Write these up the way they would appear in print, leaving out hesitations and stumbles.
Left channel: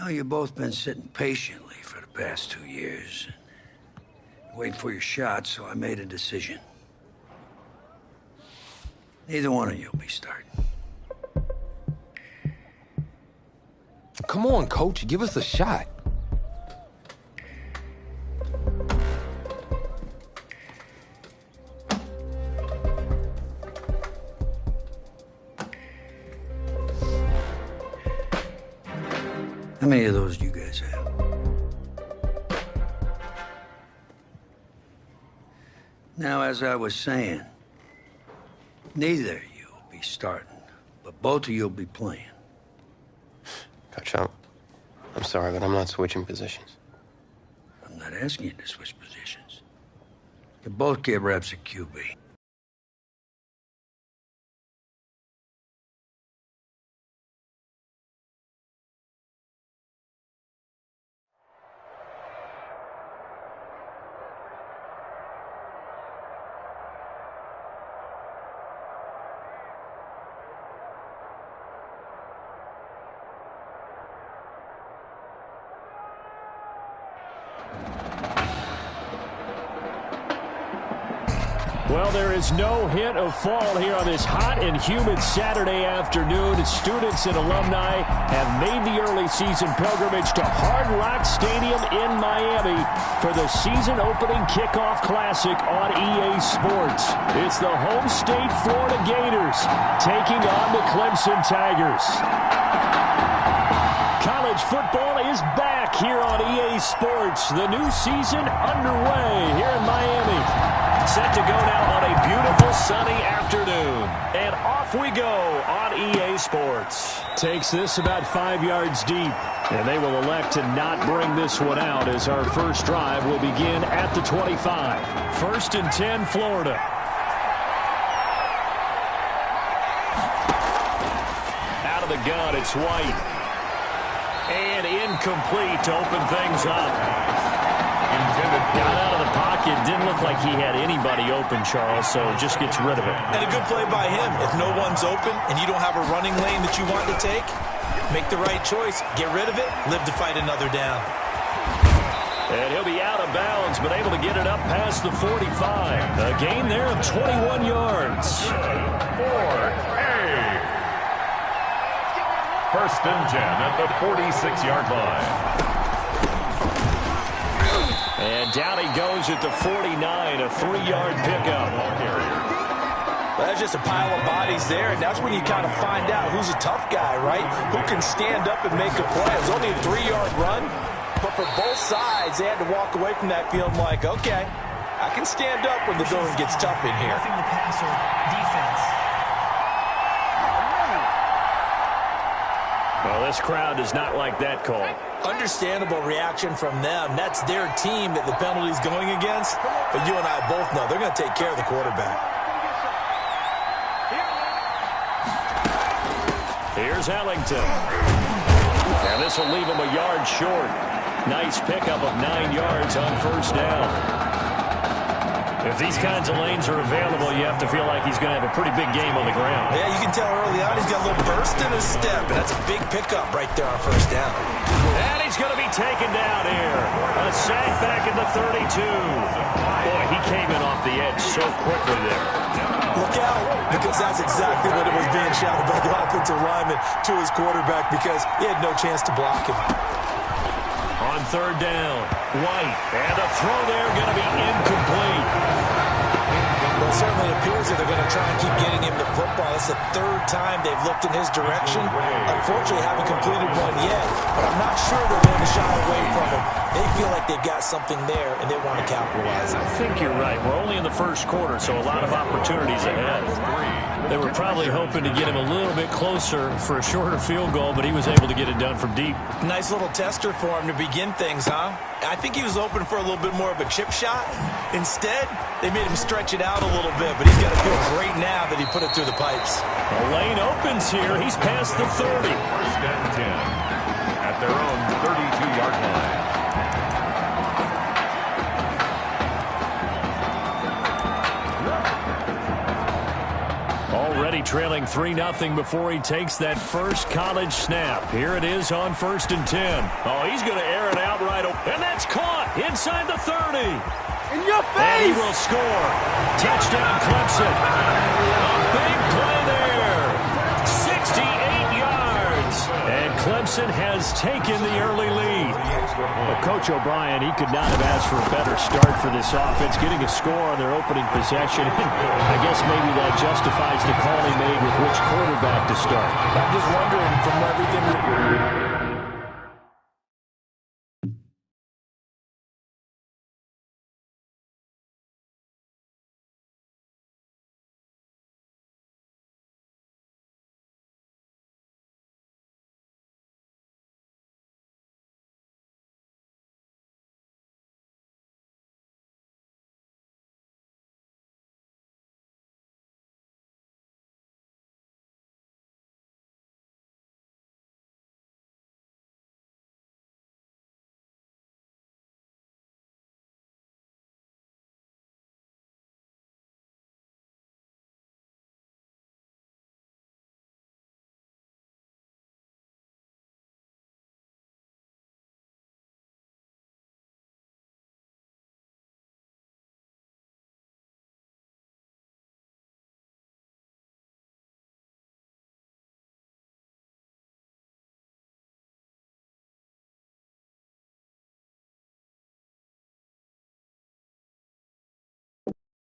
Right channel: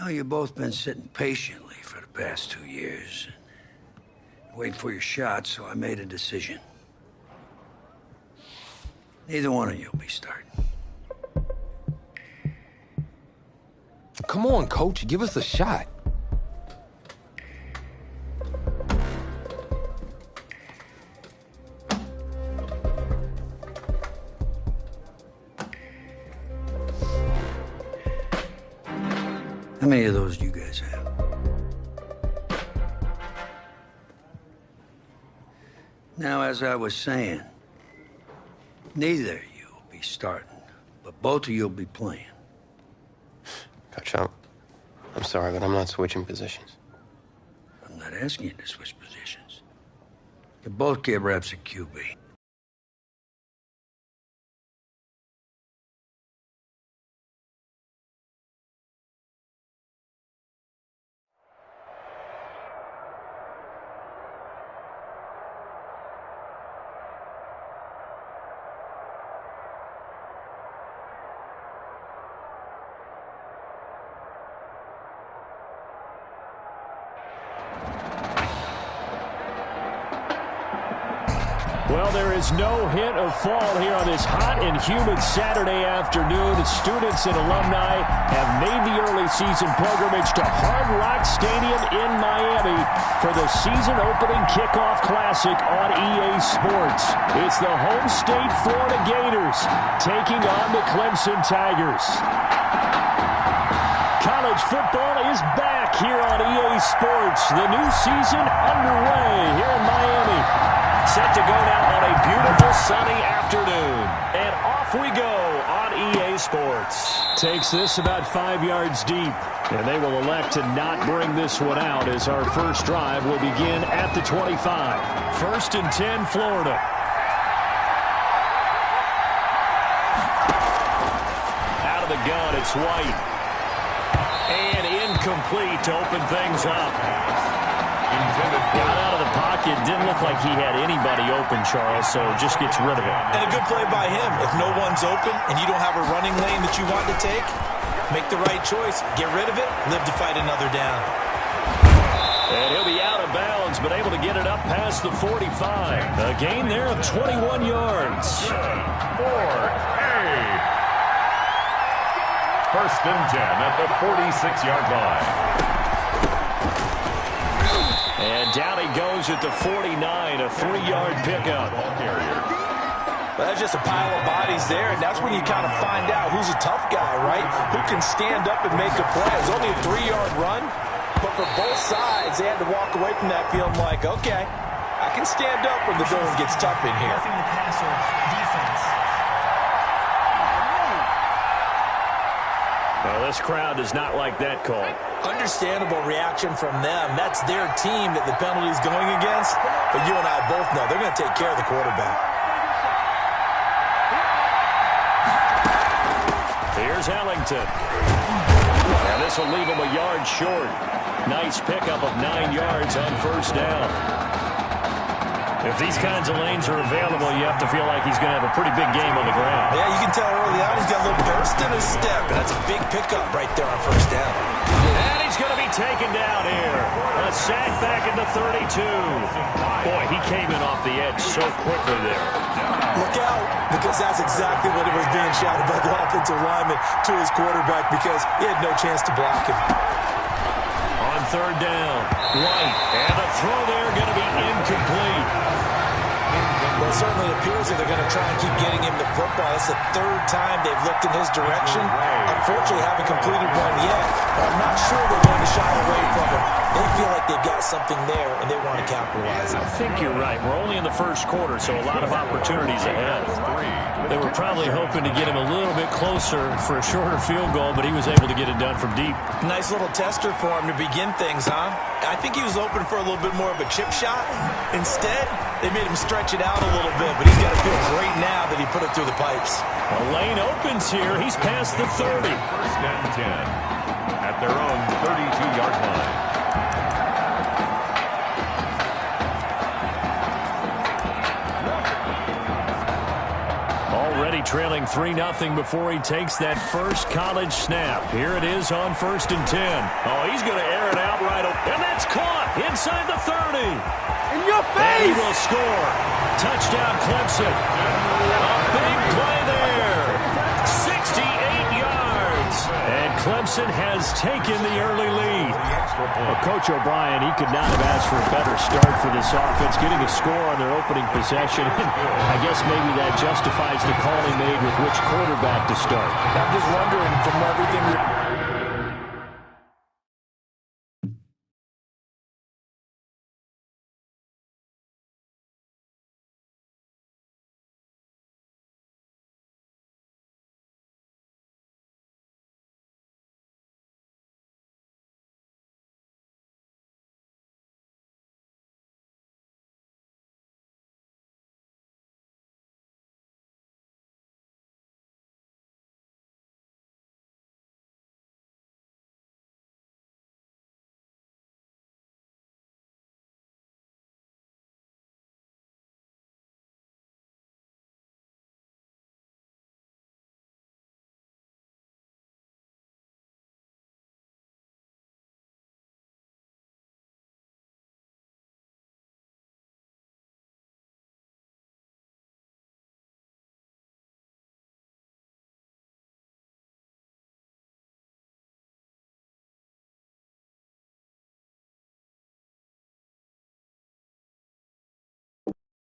know you've both been sitting patiently for the past 2 years. Waiting for your shot, so I made a decision. Neither one of you will be starting. Come on, Coach. Give us a shot. How many of those do you guys have? Now, as I was saying, neither of you will be starting, but both of you will be playing. Coach, I'm sorry, but I'm not switching positions. I'm not asking you to switch positions. You both get reps at QB. Well, there is no hint of fall here on this hot and humid Saturday afternoon. Students and alumni have made the early season pilgrimage to Hard Rock Stadium in Miami for the season-opening kickoff classic on EA Sports. It's the home state Florida Gators taking on the Clemson Tigers. College football is back here on EA Sports. The new season underway here in Miami. Set to go now on a beautiful sunny afternoon. And off we go on EA Sports. Takes this about 5 yards deep. And they will elect to not bring this one out as our first drive will begin at the 25. 1st and 10, Florida. Out of the gun, it's White. And incomplete to open things up. Got out of the pocket. Didn't look like he had anybody open, Charles, so just gets rid of it. And a good play by him. If no one's open and you don't have a running lane that you want to take, make the right choice. Get rid of it. Live to fight another down. And he'll be out of bounds, but able to get it up past the 45. A gain there of 21 yards. 4A. 1st and 10 at the 46-yard line. And down he goes at the 49, a 3-yard pickup. Well, that's just a pile of bodies there, and that's when you kind of find out who's a tough guy, right? Who can stand up and make a play. It was only a 3-yard run, but for both sides, they had to walk away from that feeling like, okay, I can stand up when the going gets tough in here. Nothing to pass or defense. Well, this crowd does not like that call. Understandable reaction from them. That's their team that the penalty's going against. But you and I both know they're going to take care of the quarterback. Here's Ellington. Now this will leave him a yard short. Nice pickup of 9 yards on 1st down. If these kinds of lanes are available, you have to feel like he's going to have a pretty big game on the ground. Yeah, you can tell early on he's got a little burst in his step, and that's a big pickup right there on 1st down. And he's going to be taken down here. A sack back in the 32. Boy, he came in off the edge so quickly there. Look out, because that's exactly what it was being shouted by the offensive lineman to his quarterback, because he had no chance to block him. On 3rd down, White. And the throw there going to be incomplete. Well, it certainly appears that they're going to try and keep getting him the football. It's the 3rd time they've looked in his direction. Unfortunately, haven't completed one yet, but I'm not sure they're going to shy away from him. They feel like they've got something there, and they want to capitalize on it. I think you're right. We're only in the 1st quarter, so a lot of opportunities ahead. They were probably hoping to get him a little bit closer for a shorter field goal, but he was able to get it done from deep. Nice little tester for him to begin things, huh? I think he was open for a little bit more of a chip shot. Instead, they made him stretch it out a little bit, but he's got to feel great now that he put it through the pipes. A lane opens here. He's past the 30. 1st and 10 at their own 32-yard line. Already trailing 3-0 before he takes that first college snap. Here it is on 1st and 10. Oh, he's going to air it out right away. And that's caught inside the 30. In your face! And he will score. Touchdown, Clemson. A big play there. 68 yards. And Clemson has taken the early lead. Well, Coach O'Brien, he could not have asked for a better start for this offense, getting a score on their opening possession. I guess maybe that justifies the call he made with which quarterback to start. I'm just wondering from everything.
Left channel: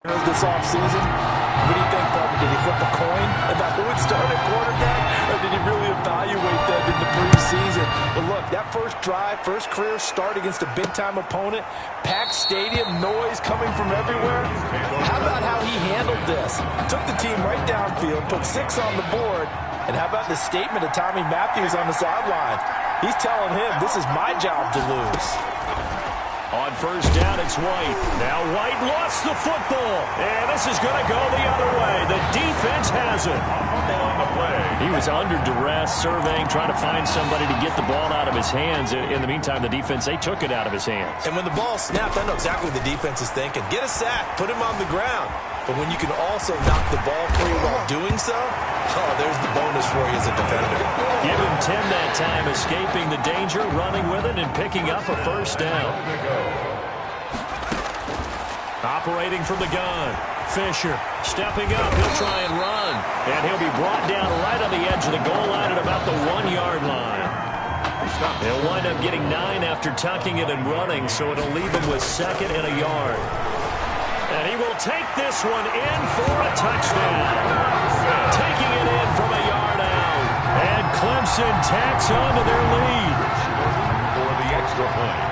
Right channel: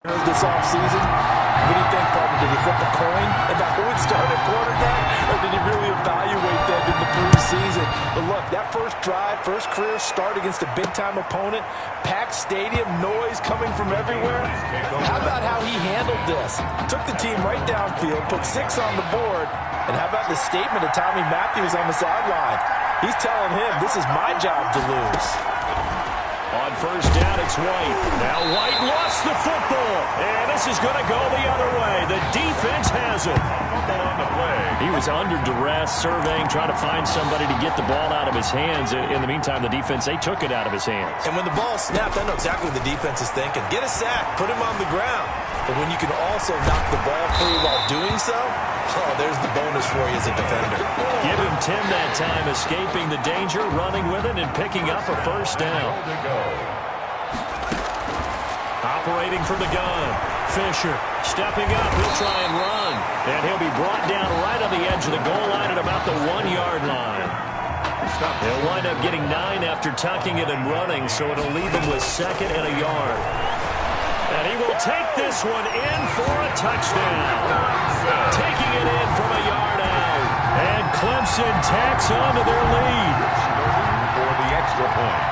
This offseason, what do you think, Bubba? Did he flip a coin about who would start at quarterback, or did he really evaluate that in the preseason? But look, that first drive, first career start against a big-time opponent, packed stadium, noise coming from everywhere. How about how he handled this? Took the team right downfield, put 6 on the board, and how about the statement of Tommy Matthews on the sideline? He's telling him, this is my job to lose. On first down, it's White. Now White lost the football. And this is going to go the other way. The defense has it. Fumble on the play. He was under duress, surveying, trying to find somebody to get the ball out of his hands. In the meantime, the defense, they took it out of his hands. And when the ball snapped, I know exactly what the defense is thinking. Get a sack, put him on the ground. But when you can also knock the ball free while doing so, oh, there's the bonus for you as a defender. Give him 10 that time, escaping the danger, running with it, and picking up a first down. Operating from the gun. Fisher stepping up. He'll try and run. And he'll be brought down right on the edge of the goal line at about the 1-yard line. He'll wind up getting 9 after tucking it and running, so it'll leave him with 2nd and a yard. And he will take this one in for a touchdown. Taking it in from a yard out. And Clemson tacks on to their lead. For the extra point.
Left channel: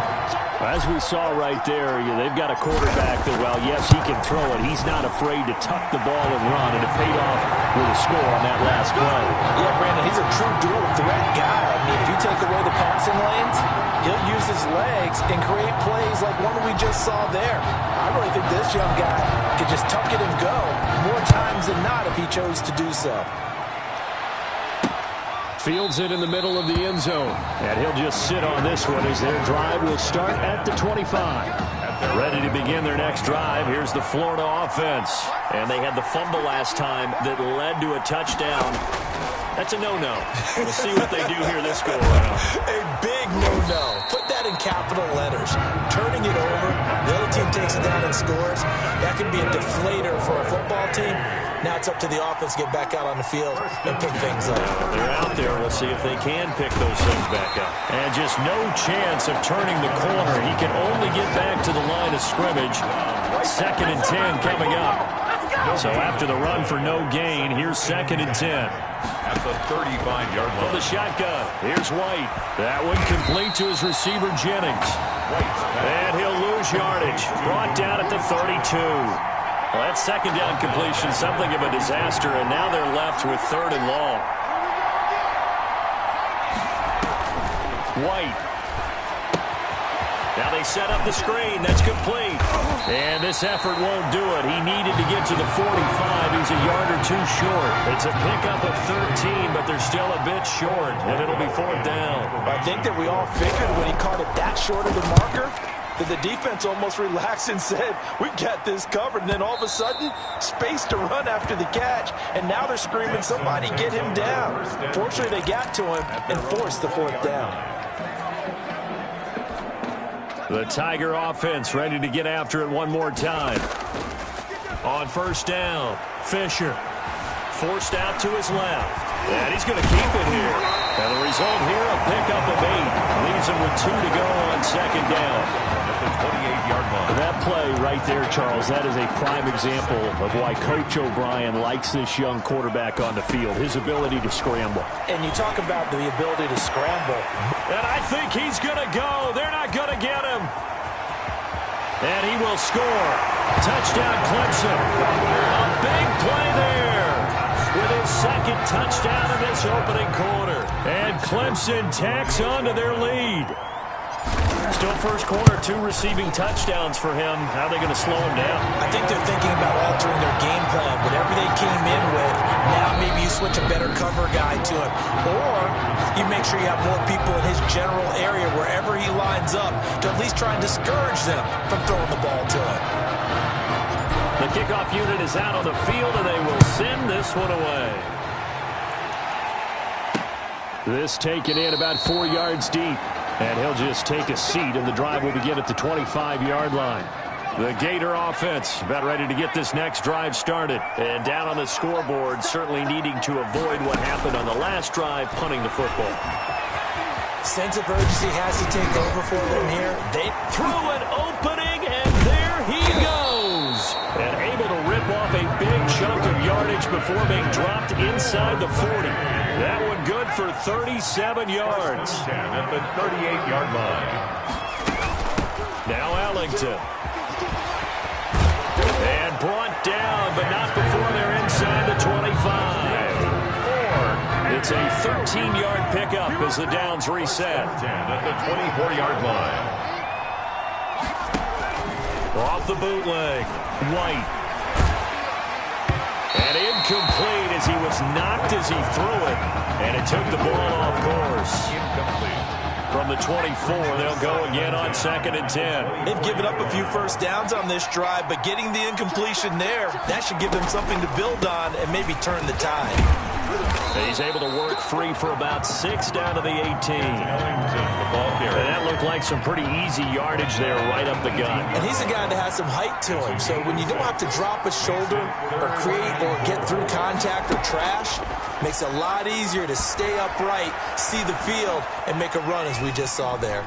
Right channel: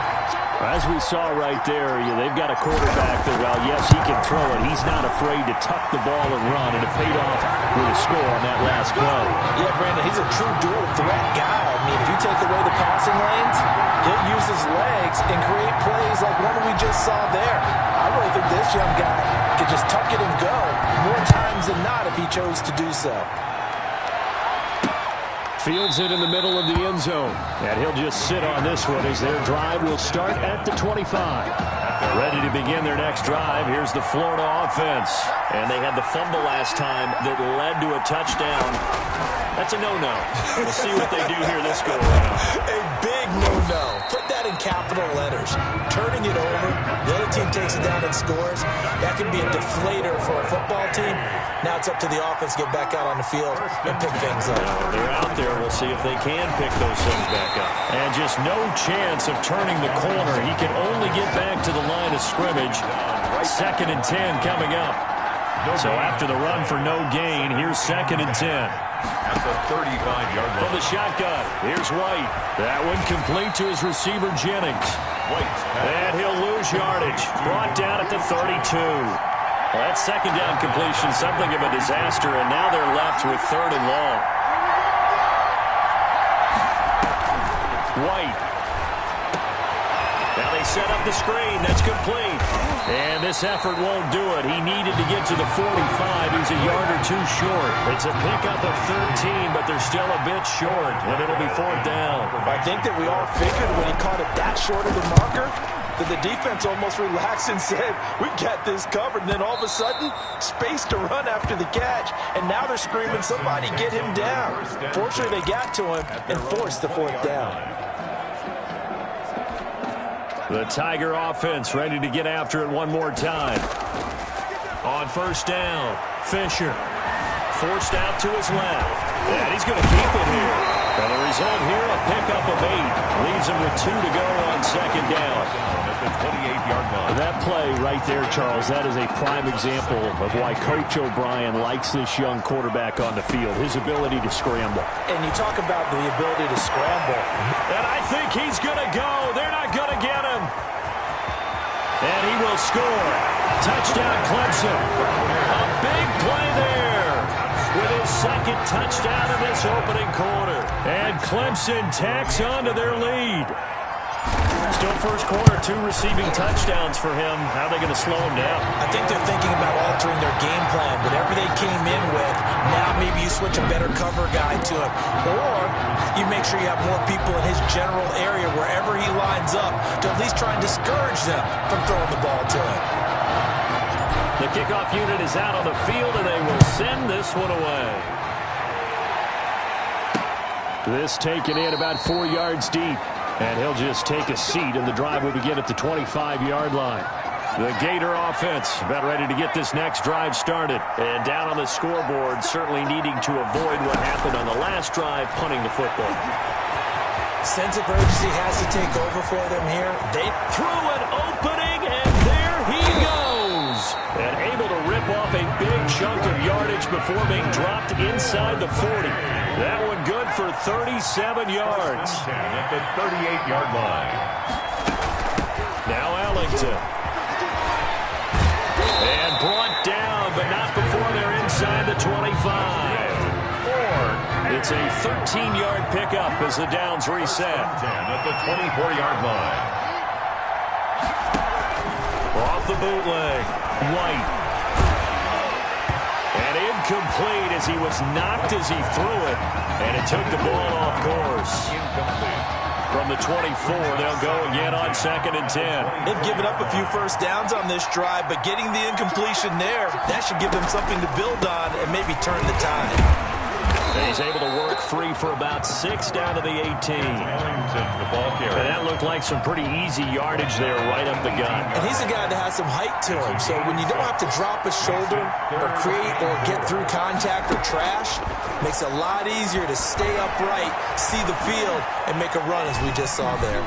As we saw right there, they've got a quarterback that, well, yes, he can throw it. He's not afraid to tuck the ball and run, and it paid off with a score on that last play. Yeah, Brandon, he's a true dual threat guy. I mean, if you take away the passing lanes, he'll use his legs and create plays like one we just saw there. I really think this young guy could just tuck it and go more times than not if he chose to do so. Fields it in the middle of the end zone. And he'll just sit on this one as their drive will start at the 25. Ready to begin their next drive. Here's the Florida offense. And they had the fumble last time that led to a touchdown. That's a no-no. We'll see what they do here this go-around. A big no-no. Put that in capital letters. Turning it over, the other team takes it down and scores. That can be a deflator for a football team. Now it's up to the offense to get back out on the field and pick things up. They're out there. We'll see if they can pick those things back up. And just no chance of turning the corner. He can only get back to the line of scrimmage. 2nd and 10 coming up. So after the run for no gain, here's 2nd and 10. At the 35-yard line. From the shotgun, here's White. That one complete to his receiver, Jennings. White. And he'll lose yardage. Brought down at the 32. Well, that 2nd down completion, something of a disaster, and now they're left with 3rd and long. White. Now they set up the screen. That's complete. And this effort won't do it. He needed to get to the 45. He's a yard or 2 short. It's a pickup of 13, but they're still a bit short, and it'll be 4th down. I think that we all figured when he caught it that short of the marker, that the defense almost relaxed and said, we've got this covered. And then all of a sudden, space to run after the catch. And now they're screaming, somebody get him down. Fortunately, they got to him and forced the fourth down. The Tiger offense ready to get after it one more time. On first down, Fisher forced out to his left. And he's going to keep it here. And the result here, a pickup of 8. Leaves him with 2 to go on second down. At the 28-yard line. That play right there, Charles, that is a prime example of why Coach O'Brien likes this young quarterback on the field, his ability to scramble. And you talk about the ability to scramble. And I think he's going to go. They're not going to get him. And he will score. Touchdown, Clemson. A big play there with his second touchdown of this opening quarter. And Clemson tacks on to their lead. Still first quarter, 2 receiving touchdowns for him. How are they going to slow him down? I think they're thinking about altering their game plan. Whatever they came in with, now maybe you switch a better cover guy to him. Or you make sure you have more people in his general area wherever he lines up to at least try and discourage them from throwing the ball to him. The kickoff unit is out on the field, and they will send this one away. This taken in about 4 yards deep. And he'll just take a seat, and the drive will begin at the 25-yard line. The Gator offense about ready to get this next drive started. And down on the scoreboard, certainly needing to avoid what happened on the last drive, punting the football. Sense of urgency has to take over for them here. They threw an opening, and there he goes. And able to rip off a big chunk of yardage before being dropped inside the 40. That one good for 37 yards. 10 at the 38-yard line. Now Ellington. And brought down, but not before they're inside the 25. It's a 13-yard pickup as the downs reset. 10 at the 24-yard line. Off the bootleg, White. And incomplete as he was knocked as he threw it. And it took the ball off course. Incomplete. From the 24, they'll go again on 2nd and 10. They've given up a few first downs on this drive, but getting the incompletion there, that should give them something to build on and maybe turn the tide. And he's able to work free for about 6 down to the 18. Ellington, the ball carrier. And that looked like some pretty easy yardage there right up the gut. And he's a guy that has some height to him, so when you don't have to drop a shoulder or create or get through contact or trash, makes it a lot easier to stay upright, see the field, and make a run as we just saw there.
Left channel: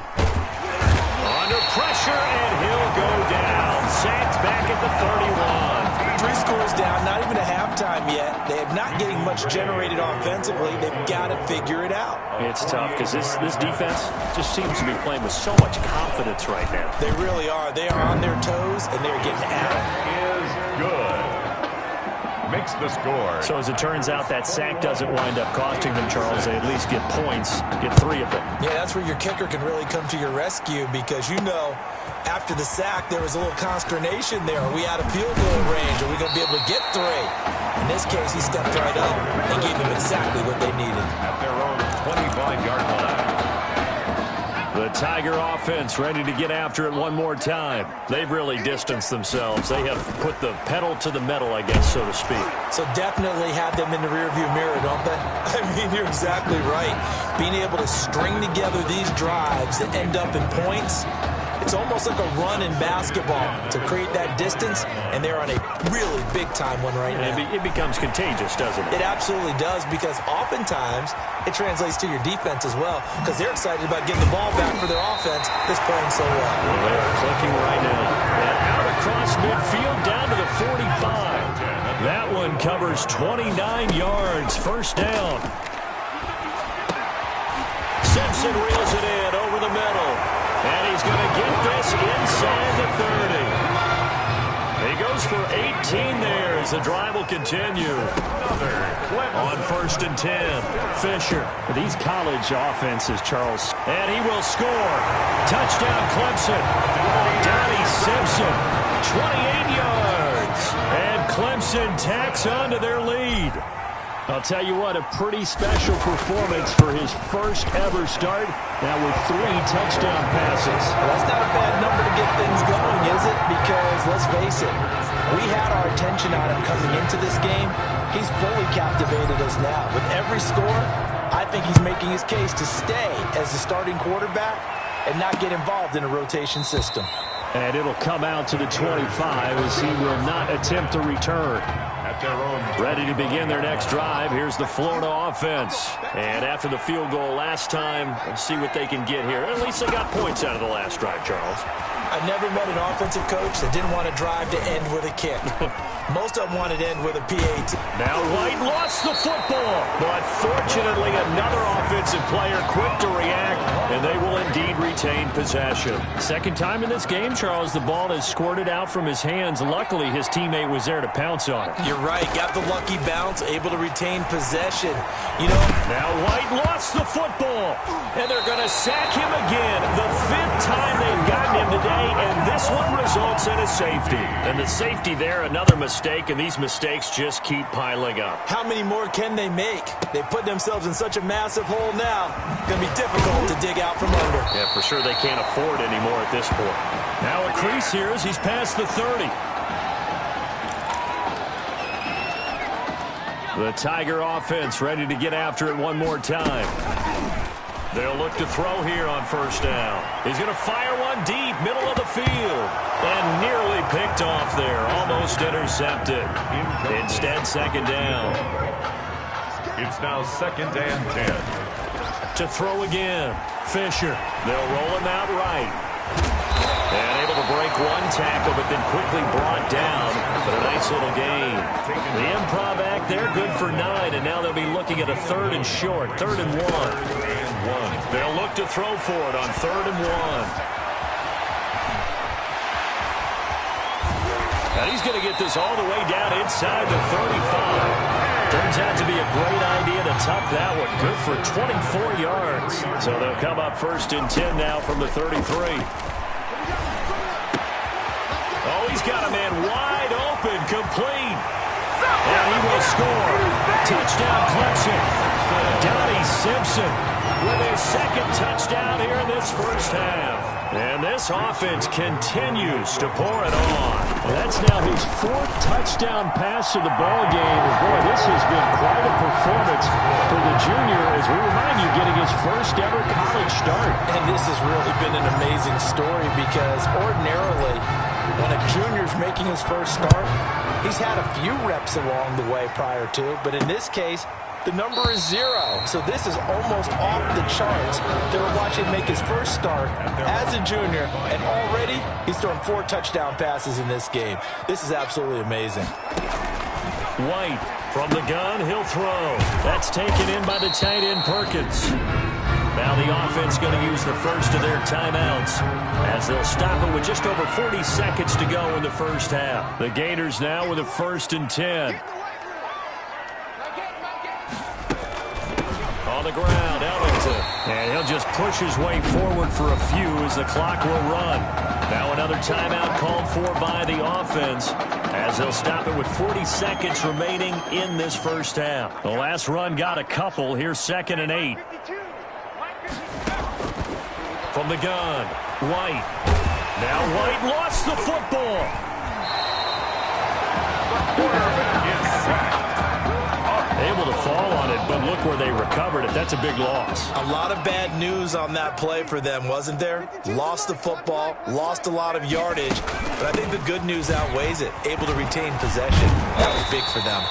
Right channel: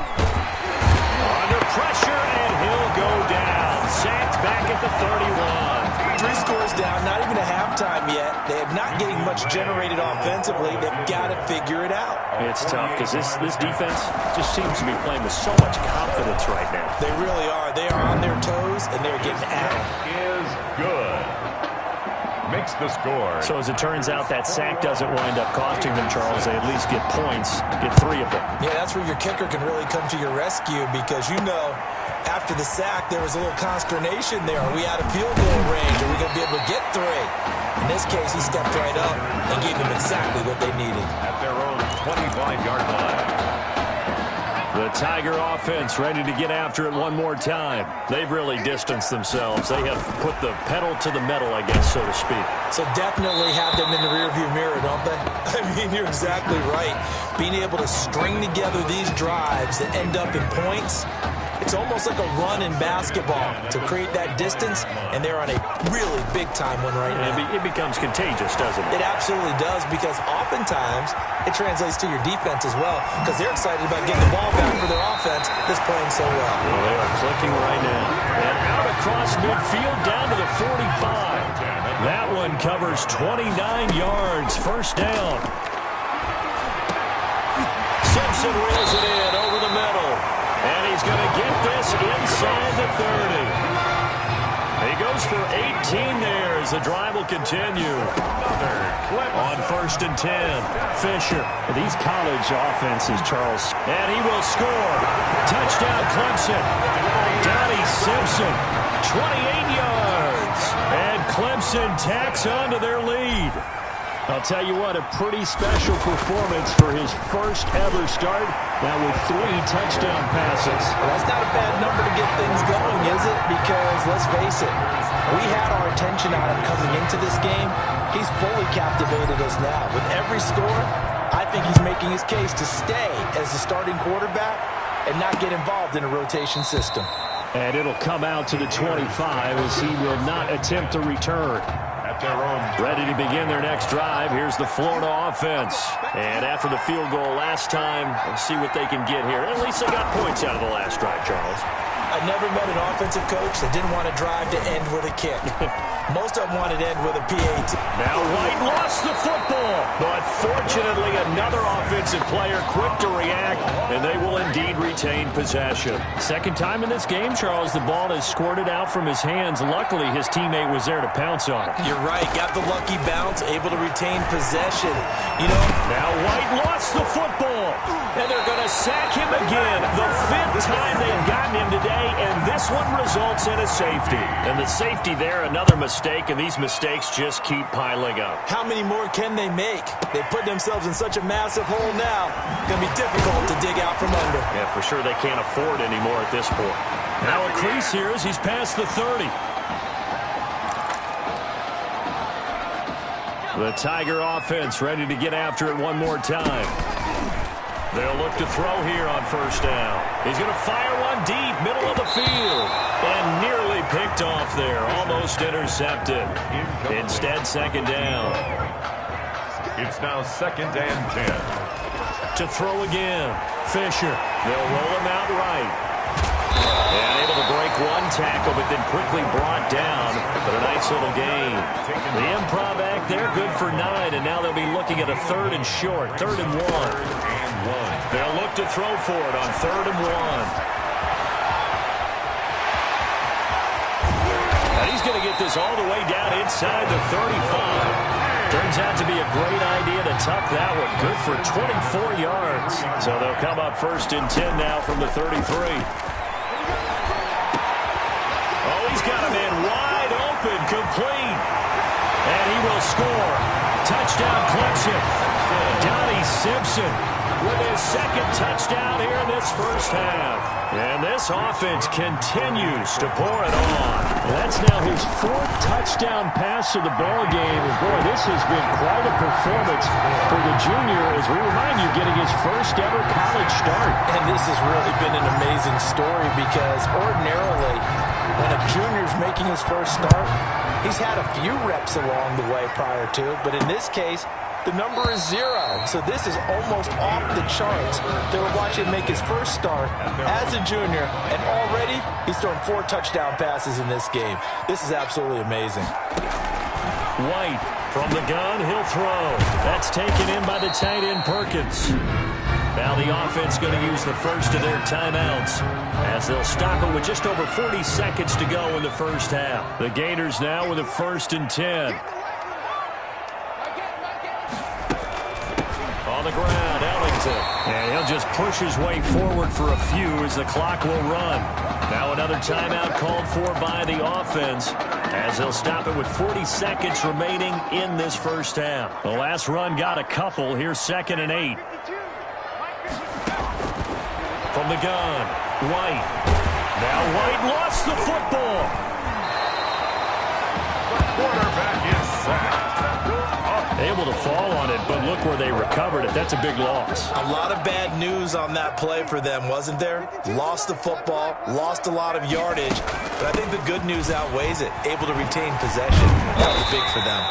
Under pressure, and he'll go down. Sacked back at the 31. 3 scores down, not even a halftime yet. They are not getting much generated offensively. They've got to figure it out. It's tough because this defense just seems to be playing with so much confidence right now. They really are. They are on their toes, and they're getting at it. Is good. Makes the score. So as it turns out, that sack doesn't wind up costing them, Charles. They at least get points, get 3 of them. Yeah, that's where your kicker can really come to your rescue because, you know, after the sack, there was a little consternation there. Are we out of field goal range? Are we going to be able to get 3? In this case, he stepped right up and gave them exactly what they needed. At their own 25-yard line. The Tiger offense ready to get after it one more time. They've really distanced themselves. They have put the pedal to the metal, I guess, so to speak. So definitely have them in the rearview mirror, don't they? I mean, you're exactly right. Being able to string together these drives that end up in points, it's almost like a run in basketball to create that distance, and they're on a really big-time one right now. It becomes contagious, doesn't it? It absolutely does, because oftentimes it translates to your defense as well, because they're excited about getting the ball back for their offense that's playing so well. Well, they are clicking right now. And out across midfield down to the 45. That one covers 29 yards. First down. Simpson reels it in over the middle. And he's going to get this inside the 30. He goes for 18 there as the drive will continue. On 1st and 10, Fisher. These college offenses, Charles. And he will score. Touchdown, Clemson. Donnie Simpson, 28 yards. And Clemson tacks on to their lead. I'll tell you what, a pretty special performance for his first ever start, now with 3 touchdown passes. Well, that's not a bad number to get things going, is it? Because, let's face it, we had our attention on him coming into this game. He's fully captivated us now. With every score, I think he's making his case to stay as the starting quarterback and not get involved in a rotation system. And it'll come out to the 25 as he will not attempt to return. At their own. Ready to begin their next drive. Here's the Florida offense. And after the field goal last time, let's see what they can get here. At least they got points out of the last drive, Charles. I never met an offensive coach that didn't want to drive to end with a kick. Most of them wanted to end with a PAT. Now White lost the football, but fortunately another offensive player quick to react, and they will indeed retain possession. Second time in this game, Charles, the ball has squirted out from his hands. Luckily, his teammate was there to pounce on it. You're right. Got the lucky bounce, able to retain possession. You know, now White lost the football, and they're going to sack him again. The 5th time they've gotten him today, and this one results in a safety. And the safety there, another mistake, and these mistakes just keep piling up. How many more can they make? They put themselves in such a massive hole now. It's going to be difficult to dig out from under. Yeah, for sure they can't afford any more at this point. Now a crease here as he's past the 30. The Tiger offense ready to get after it one more time. They'll look to throw here on first down. He's going to fire one deep, middle of the field. And nearly picked off there. Almost intercepted. Instead, second down. It's now 2nd and 10. To throw again. Fisher. They'll roll him out right. And able to break one tackle, but then quickly brought down. But a nice little gain. The improv act there, good for 9. And now they'll be looking at a 3rd and short. 3rd and 1. They'll look to throw for it on 3rd and 1. And he's going to get this all the way down inside the 35. Turns out to be a great idea to tuck that one. Good for 24 yards. So they'll come up 1st and 10 now from the 33. Oh, he's got a man wide open, complete. And he will score. Touchdown, Clemson. Donnie Simpson with his 2nd touchdown here in this first half. And this offense continues to pour it on. That's now his 4th touchdown pass of the ball game. And boy, this has been quite a performance for the junior, as we remind you, getting his first ever college start. And this has really been an amazing story because ordinarily, when a junior's making his first start, he's had a few reps along the way prior to, but in this case, the number is 0. So this is almost off the charts. They were watching him make his first start as a junior, and already he's thrown 4 touchdown passes in this game. This is absolutely amazing. White from the gun, he'll throw. That's taken in by the tight end Perkins. Now the offense going to use the first of their timeouts as they'll stop it with just over 40 seconds to go in the first half. The Gators now with a 1st and 10. On the ground, Ellington. And he'll just push his way forward for a few as the clock will run. Now another timeout called for by the offense as they'll stop it with 40 seconds remaining in this first half. The last run got a couple. Here's 2nd and 8. From the gun, White. Now White lost the football. Quarterback is sacked. Able to fall on it, but look where they recovered it. That's a big loss. A lot of bad news on that play for them, wasn't there? Lost the football, lost a lot of yardage, but I think the good news outweighs it. Able to retain possession. That was big for them.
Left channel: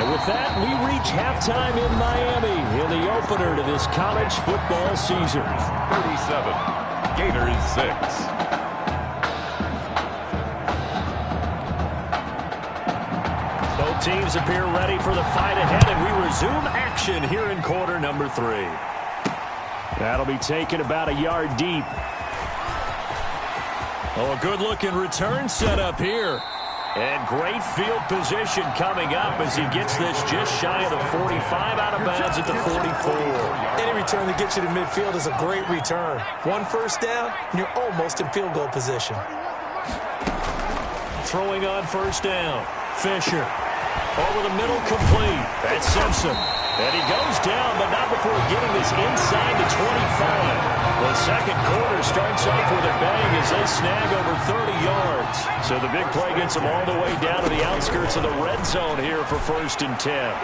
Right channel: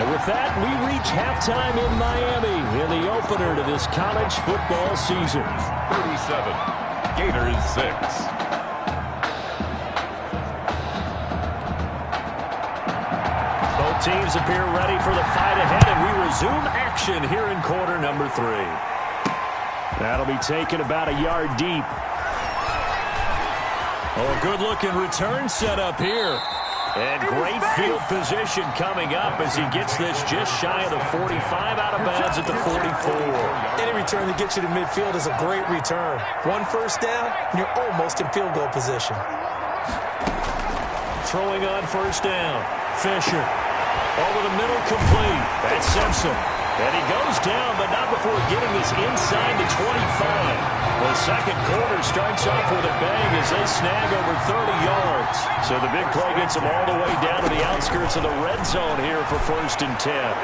And with that, we reach halftime in Miami in the opener to this college football season. 37, Gators 6. Both teams appear ready for the fight ahead, and we resume action here in quarter number 3. That'll be taken about a yard deep. Oh, a good-looking return set up here. And great field position coming up as he gets this just shy of the 45, out of bounds at the 44. Any return that gets you to midfield is a great return. 1 first down, and you're almost in field goal position. Throwing on first down. Fisher. Over the middle, complete. That's Simpson. And he goes down, but not before getting this inside the 25. The second quarter starts off with a bang as they snag over 30 yards. So the big play gets them all the way down to the outskirts of the red zone here for 1st and 10.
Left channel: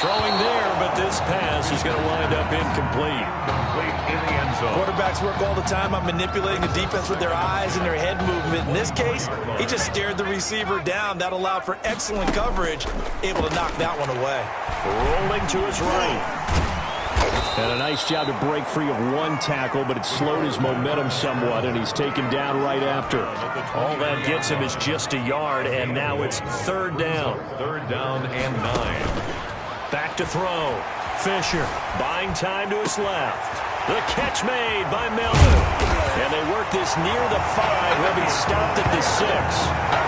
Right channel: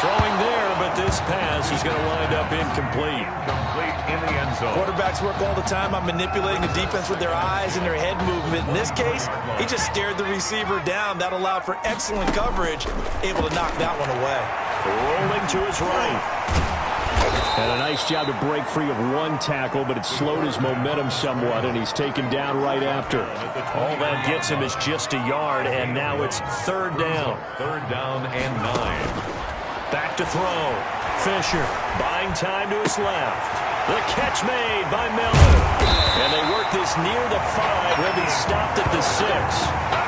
Throwing there, but this pass is going to wind up incomplete. Complete in the end zone. Quarterbacks work all the time on manipulating the defense with their eyes and their head movement. In this case, he just stared the receiver down. That allowed for excellent coverage, able to knock that one away. Rolling to his right. And a nice job to break free of one tackle, but it slowed his momentum somewhat, and he's taken down right after. All that gets him is just a yard, and now it's 3rd down. 3rd down and 9. Back to throw. Fisher buying time to his left. The catch made by Miller. And they work this near the 5. He'll be stopped at the 6.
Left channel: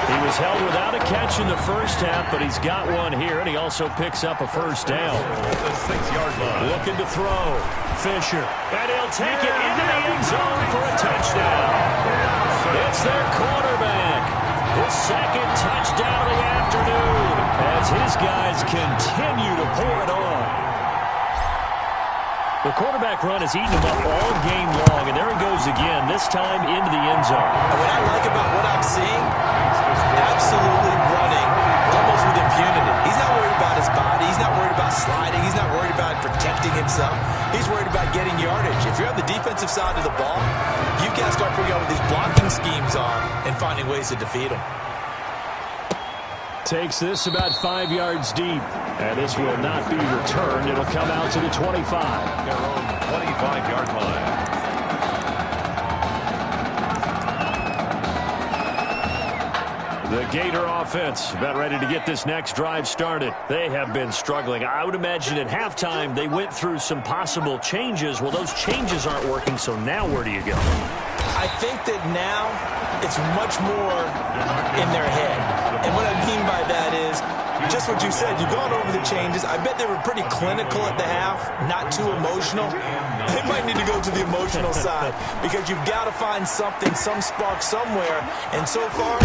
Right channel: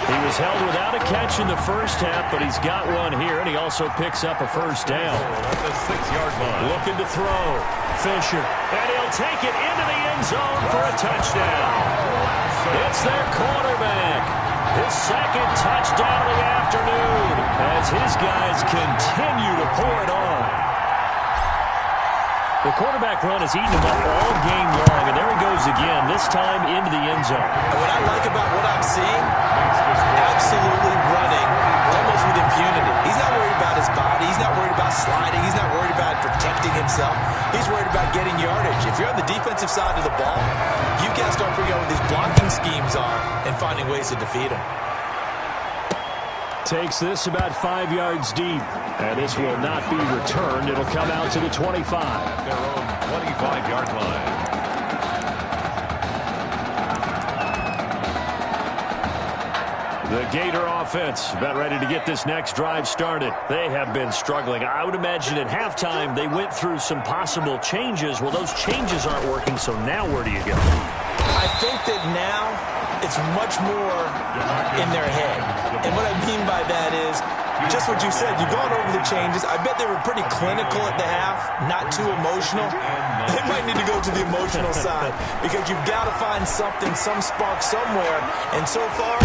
He was held without a catch in the first half, but he's got one here, and he also picks up a 1st down. At the 6-yard line. Looking to throw. Fisher. And he'll take it into the end zone for a touchdown. It's their quarterback. His 2nd touchdown of the afternoon as his guys continue to pour it on. The quarterback run has eaten him up all game long, and there he goes again, this time into the end zone. And what I like about what I'm seeing, absolutely running almost with impunity. He's not worried about his body. He's not worried about sliding. He's not worried about protecting himself. He's worried about getting yardage. If you're on the defensive side of the ball, you've got to start figuring out what these blocking schemes are and finding ways to defeat them. Takes this about 5 yards deep, and this will not be returned. It'll come out to the 25. At their own 25-yard line. The Gator offense about ready to get this next drive started. They have been struggling. I would imagine at halftime they went through some possible changes. Well, those changes aren't working, so now where do you go? I think that now it's much more in their head. And what I mean by that is just what you said. You've gone over the changes. I bet they were pretty clinical at the half, not too emotional. They might need to go to the emotional side because you've got to find something, some spark somewhere. And so far,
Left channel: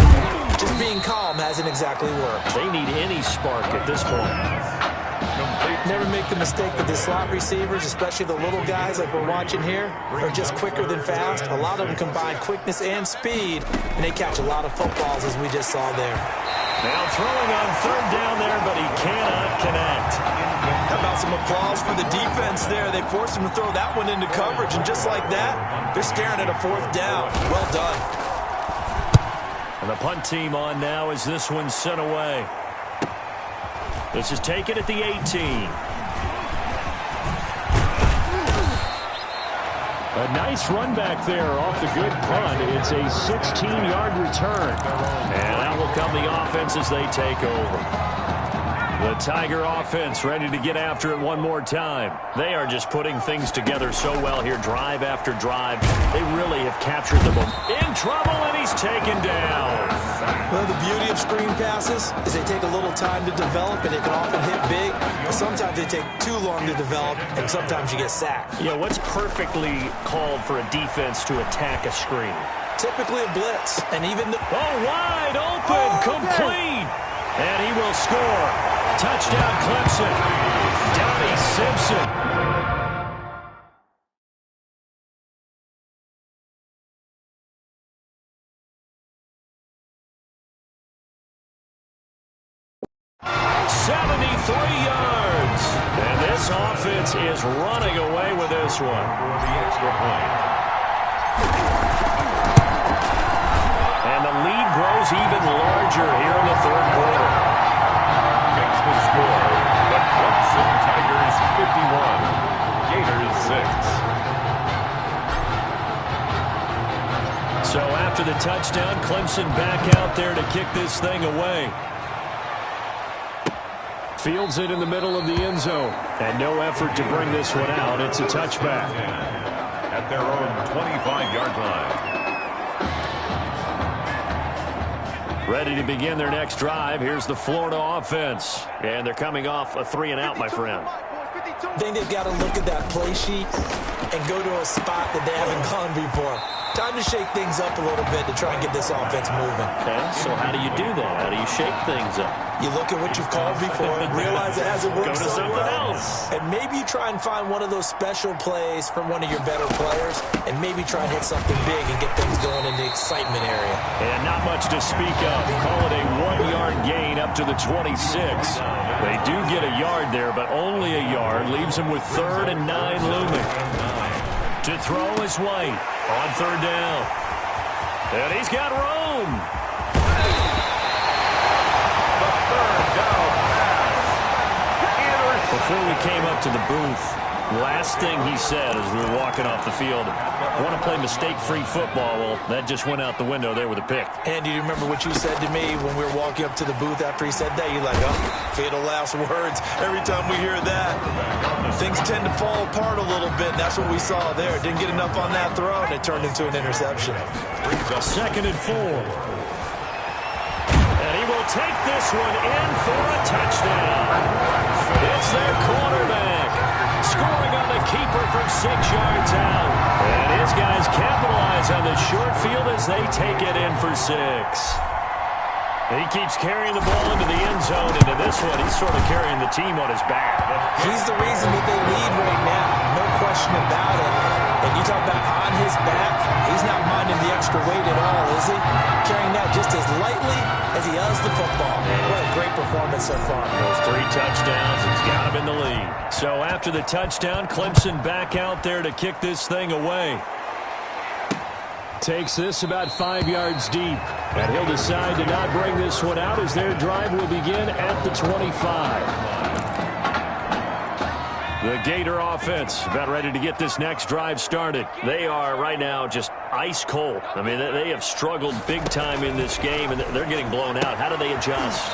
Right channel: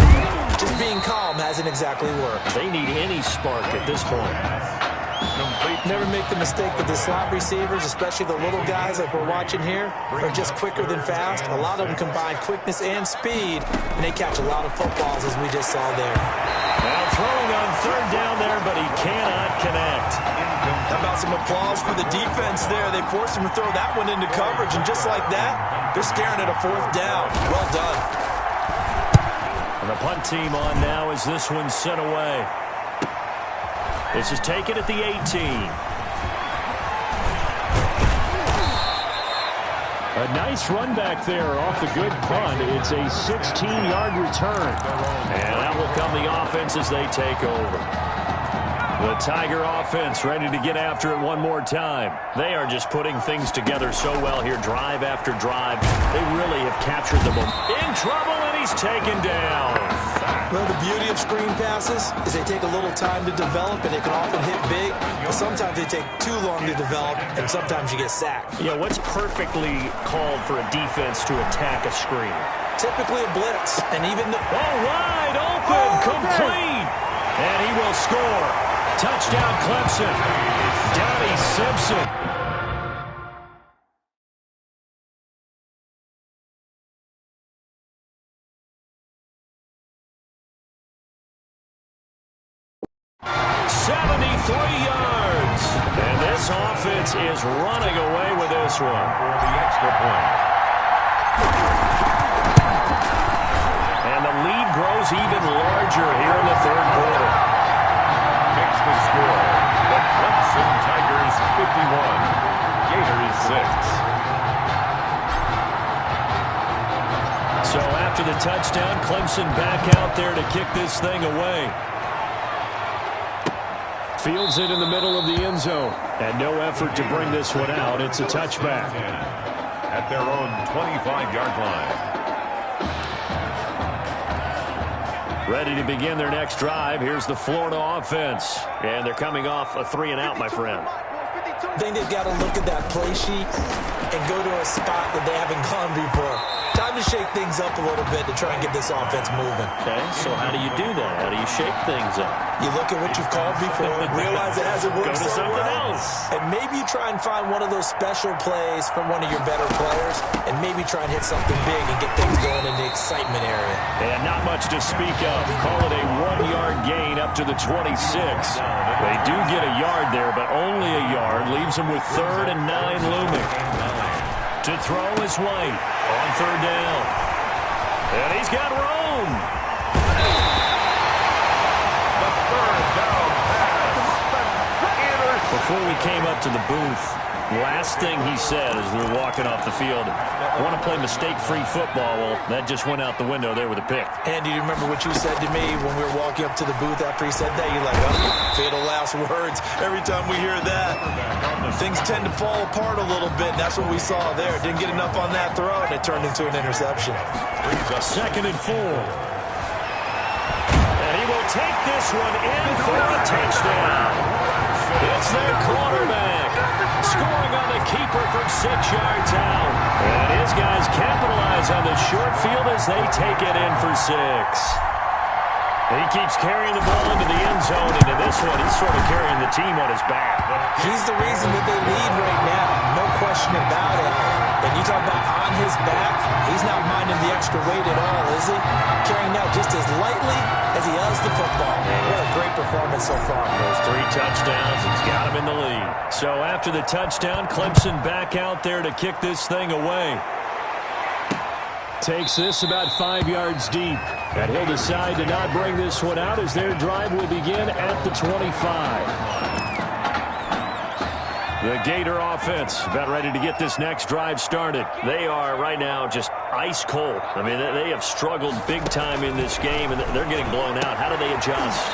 just being calm hasn't exactly worked. They need any spark at this point. Never make the mistake that the slot receivers, especially the little guys like we're watching here, are just quicker than fast. A lot of them combine quickness and speed, and they catch a lot of footballs, as we just saw there. Now throwing on 3rd down there, but he cannot connect. How about some applause for the defense there? They forced him to throw that one into coverage, and just like that, they're staring at a 4th down. Well done. And the punt team on now as this one's sent away. This is taken at the 18. A nice run back there off the good punt. It's a 16-yard return. And that will come the offense as they take over. The Tiger offense ready to get after it one more time. They are just putting things together so well here, drive after drive. They really have captured the moment. In trouble, and he's taken down. Well, the beauty of screen passes is they take a little time to develop, and they can often hit big. But sometimes they take too long to develop, and sometimes you get sacked. Yeah, what's perfectly called for a defense to attack a screen? Typically a blitz, and even the... Oh, wide open, complete. And he will score. Touchdown, Clemson. Donnie Simpson. yards. And this offense is running away with this one. For the extra point. And the lead grows even larger here in the third quarter. Makes the score. The Clemson Tigers 51. Gators 6. So after the touchdown, Clemson back out there to kick this thing away. Fields it in the middle of the end zone. And no effort to bring this one out. It's a touchback. At their own 25-yard line. Ready to begin their next drive. Here's the Florida offense. And they're coming off a 3-and-out, my friend. I think they've got to look at that play sheet and go to a spot that they haven't gone before. Time to shake things up a little bit to try and get this offense moving. Okay, so how do you do that? How do you shake things up? You look at what you've called before, realize it hasn't worked Go to so something well, else. and maybe you try and find one of those special plays from one of your better players, and maybe try and hit something big and get things going in the excitement area. And not much to speak of. Call it a 1-yard gain up to the 26. They do get a yard there, but only a yard. Leaves them with 3rd and 9 looming. To throw is White on 3rd down. And he's got room. The 3rd down pass. Before we came up to the booth, last thing he said as we were walking off the field, I want to play mistake-free football. Well, that just went out the window there with a pick. Andy, do you remember what you said to me when we were walking up to the booth after he said that? You're like, oh, fatal last words. Every time we hear that, things tend to fall apart a little bit, and that's what we saw there. Didn't get enough on that throw, and it turned into an interception. 2nd and 4. And he will take this one in for a touchdown. It's their quarterback, scoring on the keeper from 6 yards out. And his guys capitalize on the short field as they take it in for 6. He keeps carrying the ball into the end zone, and in this one, he's sort of carrying the team on his back. He's the reason that they lead right now, no question about it. And you talk about on his back, he's not minding the extra weight at all, is he? Carrying that just as lightly as he does the football. What a great performance so far. Those 3 touchdowns, it's got him in the lead. So after the touchdown, Clemson back out there to kick this thing away. Takes this about 5 yards deep. And he'll decide to not bring this one out as their drive will begin at the 25. The Gator offense about ready to get this next drive started. They are right now just ice cold. I mean, they have struggled big time in this game, and they're getting blown out. How do they adjust?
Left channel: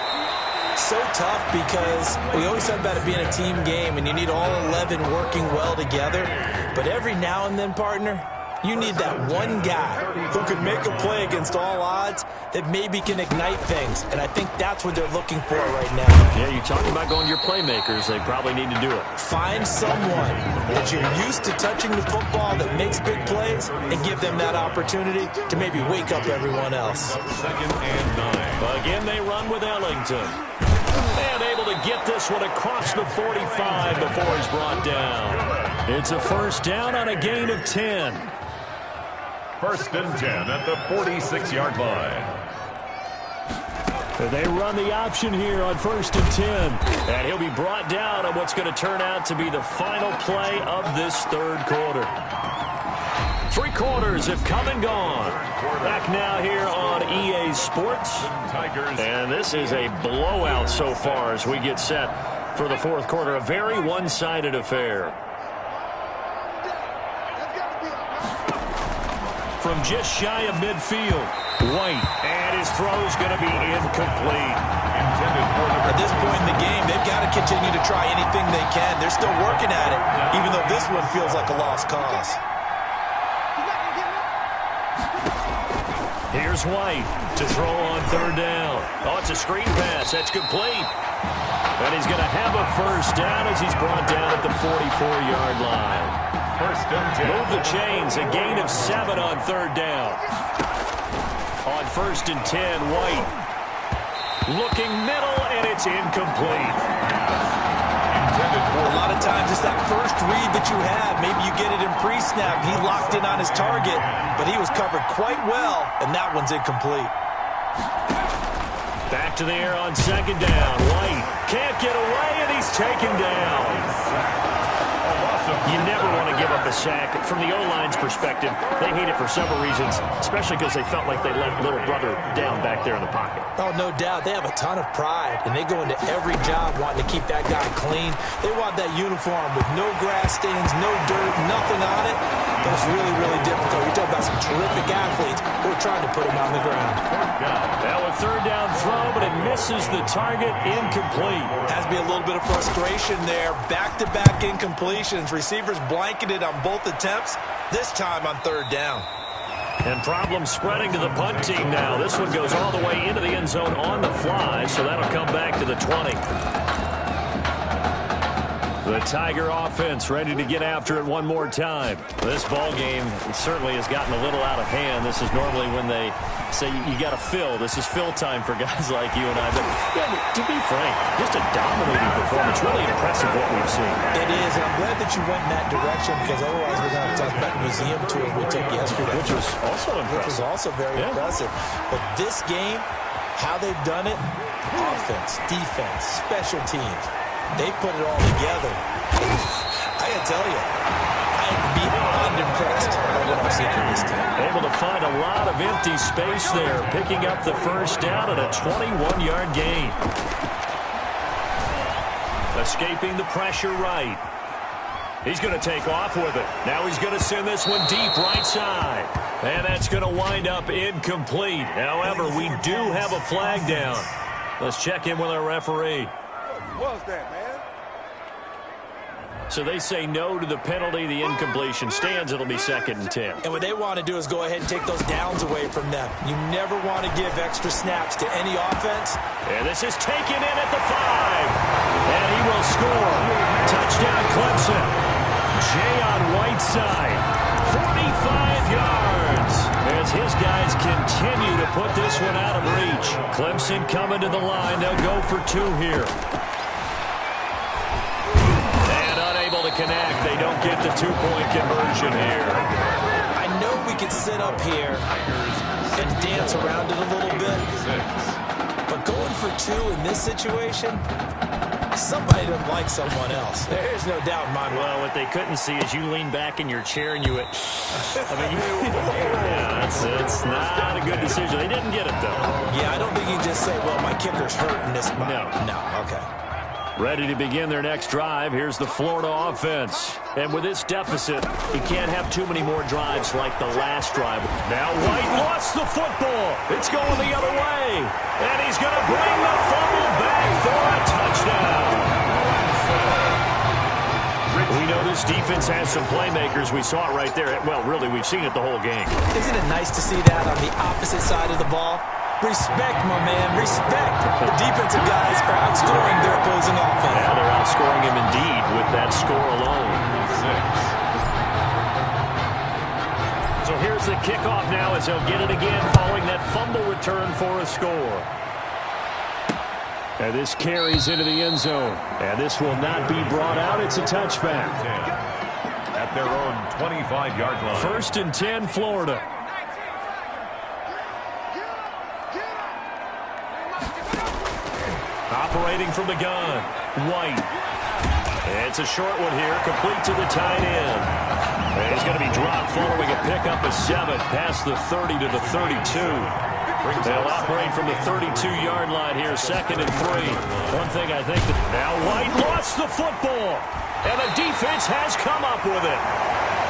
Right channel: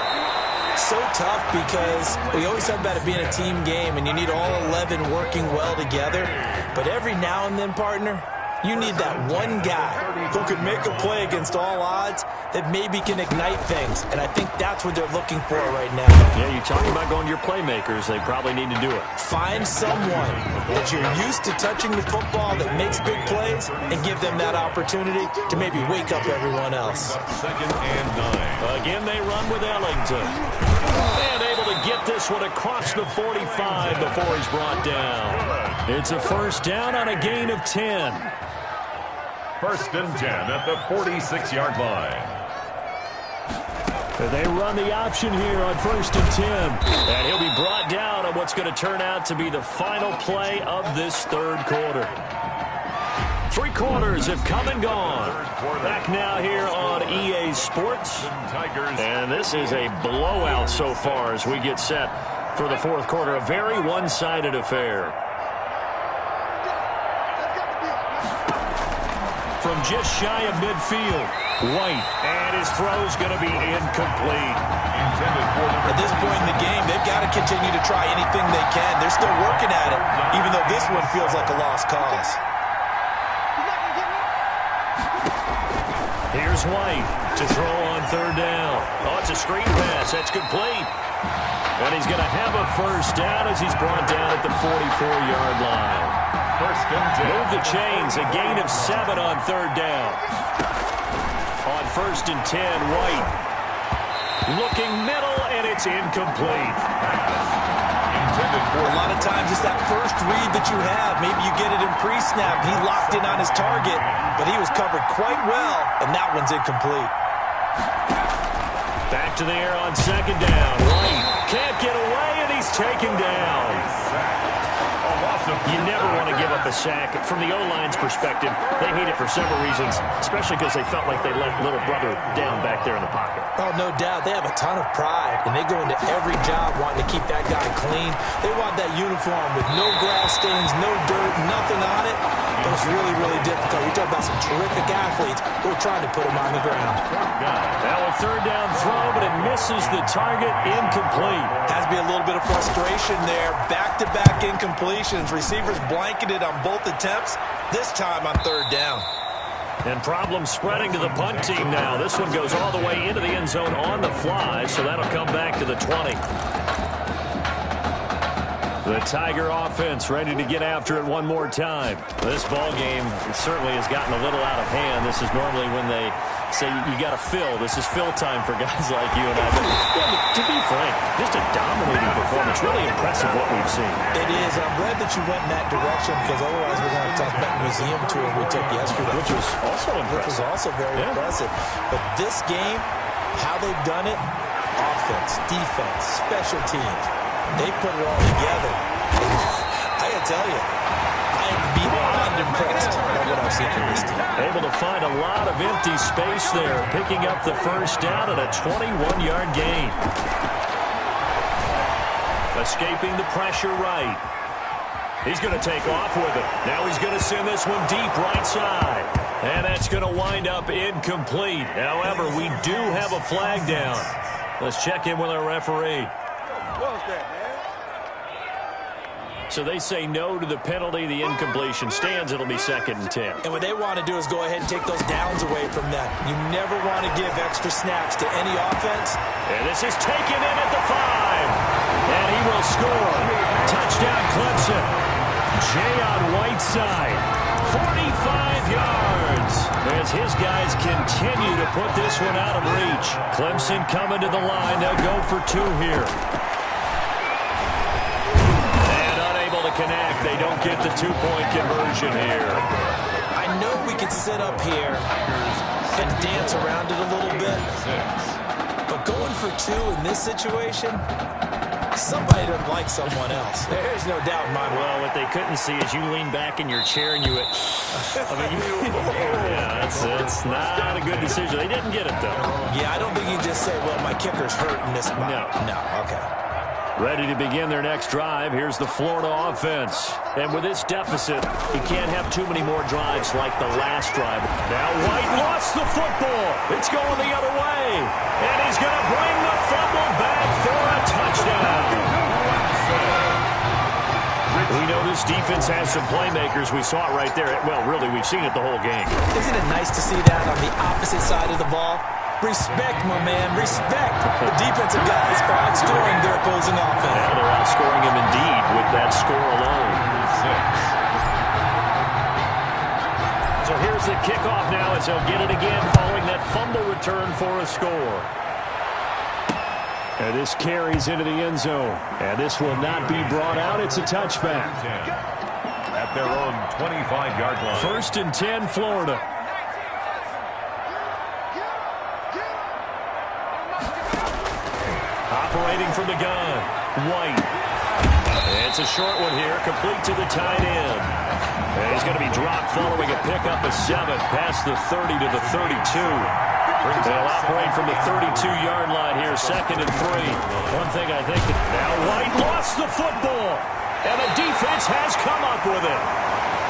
So tough because we always talk about it being a team game, and you need all 11 working well together. But every now and then, partner, you need that one guy who can make a play against all odds that maybe can ignite things. And I think that's what they're looking for right now. Yeah, you're talking about going to your playmakers. They probably need to do it. Find someone that you're used to touching the football that makes big plays and give them that opportunity to maybe wake up everyone else. 2nd and 9. Again, they run with Ellington. And able to get this one across the 45 before he's brought down. It's a 1st down on a gain of 10. 1st and 10 at the 46-yard line. They run the option here on 1st and 10. And he'll be brought down on what's going to turn out to be the final play of this 3rd quarter. 3 quarters have come and gone. Back now here on EA Sports. And this is a blowout so far as we get set for the 4th quarter. A very one-sided affair. From just shy of midfield, White, and his throw's going to be incomplete. At this point in the game, they've got to continue to try anything they can. They're still working at it, even though this one feels like a lost cause. Here's White to throw on 3rd down. Oh, it's a screen pass. That's complete. And he's going to have a 1st down as he's brought down at the 44-yard line. 1st and 10. Move the chains. A gain of 7 on 3rd down. On 1st and 10, White. Looking middle, and it's incomplete. A lot of times it's that first read that you have. Maybe you get it in pre-snap. He locked in on his target, but he was covered quite well, and that one's incomplete. Back to the air on 2nd down. White can't get away, and he's taken down. You never want to give up a sack. From the O-line's perspective, they hate it for several reasons, especially because they felt like they let little brother down back there in the pocket. Oh, no doubt. They have a ton of pride, and they go into every job wanting to keep that guy clean. They want that uniform with no grass stains, no dirt, nothing on it. But it's really, really difficult. You talk about some terrific athletes who are trying to put him on the ground. Now a 3rd down throw, but it misses the target. Incomplete. Has to be a little bit of frustration there. Back-to-back incompletions. Receivers blanketed on both attempts, this time on 3rd down. And problems spreading to the punt team now. This one goes all the way into the end zone on the fly, so that'll come back to the 20. The Tiger offense ready to get after it one more time. This ball game certainly has gotten a little out of hand. This is normally when they say you got to fill. This is fill time for guys like you and I. But yeah, to be frank, just a dominating performance. Really impressive what we've seen. It is, and I'm glad that you went in that direction because otherwise we're going to talk about the museum tour we took yesterday. Which was also impressive. Which was also very impressive. But this game, how they've done it, offense, defense, special teams, they put it all together. I got to tell you, I am beyond impressed by what I've seen from this team. Able to find a lot of empty space there, picking up the first down at a 21-yard gain. Escaping the pressure right. He's going to take off with it. Now he's going to send this one deep right side. And that's going to wind up incomplete. However, we do have a flag down. Let's check in with our referee. What was that, man? So they say no to the penalty. The incompletion stands. It'll be 2nd and 10. And what they want to do is go ahead and take those downs away from them. You never want to give extra snaps to any offense. And this is taken in at the 5. And he will score. Touchdown, Clemson. Jay on Whiteside. 45 yards. As his guys continue to put this one out of reach. Clemson coming to the line. They'll go for 2 here. To connect. They don't get the 2-point conversion here. I know we could sit up here and dance around it a little bit, but going for 2 in this situation, somebody doesn't like someone else. There's no doubt in my mind. Well, what they couldn't see is you lean back in your chair and you went, yeah, it's not a good decision. They didn't get it, though. Yeah, I don't think you can just say, well, my kicker's hurt in this spot. No, okay. Ready to begin their next drive. Here's the Florida offense. And with this deficit, you can't have too many more drives like the last drive. Now White lost the football. It's going the other way. And he's going to bring the fumble back for a touchdown. We know this defense has some playmakers. We saw it right there. Well, really, we've seen it the whole game. Isn't it nice to see that on the opposite side of the ball? Respect, my man, respect. The defensive guys are outscoring their opposing offense. Yeah, they're outscoring him indeed with that score alone. 6. So here's the kickoff now as they'll get it again following that fumble return for a score. And this carries into the end zone. And this will not be brought out. It's a touchback. At their own 25-yard line. 1st and 10, Florida. Operating from the gun, White. It's a short one here, complete to the tight end. And he's going to be dropped following a pickup of 7 past the 30 to the 32. They'll operate from the 32-yard line here, 2nd and 3. One thing I think that now White lost the football, and the defense has come up with it.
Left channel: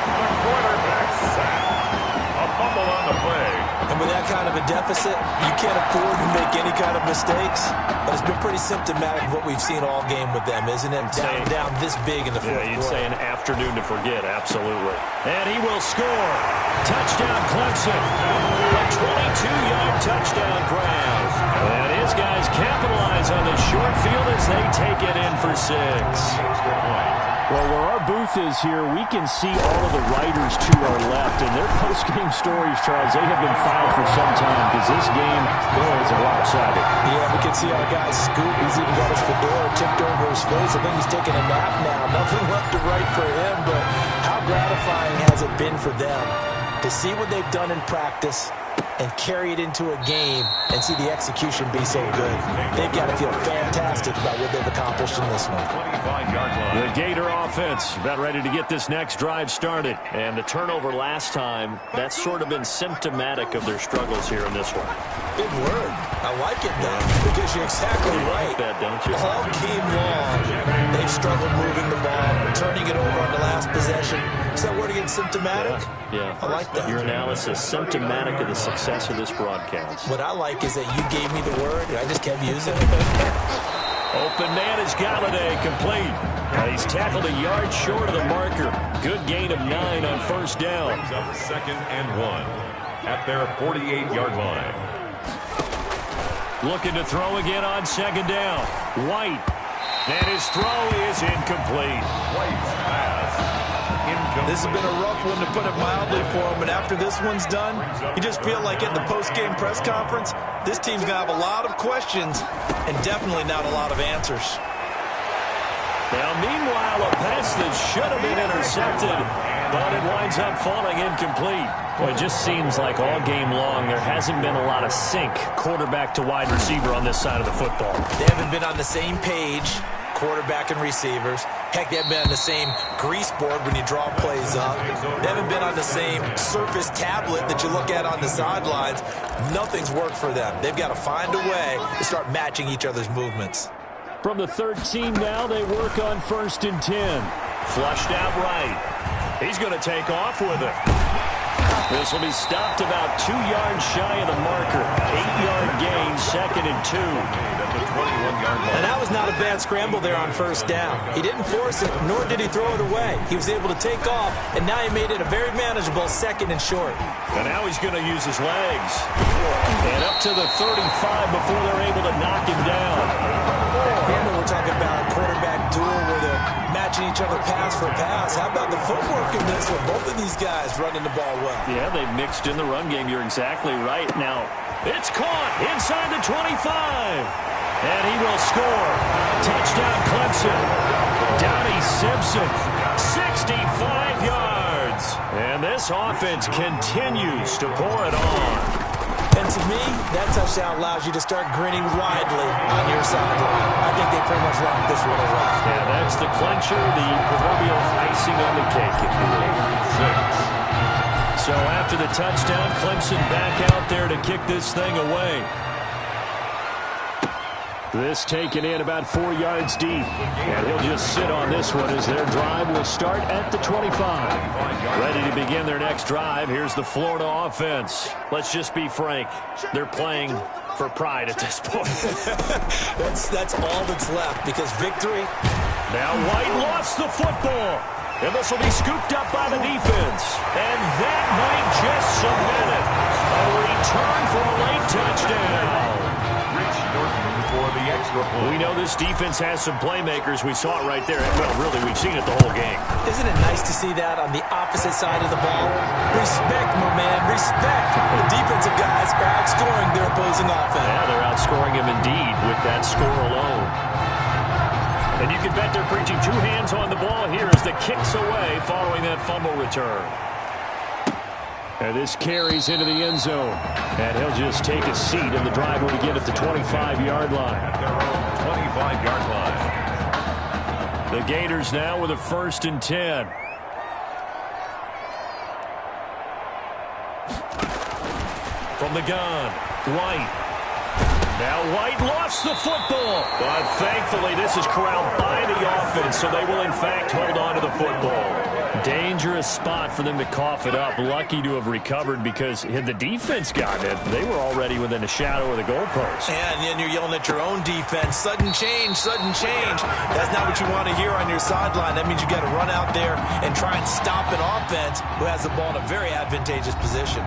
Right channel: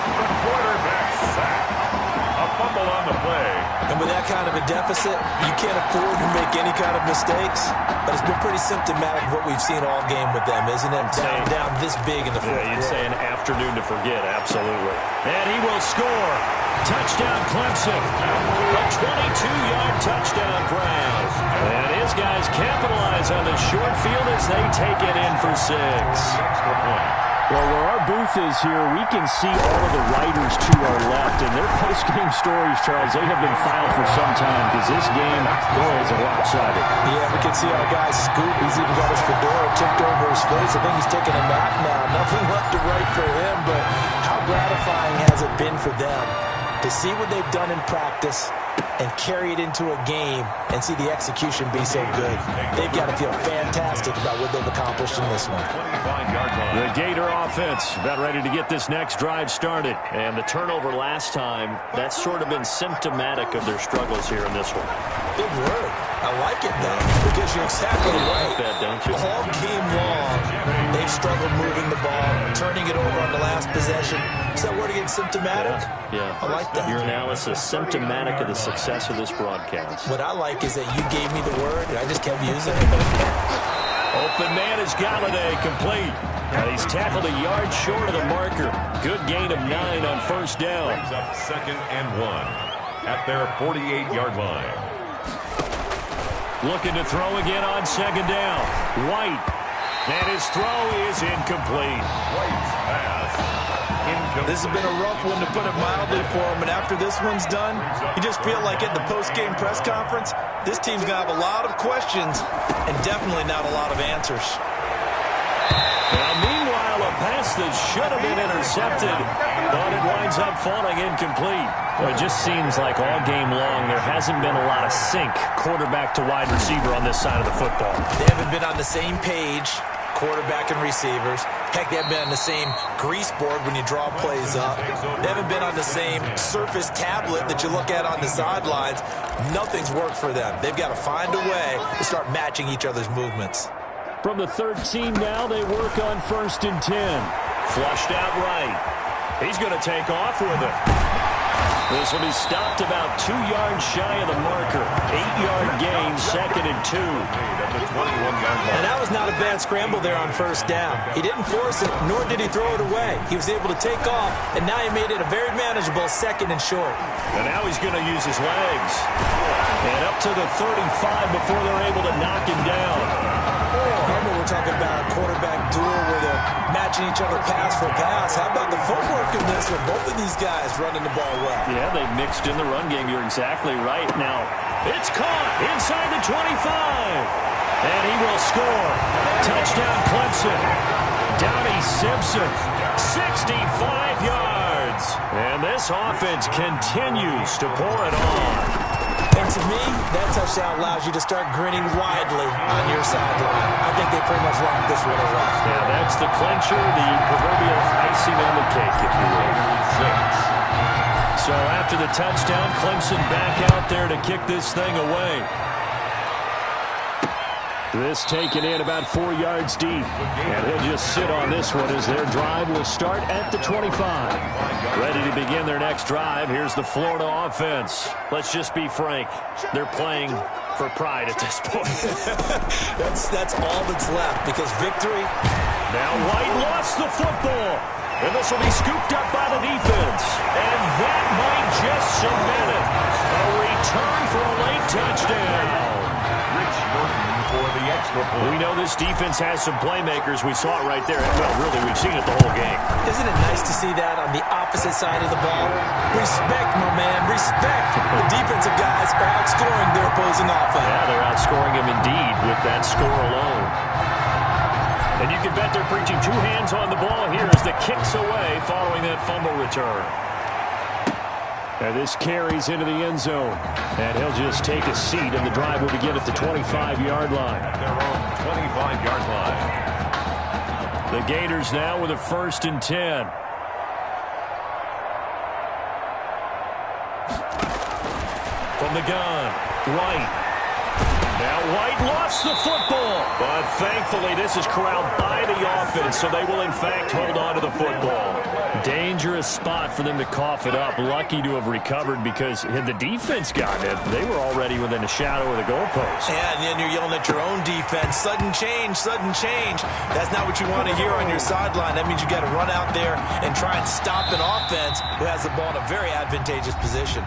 The quarterback sacked. A fumble on the play. And with that kind of a deficit, you can't afford to make any kind of mistakes. But it's been pretty symptomatic of what we've seen all game with them, isn't it? Down this big in the fourth quarter. You'd say an afternoon to forget, absolutely. And he will score. Touchdown, Clemson. A 22-yard touchdown grab. And his guys capitalize on the short field as they take it in for 6. Extra point. Well, where our booth is here, we can see all of the writers to our left. And their post-game stories, Charles, they have been filed for some time because this game, boy, is lopsided. Yeah, we can see our guy Scoop. He's even got his fedora tipped over his face. I think he's taking a nap now. Nothing left to write for him, but how gratifying has it been for them to see what they've done in practice and carry it into a game and see the execution be so good. They've got to feel fantastic about what they've accomplished in this one. 25-yard line. The Gator offense about ready to get this next drive started. And the turnover last time, that's sort of been symptomatic of their struggles here in this one. Big word. I like it, though, because you're exactly right. Like that, don't you? All game long, they've struggled moving the ball, turning it over on the last possession. Is that word again, symptomatic? Yeah. I like that. Your analysis, symptomatic of the success of this broadcast. What I like is that you gave me the word, and I just kept using it. Open man is Galladay, complete. He's tackled a yard short of the marker. Good gain of 9 on first down. Brings up 2nd and 1 at their 48-yard line. Looking to throw again on second down. White. And his throw is incomplete. White's pass, incomplete. This has been a rough one, to put it mildly, for him. And after this one's done, you just feel like at the post-game press conference, this team's going to have a lot of questions and definitely not a lot of answers. Now, meanwhile, a pass that should have been intercepted, but it winds up falling incomplete. Well, it just seems like all game long there hasn't been a lot of sync quarterback to wide receiver on this side of the football. They haven't been on the same page, quarterback and receivers. Heck, they haven't been on the same grease board when you draw plays up. They haven't been on the same Surface tablet that you look at on the sidelines. Nothing's worked for them. They've got to find a way to start matching each other's movements. From the 13 now, they work on 1st and 10. Flushed out right. He's going to take off with it. This will be stopped about 2 yards shy of the marker. 8-yard gain, 2nd and 2. At the 21-yard line. And that was not a bad scramble there on 1st down. He didn't force it, nor did he throw it away. He was able to take off, and now he made it a very manageable 2nd and short. And now he's going to use his legs. And up to the 35 before they're able to knock him down. Here we're talking about a quarterback duel where they're matching each other pass for pass. How about the footwork in this with both of these guys running the ball well? Yeah, they've mixed in the run game. You're exactly right. Now, it's caught inside the 25. And he will score. Touchdown, Clemson. Donnie Simpson, 65 yards. And this offense continues to pour it on. And to me, that touchdown allows you to start grinning widely on your sideline. I think they pretty much locked this one away. Yeah, that's the clincher, the proverbial icing on the cake, if you will. So after the touchdown, Clemson back out there to kick this thing away. This taken in about 4 yards deep. And he'll just sit on this one as their drive will start at the 25. Ready to begin their next drive. Here's the Florida offense. Let's just be frank. They're playing for pride at this point. That's all that's left, because victory. Now White lost the football. And this will be scooped up by the defense. And that might just cement it. A return for a late touchdown. Rich Norton for the extra point. We know this defense has some playmakers. We saw it right there. Well, really, we've seen it the whole game. Isn't it nice to see that on the opposite side of the ball? Respect, my man, respect. The defensive guys are outscoring their opposing offense. Yeah, they're outscoring him indeed with that score alone. And you can bet they're preaching 2 hands on the ball here as the kick's away following that fumble return. And this carries into the end zone. And he'll just take a seat, and the drive will begin at the 25-yard line. At their own 25-yard line. The Gators now with a 1st and 10. From the gun, White. Now White lost the football, but thankfully this is corralled by the offense, so they will in fact hold on to the football. Dangerous spot for them to cough it up. Lucky to have recovered, because had the defense gotten it, they were already within a shadow of the goalpost. And then you're yelling at your own defense. Sudden change, sudden change. That's not what you want to hear on your sideline. That means you got to run out there and try and stop an offense who has the ball in a very advantageous position.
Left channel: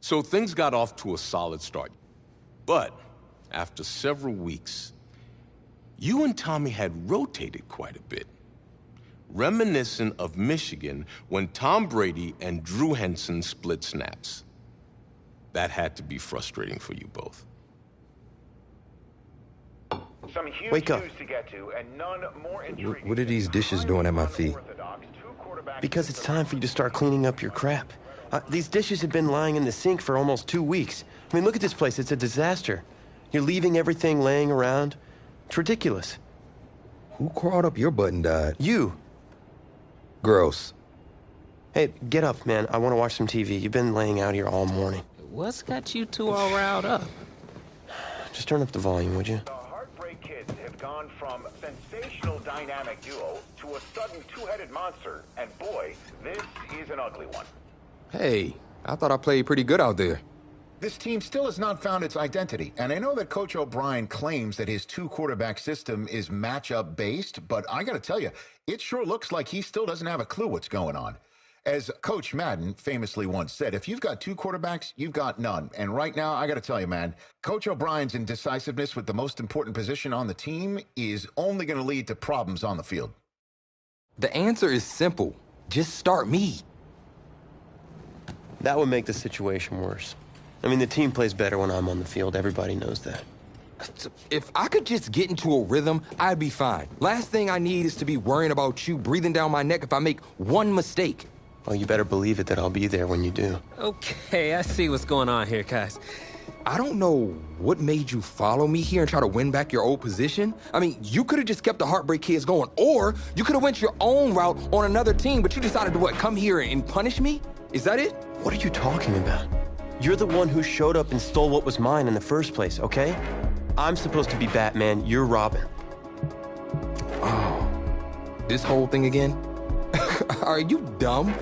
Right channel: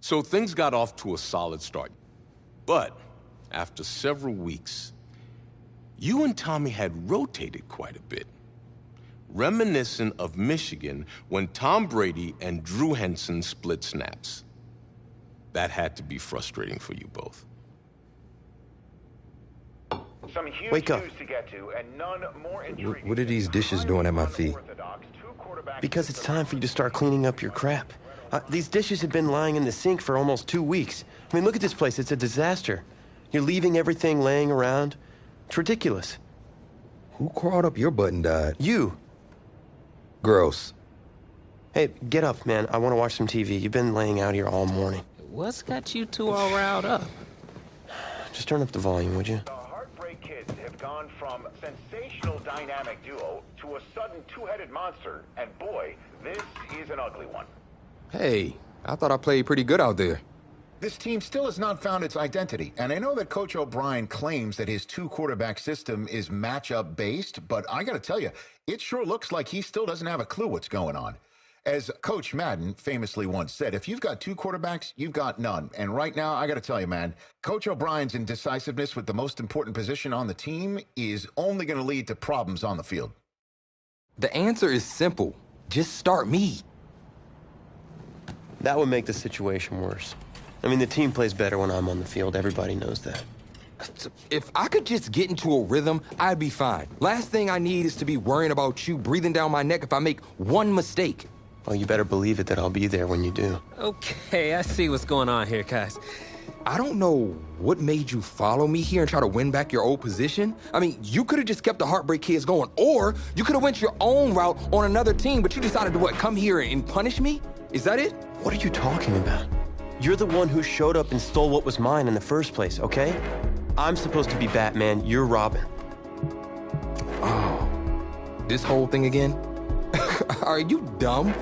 So things got off to a solid start. But after several weeks, you and Tommy had rotated quite a bit. Reminiscent of Michigan when Tom Brady and Drew Henson split snaps. That had to be frustrating for you both. Some huge Wake up. news to get to, and none more intriguing. What are these dishes doing at my feet? Because it's time for you to start cleaning up your crap. These dishes have been lying in the sink for almost 2 weeks. I mean, look at this place. It's a disaster. You're leaving everything laying around. It's ridiculous. Who crawled up your butt and died? You. Gross. Hey, get up, man. I want to watch some TV. You've been laying out here all morning. What's got you two all riled up? Just turn up the volume, would you? The Heartbreak Kids have gone from sensational dynamic duo to a sudden two-headed monster, and boy, this is an ugly one. Hey, I thought I played pretty good out there. This team still has not found its identity, and I know that Coach O'Brien claims that his two-quarterback system is matchup-based, but I gotta tell you, it sure looks like he still doesn't have a clue what's going on. As Coach Madden famously once said, if you've got two quarterbacks, you've got none. And right now, I gotta tell you, man, Coach O'Brien's indecisiveness with the most important position on the team is only gonna lead to problems on the field. The answer is simple. Just start me. That would make the situation worse. I mean, the team plays better when I'm on the field. Everybody knows that. If I could just get into a rhythm, I'd be fine. Last thing I need is to be worrying about you breathing down my neck if I make one mistake. Well, you better believe it that I'll be there when you do. Okay, I see what's going on here, guys. I don't know what made you follow me here and try to win back your old position. I mean, you could have just kept the Heartbreak Kids going, or you could have went your own route on another team, but you decided to, what, come here and punish me? Is that it? What are you talking about? You're the one who showed up and stole what was mine in the first place, okay? I'm supposed to be Batman, you're Robin. Oh, this whole thing again? Are you dumb?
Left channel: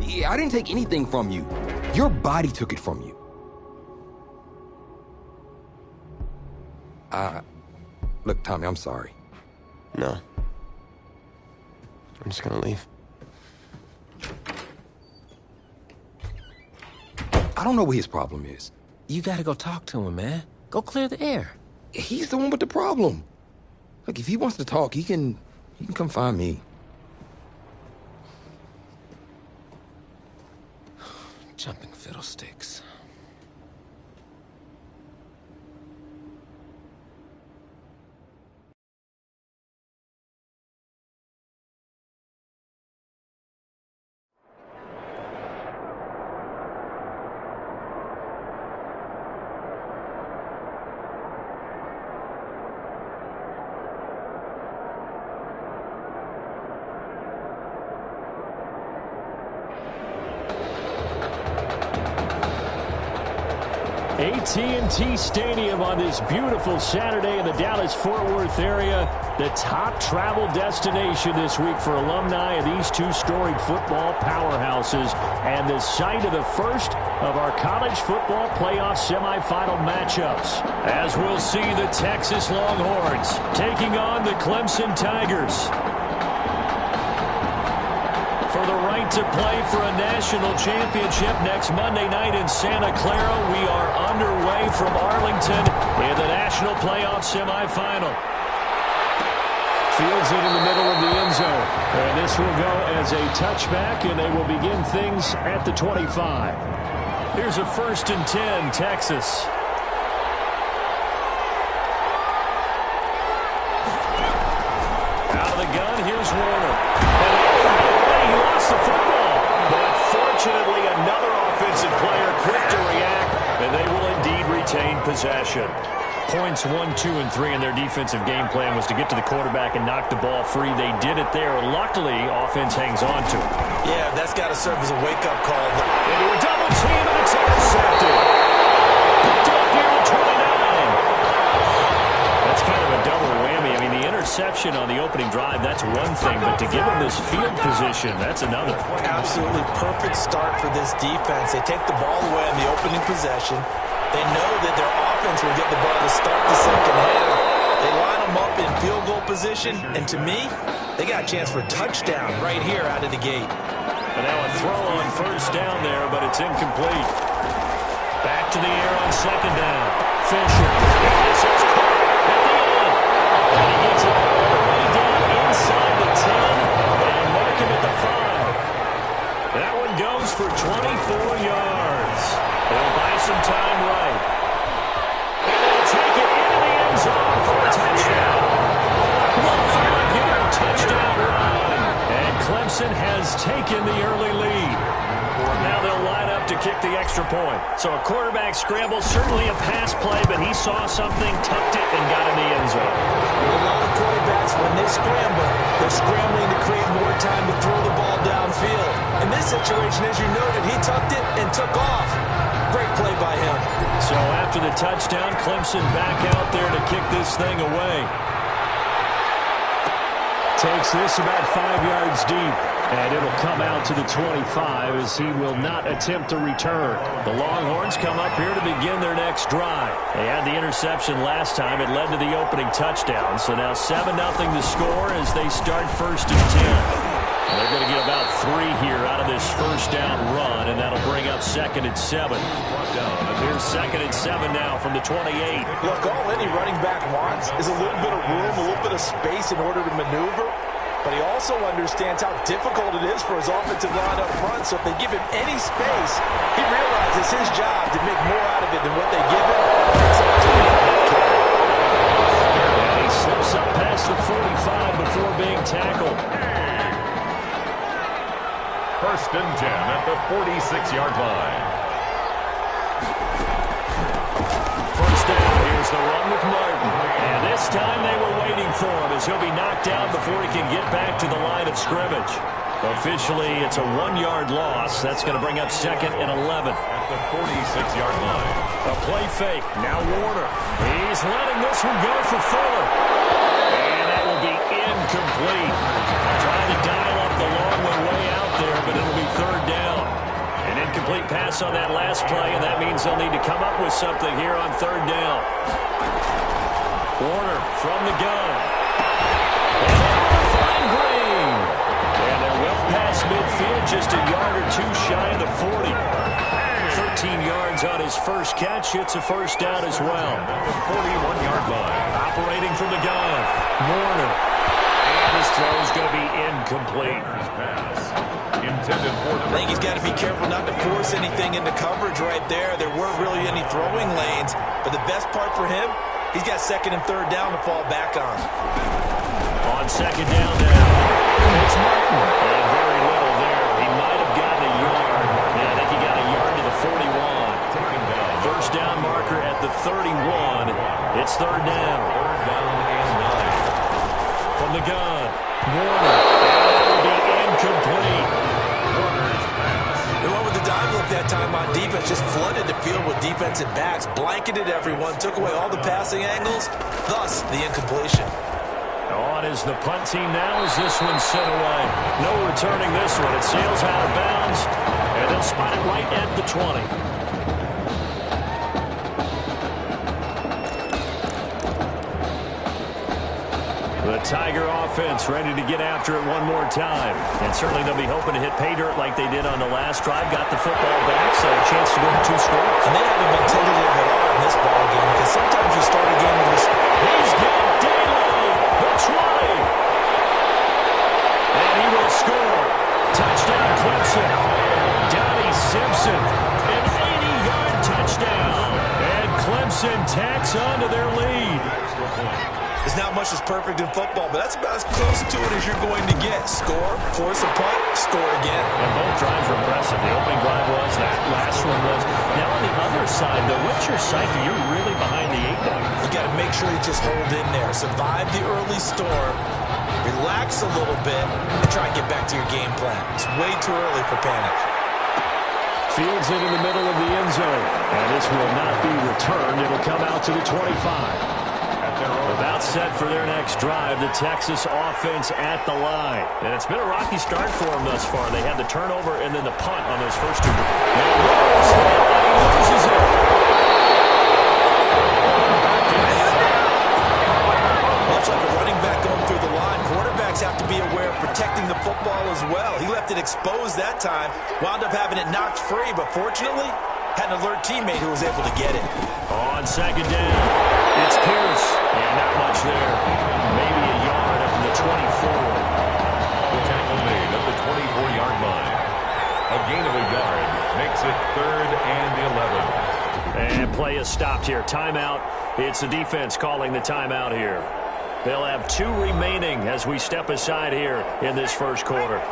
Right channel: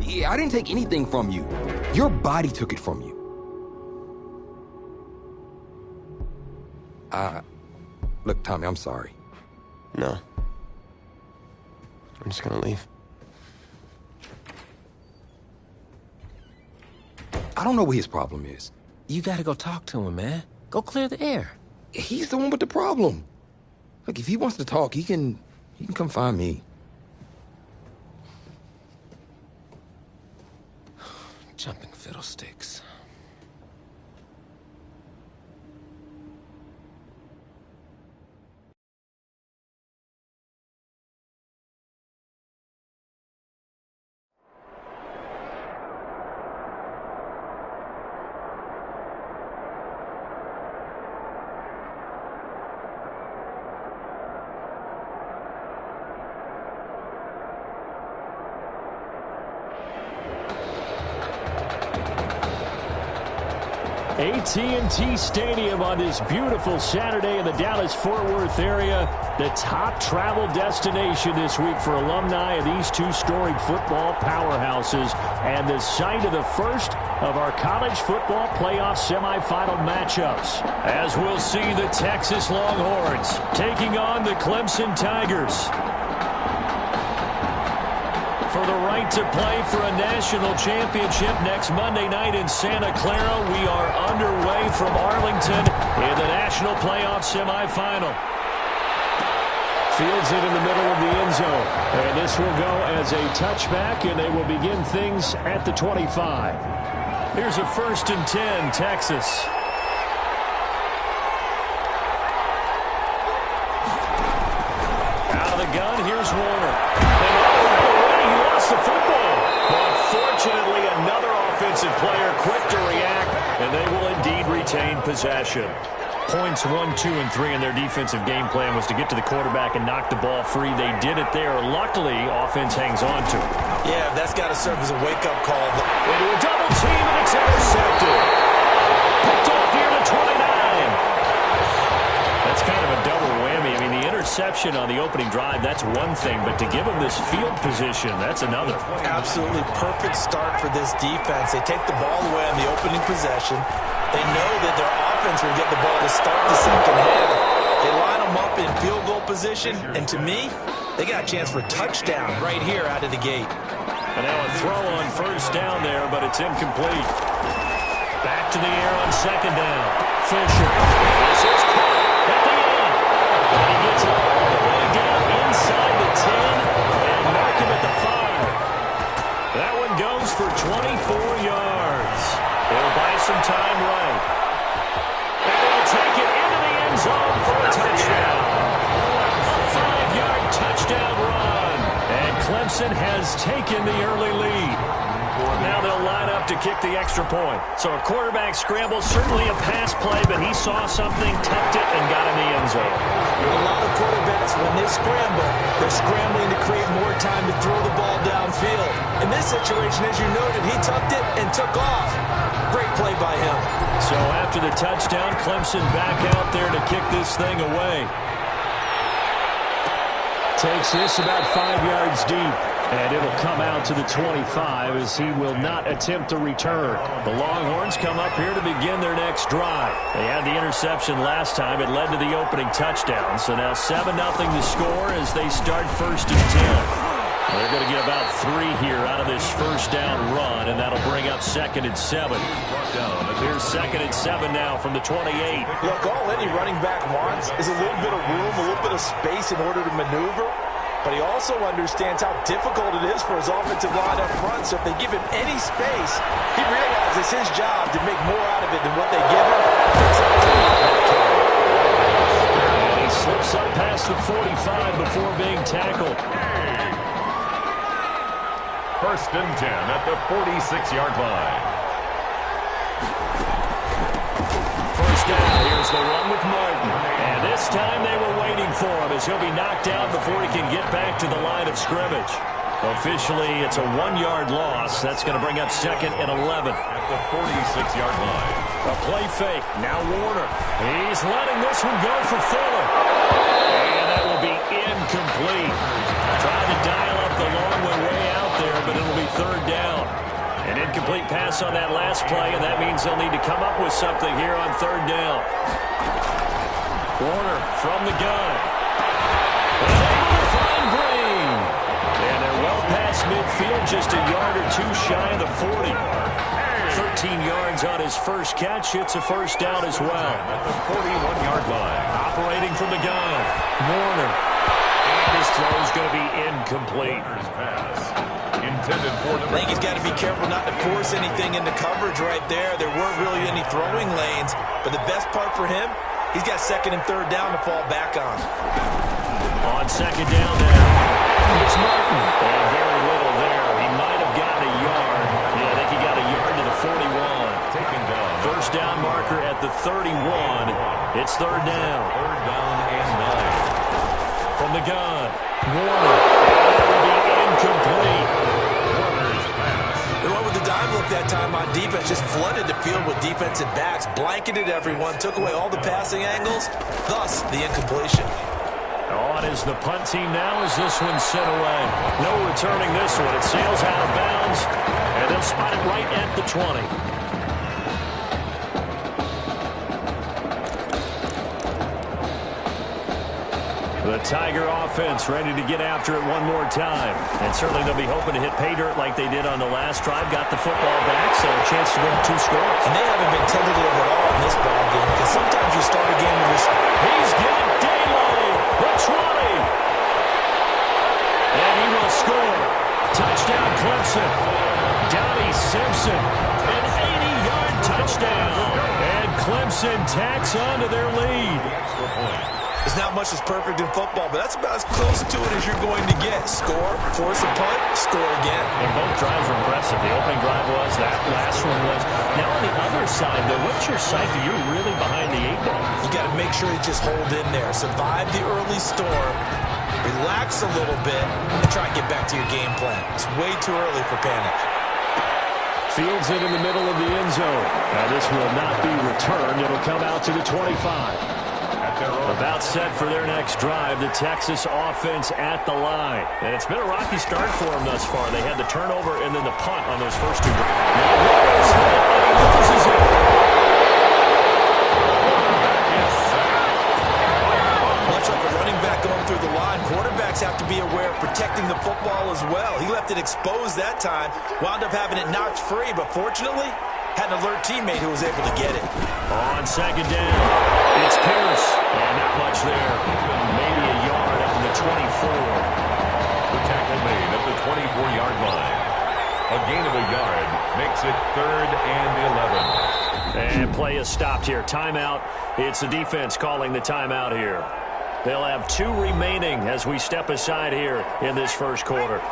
Yeah, I didn't take anything from you. Your body took it from you. Look, Tommy, I'm sorry. No. I'm just gonna leave. I don't know what his problem is. You gotta go talk to him, man. Go clear the air. He's the one with the problem. Look, if he wants to talk, he can come find me. Jumping fiddlesticks. AT&T Stadium on this beautiful Saturday in the Dallas-Fort Worth area. The top travel destination this week for alumni of these two storied football powerhouses, and the site of the first of our college football playoff semifinal matchups. As we'll see the Texas Longhorns taking on the Clemson Tigers. For the right to play for a national championship next Monday night in Santa Clara, we are underway from Arlington in the national playoff semifinal. Fields it in the middle of the end zone. And this will go as a touchback, and they will begin things at the 25. Here's a 1st and 10, Texas. Out of the gun, here's Warner. And right away, he lost the football. But fortunately, another offensive player quick to react, and they will indeed retain possession. Points 1, 2, and 3 in their defensive game plan was to get to the quarterback and knock the ball free. They did it there. Luckily, offense hangs on to it. Yeah, that's got to serve as a wake-up call. Into a double team, and it's intercepted. Picked off near the 29. That's kind of a double whammy. I mean, the interception on the opening drive, that's one thing, but to give them this field position, that's another. Absolutely perfect start for this defense. They take the ball away on the opening possession. They know that their offense will get the ball to start the second half. They line them up in field goal position, and to me, they got a chance for a touchdown right here out of the gate. And now a throw on 1st down there, but it's incomplete. Back to the air on 2nd down. Fisher. And this is caught at the end. And he gets it all the way down inside the 10 and mark him at the 5. That one goes for 24 yards. They'll buy some time right. And they'll take it into the end zone for a touchdown. A 5-yard touchdown run. And Clemson has taken the early lead. Now they'll line up to kick the extra point. So a quarterback scramble, certainly a pass play, but he saw something, tucked it, and got in the end zone. A lot of quarterbacks, when they scramble, they're scrambling to create more time to throw the ball downfield. In this situation, as you noted, he tucked it and took off. Great play by him. So after the touchdown, Clemson back out there to kick this thing away. Takes this about 5 yards deep. And it'll come out to the 25 as he will not attempt to return. The Longhorns come up here to begin their next drive. They had the interception last time. It led to the opening touchdown. So now 7-0 to score as they start 1st and 10. They're going to get about 3 here out of this first down run, and that'll bring up 2nd and 7. Here's 2nd and 7 now from the 28. Look, all any running back wants is a little bit of room, a little bit of space in order to maneuver. But he also understands how difficult it is for his offensive line up front. So if they give him any space, he realizes it's his job to make more out of it than what they give him. And he slips up past the 45 before being tackled. 1st and 10 at the 46-yard line. First down, here's the run with Martin. And this time they were waiting for him as he'll be knocked down before he can get back to the line of scrimmage. Officially, it's a 1-yard loss. That's going to bring up 2nd and 11. At the 46-yard line. A play fake. Now Warner. He's letting this one go for Fuller. And that will be incomplete. Trying to dial up the long one way out there, but it'll be 3rd down. An incomplete pass on that last play, and that means they'll need to come up with something here on 3rd down. Warner from the gun. And able to find Green. And they're well past midfield, just a yard or 2 shy of the 40. 13 yards on his first catch. It's a 1st down as well. At the 41-yard line. Operating from the gun. Warner. And his throw is going to be incomplete. Warner's pass. Intended for I think he's got to be careful not to force anything into coverage right there. There weren't really any throwing lanes. But the best part for him, he's got 2nd and 3rd down to fall back on. On 2nd down now, it's Martin. And very little there. He might have gotten a yard. Yeah, I think he got a yard to the 41. Taken down. 1st down marker at the 31. It's 3rd down. 3rd down and 9. From the gun, Warner. And that will be incomplete. Warner's pass. They went with the dime look that time on defense, just flooded the field with defensive backs, blanketed everyone, took away all the passing angles, thus the incompletion. On is the punt team now as this one's sent away. No returning this one. It sails out of bounds, and they'll spot it right at the 20. The Tiger offense ready to get after it one more time. And certainly they'll be hoping to hit pay dirt like they did on the last drive. Got the football back, so a chance to go with 2 scores. And they haven't been tentative at all in this ball game because sometimes you start a game with your... He's got daylight, the 20. And he will score. Touchdown Clemson. Donnie Simpson, an 80-yard touchdown. And Clemson tacks on to their lead. Extra point. There's not much that's perfect in football, but that's about as close to it as you're going to get. Score, force a punt, score again. And both drives were impressive. The opening drive was, that last one was. Now on the other side, though, what's your psyche? You're really behind the 8 ball. You got to make sure you just hold in there. Survive the early storm, relax a little bit, and try and get back to your game plan. It's way too early for panic. Fields it in the middle of the end zone. Now this will not be returned. It'll come out to the 25. About set for their next drive, the Texas offense at the line. And it's been a rocky start for them thus far. They had the turnover and then the punt on those first 2. Now Warner's hit, and he loses it. Much like a running back going through the line, quarterbacks have to be aware of protecting the football as well. He left it exposed that time, wound up having it knocked free, but fortunately, had an alert teammate who was able to get it. On 2nd down, it's Pierce. And not much there. Maybe a yard up to the 24. The tackle made at the 24-yard line. A gain of a yard makes it 3rd and 11. And play is stopped here. Timeout. It's the defense calling the timeout here. They'll have 2 remaining as we step aside here in this first quarter.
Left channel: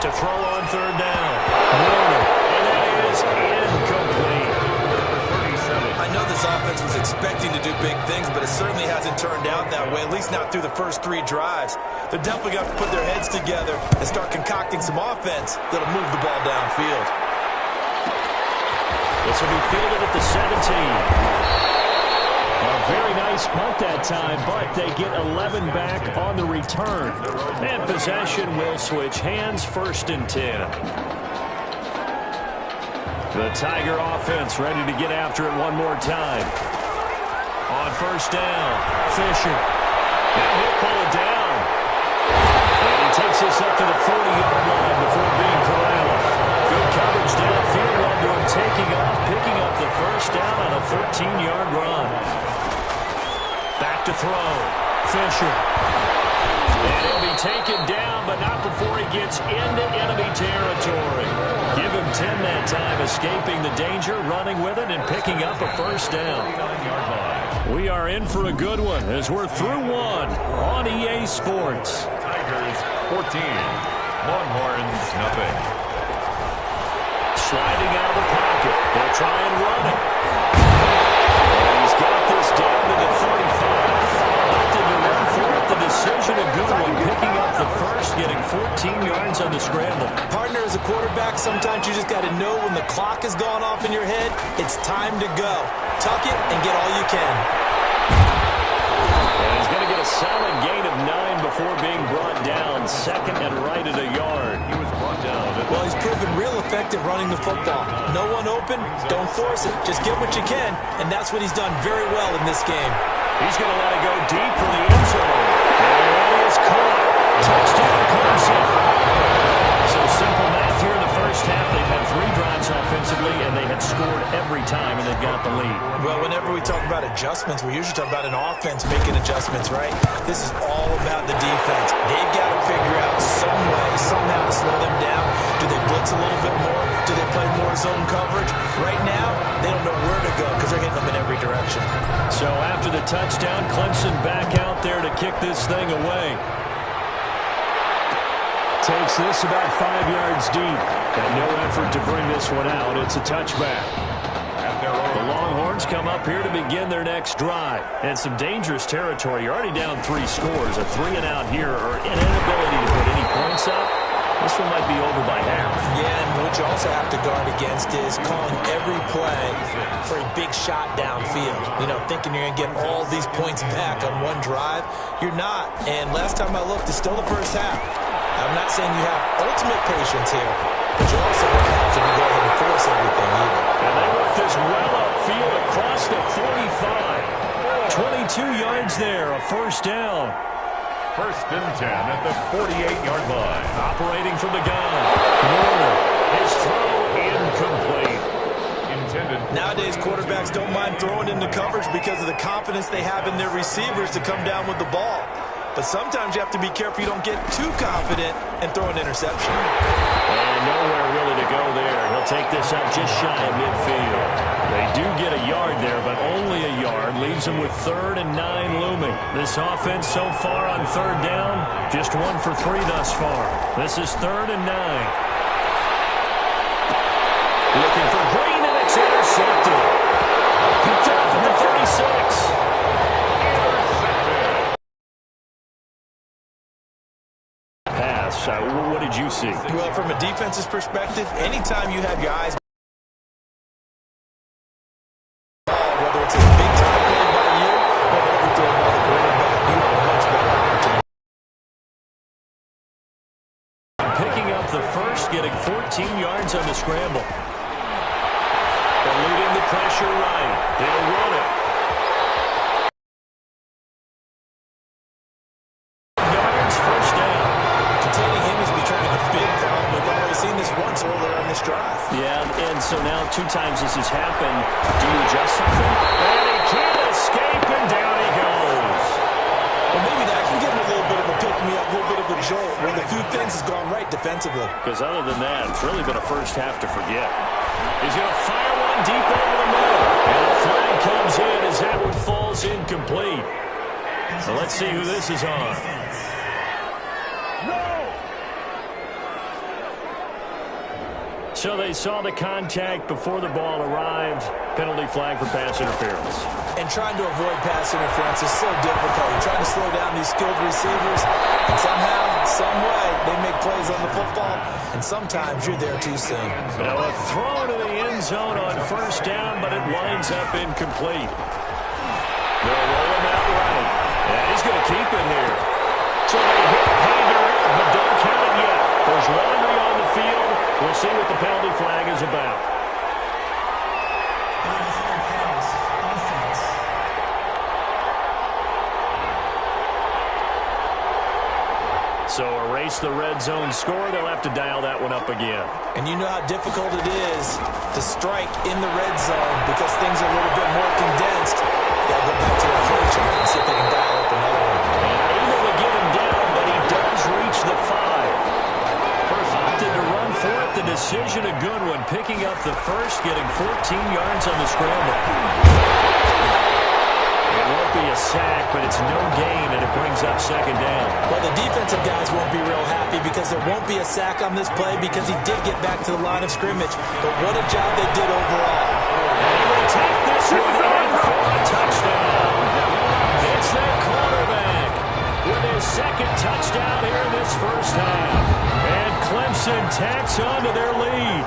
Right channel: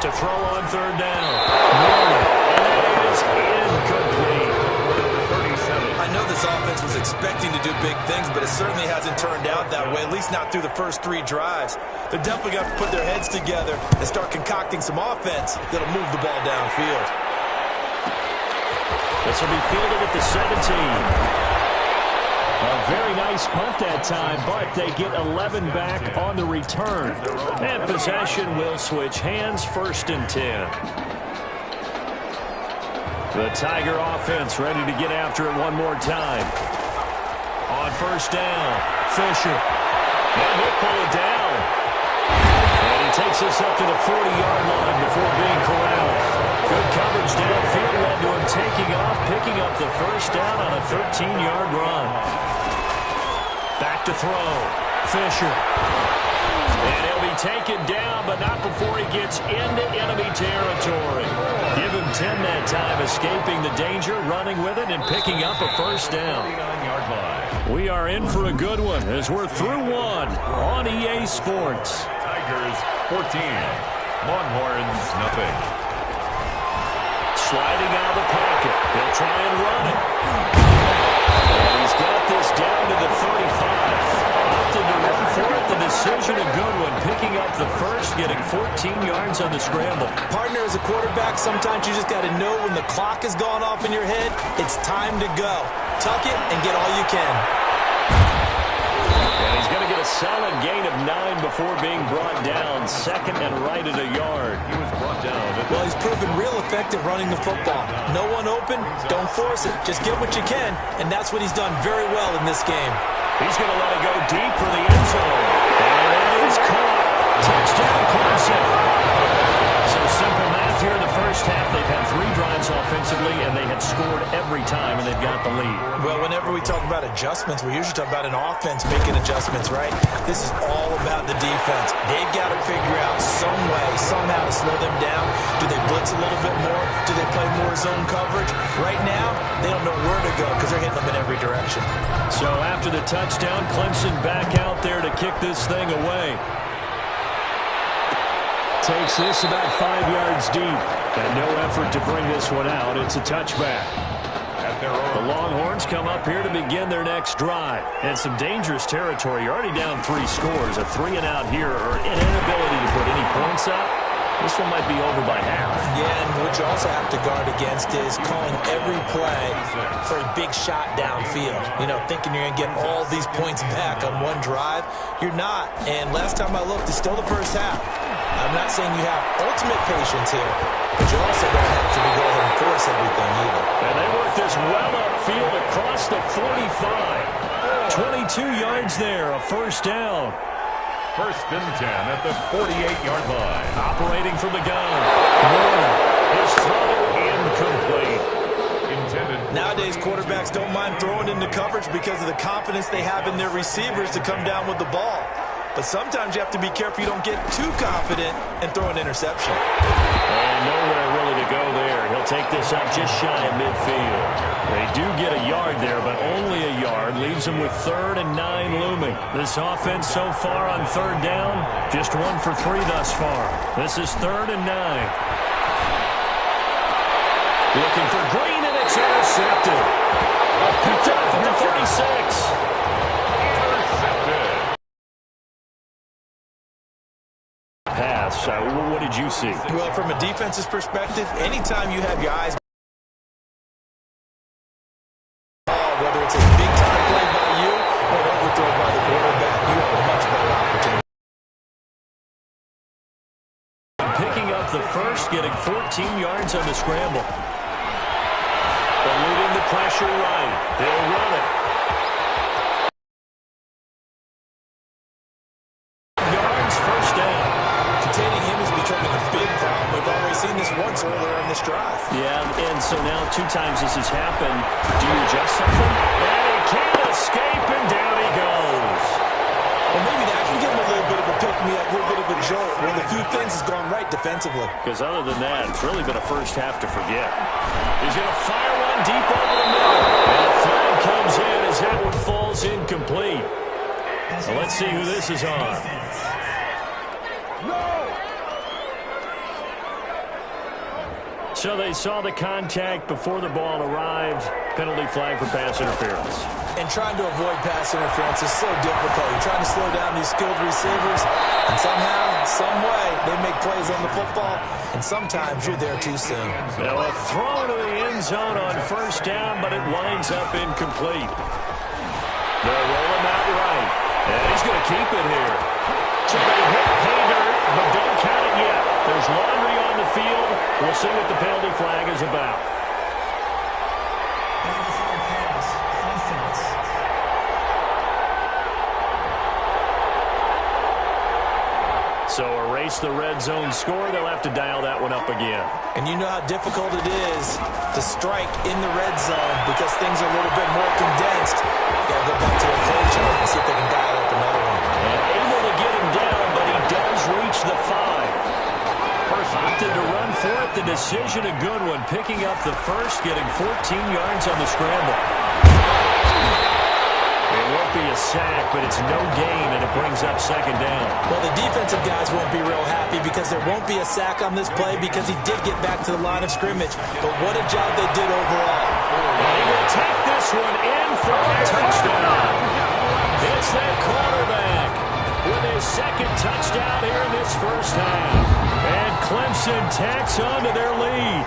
To throw on 3rd down. Warner. And that is incomplete. 37. I know this offense was expecting to do big things, but it certainly hasn't turned out that way, at least not through the first 3 drives. They're definitely going to put their heads together and start concocting some offense that'll move the ball downfield. This will be fielded at the 17. A very nice punt that time, but they get 11 back on the return. And possession will switch hands, 1st and 10. The Tiger offense ready to get after it one more time. On 1st down, Fisher. Now he'll pull it down. And he takes this up to the 40-yard line before being corralled. Good coverage downfield led to him taking off, picking up the 1st down on a 13-yard run. Back to throw. Fisher. And he'll be taken down, but not before he gets into enemy territory. Give him 10 that time, escaping the danger, running with it, and picking up a 1st down. We are in for a good one as we're through one on EA Sports. Tigers 14, Longhorns nothing. Sliding out of the pocket. He'll try and run it. And he's got this down to the 35. Opted to run for it. The decision a good one. Picking up the 1st, getting 14 yards on the scramble. Partner, as a quarterback, sometimes you just got to know when the clock has gone off in your head, it's time to go. Tuck it and get all you can. And he's going to get a solid gain of 9 before being brought down. 2nd and right at a yard. He was brought down. Well, he's proven real effective running the football. No one open, don't force it. Just get what you can, and that's what he's done very well in this game. He's going to let it go deep for the end zone. And that is caught. Touchdown, Clemson. So simple math here in the 1st half. They've had 3 drives offensively, and they have scored every time, and they've got the lead. Well, whenever we talk about adjustments, we usually talk about an offense making adjustments, right? This is all about the defense. They've got to figure out some way, somehow to slow them down. Do they blitz a little bit more? Do they play more zone coverage? Right now, they don't know where to go because they're hitting them in every direction. So after the touchdown, Clemson back out there to kick this thing away. Takes this about 5 yards deep. And no effort to bring this one out. It's a touchback. The Longhorns come up here to begin their next drive. And some dangerous territory. You're already down 3 scores. A 3-and-out here or an inability to put any points up. This one might be over by half. Yeah, and what you also have to guard against is calling every play for a big shot downfield. You know, thinking you're going to get all these points back on one drive. You're not. And last time I looked, it's still the 1st half. I'm not saying you have ultimate patience here, but you also don't have to go ahead and force everything either. And they work this well upfield across the 45. 22 yards there, a 1st down. 1st and 10 at the 48-yard line. Operating from the gun. Warner, his throw incomplete. Intended. Nowadays, quarterbacks don't mind throwing into coverage because of the confidence they have in their receivers to come down with the ball. But sometimes you have to be careful you don't get too confident and throw an interception. And nowhere really to go there. He'll take this up just shy of midfield. They do get a yard there, but only a yard. Leaves them with 3rd and 9 looming. This offense so far on 3rd down, just 1 for 3 thus far. This is 3rd and 9. Looking for Green, and it's intercepted. Picked up at the 36. Intercepted. Pass. What did you see? Well, from a defense's perspective, anytime you have your eyes whether it's a big-time play by you or overthrow by the quarterback, you have a much better opportunity. Picking up the 1st, getting 14 yards on the scramble. Eluding the pressure right. They'll run it. Yards, 1st down. Containing him is becoming a big problem. We've already seen this once earlier on this drive. Yeah, and so now 2 times this has happened. Do you adjust something? And he can't escape, and down he goes. Well, maybe that can give him a little bit of a pick-me-up, a little bit of a jolt. Well, a few things has gone right defensively. Because other than that, it's really been a 1st half to forget. He's going to fire one deep over the middle. And a flag comes in as that one falls incomplete. So let's see who this is on. So they saw the contact before the ball arrived. Penalty flag for pass interference. And trying to avoid pass interference is so difficult. You're trying to slow down these skilled receivers, and somehow, some way, they make plays on the football, and sometimes you're there too soon. Now a throw to the end zone on 1st down, but it winds up incomplete. They'll roll him out right. And he's going to keep it here. So they hit pay dirt, but don't count it yet. There's laundry on the field. We'll see what the penalty flag is about. So erase the red zone score. They'll have to dial that one up again. And you know how difficult it is to strike in the red zone because things are a little bit more condensed. You got to go back to their play chart and see if they can dial up another one. And able to get him down, but he does reach the 5. Opted to run for it. The decision a good one. Picking up the first, getting 14 yards on the scramble. It won't be a sack, but it's no gain, and it brings up second down. Well, the defensive guys won't be real happy because there won't be a sack on this play because he did get back to the line of scrimmage. But what a job they did overall. And he will take this one in for a touchdown. It's their quarterback with his second touchdown here in this first half. And Clemson tacks on to their lead.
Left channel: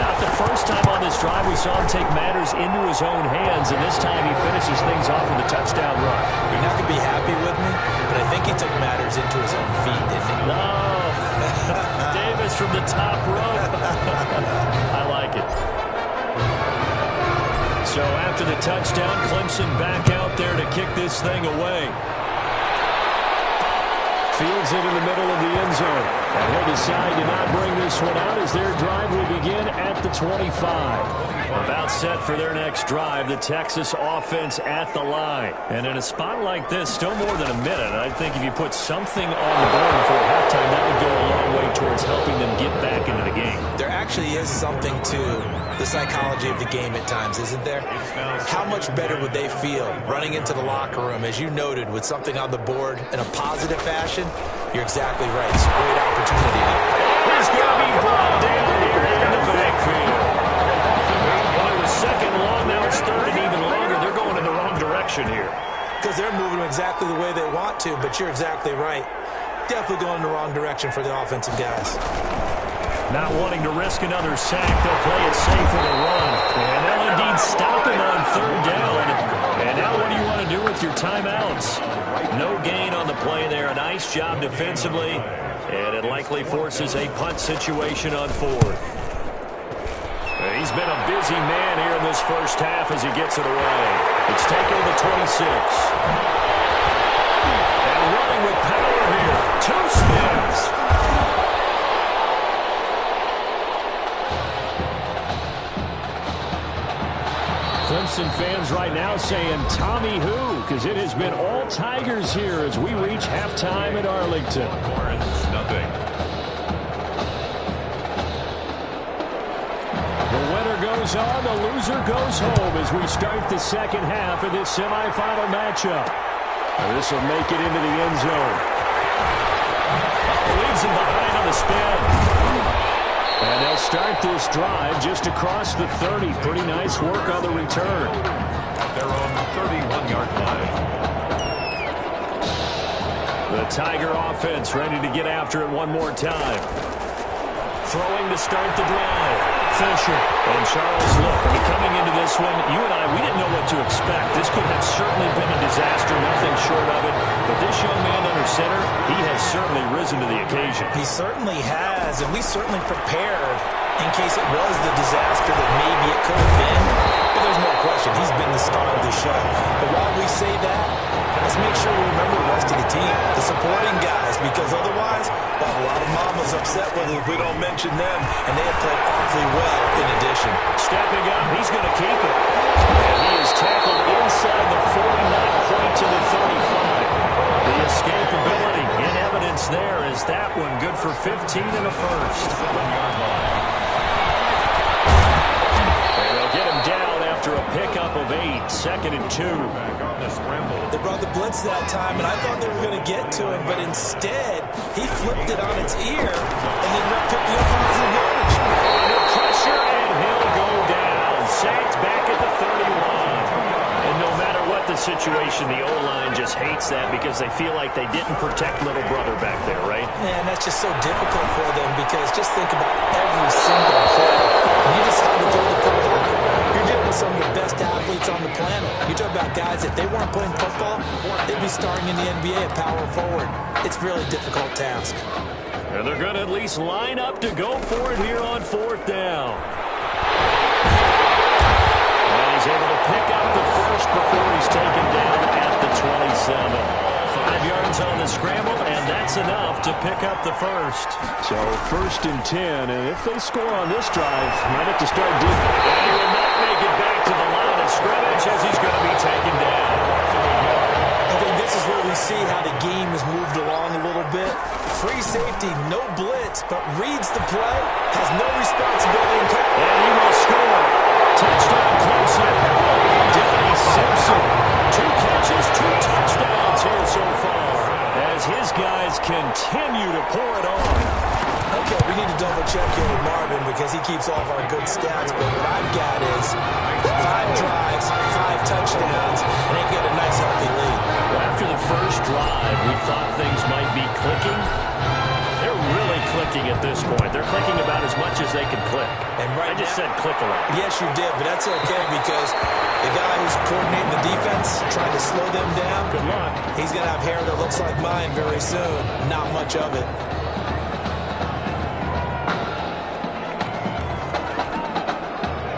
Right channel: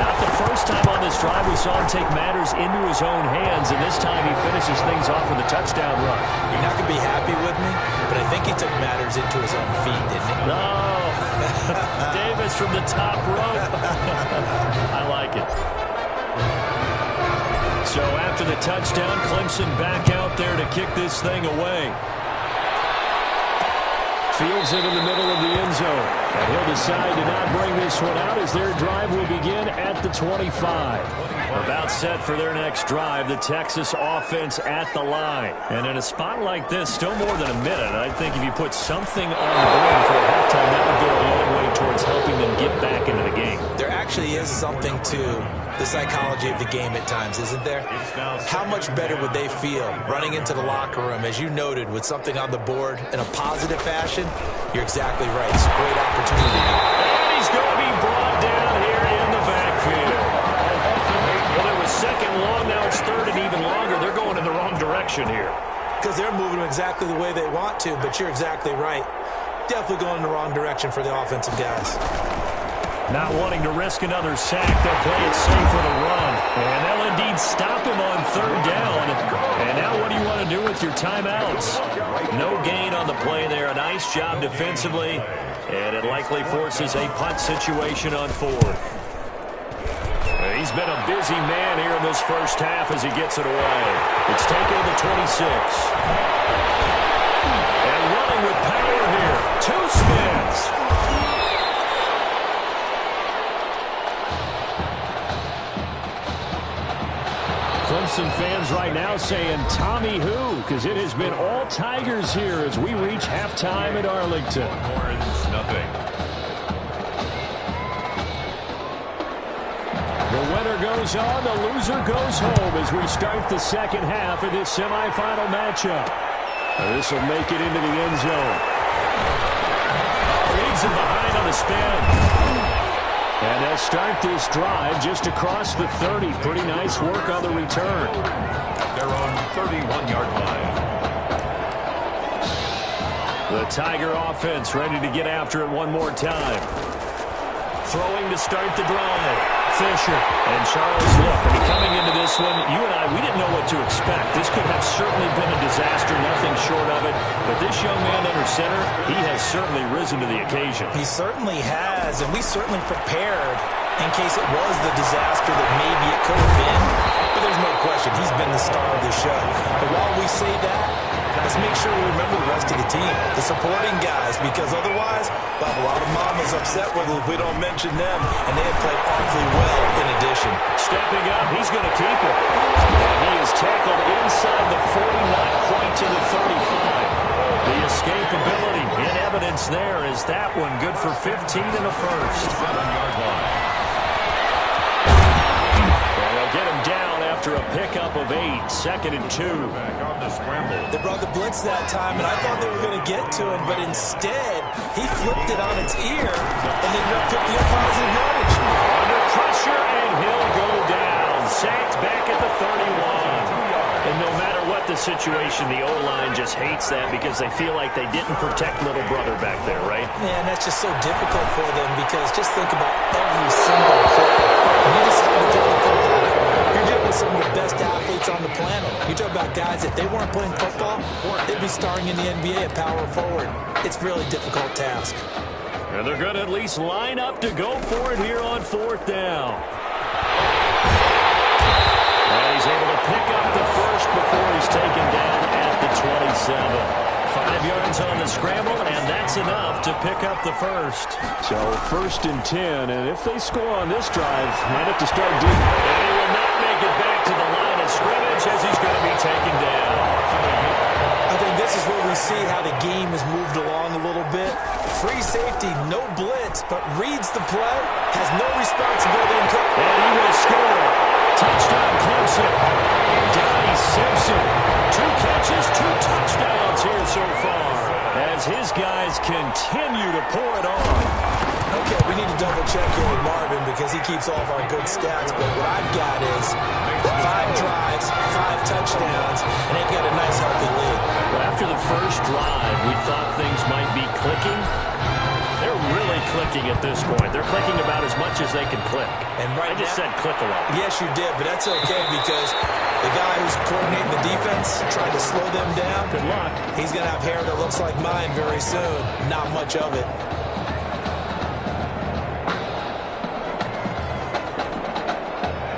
Not the first time on this drive we saw him take matters into his own hands, and this time he finishes things off with a touchdown run. You're not going to be happy with me, but I think he took matters into his own feet, didn't he? No. Davis from the top rope. I like it. So after the touchdown, Clemson back out there to kick this thing away. Fields it in the middle of the end zone. And he'll decide to not bring this one out as their drive will begin at the 25. About set for their next drive, the Texas offense at the line. And in a spot like this, still more than a minute. I think if you put something on the board before halftime, that would go a long way towards helping them get back into the game. There actually is something to the psychology of the game at times, isn't there? How much better would they feel running into the locker room, as you noted, with something on the board in a positive fashion? You're exactly right. It's a great opportunity. And he's going to be brought down here in the backfield. Well, it was second long. Now it's third and even longer. They're going in the wrong direction here. Because they're moving exactly the way they want to, but you're exactly right. Definitely going in the wrong direction for the offensive guys. Not wanting to risk another sack, they'll play it safe with a run. And they'll indeed stop him on third down. And now what do you want to do with your timeouts? No gain on the play there. A nice job defensively. And it likely forces a punt situation on fourth. He's been a busy man here in this first half as he gets it away. It's taken to the 26. And running with power here. 2 spins. Clemson fans right now saying Tommy who, because it has been all Tigers here as we reach halftime at Arlington. Horns, nothing. The winner goes on, the loser goes home as we start the second half of this semifinal matchup. This will make it into the end zone. Leads him behind on the spin. And they'll start this drive just across the 30. Pretty nice work on the return. At their own 31-yard line. The Tiger offense ready to get after it one more time. Throwing to start the drive. Fisher and Charles look. I mean, coming into this one, you and I, we didn't know what to expect. This could have certainly been a disaster, nothing short of it. But this young man under center, he has certainly risen to the occasion. He certainly has, and we certainly prepared in case it was the disaster that maybe it could have been. But there's no question, he's been the star of the show. But while we say that, let's make sure we remember the rest of the team, the supporting guys, because otherwise we'll have a lot of mamas upset with us if we don't mention them, and they have played awfully well in addition. Stepping up, he's going to keep it. And he is tackled inside the 40, not quite to the 35. The escapability in evidence there is that one good for 15 and a first. 7-yard line. And they'll get him down after a pickup of 8, 2nd and 2. Back on the scramble. They brought the blitz that time, and I thought they were going to get to him, but instead, he flipped it on its ear and ended up picking up positive yardage. Under pressure, and he'll go down. Sacked back at the 31. And no matter what the situation, the O-line just hates that because they feel like they didn't protect little brother back there, right? Man, that's just so difficult for them because just think about every single play. When you decide to throw the football, you're doing with some of the best athletes on the planet. You talk about guys, if they weren't playing football, they'd be starring in the NBA at power forward. It's a really difficult task. And they're going to at least line up to go for it here on 4th down. And he's able to pick up the first before he's taken down at the 27. 5 yards on the scramble, and that's enough to pick up the first. So 1st and 10, and if they score on this drive, might have to start deep. And he will not make it back to the line of scrimmage as he's going to be taken down. I think this is where we see how the game has moved along a little bit. Free safety, no blitz, but reads the play, has no responsibility in coverage. And he will score. Touchdown Clemson. Donnie Simpson. 2 catches, 2 touchdowns here so far as his guys continue to pour it on. Okay, we need to double check here with Marvin because he keeps all of our good stats, but what I've got is 5 drives, 5 touchdowns, and they've got a nice healthy lead. Well, after the first drive, we thought things might be clicking. They're really clicking at this point. They're clicking about as much as they can click. And right I just now, said click a lot. Yes, you did, but that's okay because the guy who's coordinating the defense, trying to slow them down, good luck. He's going to have hair that looks like mine very soon. Not much of it.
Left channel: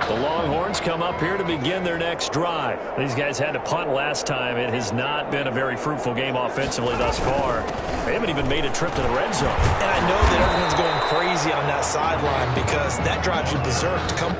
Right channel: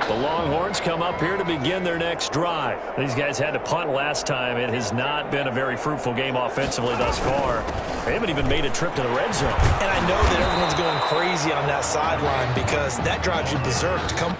The Longhorns come up here to begin their next drive. These guys had to punt last time. It has not been a very fruitful game offensively thus far. They haven't even made a trip to the red zone. And I know that everyone's going crazy on that sideline because that drives you berserk to come.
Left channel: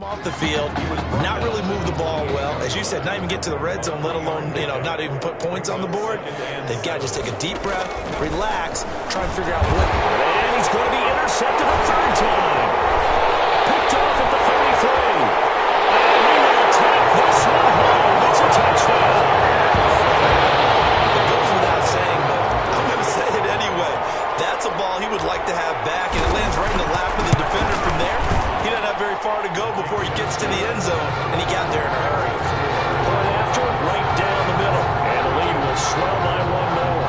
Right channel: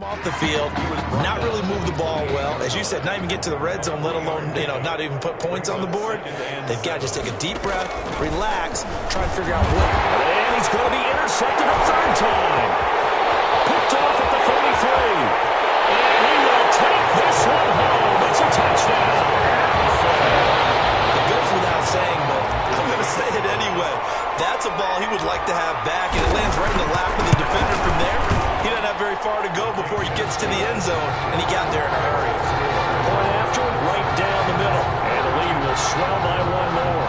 Off the field, not really move the ball well. As you said, not even get to the red zone, let alone, not even put points on the board. They've got to just take a deep breath, relax, try and figure out what. And he's going to be intercepted a 3rd time. Picked off at the 33. And he will take this one home. It's a touchdown. It goes without saying, but I'm going to say it anyway. That's a ball he would like to have back, and it lands right in the lap of the defender from there. He doesn't have very far to go before he gets to the end zone, and he got there in a hurry. Point after, right down the middle. And the lead will swell by 1 more.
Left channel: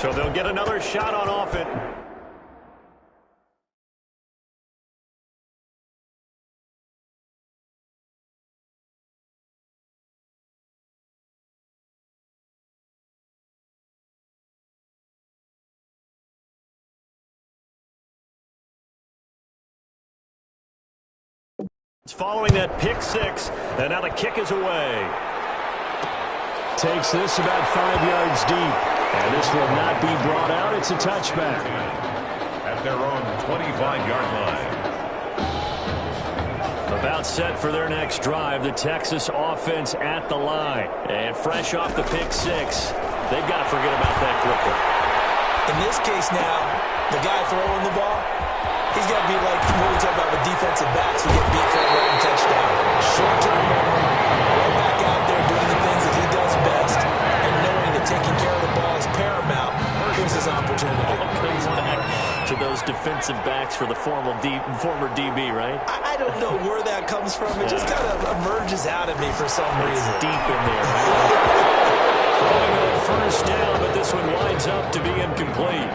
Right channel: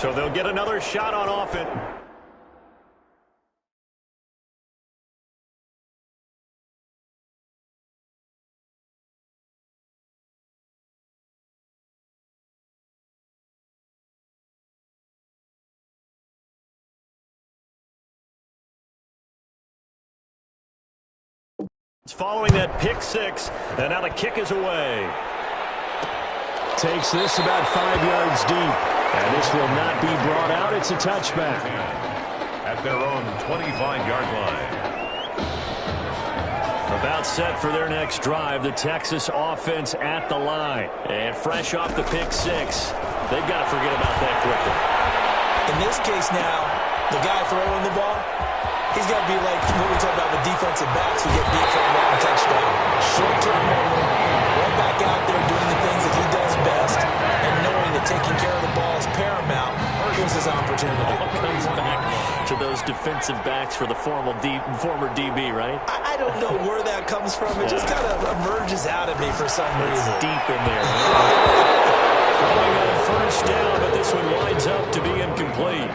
So they'll get another shot on offense. It's following that pick 6, and now the kick is away. Takes this about 5 yards deep. And this will not be brought out. It's a touchback. At their own 25-yard line. About set for their next drive. The Texas offense at the line. And fresh off the pick 6. They've got to forget about that quickly. In this case now, the guy throwing the ball, he's got to be like what we talk about with defensive backs who get beat for a long touchdown. Short-term memory, right back out there doing the things that he does best, and knowing that taking care of the ball is paramount. Here's his opportunity. Comes back to those defensive backs for the former DB, right? I don't know where that comes from. It just kind of emerges out of me for some reason. It's deep in there, right? Throwing on 1st down, but this one winds up to be incomplete.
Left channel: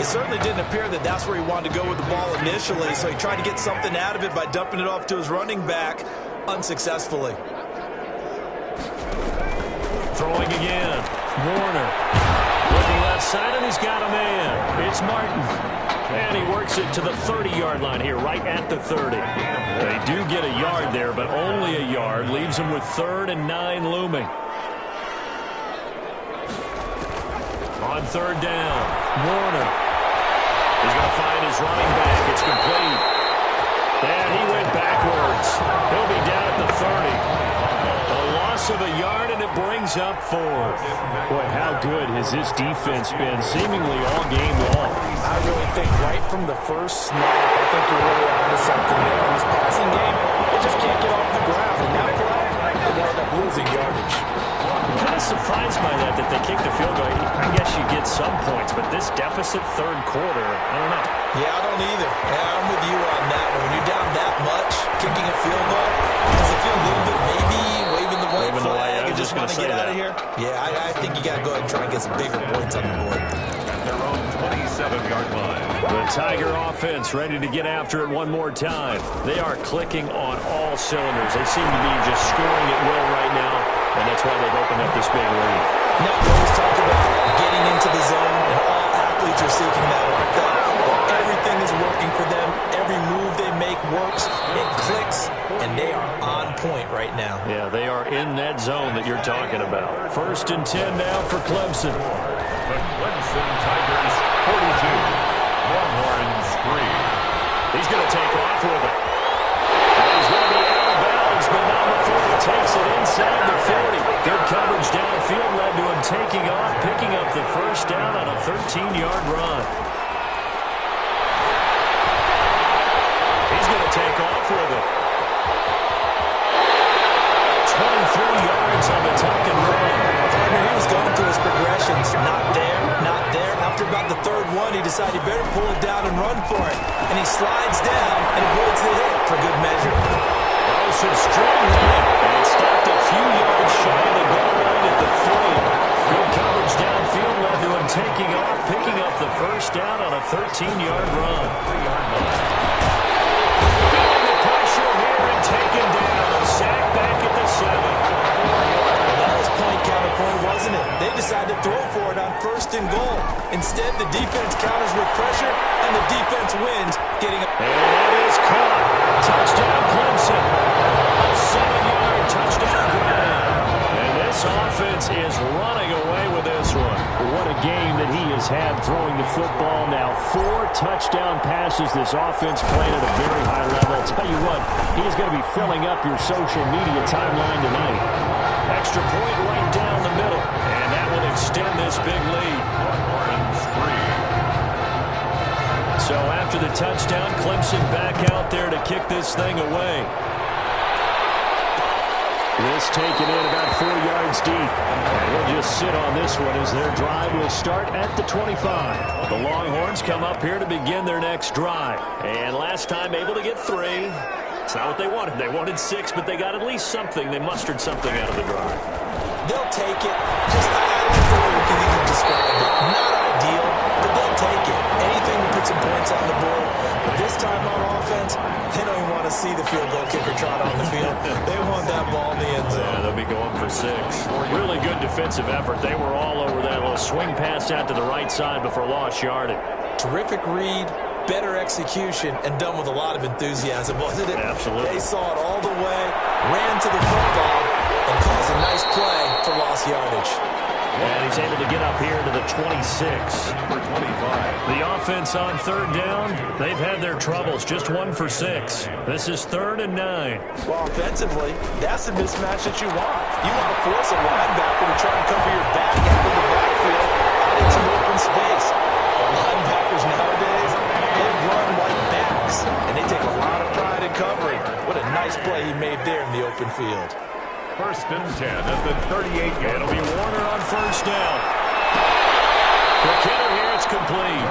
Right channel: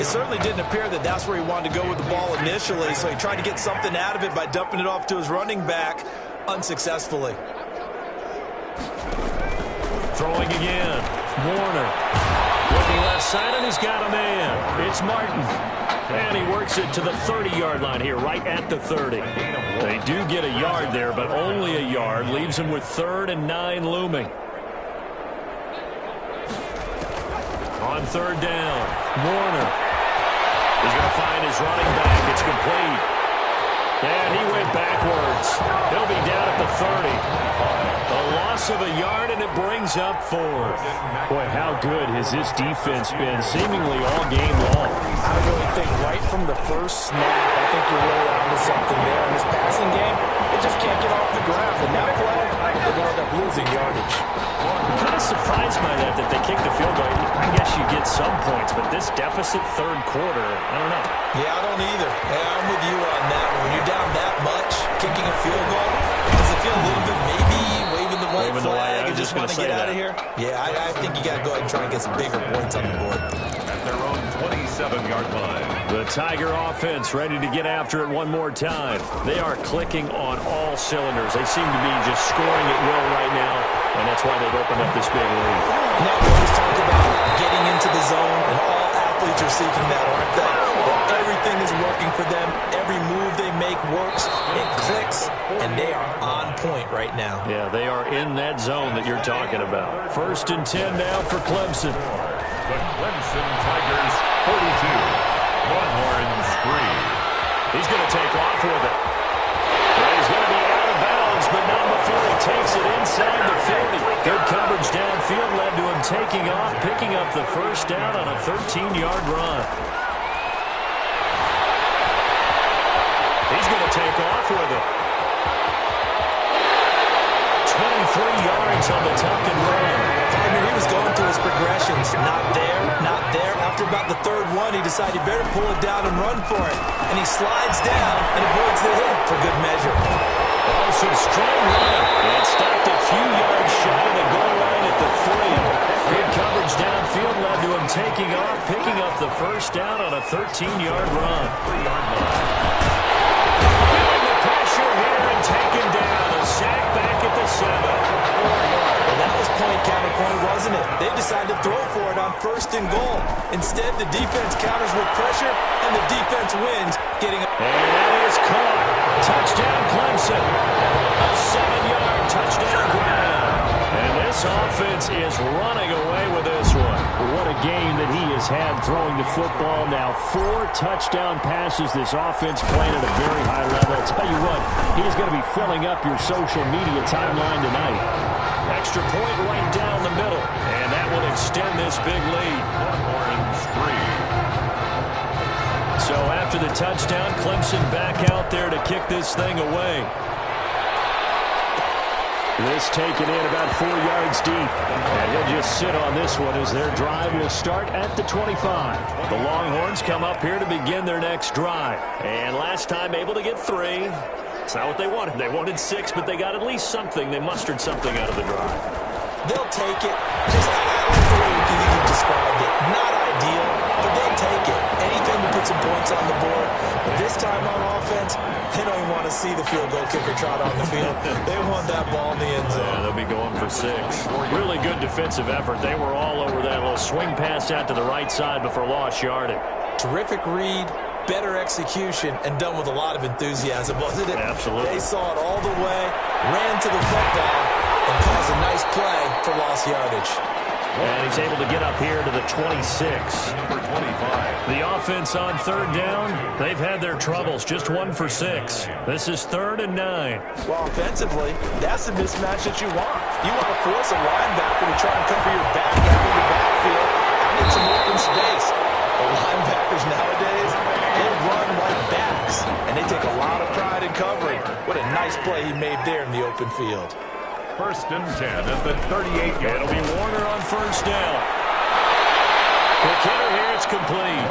It certainly didn't appear that that's where he wanted to go with the ball initially, so he tried to get something out of it by dumping it off to his running back unsuccessfully. Throwing again. Warner. Looking left side, and he's got a man. It's Martin. And he works it to the 30-yard line here, right at the 30. They do get a yard there, but only a yard. Leaves them with 3rd and 9 looming. On 3rd down, Warner. He's going to find his running back. It's complete. And he went backwards. He'll be down at the 30. A loss of a yard, and it brings up 4th. Boy, how good has this defense been seemingly all game long? I really think right from the first snap, I think you're really onto something there. In this passing game, they just can't get off the ground. And that play, they wound up losing yardage. I'm kind of surprised by that they kicked the field goal. I guess you get some points, but this deficit 3rd quarter, I don't know. Yeah, I don't either. Yeah, I'm with you on that one. When you're down that much, kicking a field goal, does it feel a little bit maybe waving the white flag and just want to get out of here? Yeah, I think you got to go ahead and try and get some bigger points on the board. At their own 27-yard line. The Tiger offense ready to get after it one more time. They are clicking on all cylinders. They seem to be just scoring at will right now, and that's why they've opened up this big lead. Now we always talk about getting into the zone, and all athletes are seeking that, aren't they? Well, everything is working for them. Every move they make works. It clicks, and they are on point right now. Yeah, they are in that zone that you're talking about. 1st and 10 now for Clemson. The Clemson Tigers 42. Longhorns 3. He's going to take off with it. And he's going to be out of bounds, but not before he takes it inside the 40. Good coverage downfield led to him taking off, picking up the 1st down on a 13-yard run. He's going to take off with it. 23 yards on the tuck and run. Partner, he was going through his progressions. Not there, not there. After about the 3rd one, he decided he better pull it down and run for it. And he slides down and avoids the hit for good measure. Oh, some strong running. And stopped a few yards shy of the goal line at the 3. Good coverage downfield led to him taking off, picking up the 1st down on a 13-yard run. 3-yard line. Feeling the pressure here and taken down. A sack back at the 7. 4 yards. Well, that was point counterpoint, wasn't it? They decided to throw for it on 1st and goal. Instead, the defense counters with pressure, and the defense wins, getting a... And that is caught. Touchdown, Clemson. A 7-yard touchdown grab. And this offense is running away with this one. What a game that he has had throwing the football now. 4 touchdown passes. This offense playing at a very high level. I'll tell you what, he is going to be filling up your social media timeline tonight. Extra point right down the middle. And that will extend this big lead. Longhorns 3. So after the touchdown, Clemson back out there to kick this thing away. This taken in about 4 yards deep. And he'll just sit on this one as their drive will start at the 25. The Longhorns come up here to begin their next drive. And last time able to get 3. It's not what they wanted. They wanted 6, but they got at least something. They mustered something out of the drive. They'll take it. Just, I like the way you described it. Not ideal, but they'll take it. Anything to put some points on the board. But this time on offense, they don't even want to see the field goal kicker trot on the field. They want that ball in the end zone. Yeah, they'll be going for 6. Really good defensive effort. They were all over that little swing pass out to the right side before lost yardage. Terrific read, better execution, and done with a lot of enthusiasm, wasn't it? Absolutely. They saw it all the way, ran to the football, and caused a nice play for lost yardage. And he's able to get up here to the 26. Number 25. The offense on 3rd down, they've had their troubles. Just 1 for 6. This is 3rd and 9. Well, offensively, that's the mismatch that you want. You want to force a linebacker to try and cover your back out of the backfield, out in some open space. The linebackers nowadays, they run like backs, and they take a lot of pride in covering. What a nice play he made there in the open field. 1st and 10 at the 38-yard. It'll be Warner on 1st down. Quick hitter here, it's complete.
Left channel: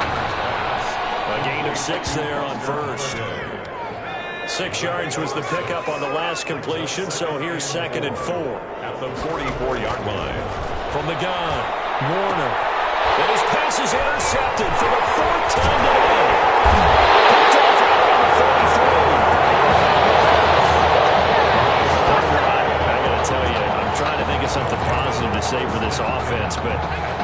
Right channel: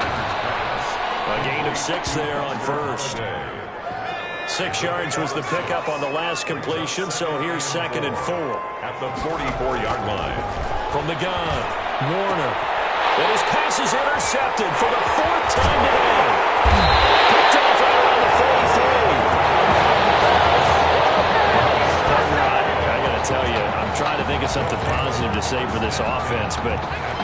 A gain of 6 there on 1st. 6 yards was the pickup on the last completion, so here's 2nd and 4. At the 44-yard line. From the gun, Warner. And his pass is intercepted for the 4th time today. Picked off right around the 43. I got to tell you, I'm trying to think of something positive to say for this offense, but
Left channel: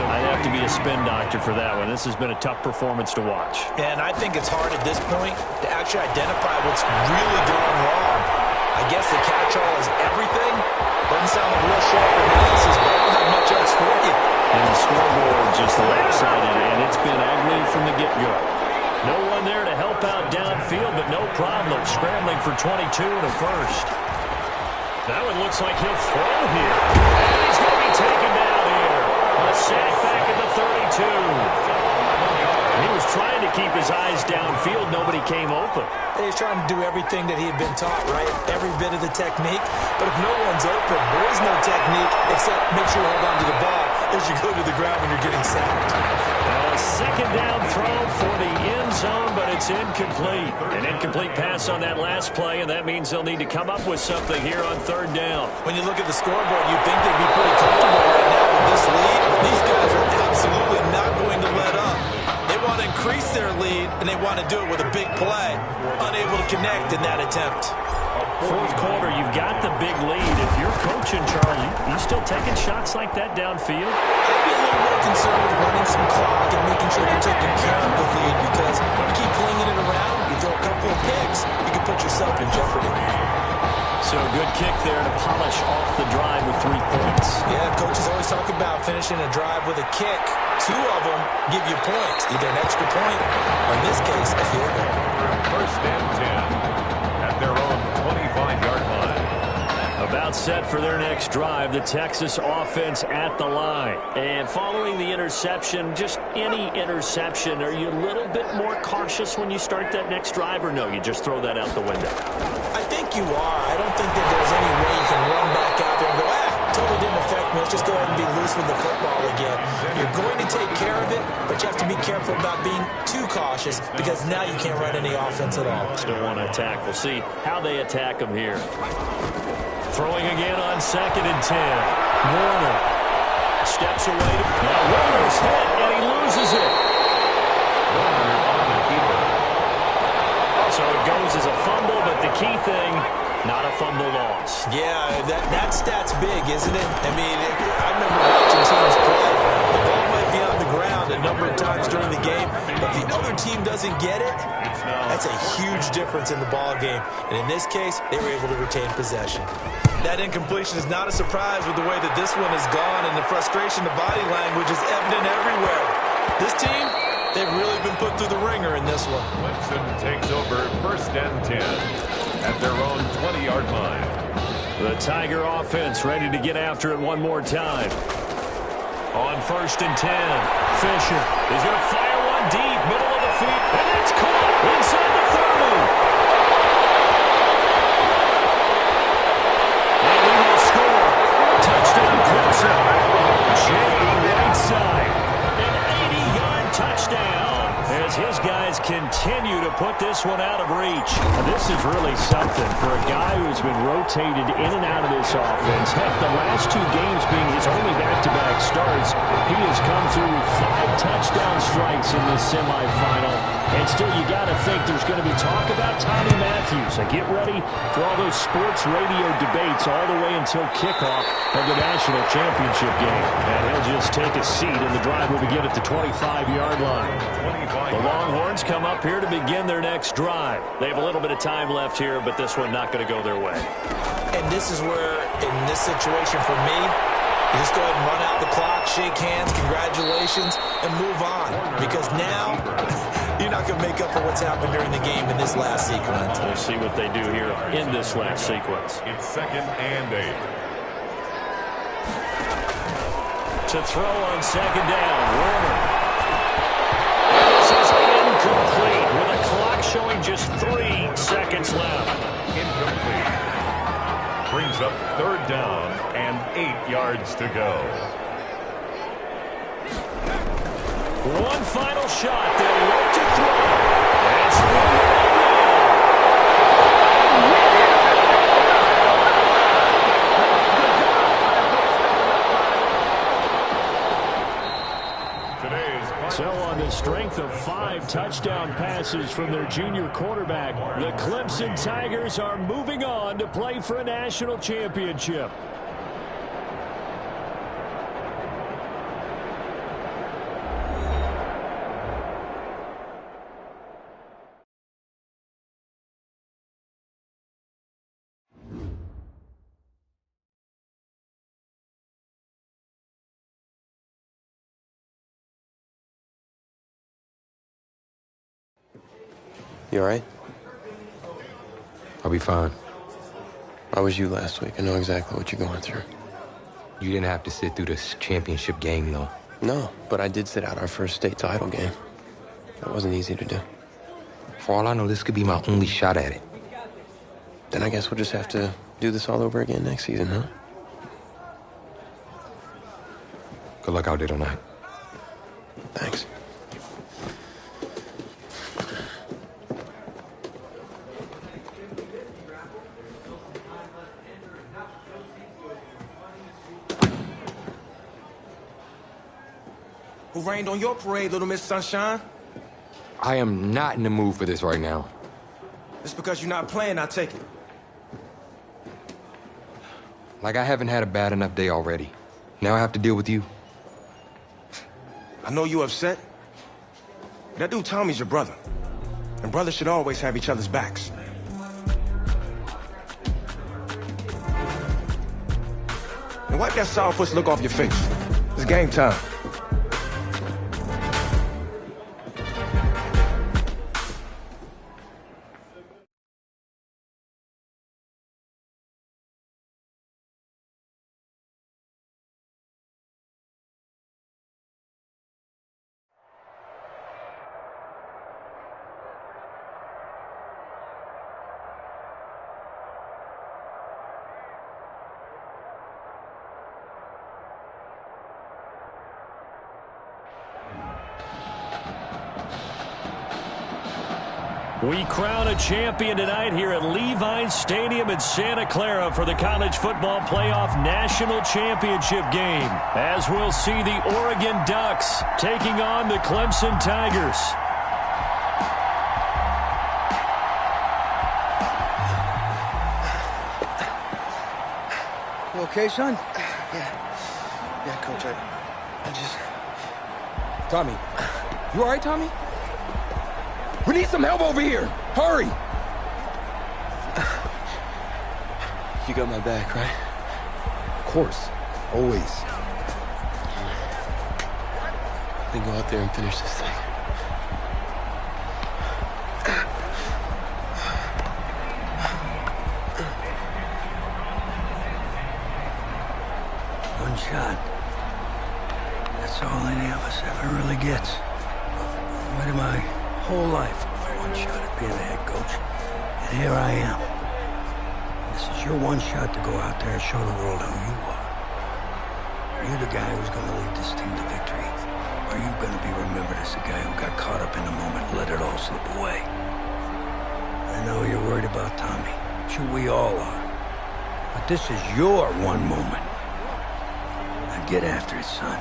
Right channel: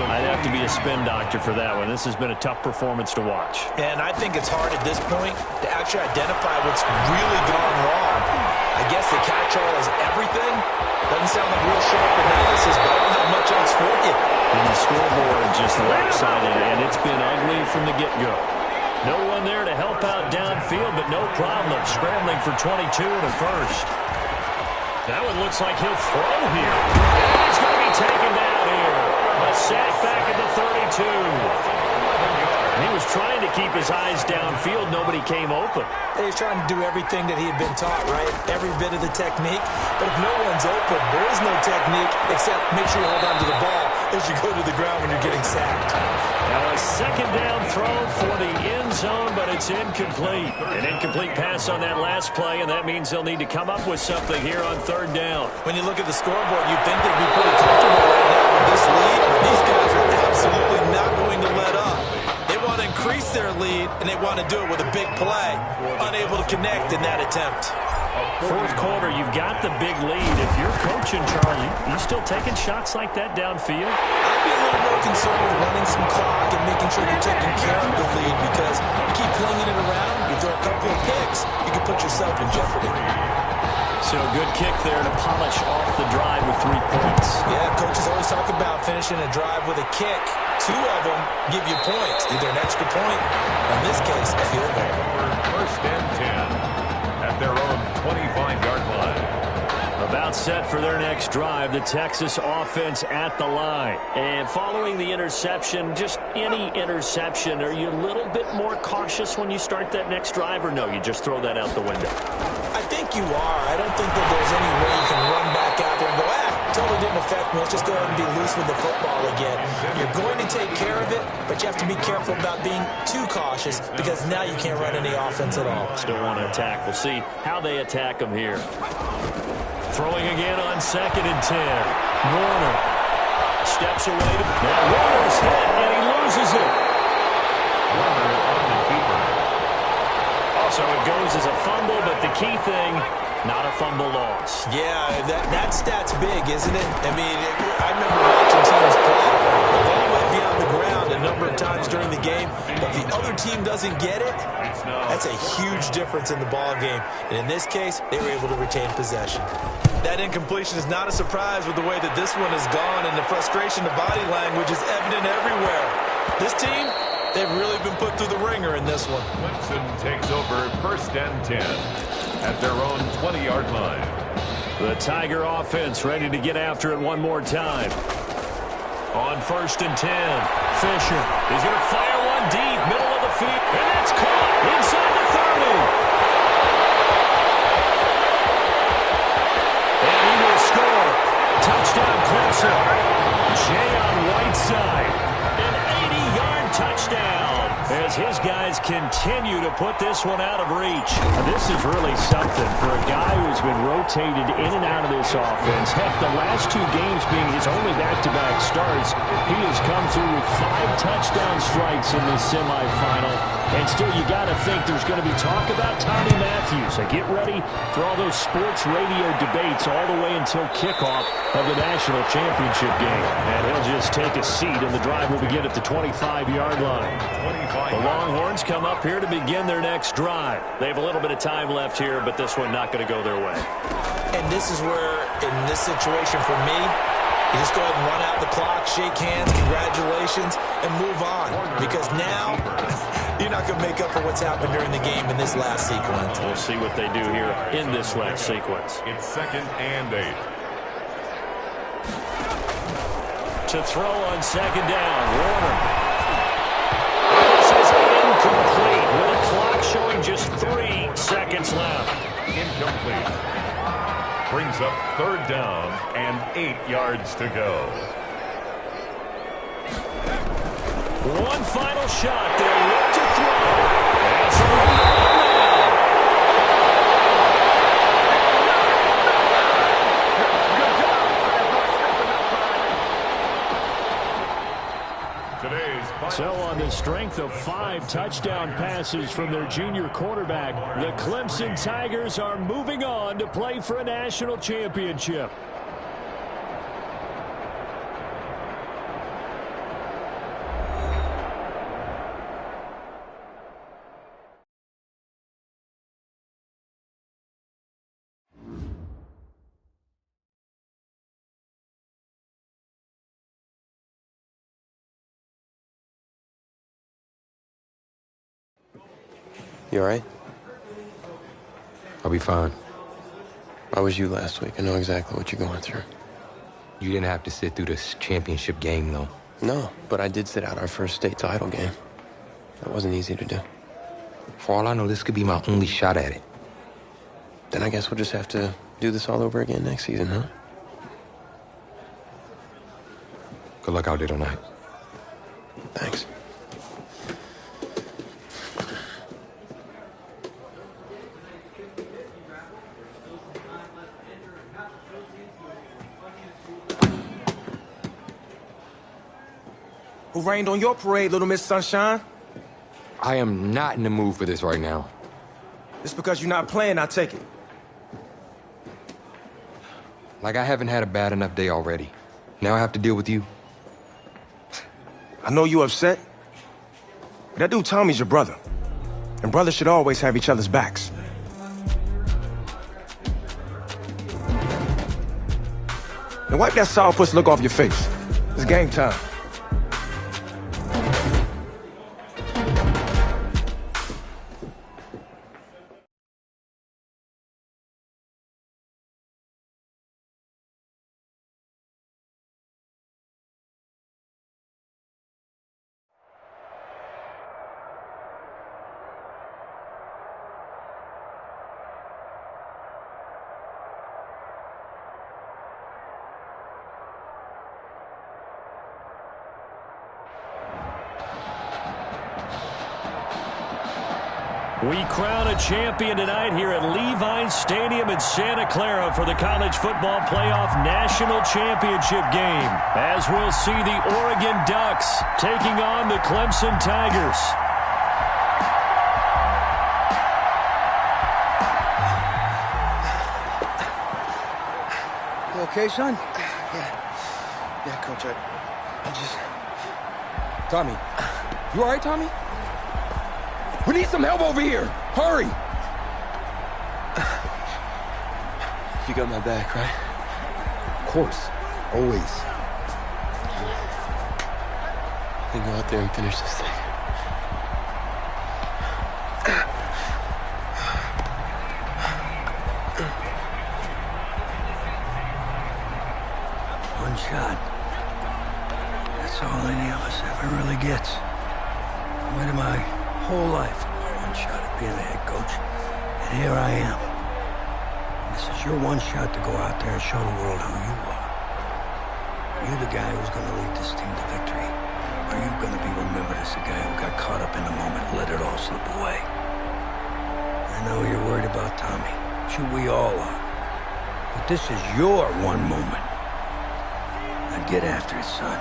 I'd have to be a spin doctor for that one. This has been a tough performance to watch. And I think it's hard at this point to actually identify what's really gone wrong. I guess the catch-all is everything. Doesn't sound like real sharp analysis, but I don't have much else for you. And the scoreboard just lopsided, and it's been ugly from the get-go. No one there to help out downfield, but no problem. Scrambling for 22 and a first. That one looks like he'll throw here. And he's going to be taken down here. A sack back at the 32. He was trying to keep his eyes downfield. Nobody came open. He's trying to do everything that he had been taught, right? Every bit of the technique. But if no one's open, there is no technique except make sure you hold on to the ball as you go to the ground when you're getting sacked. Now a second down throw for the end zone, but it's incomplete. An incomplete pass on that last play, and that means they'll need to come up with something here on third down. When you look at the scoreboard, you'd think they'd be pretty comfortable right now with this lead, but these guys are absolutely not going to let up. They want to increase their lead, and they want to do it with a big play. Unable to connect in that attempt. Fourth quarter, you've got the big lead. If you're coaching, Charlie, you still taking shots like that downfield? I'd be a little more concerned with running some clock and making sure you're taking care of the lead, because you keep flinging it around, you throw a couple of picks, you can put yourself in jeopardy. So good kick there to polish off the drive with 3 points. Yeah, coaches always talk about finishing a drive with a kick. 2 of them give you points, either an extra point or, in this case, a field goal. First and 10 at their own 25-yard line. About set for their next drive, the Texas offense at the line. And following the interception, just any interception, are you a little bit more cautious when you start that next drive, or no, you just throw that out the window? I think you are. I don't think that there's any way you can run back out there and go, totally didn't affect me. Let's just go ahead and be loose with the football again. You're going to take care of it, but you have to be careful about being too cautious, because now you can't run any offense at all. Still want to attack. We'll see how they attack them here. Throwing again on second and 10. Warner steps away. Now Warner's hit, and he loses it. Warner on the keeper. So it goes as a fumble, but the key thing, not a fumble loss. Yeah, that stat's big, isn't it? I mean, I remember watching teams play. The ball might be on the ground a number of times during the game, but if the other team doesn't get it, that's a huge difference in the ball game. And in this case, they were able to retain possession. That incompletion is not a surprise with the way that this one has gone, and the frustration, the body language is evident everywhere. This team, they've really been put through the ringer in this one. Clemson takes over first and 10 at their own 20-yard line. The Tiger offense ready to get after it one more time. On first and 10, Fisher is going to fire one deep, middle of the field, and that's caught inside the 30. And he will score. Touchdown, Clemson. Jay on Whiteside. An 80-yard touchdown as his guys continue to put this one out of reach. This is really something for a guy who's been rotated in and out of this offense. Heck, the last 2 games being his only back-to-back starts, he has come through 5 touchdown strikes in this semifinal. And still, you got to think there's going to be talk about Tommy Matthews. So get ready for all those sports radio debates all the way until kickoff of the national championship game. And he'll just take a seat, and the drive will begin at the 25-yard line. The Longhorns come up here to begin their next drive. They have a little bit of time left here, but this one not going to go their way. And this is where, in this situation for me, you just go ahead and run out the clock, shake hands, congratulations, and move on. Because now, you're not going to make up for what's happened during the game in this last sequence. We'll see what they do here in this last sequence. It's second and 8. To throw on second down, Warner. And this is incomplete with a clock showing just 3 seconds left. Incomplete. Brings up third down and 8 yards to go. One final shot. They'll look to throw. That's right. So on the strength of 5 touchdown passes from their junior quarterback, the Clemson Tigers are moving on to play for a national championship. You all right? I'll be fine. I was you last week. I know exactly what you're going through. You didn't have to sit through this championship game, though. No, but I did sit out our first state title game. That wasn't easy to do. For all I know, this could be my only shot at it. Then I guess we'll just have to do this all over again next season, huh? Good luck out there tonight. Thanks. Who rained on your parade, Little Miss Sunshine? I am not in the mood for this right now. It's because you're not playing, I take it. Like I haven't had a bad enough day already. Now I have to deal with you. I know you upset. But that dude Tommy's your brother. And brothers should always have each other's backs. Now wipe that sourpuss look off your face. It's game time. We crown a champion tonight here at Levine Stadium in Santa Clara for the College Football Playoff National Championship game, as we'll see the Oregon Ducks taking on the Clemson Tigers. You okay, son? Yeah, Coach, I just... Tommy. You all right, Tommy? We need some help over here. Hurry. You got my back, right? Of course. Always. Then go out there and finish this thing. One shot. That's all any of us ever really gets. Waited my whole life for my one shot at being a head coach. And here I am. And this is your one shot to go out there and show the world who you are. Are you the guy who's going to lead this team to victory? Or are you going to be remembered as the guy who got caught up in the moment and let it all slip away? I know you're worried about Tommy. Sure, we all are. But this is your one moment. Now get after it, son.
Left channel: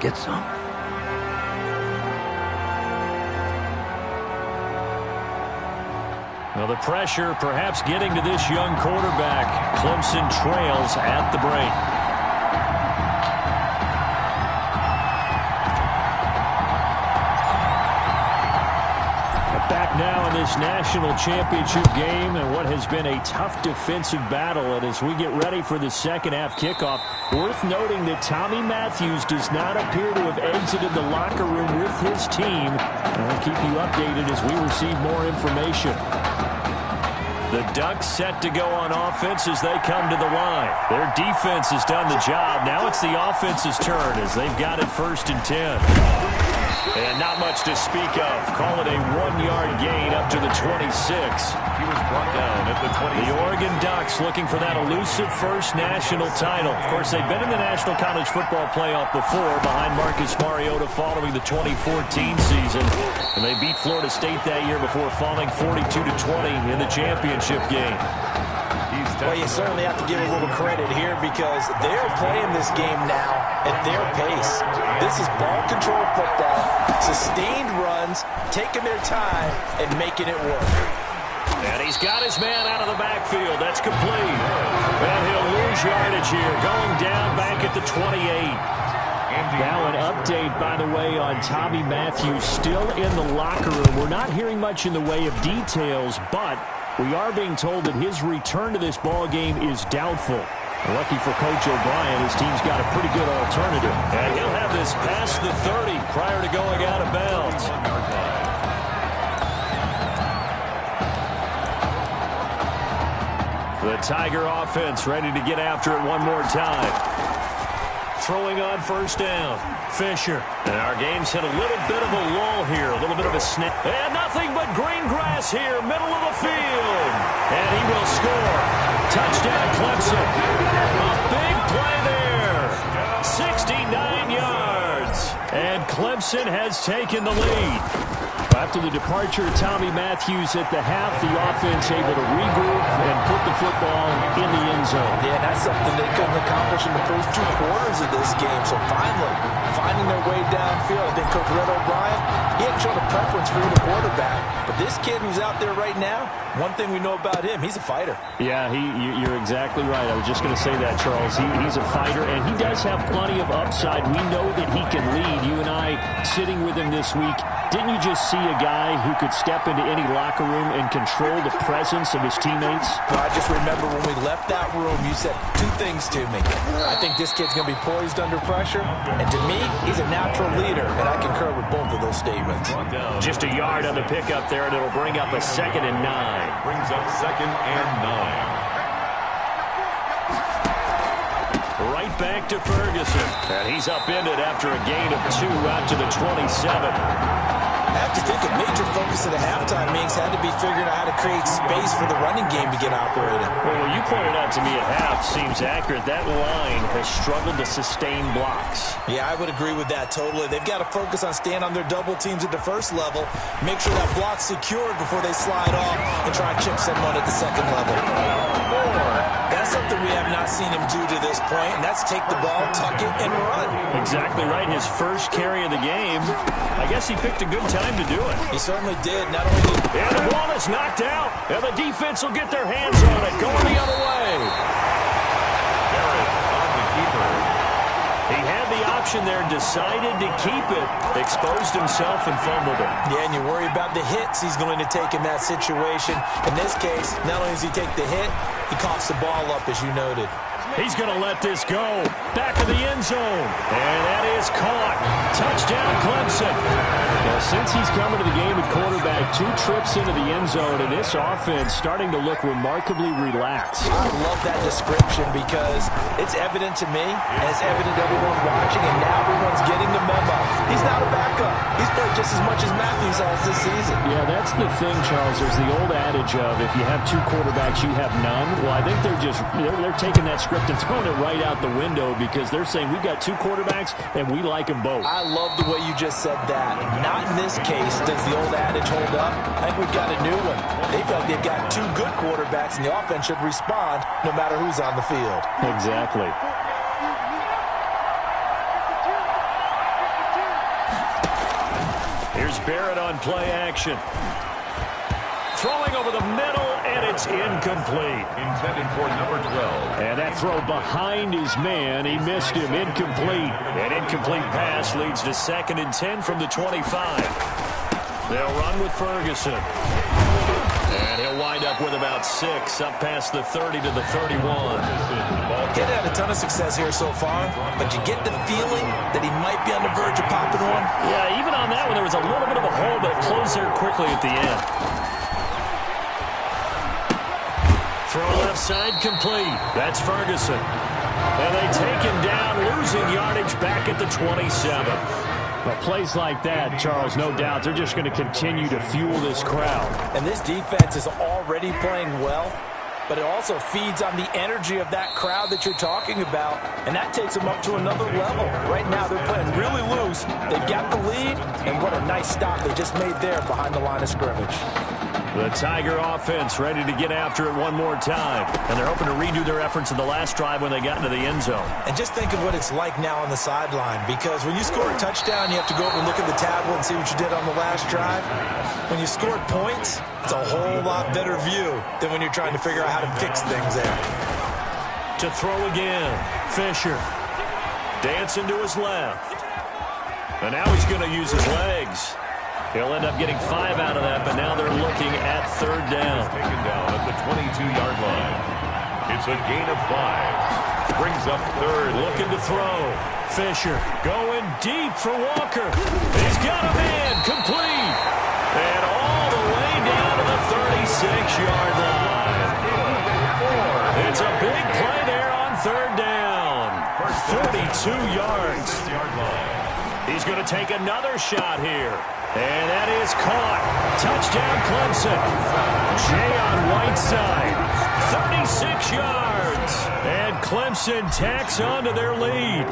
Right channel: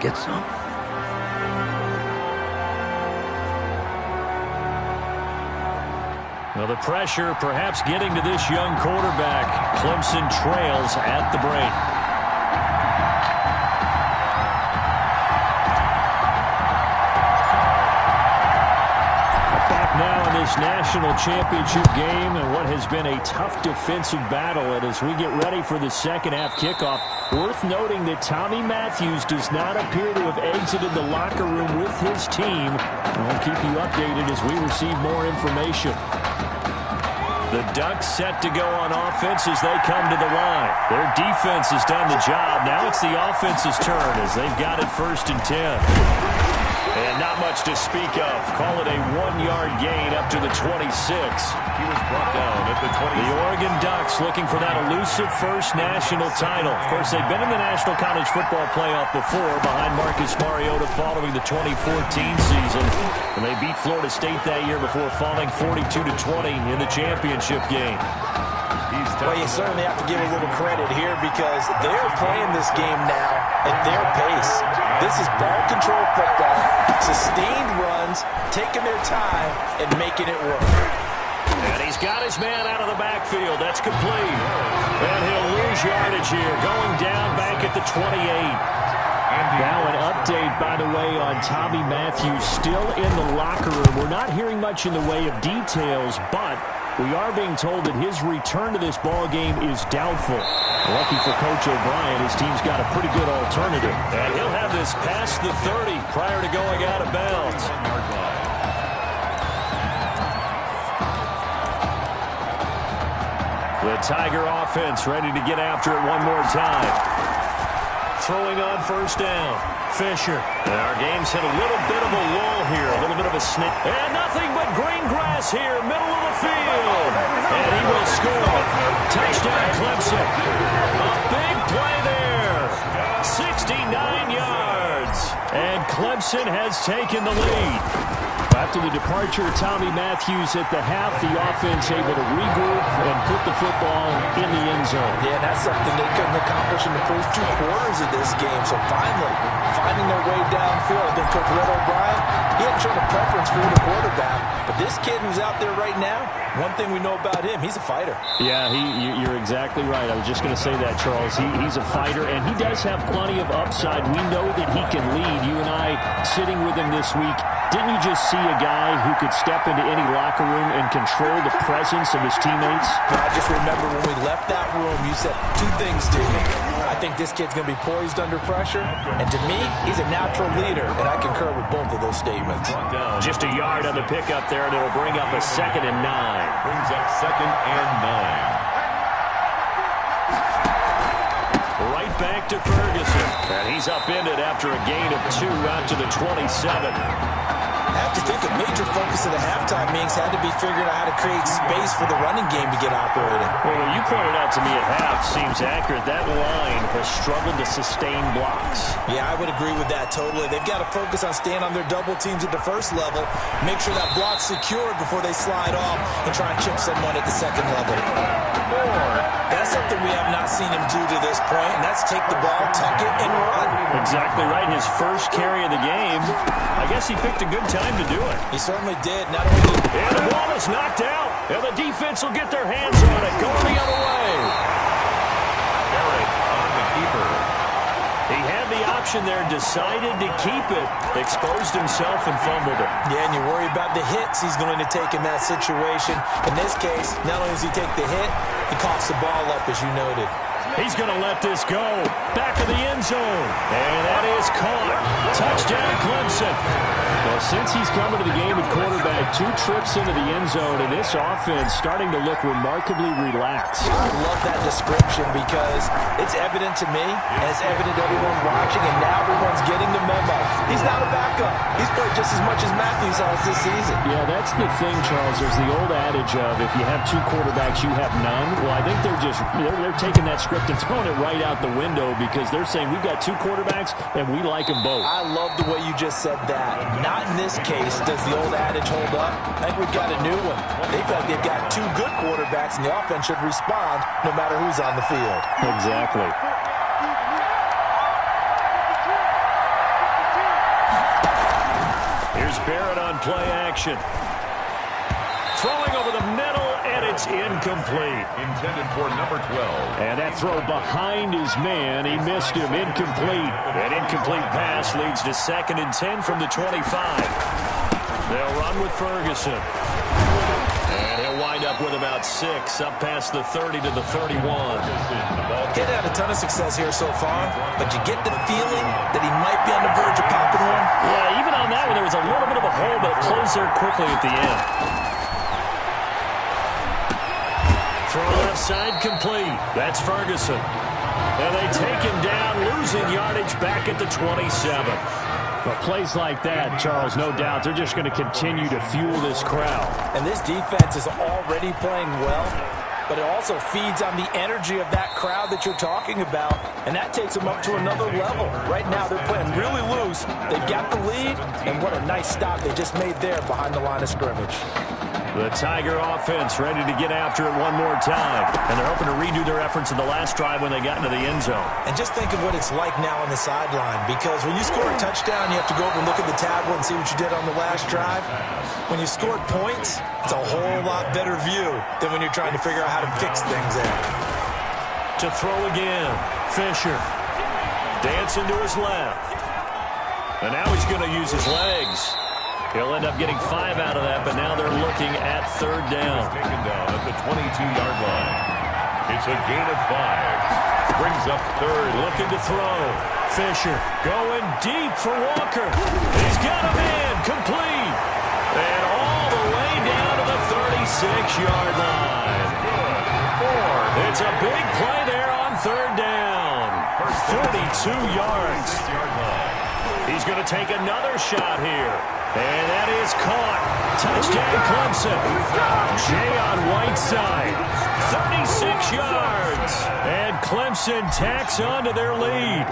Get some. Well, the pressure perhaps getting to this young quarterback. Clemson trails at the break. Back now in this national championship game and what has been a tough defensive battle. And as we get ready for the second half kickoff, worth noting that Tommy Matthews does not appear to have exited the locker room with his team. And we'll keep you updated as we receive more information. The Ducks set to go on offense as they come to the line. Their defense has done the job. Now it's the offense's turn as they've got it 1st and 10. And not much to speak of. Call it a 1-yard gain up to the 26. He was brought down at the 20. The Oregon Ducks looking for that elusive first national title. Of course, they've been in the National College Football Playoff before behind Marcus Mariota following the 2014 season. And they beat Florida State that year before falling 42-20 in the championship game. Well, you certainly have to give a little credit here because they're playing this game now at their pace. This is ball control football, sustained runs, taking their time, and making it work. And he's got his man out of the backfield. That's complete. And he'll lose yardage here, going down back at the 28. Now an update, by the way, on Tommy Matthews still in the locker room. We're not hearing much in the way of details, but we are being told that his return to this ball game is doubtful. Lucky for Coach O'Brien, his team's got a pretty good alternative. And he'll have this past the 30 prior to going out of bounds. The Tiger offense ready to get after it one more time. Throwing on first down. Fisher. And our game's hit a little bit of a lull here, a little bit of a snap. And nothing but green grass here, middle of the field. And he will score. Touchdown, Clemson. A big play there. 69 yards. And Clemson has taken the lead. After the departure of Tommy Matthews at the half, the offense able to regroup and put the football in the end zone. Yeah, that's something they couldn't accomplish in the first 2 quarters of this game. So finally, finding their way downfield. I think Coach Red O'Brien, he hadn't shown a preference for the quarterback. But this kid who's out there right now, one thing we know about him, he's a fighter. Yeah, you're exactly right. I was just going to say that, Charles. He's a fighter, and he does have plenty of upside. We know that he can lead. You and I sitting with him this week, didn't you just see a guy who could step into any locker room and control the presence of his teammates? I just remember when we left that room, you said 2 things to me. I think this kid's going to be poised under pressure, and to me, he's a natural leader, and I concur with both of those statements. Just a yard on the pickup there, and it'll bring up a 2nd and 9. Brings up 2nd and 9. Right back to Ferguson. And he's upended after a gain of 2 out to the 27. I have to think a major focus of the halftime meetings had to be figuring out how to create space for the running game to get operating. Well, what you pointed out to me at half seems accurate. That line has struggled to sustain blocks. Yeah, I would agree with that totally. They've got to focus on staying on their double teams at the first level, make sure that block's secured before they slide off and try and chip someone at the second level. That's something we have not seen him do to this point, and that's take the ball, tuck it, and run. Exactly right. His first carry of the game. I guess he picked a good time to do it. He certainly did. Not only did... And the ball is knocked out. And the defense will get their hands on it. Going the other way. Barrett on the keeper. He had the option there, decided to keep it, exposed himself and fumbled it. Yeah, and you worry about the hits he's going to take in that situation. In this case, not only does he take the hit, he coughs the ball up, as you noted. He's going to let this go. Back of the end zone. And that is caught. Touchdown, Clemson. Well, since he's coming to the game at quarterback, 2 trips into the end zone, and this offense starting to look remarkably relaxed. I love that description because it's evident to me, and it's evident to everyone watching, and now everyone's getting the memo. He's not a backup. He's played just as much as Matthews has this season. Yeah, that's the thing, Charles. There's the old adage of if you have 2 quarterbacks, you have none. Well, I think they're taking that script and throwing it right out the window because they're saying we've got 2 quarterbacks and we like them both. I love the way you just said that. Not in this case does the old adage hold up. I think we've got a new one. They feel like they've got 2 good quarterbacks and the offense should respond no matter who's on the field. Exactly. Here's Barrett on play action. Throwing over the middle, and it's incomplete. Intended for number 12. And that throw behind his man, he missed him, incomplete. An incomplete pass leads to 2nd and 10 from the 25. They'll run with Ferguson. And he'll wind up with about 6, up past the 30 to the 31. He's had a ton of success here so far, but you get the feeling that he might be on the verge of popping one. Yeah, even on that one, there was a little bit of a hole, but it closed there quickly at the end. Throw left side complete. That's Ferguson. And they take him down, losing yardage back at the 27. But plays like that, Charles, no doubt, they're just going to continue to fuel this crowd. And this defense is already playing well, but it also feeds on the energy of that crowd that you're talking about, and that takes them up to another level. Right now, they're playing really loose. They've got the lead, and what a nice stop they just made there behind the line of scrimmage. The Tiger offense ready to get after it one more time. And they're hoping to redo their efforts in the last drive when they got into the end zone. And just think of what it's like now on the sideline, because when you score a touchdown, you have to go over and look at the tablet and see what you did on the last drive. When you scored points, it's a whole lot better view than when you're trying to figure out how to fix things there. To throw again, Fisher. Dancing to his left. And now he's going to use his legs. He'll end up getting 5 out of that, but now they're looking at 3rd down. Taken down at the 22-yard line. It's a gain of 5. Brings up 3rd. Looking to throw. Fisher going deep for Walker. He's got a man. Complete. And all the way down to the 36-yard line. It's a big play there on third down. 42 yards. He's going to take another shot here. And that is caught. Touchdown, Clemson. Jay on Whiteside. 36 yards. And Clemson tacks on to their lead.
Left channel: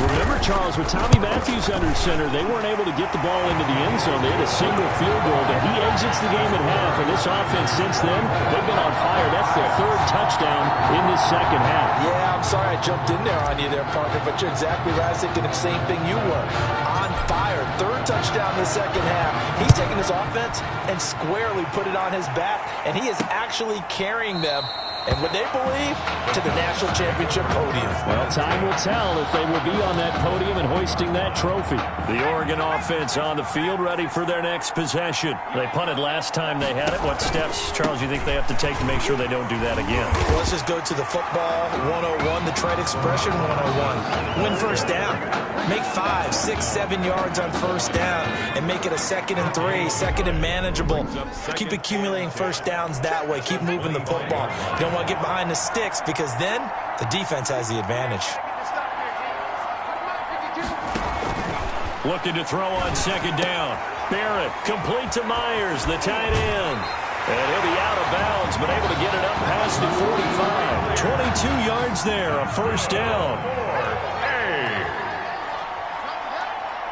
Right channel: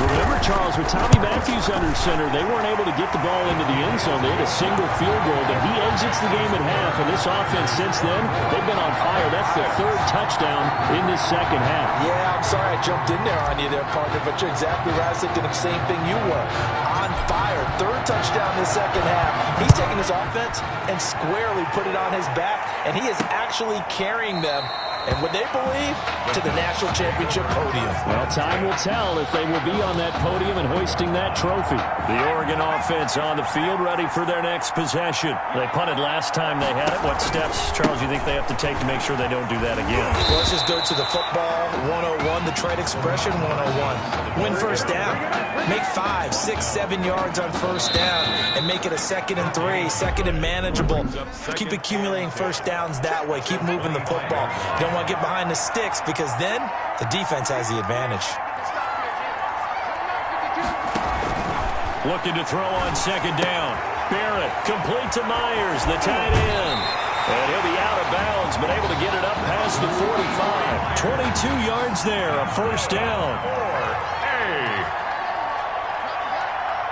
Remember, Charles, with Tommy Matthews under center, they weren't able to get the ball into the end zone. They had a single field goal, but he exits the game at half. And this offense since then, they've been on fire. That's the third touchdown in this second half. Yeah, I'm sorry I jumped in there on you there, partner, but you're exactly right. I was thinking the same thing you were. On fire. Third touchdown this second half. He's taking his offense and squarely put it on his back, and he is actually carrying them, and what they believe, to the national championship podium. Well, time will tell if they will be on that podium and hoisting that trophy. The Oregon offense on the field, ready for their next possession. They punted last time they had it. What steps, Charles, you think they have to take to make sure they don't do that again? Well, let's just go to the football 101, the trade expression 101. Win first down. Make 5, 6, 7 yards on first down and make it a 2nd and 3, 2nd and manageable. Keep accumulating first downs that way. Keep moving the football. You don't want to get behind the sticks because then the defense has the advantage. Looking to throw on second down. Barrett complete to Myers, the tight end. And he'll be out of bounds, but able to get it up past the 45. 22 yards there, a first down.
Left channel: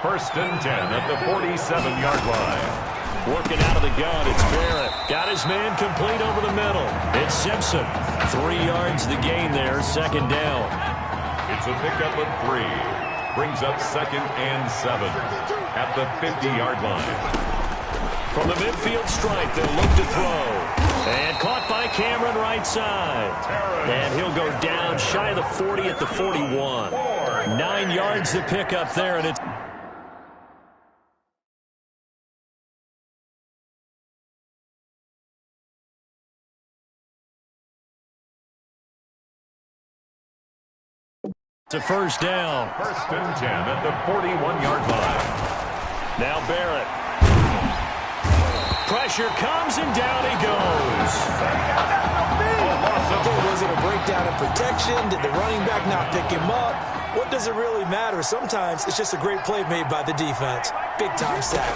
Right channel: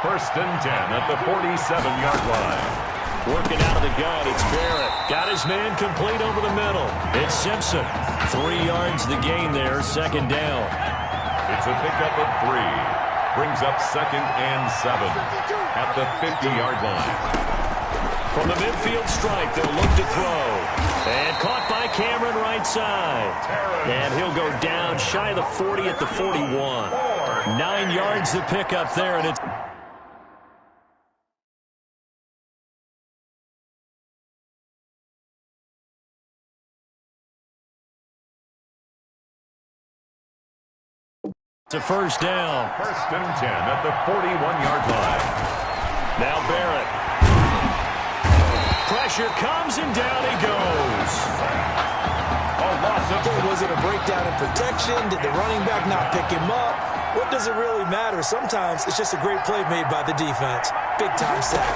First and 10 at the 47-yard line. Working out of the gun, it's Barrett. Got his man complete over the middle. It's Simpson. 3 yards the gain there, second down. It's a pickup of 3. Brings up 2nd and 7 at the 50-yard line. From the midfield stripe, they'll look to throw. And caught by Cameron right side. And he'll go down shy of the 40 at the 41. 9 yards to pick up there, and it's a first down. First and 10 at the 41-yard line. Now Barrett. Pressure comes and down he goes. Was it a breakdown in protection? Did the running back not pick him up? What does it really matter? Sometimes it's just a great play made by the defense. Big time sack.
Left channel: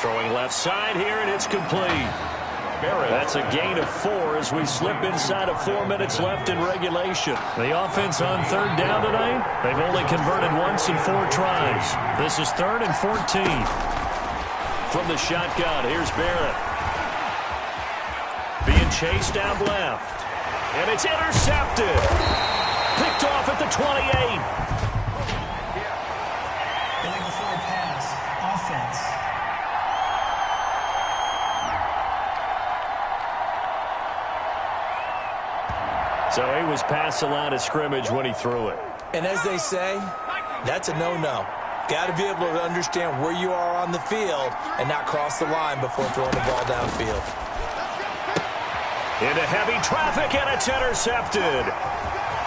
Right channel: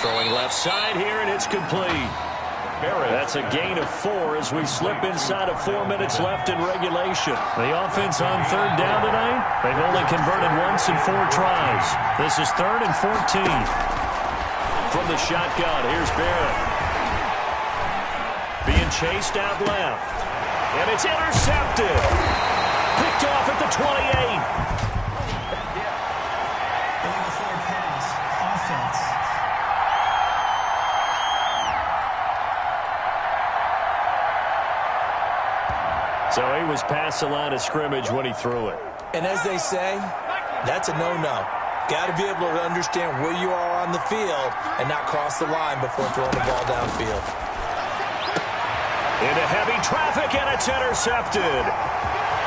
Throwing left side here, and it's complete. That's a gain of 4 as we slip inside of 4 minutes left in regulation. The offense on third down tonight, they've only converted once in 4 tries. This is 3rd and 14. From the shotgun, here's Barrett. Being chased out left. And it's intercepted. Picked off at the 28. Illegal forward pass. Offense. So he was past the line of scrimmage when he threw it. And as they say, that's a no-no. Got to be able to understand where you are on the field and not cross the line before throwing the ball downfield. Into heavy traffic, and it's intercepted.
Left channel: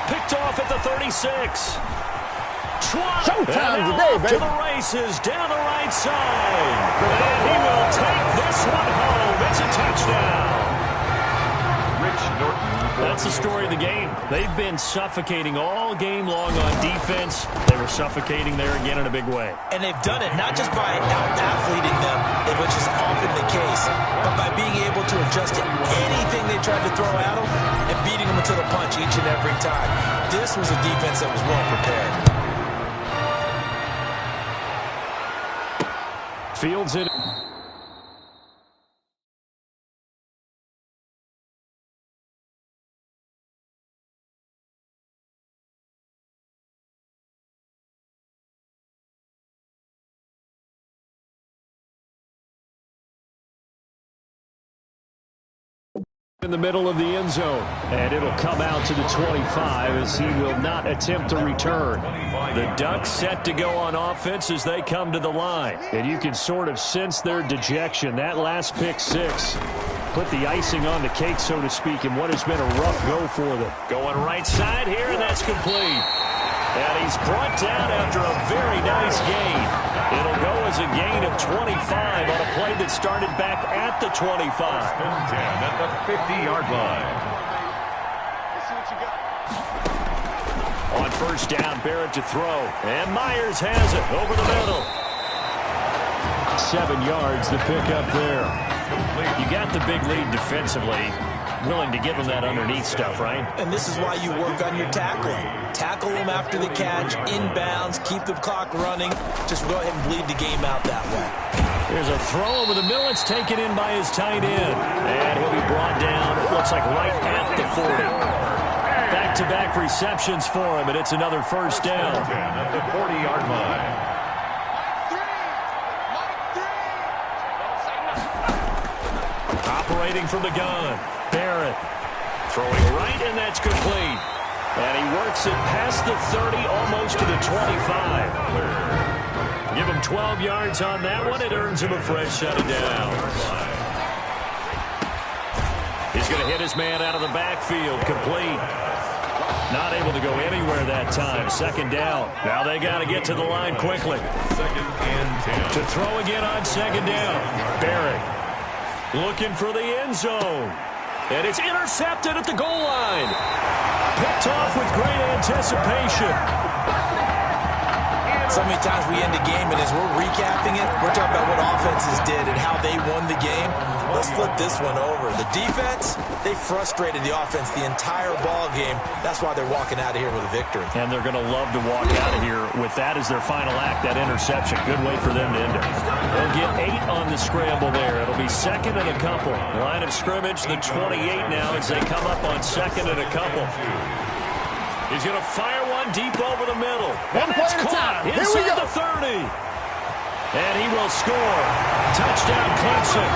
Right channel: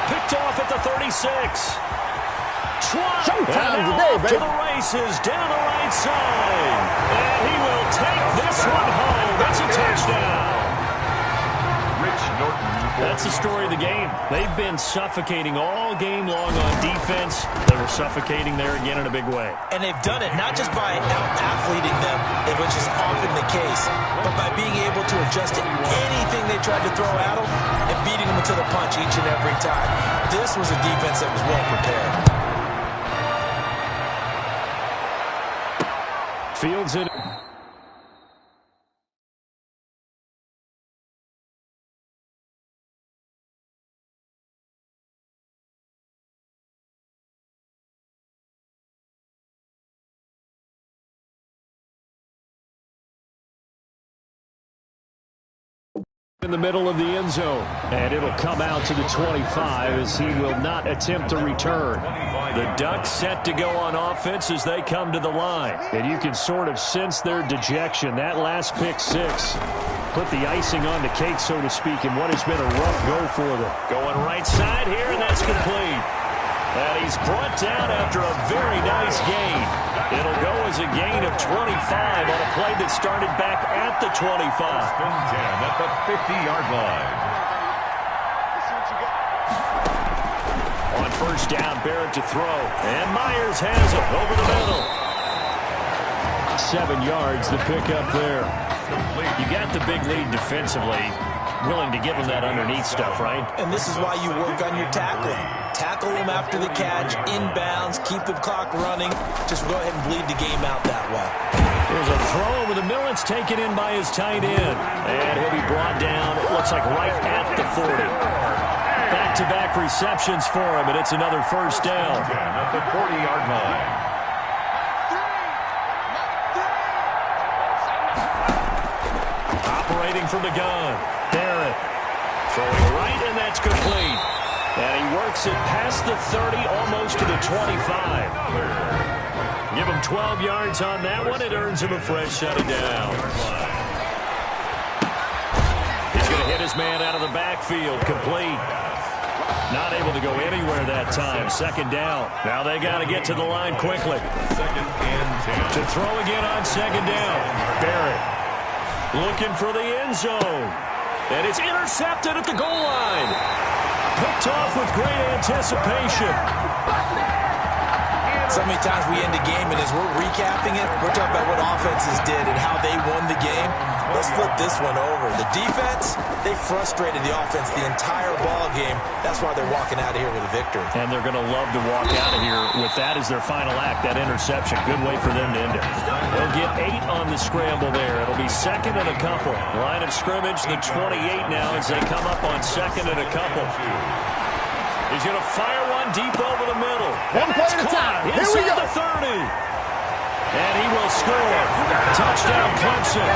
Picked off at the 36. Showtime today, baby. To the races, down the right side. And he will take this one home. It's a touchdown. Rich Norton. That's the story of the game. They've been suffocating all game long on defense. They were suffocating there again in a big way. And they've done it not just by out-athleting them, which is often the case, but by being able to adjust to anything they tried to throw at them and beating them to the punch each and every time. This was a defense that was well prepared. Fields it. In the middle of the end zone, and it'll come out to the 25 as he will not attempt to return. The Ducks set to go on offense as they come to the line, and you can sort of sense their dejection. That last pick 6 put the icing on the cake, so to speak, in what has been a rough go for them. Going right side here, and that's complete. And he's brought down after a very nice gain. It'll go as a gain of 25 on a play that started back at the 25. First and 10 at the 50-yard line. On first down, Barrett to throw. And Myers has it over the middle. 7 yards to pick up there. You got the big lead defensively. Willing to give them that underneath stuff, right? And this is why you work on your tackling. Tackle them after the catch, inbounds, keep the clock running. Just go ahead and bleed the game out that way. Here's a throw over the middle. It's taken in by his tight end. And he'll be brought down, it looks like right at the 40. Back-to-back receptions for him, and it's another first down. At the 40-yard line. Operating from the gun, Barrett throwing right, and that's complete. And he works it past the 30, almost to the 25. Give him 12 yards on that one. It earns him a fresh set of downs. He's going to hit his man out of the backfield, complete. Not able to go anywhere that time. Second down. Now they got to get to the line quickly. Second and 10. To throw again on second down. Barrett looking for the end zone. And it's intercepted at the goal line. Picked off with great anticipation. So many times we end the game, and as we're recapping it, we're talking about what offenses did and how they won the game. Let's flip this one over. The defense, they frustrated the offense the entire ball game. That's why they're walking out of here with a victory. And they're going to love to walk out of here with that as their final act, that interception. Good way for them to end it. They'll get 8 on the scramble there. It'll be second and a couple. Line of scrimmage, the 28 now as they come up on second and a couple. He's going to fire one deep over the middle. And that's caught inside the 30. And he will score. Touchdown Clemson.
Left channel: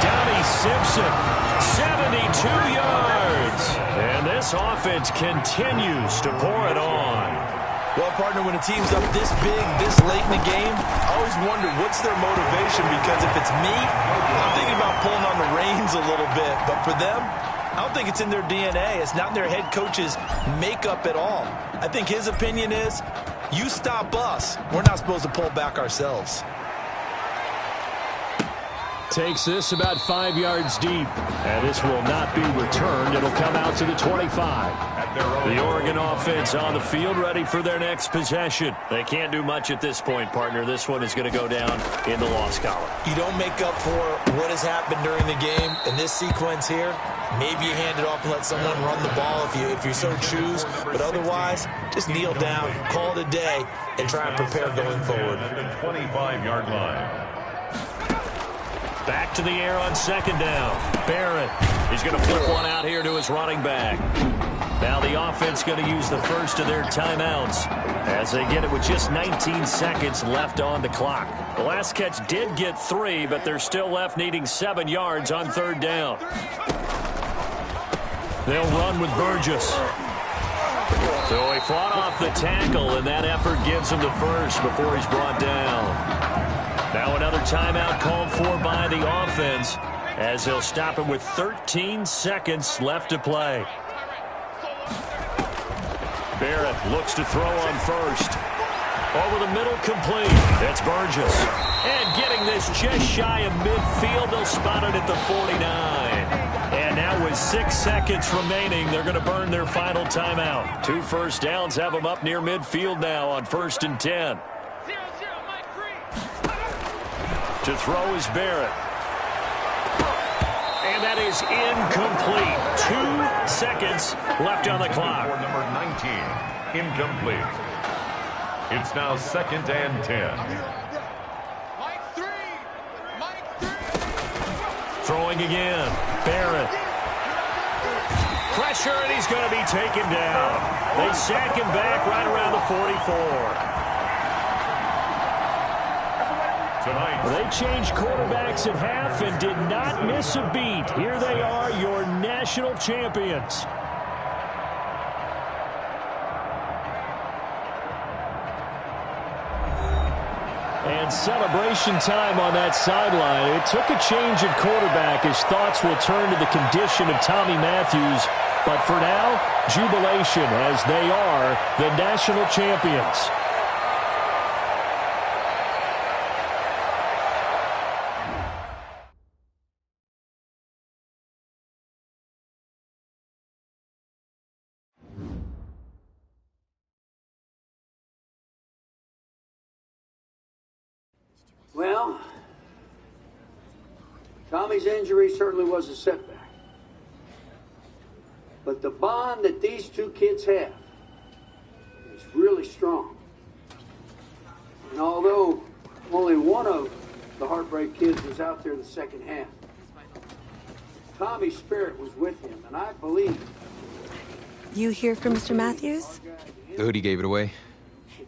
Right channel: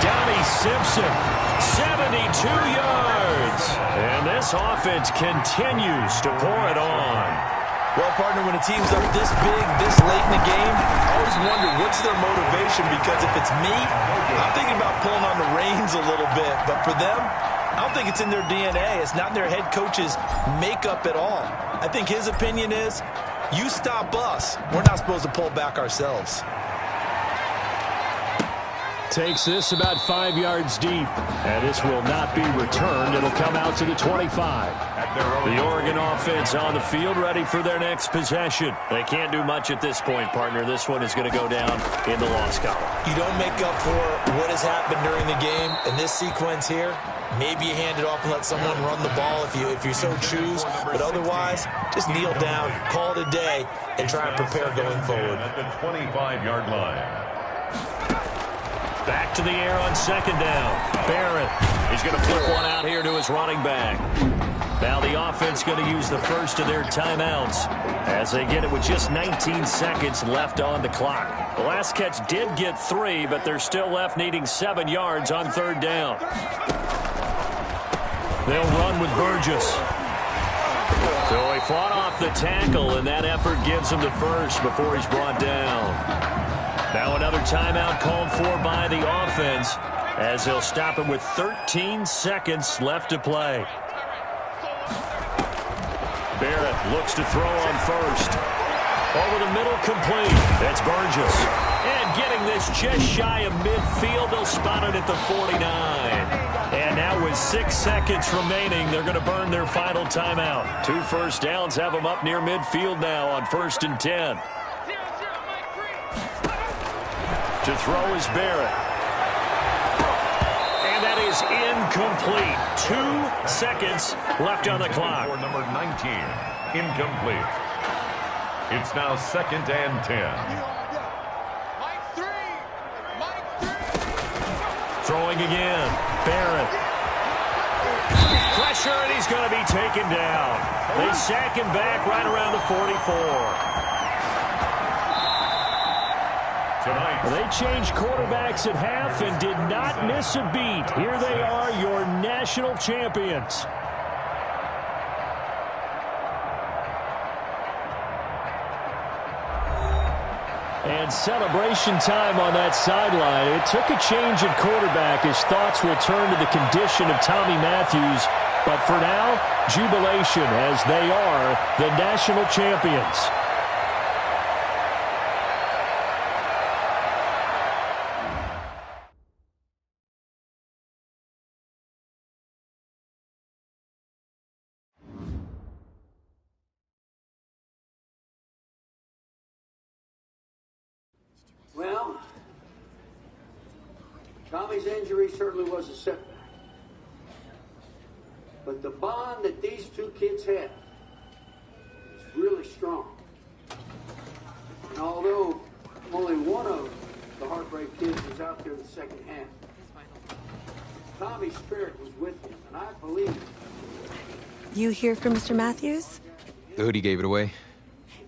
Donnie Simpson, 72 yards. And this offense continues to pour it on. Well, partner, when a team's up this big, this late in the game, I always wonder what's their motivation, because if it's me, I'm thinking about pulling on the reins a little bit. But for them, I don't think it's in their DNA. It's not in their head coach's makeup at all. I think his opinion is, you stop us, we're not supposed to pull back ourselves. Takes this about 5 yards deep. And this will not be returned. It'll come out to the 25. The Oregon offense on the field, ready for their next possession. They can't do much at this point, partner. This one is going to go down in the loss column. You don't make up for what has happened during the game. In this sequence here, maybe you hand it off and let someone run the ball if you so choose. But otherwise, just kneel down, call it a day, and try and prepare going forward. At the 25-yard line. Back to the air on second down. Barrett. He's going to flip one out here to his running back. Now the offense going to use the first of their timeouts as they get it with just 19 seconds left on the clock. The last catch did get 3, but they're still left needing 7 yards on third down. They'll run with Burgess. So he fought off the tackle, and that effort gives him the first before he's brought down. Now another timeout called for by the offense as they'll stop it with 13 seconds left to play. Barrett looks to throw on first. Over the middle, complete. That's Burgess. And getting this just shy of midfield, they'll spot it at the 49. And now with 6 seconds remaining, they're going to burn their final timeout. 2 first downs have them up near midfield now on 1st and 10. To throw is Barrett. And that is incomplete. 2 seconds left on the clock. For number 19, incomplete. It's now 2nd and 10. Throwing again. Barrett. Pressure, and he's going to be taken down. They sack him back right around the 44. They changed quarterbacks at half and did not miss a beat. Here they are, your national champions. And celebration time on that sideline. It took a change at quarterback as thoughts will turn to the condition of Tommy Matthews But for now, jubilation as they are the national champions. Well, Tommy's injury certainly was a setback. But the bond that these two kids have is really strong. And although only one of the Heartbreak Kids was out there the second half, Tommy's spirit was with him, and I believe... You hear from Mr. Matthews? The hoodie gave it away.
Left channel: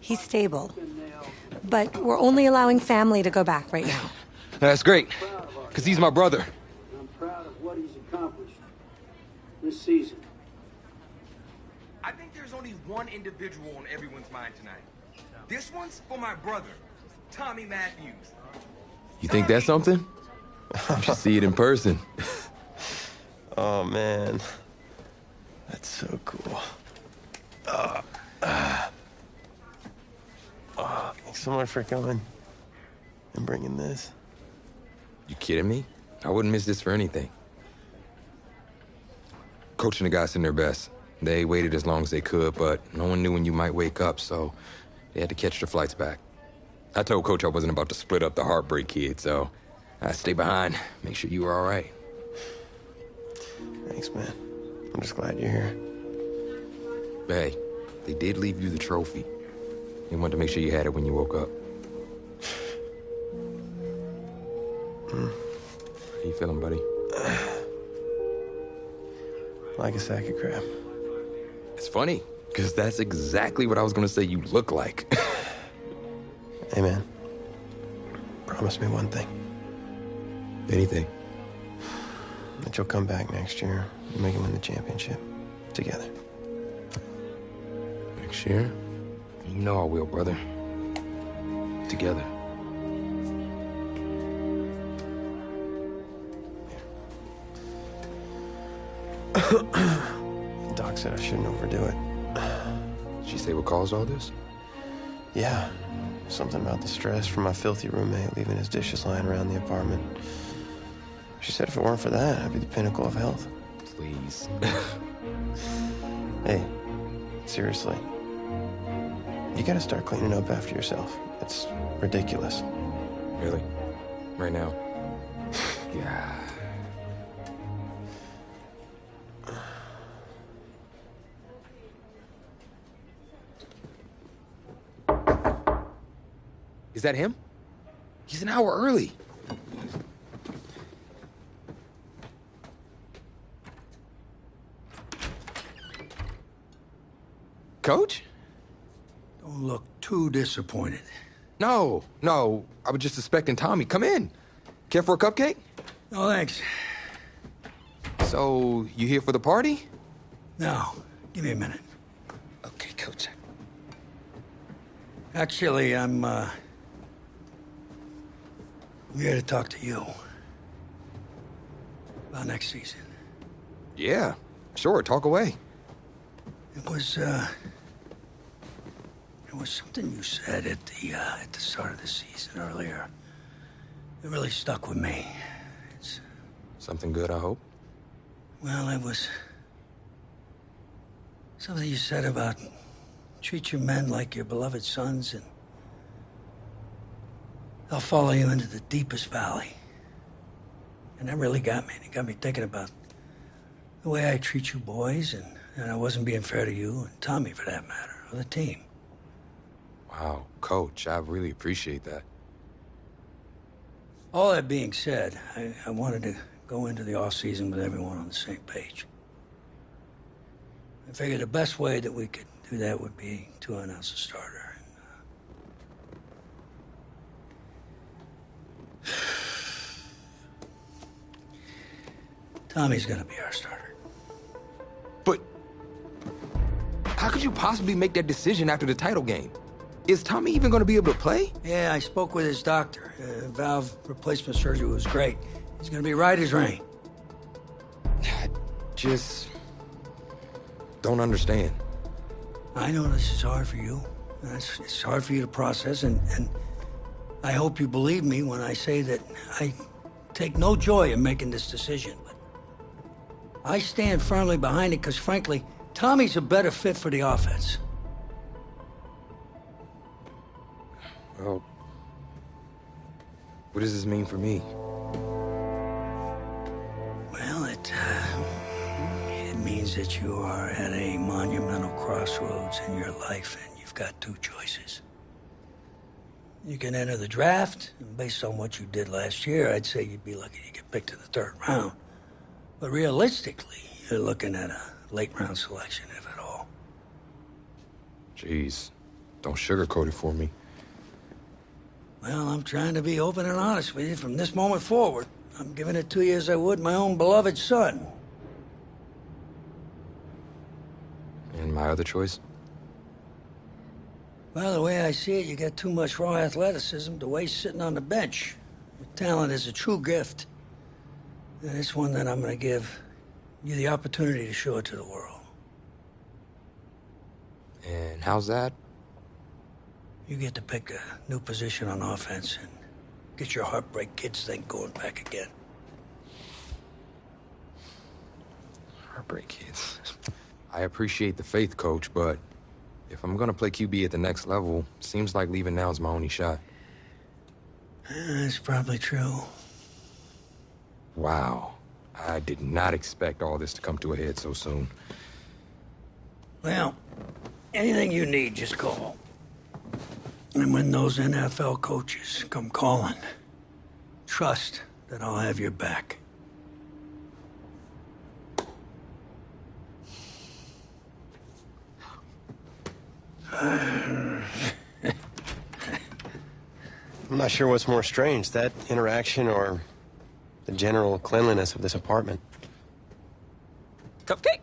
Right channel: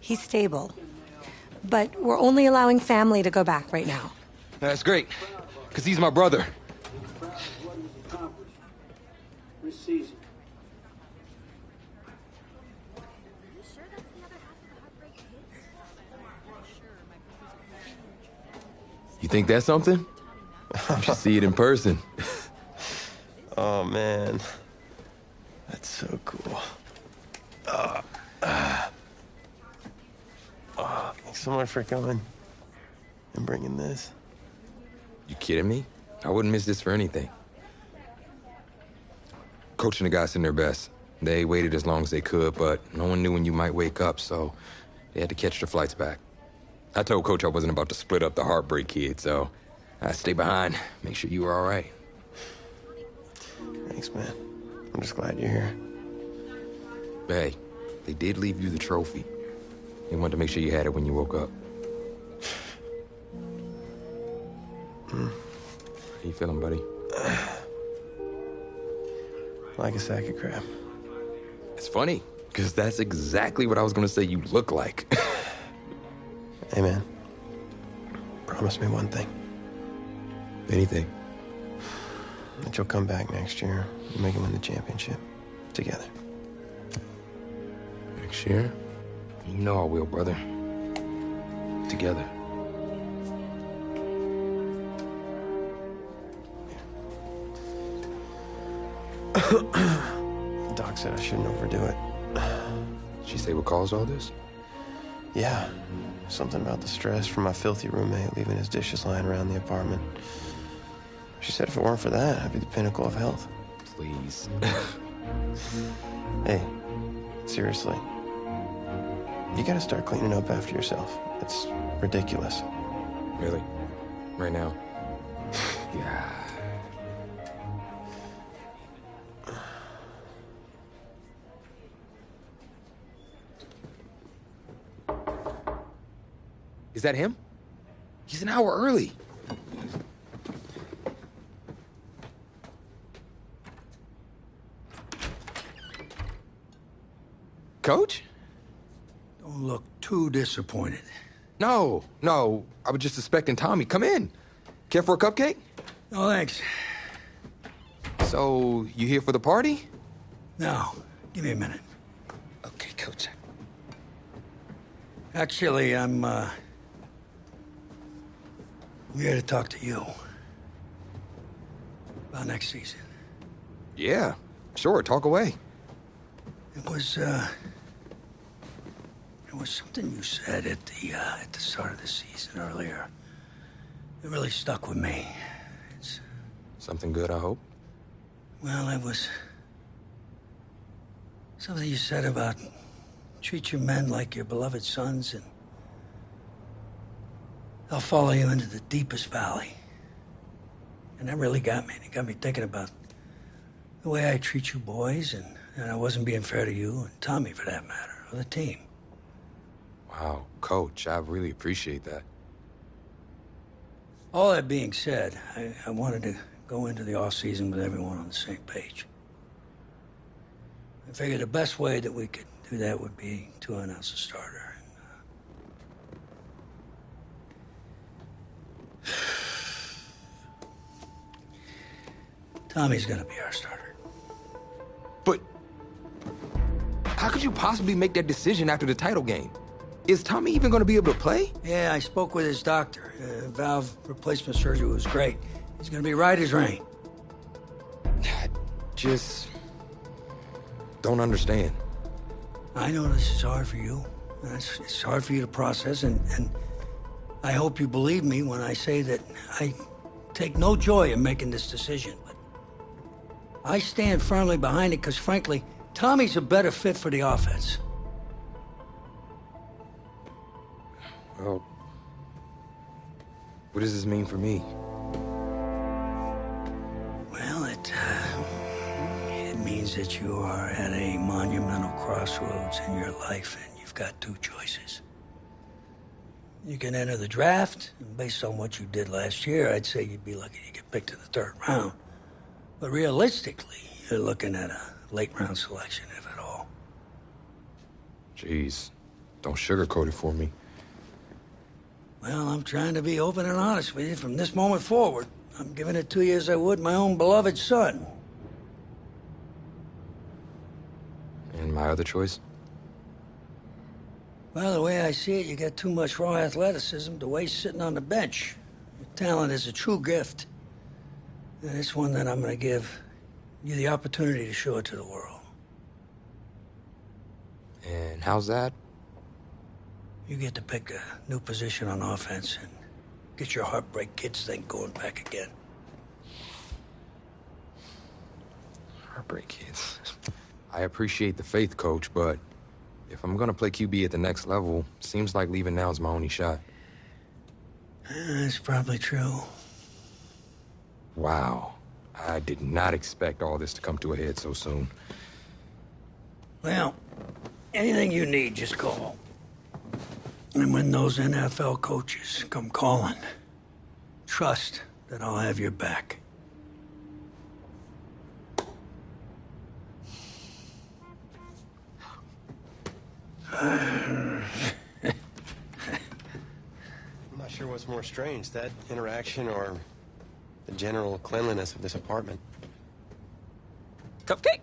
He's stable. But we're only allowing family to go back right now. That's great, because he's my brother. I'm proud of what he's accomplished this season. I think there's only one individual on everyone's mind tonight. This one's for my brother, Tommy Matthews. You think that's something? You should see it in person. Oh, man. That's so cool. Thanks so much for coming and bringing this. You kidding me? I wouldn't miss this for anything. Coach and the guys in their best. They waited as long as they could, but no one knew when you might wake up, so they had to catch the flights back. I told Coach I wasn't about to split up the Heartbreak Kid, so I stay behind, make sure you were all right. Thanks, man. I'm just glad you're here. Hey, they did leave you the trophy. They wanted to make sure you had it when you woke up. How you feeling, buddy? Like a sack of crap. It's funny, because that's exactly what I was going to say you look like. Hey, man. Promise me one thing. Anything. That you'll come back next year and make him win the championship. Together. Next year? You know I will, brother. Together. Doc said I shouldn't overdo it. Did she say what caused all this? Yeah. Something about the stress from my filthy roommate leaving his dishes lying around the apartment. She said if it weren't for that, I'd be the pinnacle of health. Please. Hey, seriously. You gotta start cleaning up after yourself. It's ridiculous. Really? Right now? Yeah. Is that him? He's an hour early. Coach? Don't look too disappointed. No. I was just suspecting Tommy. Come in. Care for a cupcake? No, thanks. So, you here for the party? No. Give me a minute. Okay, Coach. Actually, I'm here to talk to you about next season. Yeah, sure. Talk away. It was something you said at the start of the season earlier. It really stuck with me. It's something good, I hope. Well, it was something you said about treat your men like your beloved sons, and they'll follow you into the deepest valley. And that really got me. It got me thinking about the way I treat you boys, and I wasn't being fair to you, and Tommy, for that matter, or the team. Wow, Coach, I really appreciate that. All that being said, I wanted to go into the off-season with everyone on the same page. I figured the best way that we could do that would be to announce a starter. Tommy's gonna be our starter. But how could you possibly make that decision after the title game? Is Tommy even gonna be able to play? Yeah, I spoke with his doctor. Valve replacement surgery was great. He's gonna be right as rain. don't understand. I know this is hard for you. It's hard for you to process, and I hope you believe me when I say that I take no joy in making this decision. But I stand firmly behind it because, frankly, Tommy's a better fit for the offense. Well, what does this mean for me? Well, it means that you are at a monumental crossroads in your life, and you've got two choices. You can enter the draft, and based on what you did last year, I'd say you'd be lucky to get picked in the 3rd round. But realistically, you're looking at a late-round selection, if at all. Jeez, don't sugarcoat it for me. Well, I'm trying to be open and honest with you from this moment forward. I'm giving it to you as I would my own beloved son. And my other choice? Well, the way I see it, you got too much raw athleticism to waste sitting on the bench. Your talent is a true gift. And it's one that I'm going to give you the opportunity to show it to the world. And how's that? You get to pick a new position on offense and get your Heartbreak Kids thing going back again. Heartbreak Kids. I appreciate the faith, Coach, but if I'm gonna play QB at the next level, seems like leaving now is my only shot. That's probably true. Wow. I did not expect all this to come to a head so soon. Well, anything you need, just call. And when those NFL coaches come calling, trust that I'll have your back. I'm not sure what's more strange, that interaction or the general cleanliness of this apartment. Cupcake?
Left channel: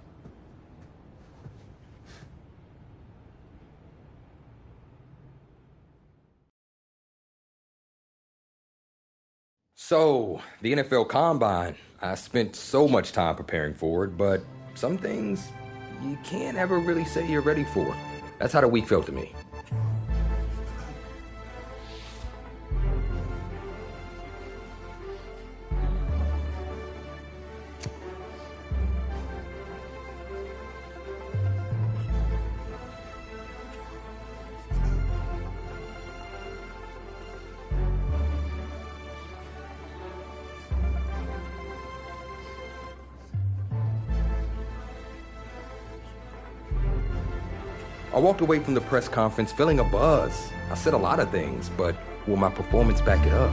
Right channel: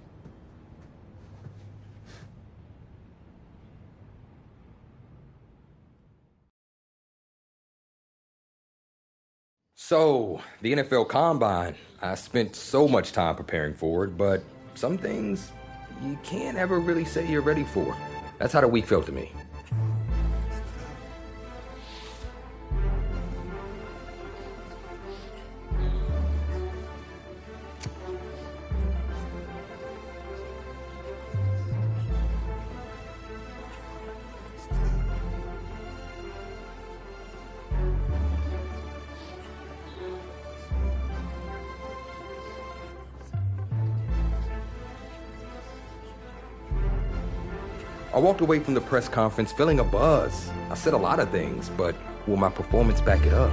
So, the NFL Combine. I spent so much time preparing for it, but some things you can't ever really say you're ready for. That's how the week felt to me. I walked away from the press conference feeling a buzz. I said a lot of things, but will my performance back it up?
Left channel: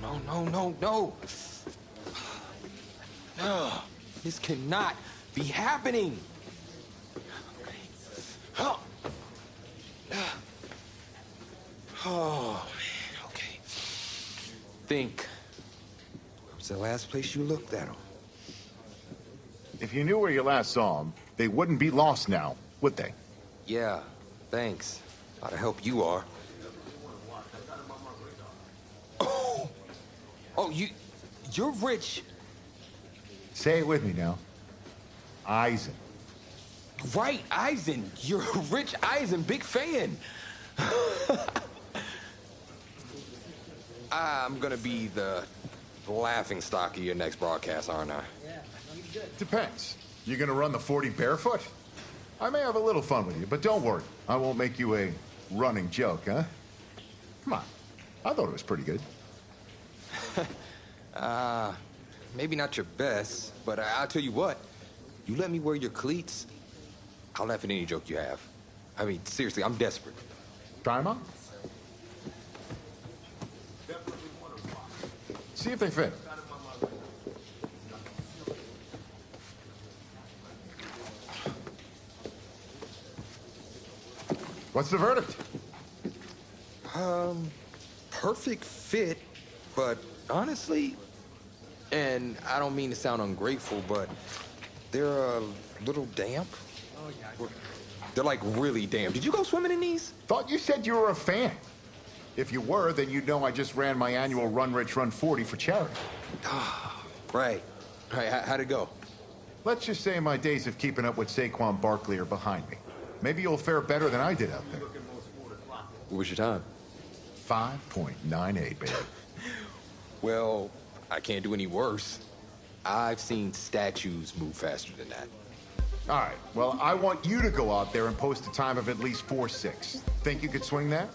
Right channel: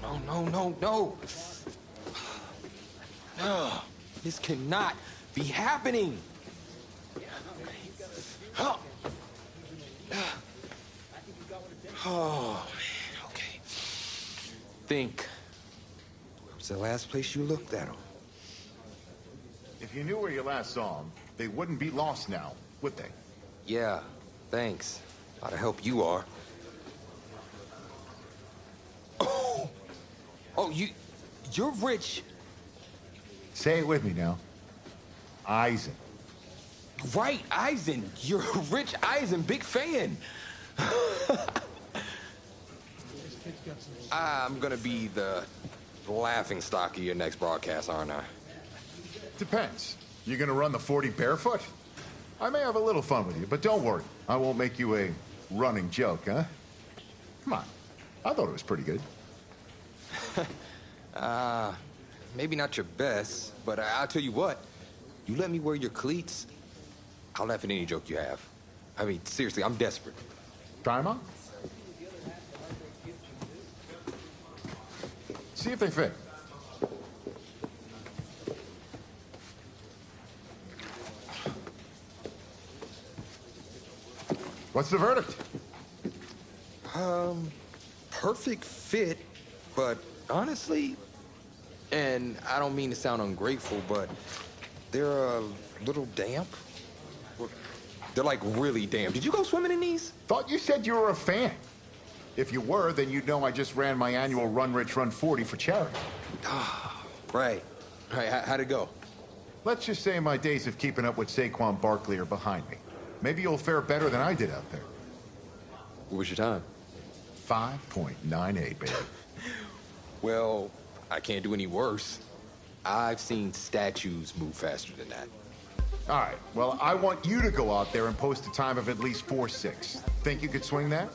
No. No. This cannot be happening. Oh, man, okay. Think. Where was the last place you looked at him? If you knew where you last saw him, they wouldn't be lost now, would they? Yeah, thanks. A lot of help you are. Oh, you're Rich. Say it with me now. Eisen. Right, Eisen. You're Rich Eisen, big fan. I'm gonna be the laughingstock of your next broadcast, aren't I? Depends. You gonna run the 40 barefoot? I may have a little fun with you, but don't worry. I won't make you a running joke, huh? Come on. I thought it was pretty good. Maybe not your best, but I'll tell you what. You let me wear your cleats, I'll laugh at any joke you have. I mean, seriously, I'm desperate. Try 'em on. See if they fit. What's the verdict? Perfect fit, but honestly, and I don't mean to sound ungrateful, but they're a little damp. They're like really damp. Did you go swimming in these? Thought you said you were a fan. If you were, then you'd know I just ran my annual Run Rich Run 40 for charity. Right. How'd it go? Let's just say my days of keeping up with Saquon Barkley are behind me. Maybe you'll fare better than I did out there. What was your time? 5.98, baby. Well, I can't do any worse. I've seen statues move faster than that. All right, well, I want you to go out there and post a time of at least 4.6. Think you could swing that?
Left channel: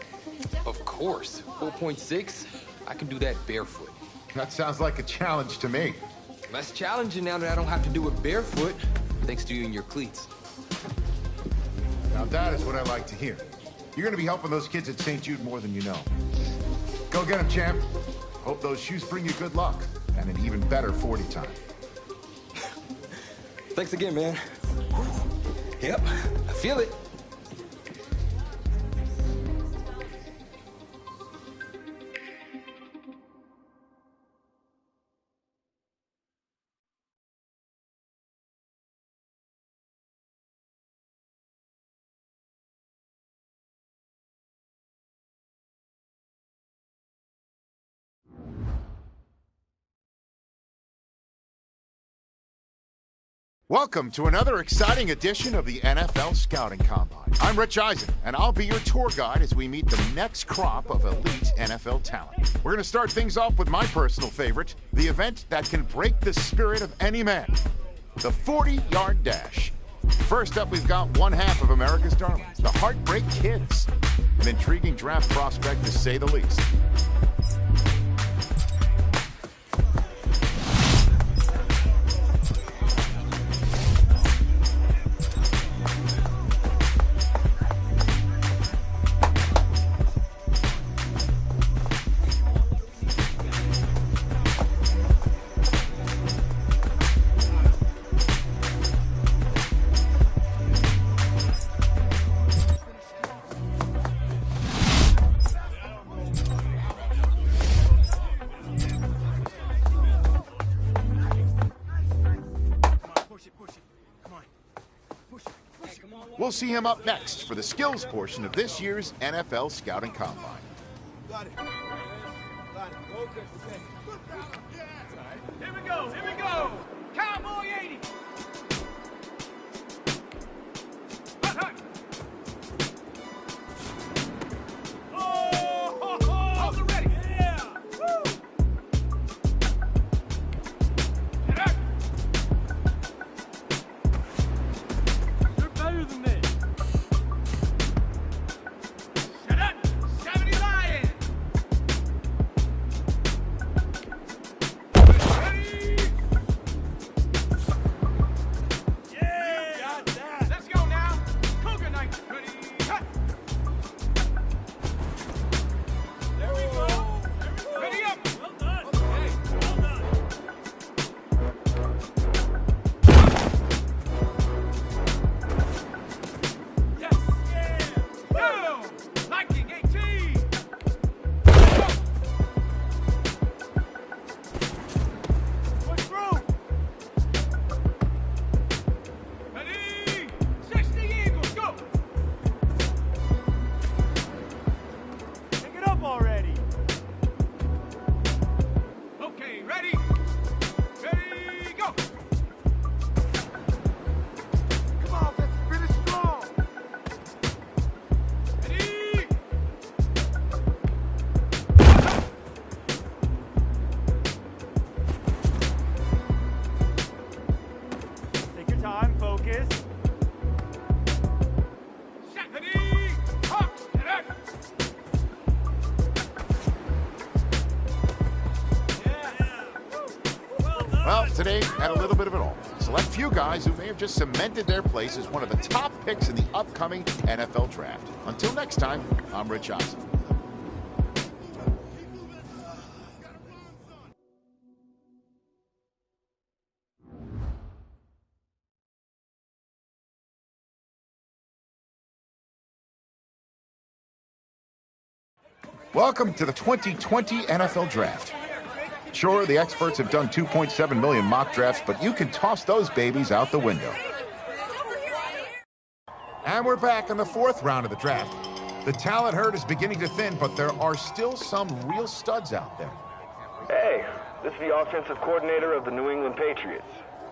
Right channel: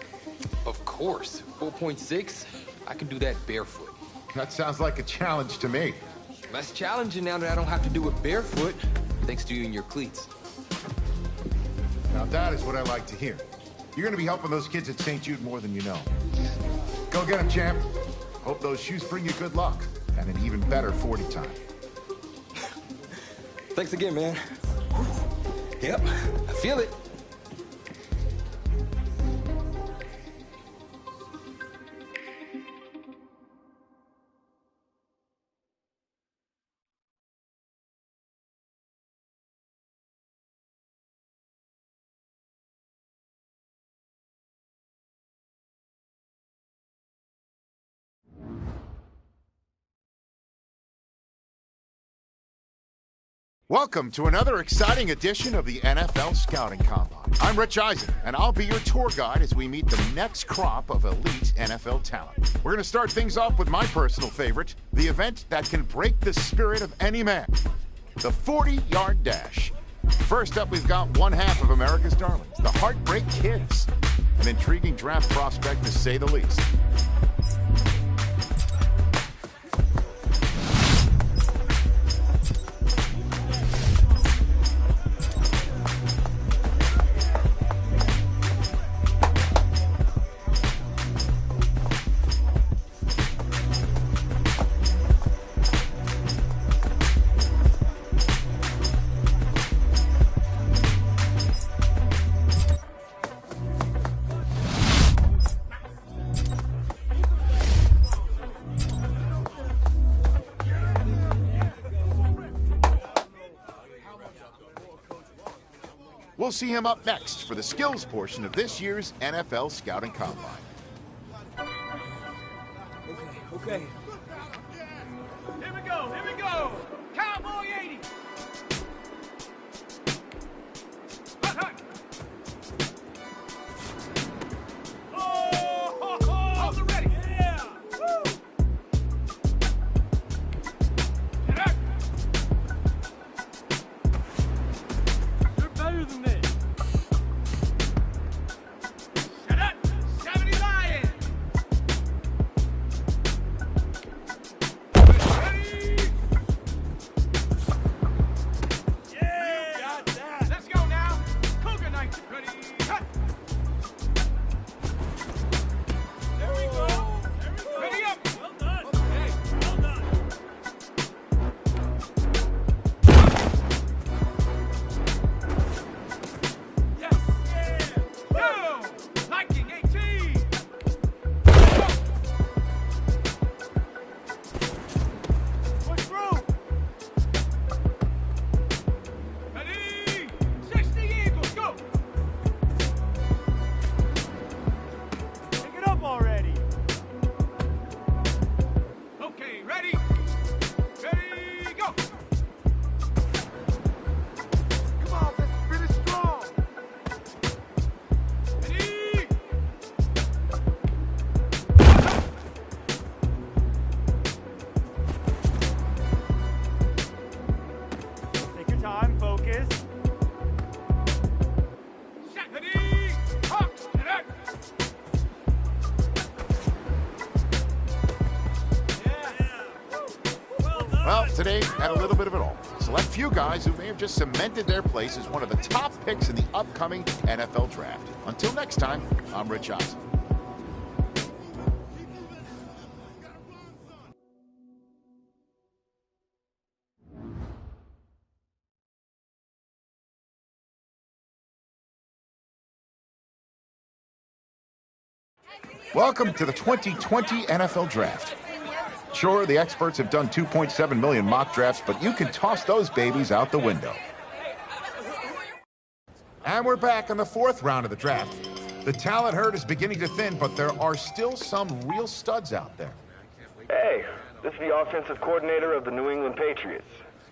Of course. 4.6? I can do that barefoot. That sounds like a challenge to me. Less challenging now that I don't have to do it barefoot, thanks to you and your cleats. Now that is what I like to hear. You're gonna be helping those kids at St. Jude more than you know. Go get them, champ. Hope those shoes bring you good luck and an even better 40 time. Thanks again, man. Yep, I feel it. Welcome to another exciting edition of the NFL Scouting Combine. I'm Rich Eisen, and I'll be your tour guide as we meet the next crop of elite NFL talent. We're going to start things off with my personal favorite, the event that can break the spirit of any man, the 40-yard dash. First up, we've got one half of America's darlings, the Heartbreak Kids. An intriguing draft prospect, to say the least. We'll see him up next for the skills portion of this year's NFL Scouting Combine. Okay. Here we go. Cowboy 80. Oh, the ready. Yeah. Woo. You're better than this. Shut up. 70 Lions. Well, today had a little bit of it all. Select few guys who may have just cemented their place as one of the top picks in the upcoming NFL Draft. Until next time, I'm Rich Eisen. Welcome to the 2020 NFL Draft. Sure, the experts have done 2.7 million mock drafts, but you can toss those babies out the window. And we're back in the fourth round of the draft. The talent herd is beginning to thin, but there are still some real studs out there. Hey, This is the offensive coordinator of the New England Patriots.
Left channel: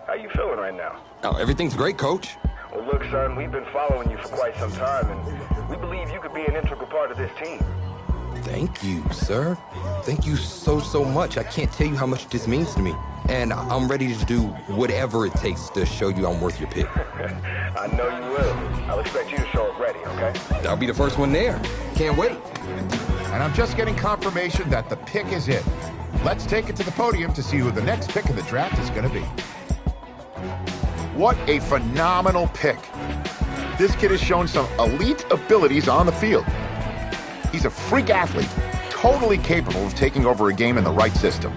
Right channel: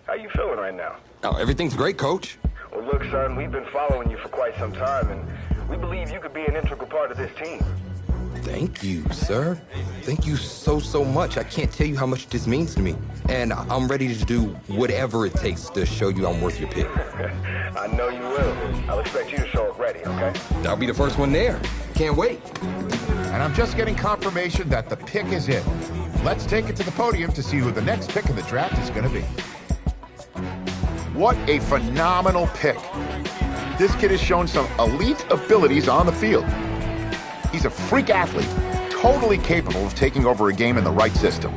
How you feeling right now? Oh, everything's great, Coach. Well, look, son, we've been following you for quite some time, and we believe you could be an integral part of this team. Thank you, sir. Thank you so much. I can't tell you how much this means to me. And I'm ready to do whatever it takes to show you I'm worth your pick. I know you will. I'll expect you to show up ready, okay? I'll be the first one there. Can't wait. And I'm just getting confirmation that the pick is in. Let's take it to the podium to see who the next pick of the draft is going to be. What a phenomenal pick. This kid has shown some elite abilities on the field. He's a freak athlete, totally capable of taking over a game in the right system.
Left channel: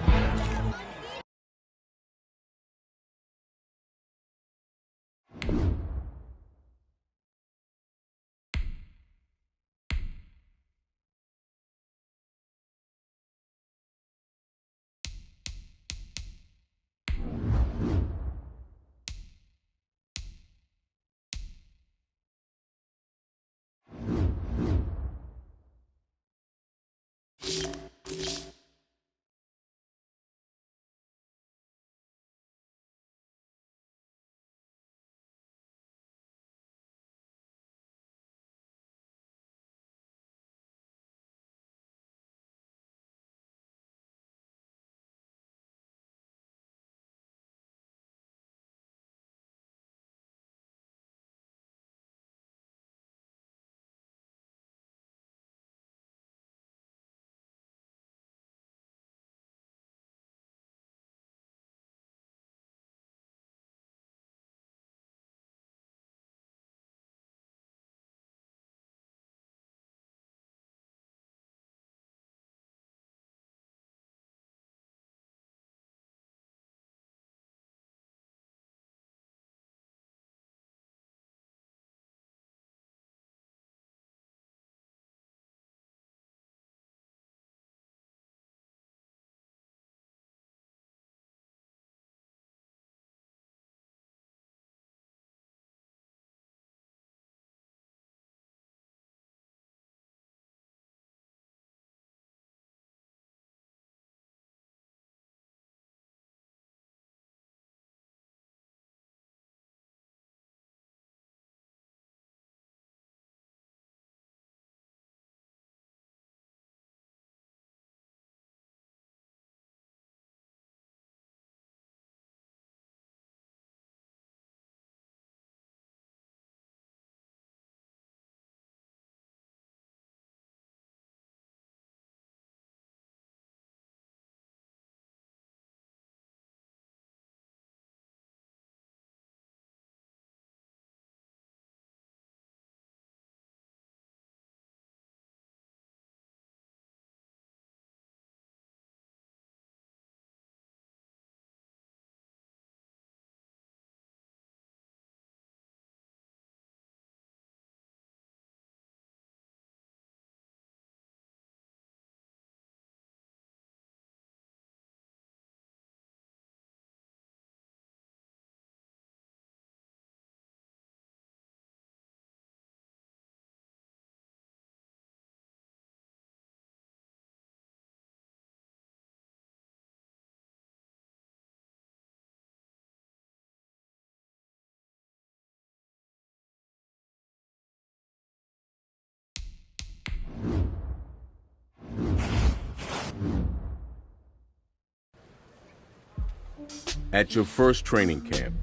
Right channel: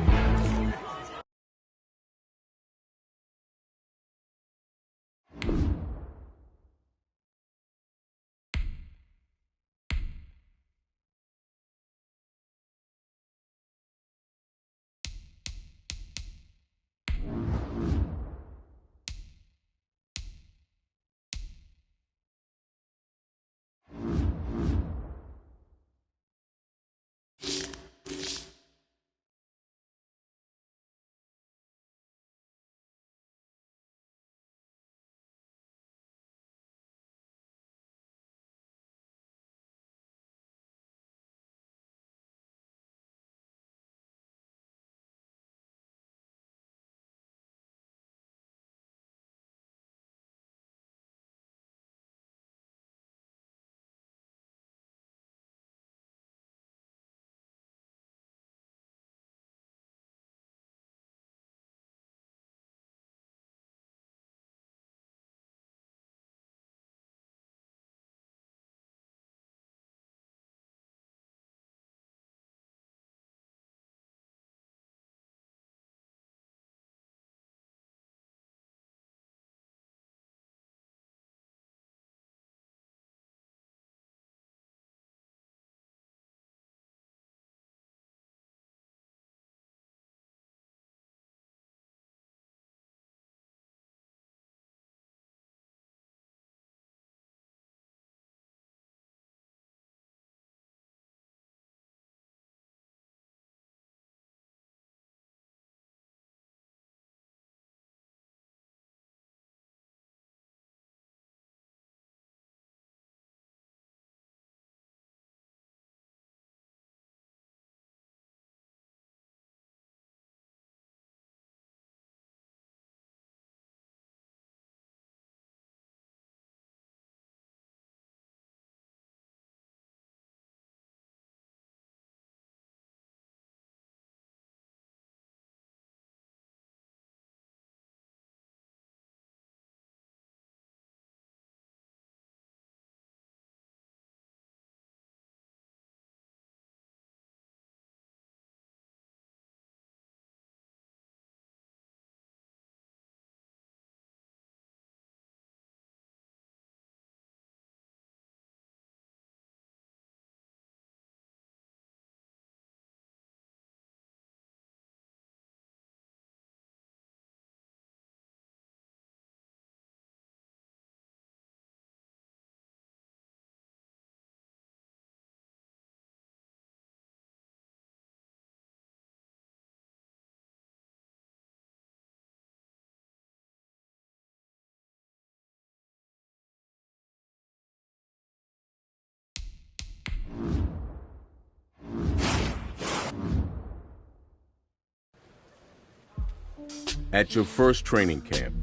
At your first training camp,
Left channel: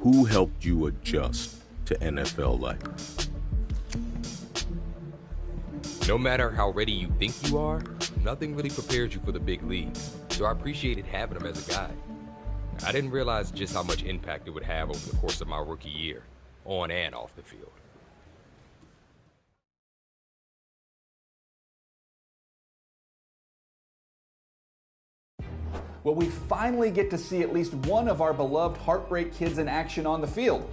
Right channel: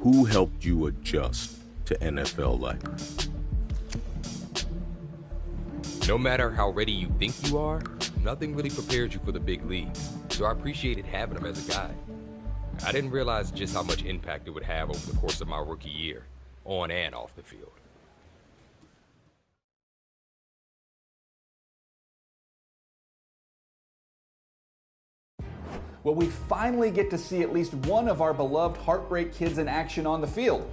who helped you adjust to NFL life? No matter how ready you think you are, nothing really prepares you for the big leagues. So I appreciated having him as a guide. I didn't realize just how much impact it would have over the course of my rookie year, on and off the field. Well, we finally get to see at least one of our beloved Heartbreak Kids in action on the field.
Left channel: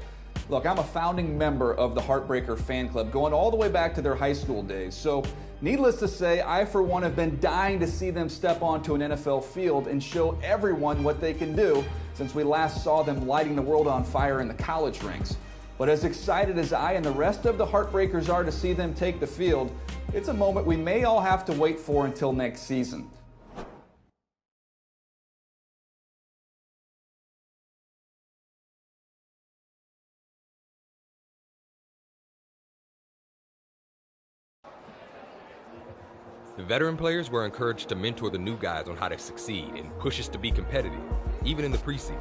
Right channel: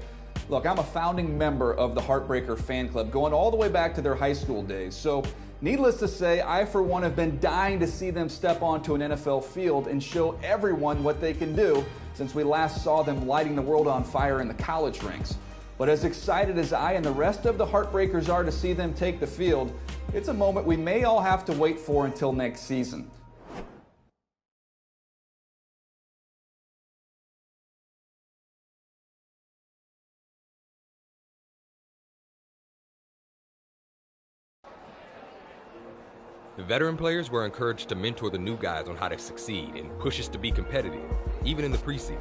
Look, I'm a founding member of the Heartbreaker fan club, going all the way back to their high school days. So, needless to say, I for one have been dying to see them step onto an NFL field and show everyone what they can do since we last saw them lighting the world on fire in the college ranks. But as excited as I and the rest of the Heartbreakers are to see them take the field, it's a moment we may all have to wait for until next season. The veteran players were encouraged to mentor the new guys on how to succeed and push us to be competitive, even in the preseason.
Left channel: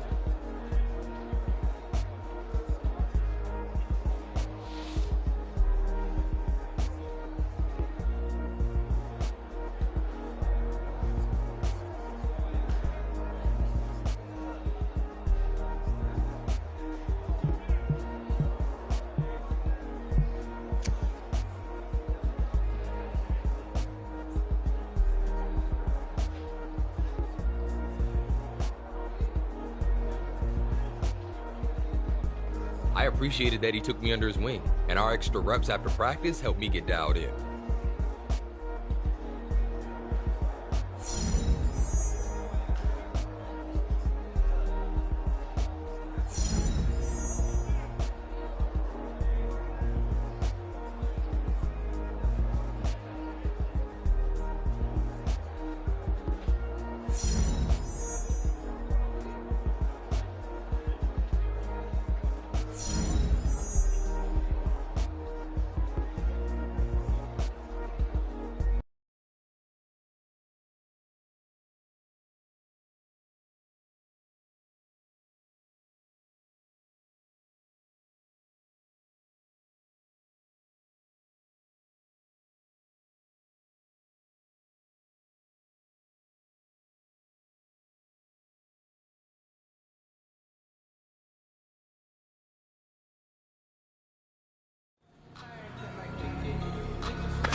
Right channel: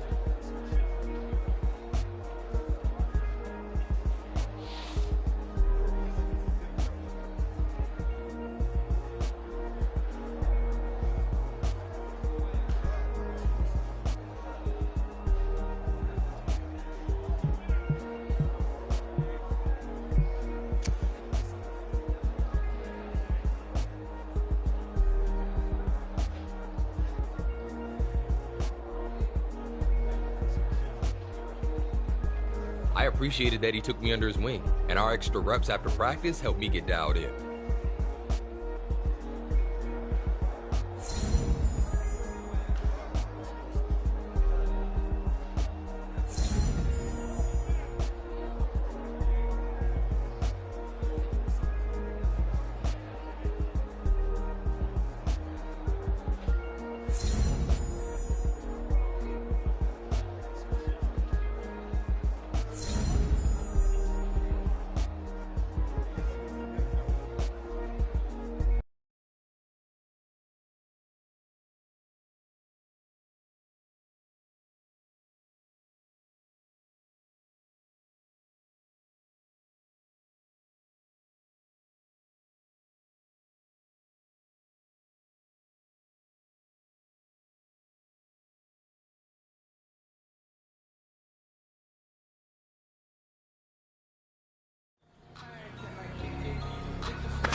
I appreciated that he took me under his wing, and our extra reps after practice helped me get dialed in.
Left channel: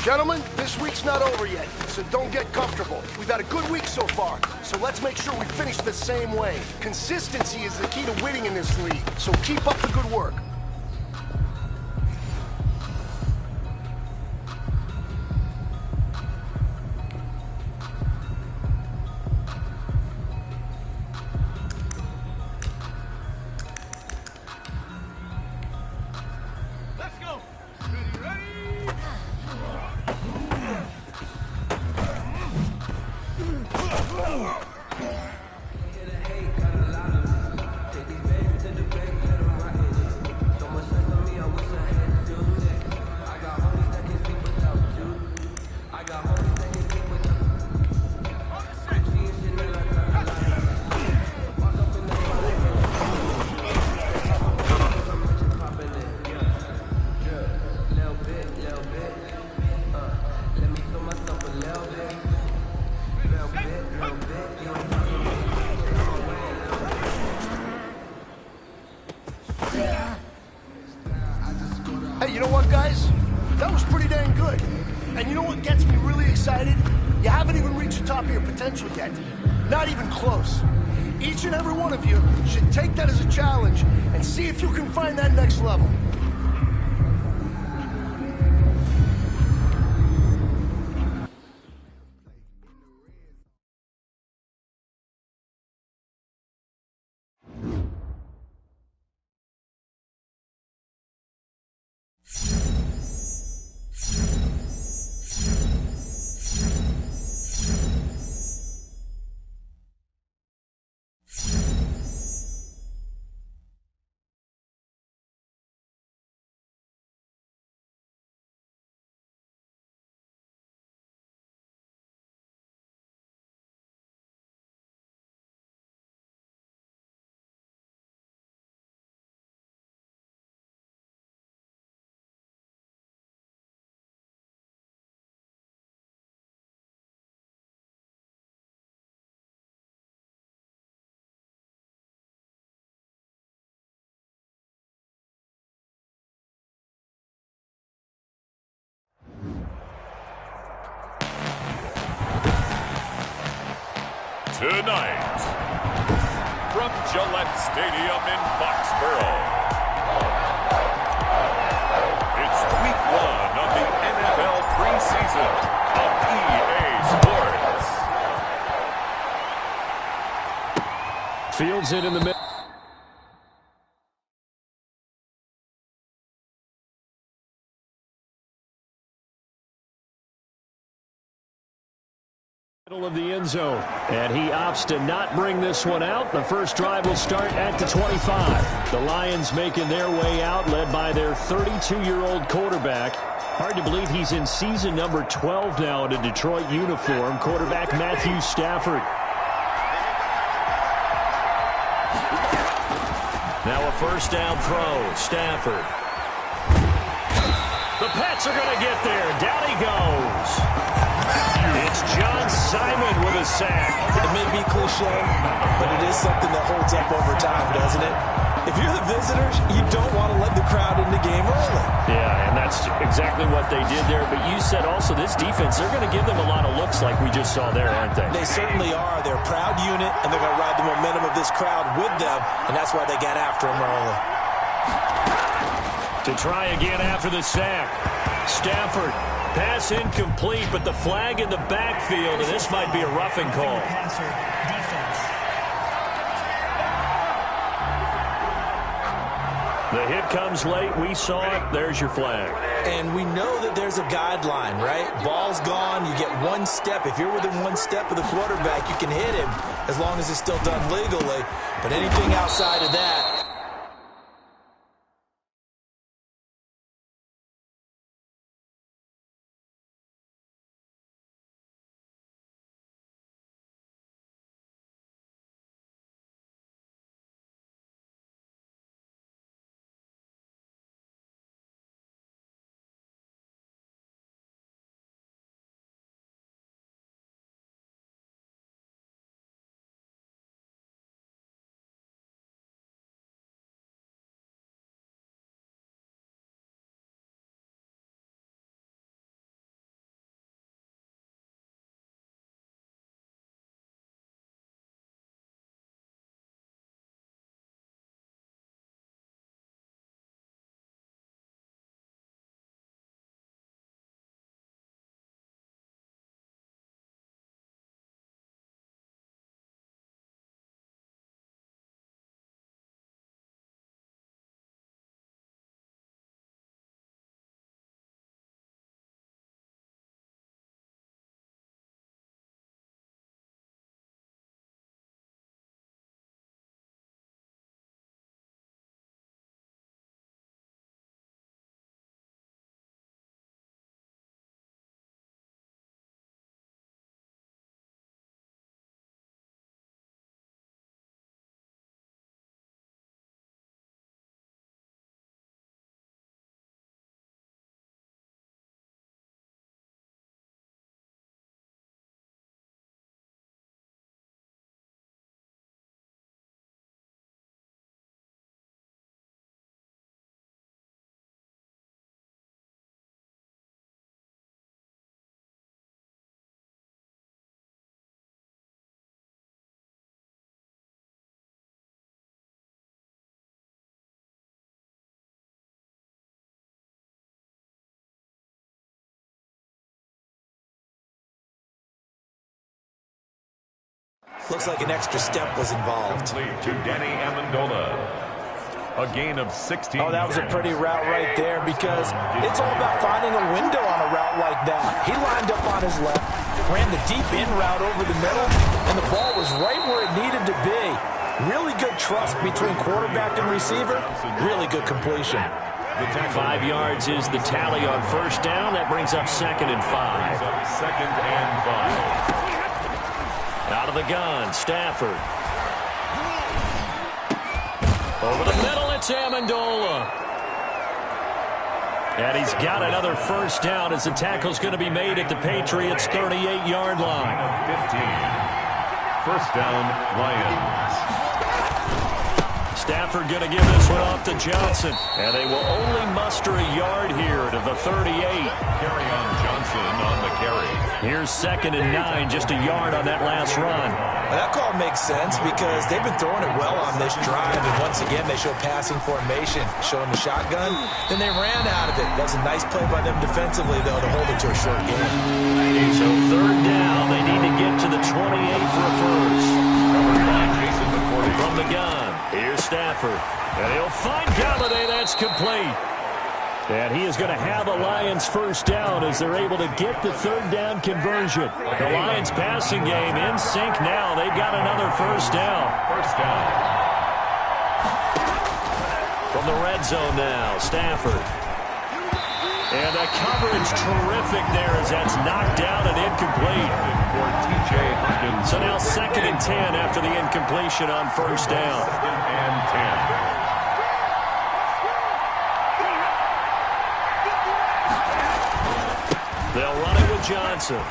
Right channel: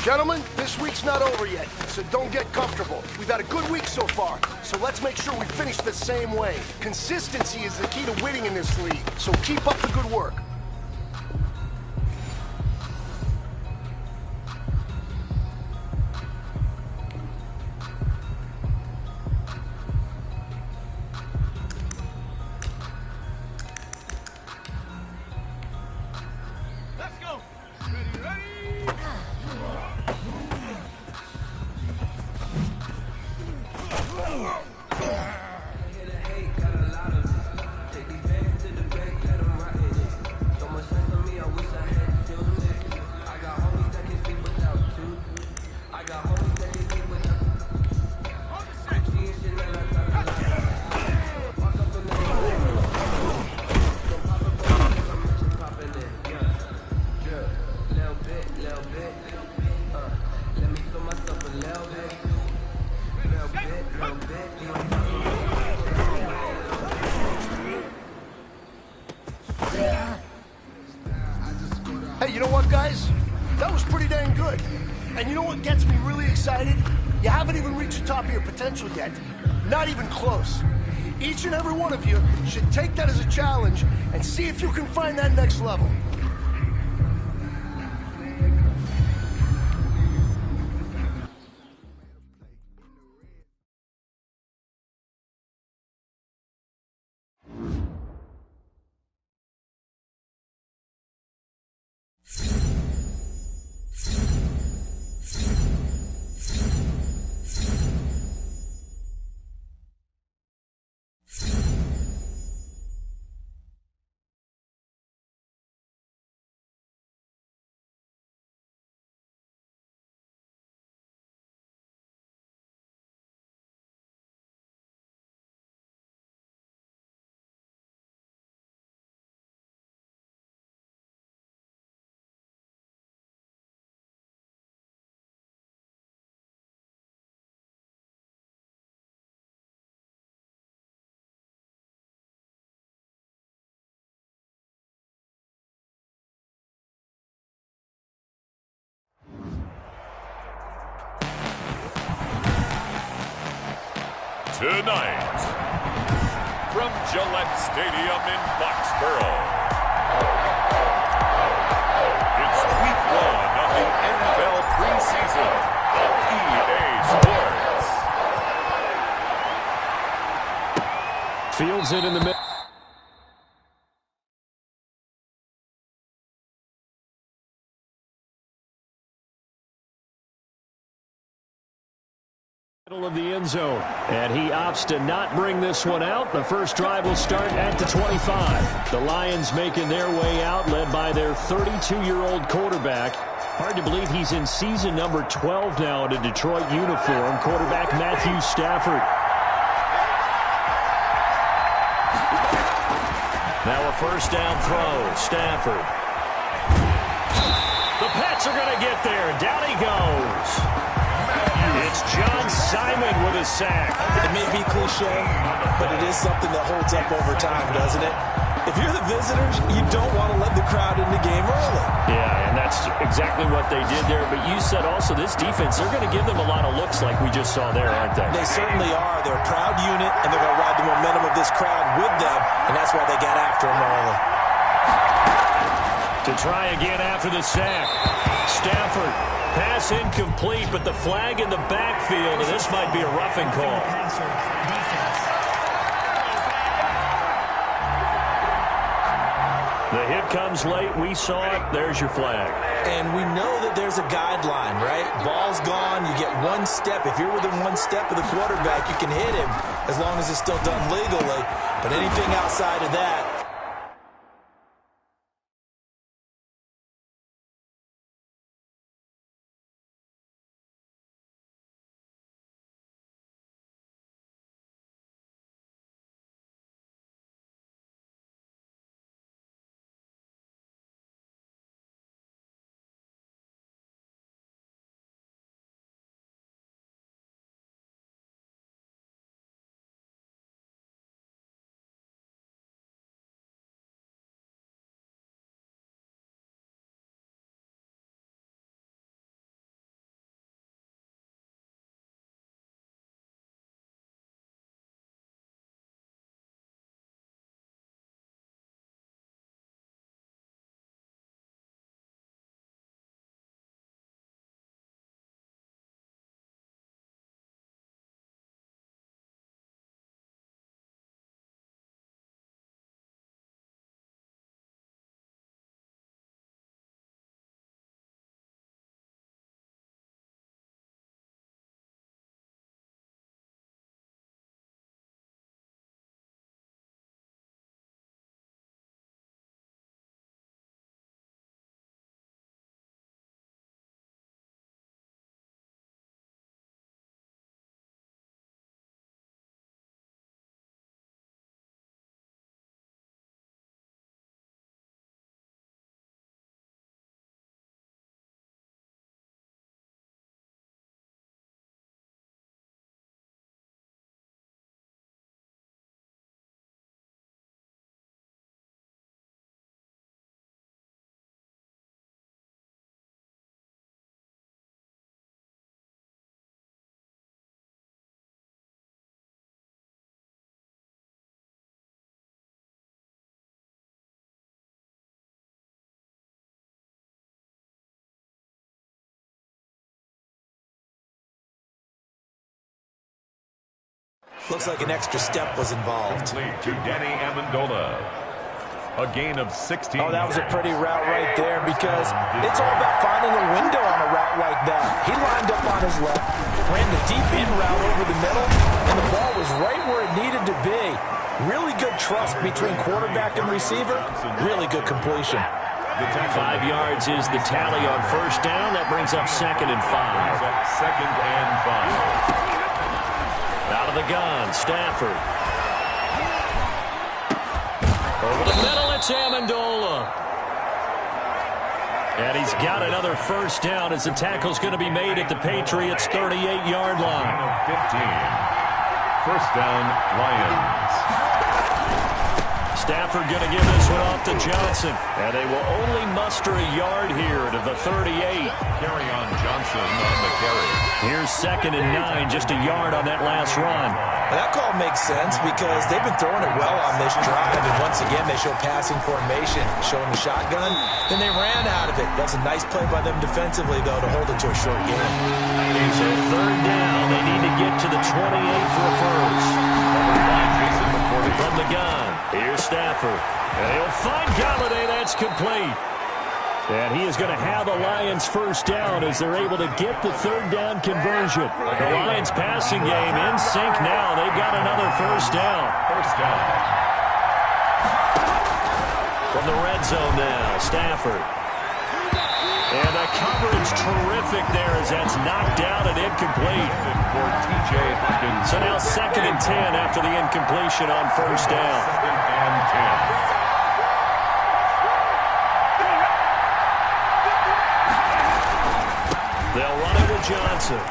Gentlemen, this week's not over yet, so don't get comfortable. We've had a good week so far, so let's make sure we finish the same way. Consistency is the key to winning in this league, so keep up the good work. Let's go. Ready, ready. Hey, you know what, guys? That was pretty dang good. And you know what gets me really excited? You haven't even reached the top of your potential yet. Not even close. Each and every one of you should take that as a challenge and see if you can find that next level. Tonight, from Gillette Stadium in Foxborough, it's week 1 of the NFL preseason on EA Sports. Fields it in the middle. Of the end zone, and he opts to not bring this one out. The first drive will start at the 25. The Lions making their way out, led by their 32-year-old quarterback. Hard to believe he's in season number 12 now in a Detroit uniform. Quarterback Matthew Stafford. Now a first down throw. Stafford. The Pats are going to get there. Down he goes. It's John Simon with a sack. It may be cliche, but it is something that holds up over time, doesn't it? If you're the visitors, you don't want to let the crowd in the game early. Yeah, and that's exactly what they did there. But you said also this defense, they're going to give them a lot of looks like we just saw there, aren't they? They certainly are. They're a proud unit, and they're going to ride the momentum of this crowd with them, and that's why they got after them early. To try again after the sack. Stafford. Pass incomplete, but the flag in the backfield, and this might be a roughing call. The hit comes late. We saw it. There's your flag. And we know that there's a guideline, right? Ball's gone. You get one step. If you're within one step of the quarterback, you can hit him as long as it's still done legally. But anything outside of that... Looks like an extra step was involved. Complete to Danny Amendola. A gain of 16. Oh, that was a pretty route right there because it's all about finding a window on a route like that. He lined up on his left, ran the deep in route over the middle, and the ball was right where it needed to be. Really good trust between quarterback and receiver. Really good completion. 5 yards is the tally on first down. That brings up 2nd and 5. Second and 5. Out of the gun, Stafford. Over the middle, it's Amendola. And he's got another first down as the tackle's going to be made at the Patriots' 38-yard line. 15. First down, Lions. Stafford going to give this one off to Johnson. And they will only muster a yard here to the 38. Carry on Johnson on the carry. Here's 2nd and 9, just a yard on that last run. Well, that call makes sense because they've been throwing it well on this drive. And once again, they show passing formation, showing the shotgun. Then they ran out of it. That's a nice play by them defensively, though, to hold it to a short game. So 3rd down, they need to get to the 28 for a first. Number 9, Jason McCourty. From the gun, here's Stafford. And he'll find Galladay. That's complete. And he is going to have the Lions first down as they're able to get the 3rd down conversion. The Lions passing game in sync now. They've got another first down. First down. From the red zone now, Stafford. And the coverage terrific there as that's knocked down and incomplete. For T.J. Hawkins. So now 2nd and 10 after the incompletion on first down. 2nd and 10. They'll run it with Johnson.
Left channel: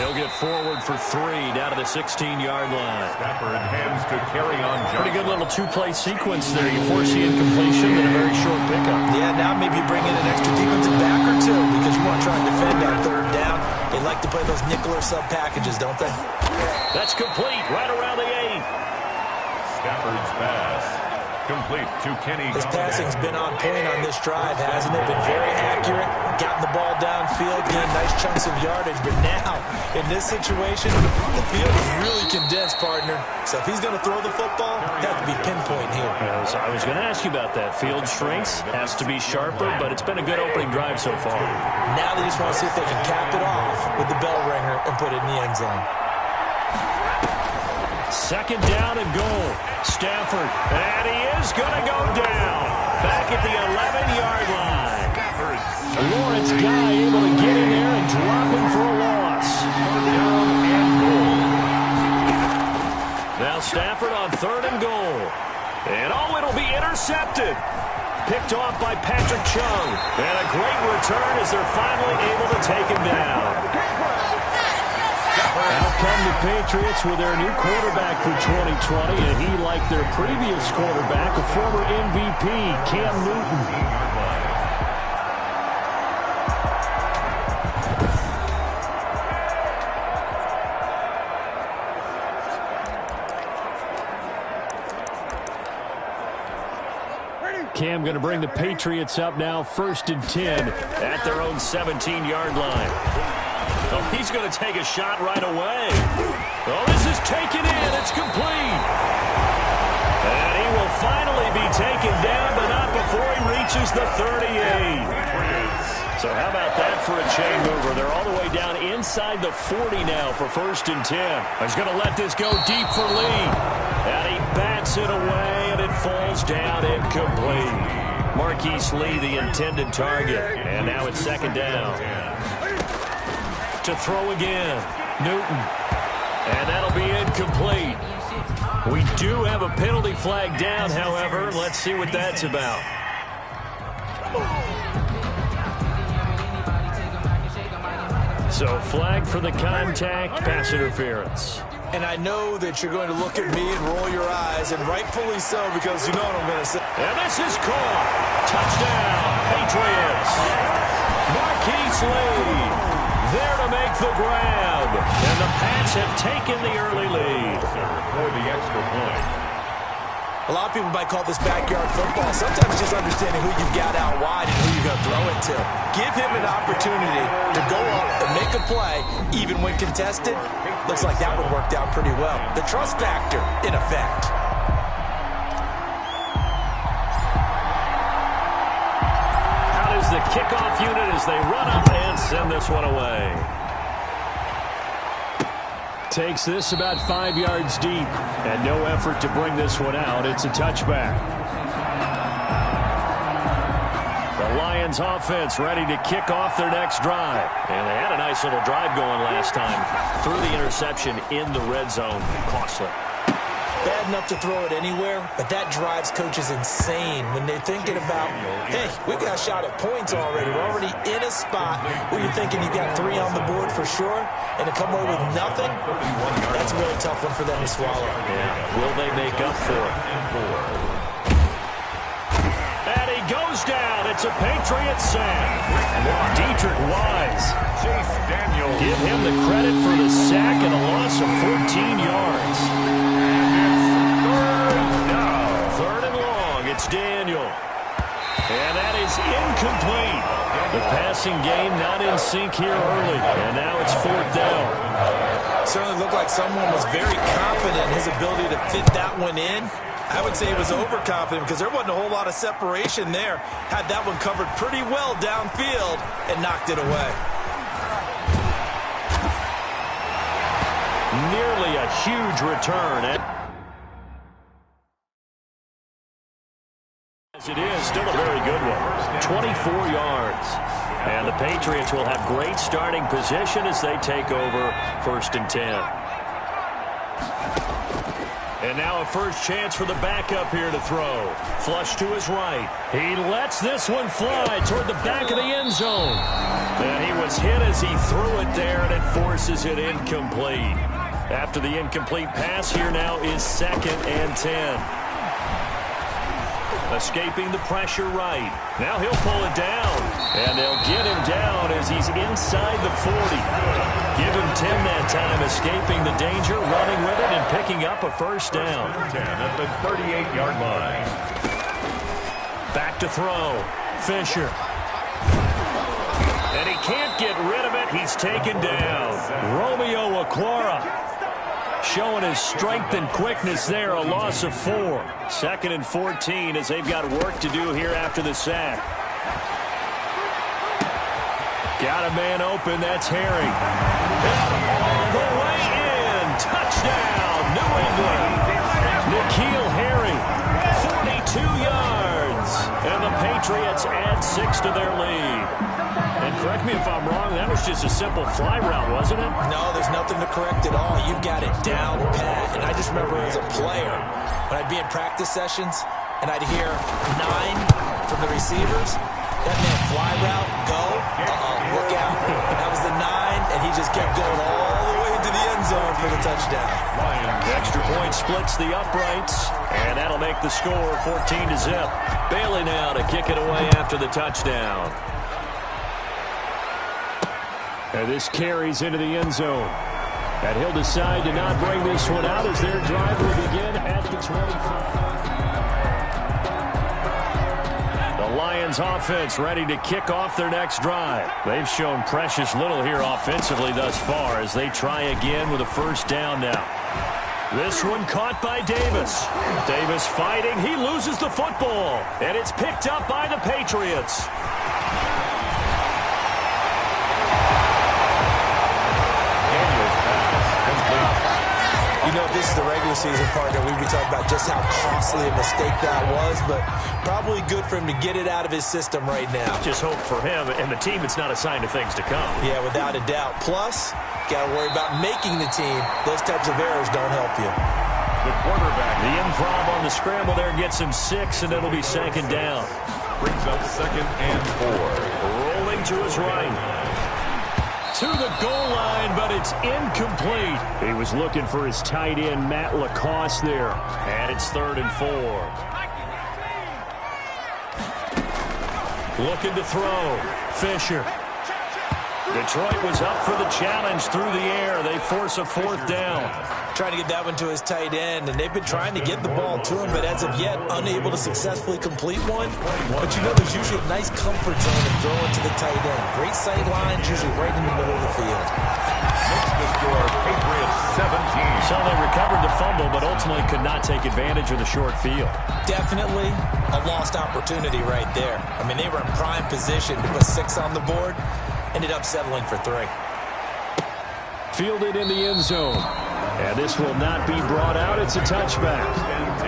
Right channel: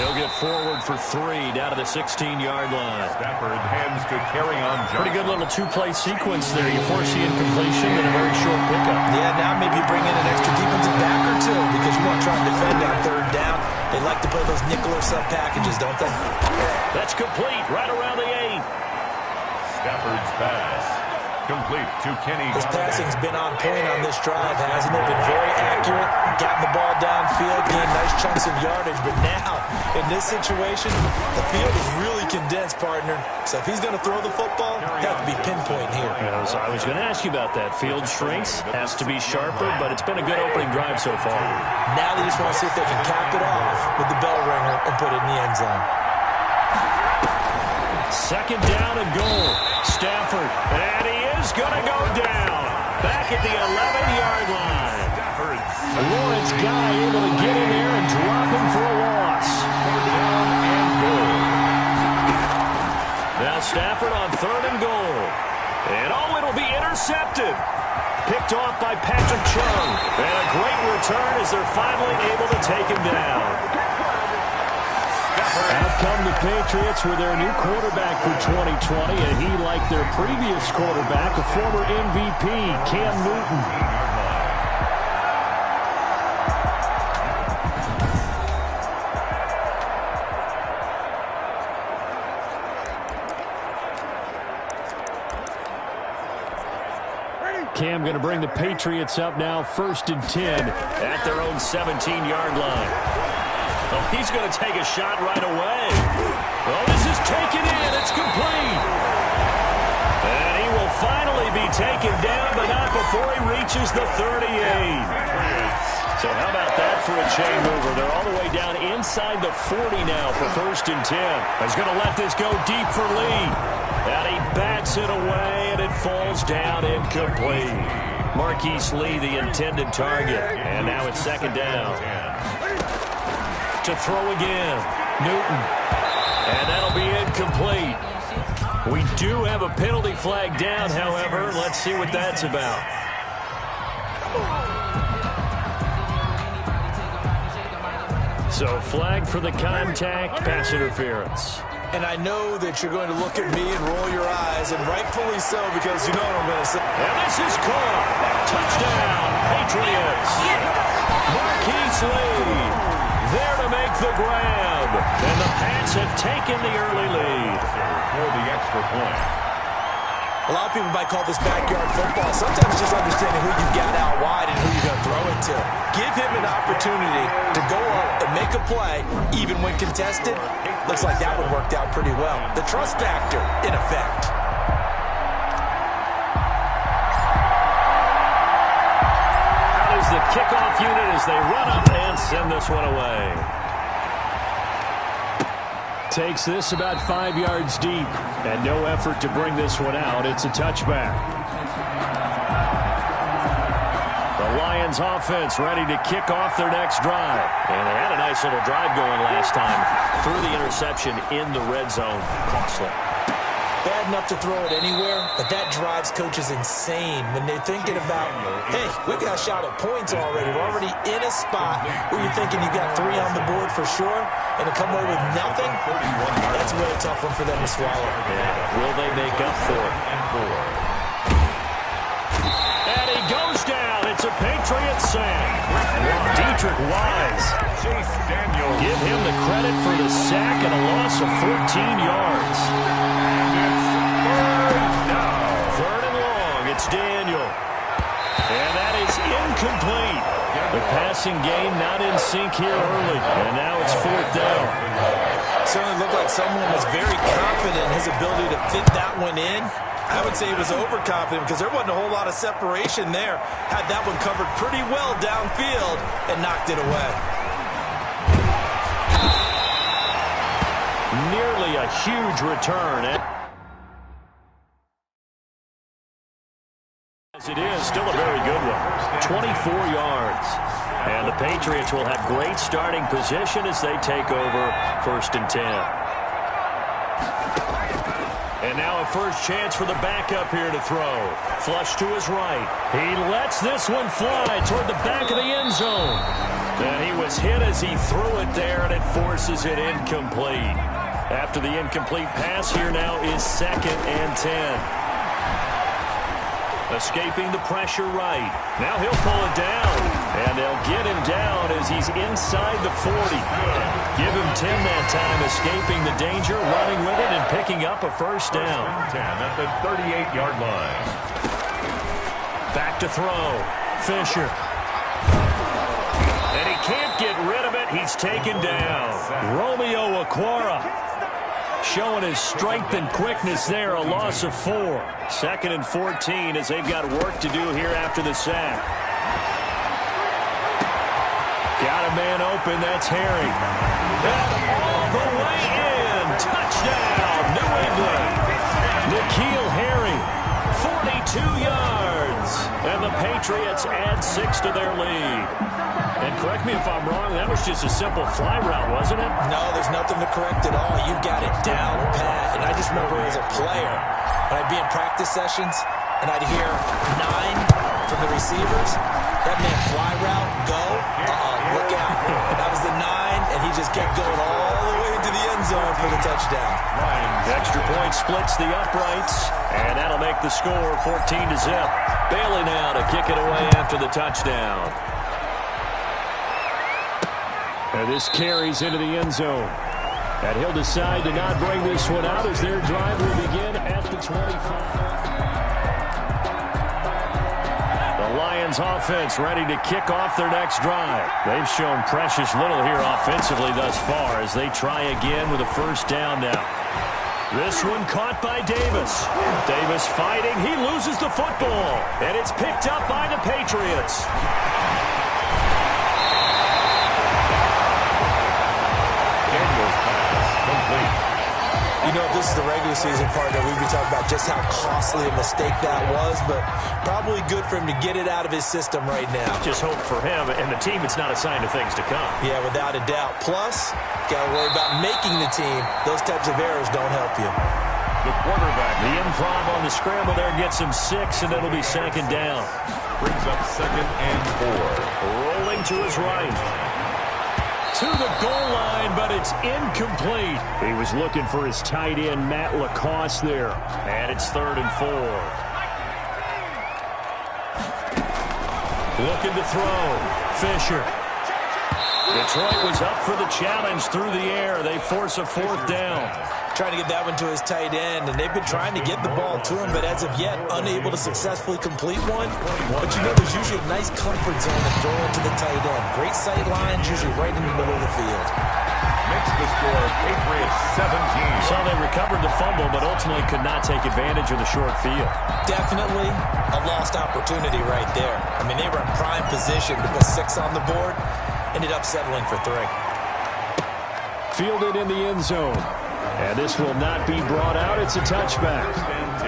He'll get forward for 3 down to the 16-yard line. Stafford hands to Kerryon Johnson. Pretty good little two-play sequence there. You force the incompletion and a very short pickup. Yeah, now maybe you bring in an extra defensive back or two because you want to try and defend on 3rd down. They like to play those nickel or sub packages, don't they? That's complete right around the 8. Stafford's pass. Complete to Kenny. His passing's been on point on this drive, hasn't it? Been very accurate, gotten the ball downfield, gained nice chunks of yardage. But now, in this situation, the field is really condensed, partner. So if he's going to throw the football, it has to be pinpoint here. I was going to ask you about that. Field shrinks, has to be sharper, but it's been a good opening drive so far. Now they just want to see if they can cap it off with the bell ringer and put it in the end zone. 2nd down and goal. Stafford, and he is going to go down. Back at the 11-yard line. Lawrence Guy able to get in there and drop him for a loss. 4th down and goal. Now Stafford on 3rd and goal. And it'll be intercepted. Picked off by Patrick Chung. And a great return as they're finally able to take him down. Out come the Patriots with their new quarterback for 2020, and he, like their previous quarterback, a former MVP, Cam Newton. Cam going to bring the Patriots up now 1st and 10 at their own 17-yard line. Oh, he's going to take a shot right away. Oh, this is taken in. It's complete. And he will finally be taken down, but not before he reaches the 38. So how about that for a chain mover? They're all the way down inside the 40 now for 1st and 10. He's going to let this go deep for Lee. And he bats it away, and it falls down incomplete. Marquise Lee, the intended target. And now it's 2nd down. To throw again. Newton. And that'll be incomplete. We do have a penalty flag down, however. Let's see what that's about. So flag for the contact, pass interference. And I know that you're going to look at me and roll your eyes, and rightfully so, because you know what I'm going to say. And this is caught. Touchdown, Patriots. Marquise Lee there to make the grab. And the Pats have taken the early lead. For the extra point. A lot of people might call this backyard football. Sometimes just understanding who you've got out wide and who you're going to throw it to. Give him an opportunity to go up and make a play, even when contested. Looks like that one worked out pretty well. The trust factor, in effect. Out is the kickoff unit as they run up and send this one away. Takes this about 5 yards deep, and no effort to bring this one out. It's a touchback. The Lions offense ready to kick off their next drive. And they had a nice little drive going last time. Threw the interception in the red zone. Costly. Bad enough to throw it anywhere, but that drives coaches insane when they're thinking about, hey, we've got a shot at points already. We're already in a spot where you're thinking you got 3 on the board for sure, and to come away with nothing, that's a really tough one for them to swallow. Yeah. Will they make up for it? And he goes down. It's a Patriot sack. Dietrich Wise. Chase Daniel. Give him the credit for the sack and a loss of 14 yards. Third and long. It's Daniel. And that is incomplete. The passing game not in sync here early. And now it's 4th down. Certainly looked like someone was very confident in his ability to fit that one in. I would say he was overconfident because there wasn't a whole lot of separation there. Had that one covered pretty well downfield and knocked it away. Nearly a huge return. It is still a very good one. 24 yards. And the Patriots will have great starting position as they take over 1st and 10. And now a first chance for the backup here to throw. Flush to his right. He lets this one fly toward the back of the end zone. And he was hit as he threw it there, and it forces it incomplete. After the incomplete pass, here now is 2nd and 10. Escaping the pressure right. Now he'll pull it down. And they'll get him down as he's inside the 40. Give him 10 that time, escaping the danger, running with it, and picking up a first down. 10 at the 38-yard line. Back to throw. Fisher. And he can't get rid of it. He's taken down. Romeo Okwara. Showing his strength and quickness there, a loss of 4. 2nd and 14 as they've got work to do here after the sack. Got a man open, that's Herring. And all the way in, touchdown, New England. N'Keal Harry, 42 yards. And the Patriots add 6 to their lead. And correct me if I'm wrong, that was just a simple fly route, wasn't it? No, there's nothing to correct at all. You've got it down pat. And I just remember as a player, when I'd be in practice sessions, and I'd hear 9 from the receivers, that meant fly route, go, look out. That was the 9, and he just kept going all the way into the end zone for the touchdown. Extra point splits the uprights, and that'll make the score 14-0. Bailey now to kick it away after the touchdown. And this carries into the end zone. And he'll decide to not bring this one out as their drive will begin at the 25. The Lions offense ready to kick off their next drive. They've shown precious little here offensively thus far as they try again with a first down now. This one caught by Davis. Davis fighting. He loses the football. And it's picked up by the Patriots. Daniels pass complete. You know, if this is the regular season partner, we'd be talking about just how costly a mistake that was, but probably good for him to get it out of his system right now. Just hope for him and the team it's not a sign of things to come. Yeah, without a doubt. Plus, got to worry about making the team. Those types of errors don't help you. The quarterback. The improv on the scramble there gets him 6, and it'll be 2nd down. Brings up 2nd and 4. Rolling to his right. To the goal line, but it's incomplete. He was looking for his tight end, Matt Lacoste there. And it's 3rd and 4. Looking to throw. Fisher. Detroit was up for the challenge through the air. They force a 4th down. Trying to get that one to his tight end, and they've been trying to get the ball to him, but as of yet, unable to successfully complete one. But you know there's usually a nice comfort zone to throw into the tight end. Great sight lines, usually right in the middle of the field. Makes the score Patriots 17. So they recovered the fumble, but ultimately could not take advantage of the short field. Definitely a lost opportunity right there. I mean, they were in prime position to put 6 on the board. Ended up settling for 3. Fielded in the end zone. And this will not be brought out. It's a touchback. 10-10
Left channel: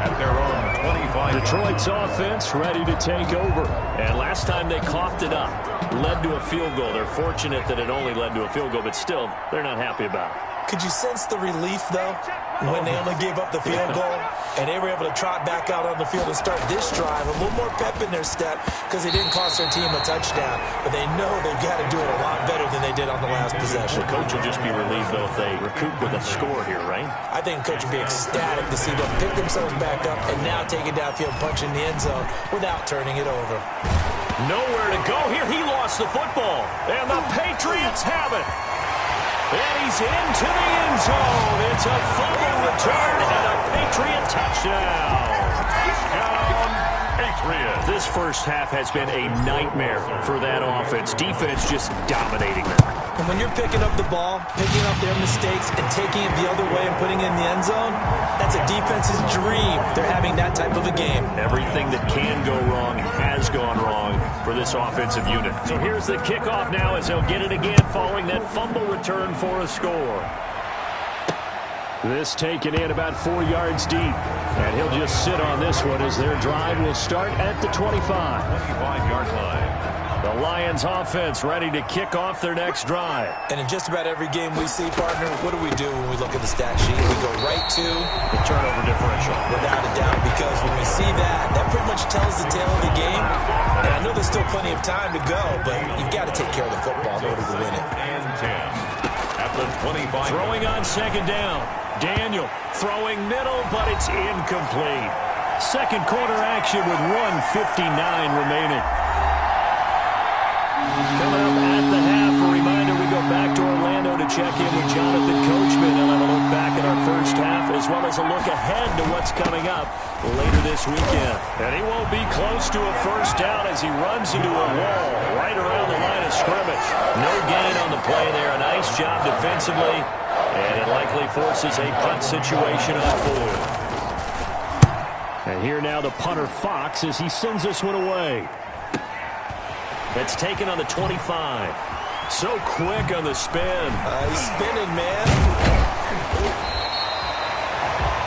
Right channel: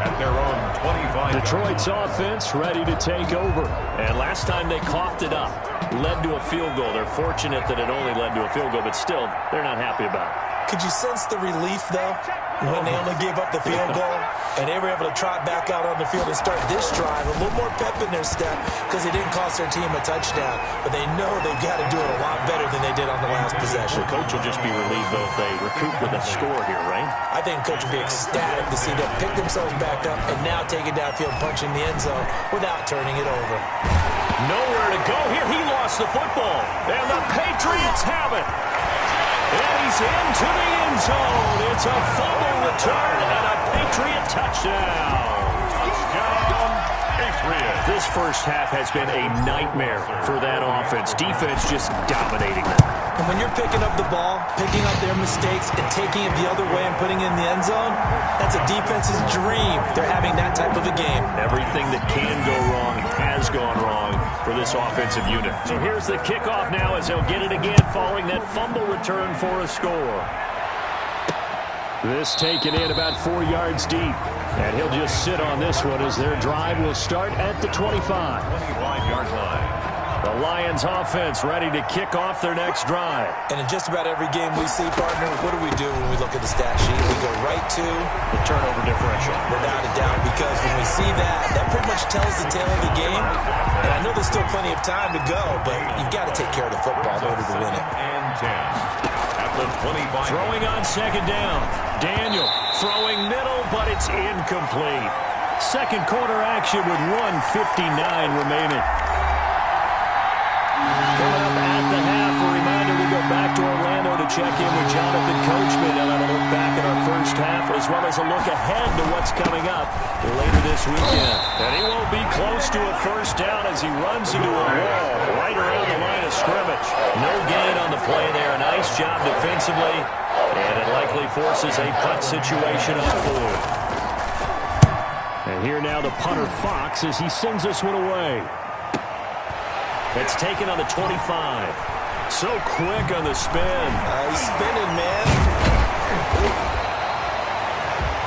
at their own 25. Detroit's offense ready to take over. And last time they coughed it up. Led to a field goal. They're fortunate that it only led to a field goal, but still, they're not happy about it. Could you sense the relief, though, when they only gave up the field goal and they were able to trot back out on the field and start this drive? A little more pep in their step because they didn't cost their team a touchdown, but they know they've got to do it a lot better than they did on the last possession. The coach will just be relieved, though, if they recoup with a score here, right? I think the coach will be ecstatic to see them pick themselves back up and now take it downfield, punch in the end zone without turning it over. Nowhere to go here. He lost the football, and the Patriots have it. And he's into the end zone. It's a fumble return and a Patriot touchdown. Touchdown, Patriots. This first half has been a nightmare for that offense. Defense just dominating them. And when you're picking up the ball, picking up their mistakes, and taking it the other way and putting it in the end zone, that's a defense's dream. They're having that type of a game. Everything that can go wrong has gone wrong for this offensive unit. So here's the kickoff now as they'll get it again following that fumble return for a score. This taken in about 4 yards deep. And he'll just sit on this one as their drive will start at the 25. 25-yard line. The Lions offense ready to kick off their next drive. And in just about every game we see, partner, what do we do when we look at the stat sheet? We go right to the turnover differential. Without a doubt, because when we see that, that pretty much tells the tale of the game. And I know there's still plenty of time to go, but you've got to take care of the football in order to win it. And 10 at the 25. Throwing on second down. Daniel throwing middle, but it's incomplete. Second quarter action with 1:59 remaining. Coming up at the half, a reminder, we go back to Orlando to check in with Jonathan Coachman. He'll have a look back at our first half, as well as a look ahead to what's coming up later this weekend. And he won't be close to a first down as he runs into a wall right around the line of scrimmage. No gain on the play there. A nice job defensively, and it likely forces a punt situation on fourth. And here now the punter, Fox, as he sends this one away. It's taken on the 25. So quick on the spin. He's spinning, man.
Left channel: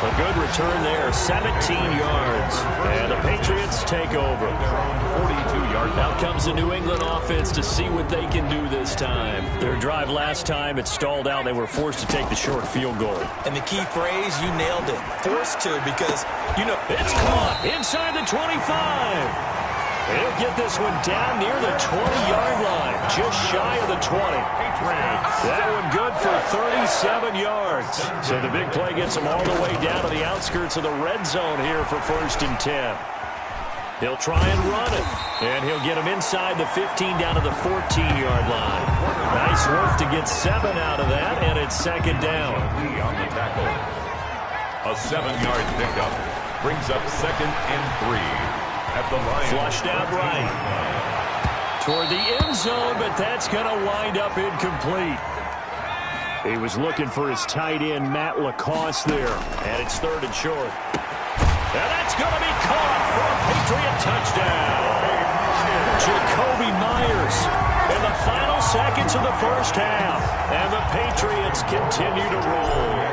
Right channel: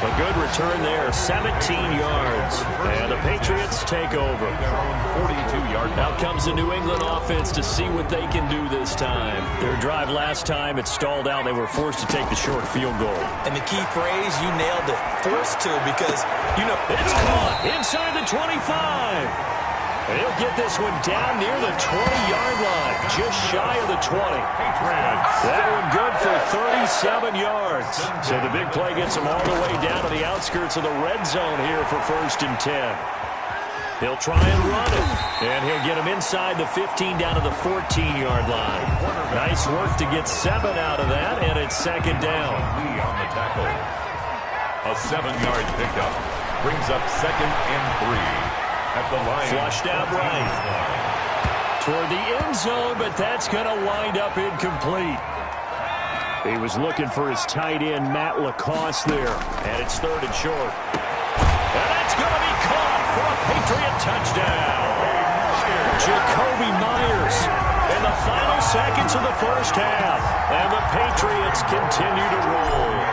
A good return there, 17 yards. And the Patriots take over. Their own 42-yard. Now comes the New England offense to see what they can do this time. Their drive last time, it stalled out. They were forced to take the short field goal. And the key phrase, you nailed it. Forced to, because, you know. It's caught inside the 25. He'll get this one down near the 20-yard line, just shy of the 20. That one good for 37 yards. So the big play gets him all the way down to the outskirts of the red zone here for 1st and 10. He'll try and run it, and he'll get him inside the 15 down to the 14-yard line. Nice work to get 7 out of that, and it's second down. Lee on the tackle. A 7-yard pickup brings up 2nd and 3. At the line. Flushed out right. Toward the end zone, but that's going to wind up incomplete. He was looking for his tight end, Matt Lacoste, there. And it's 3rd and short. And that's going to be caught for a Patriot touchdown. Jakobi Meyers in the final seconds of the first half. And the Patriots continue to roll.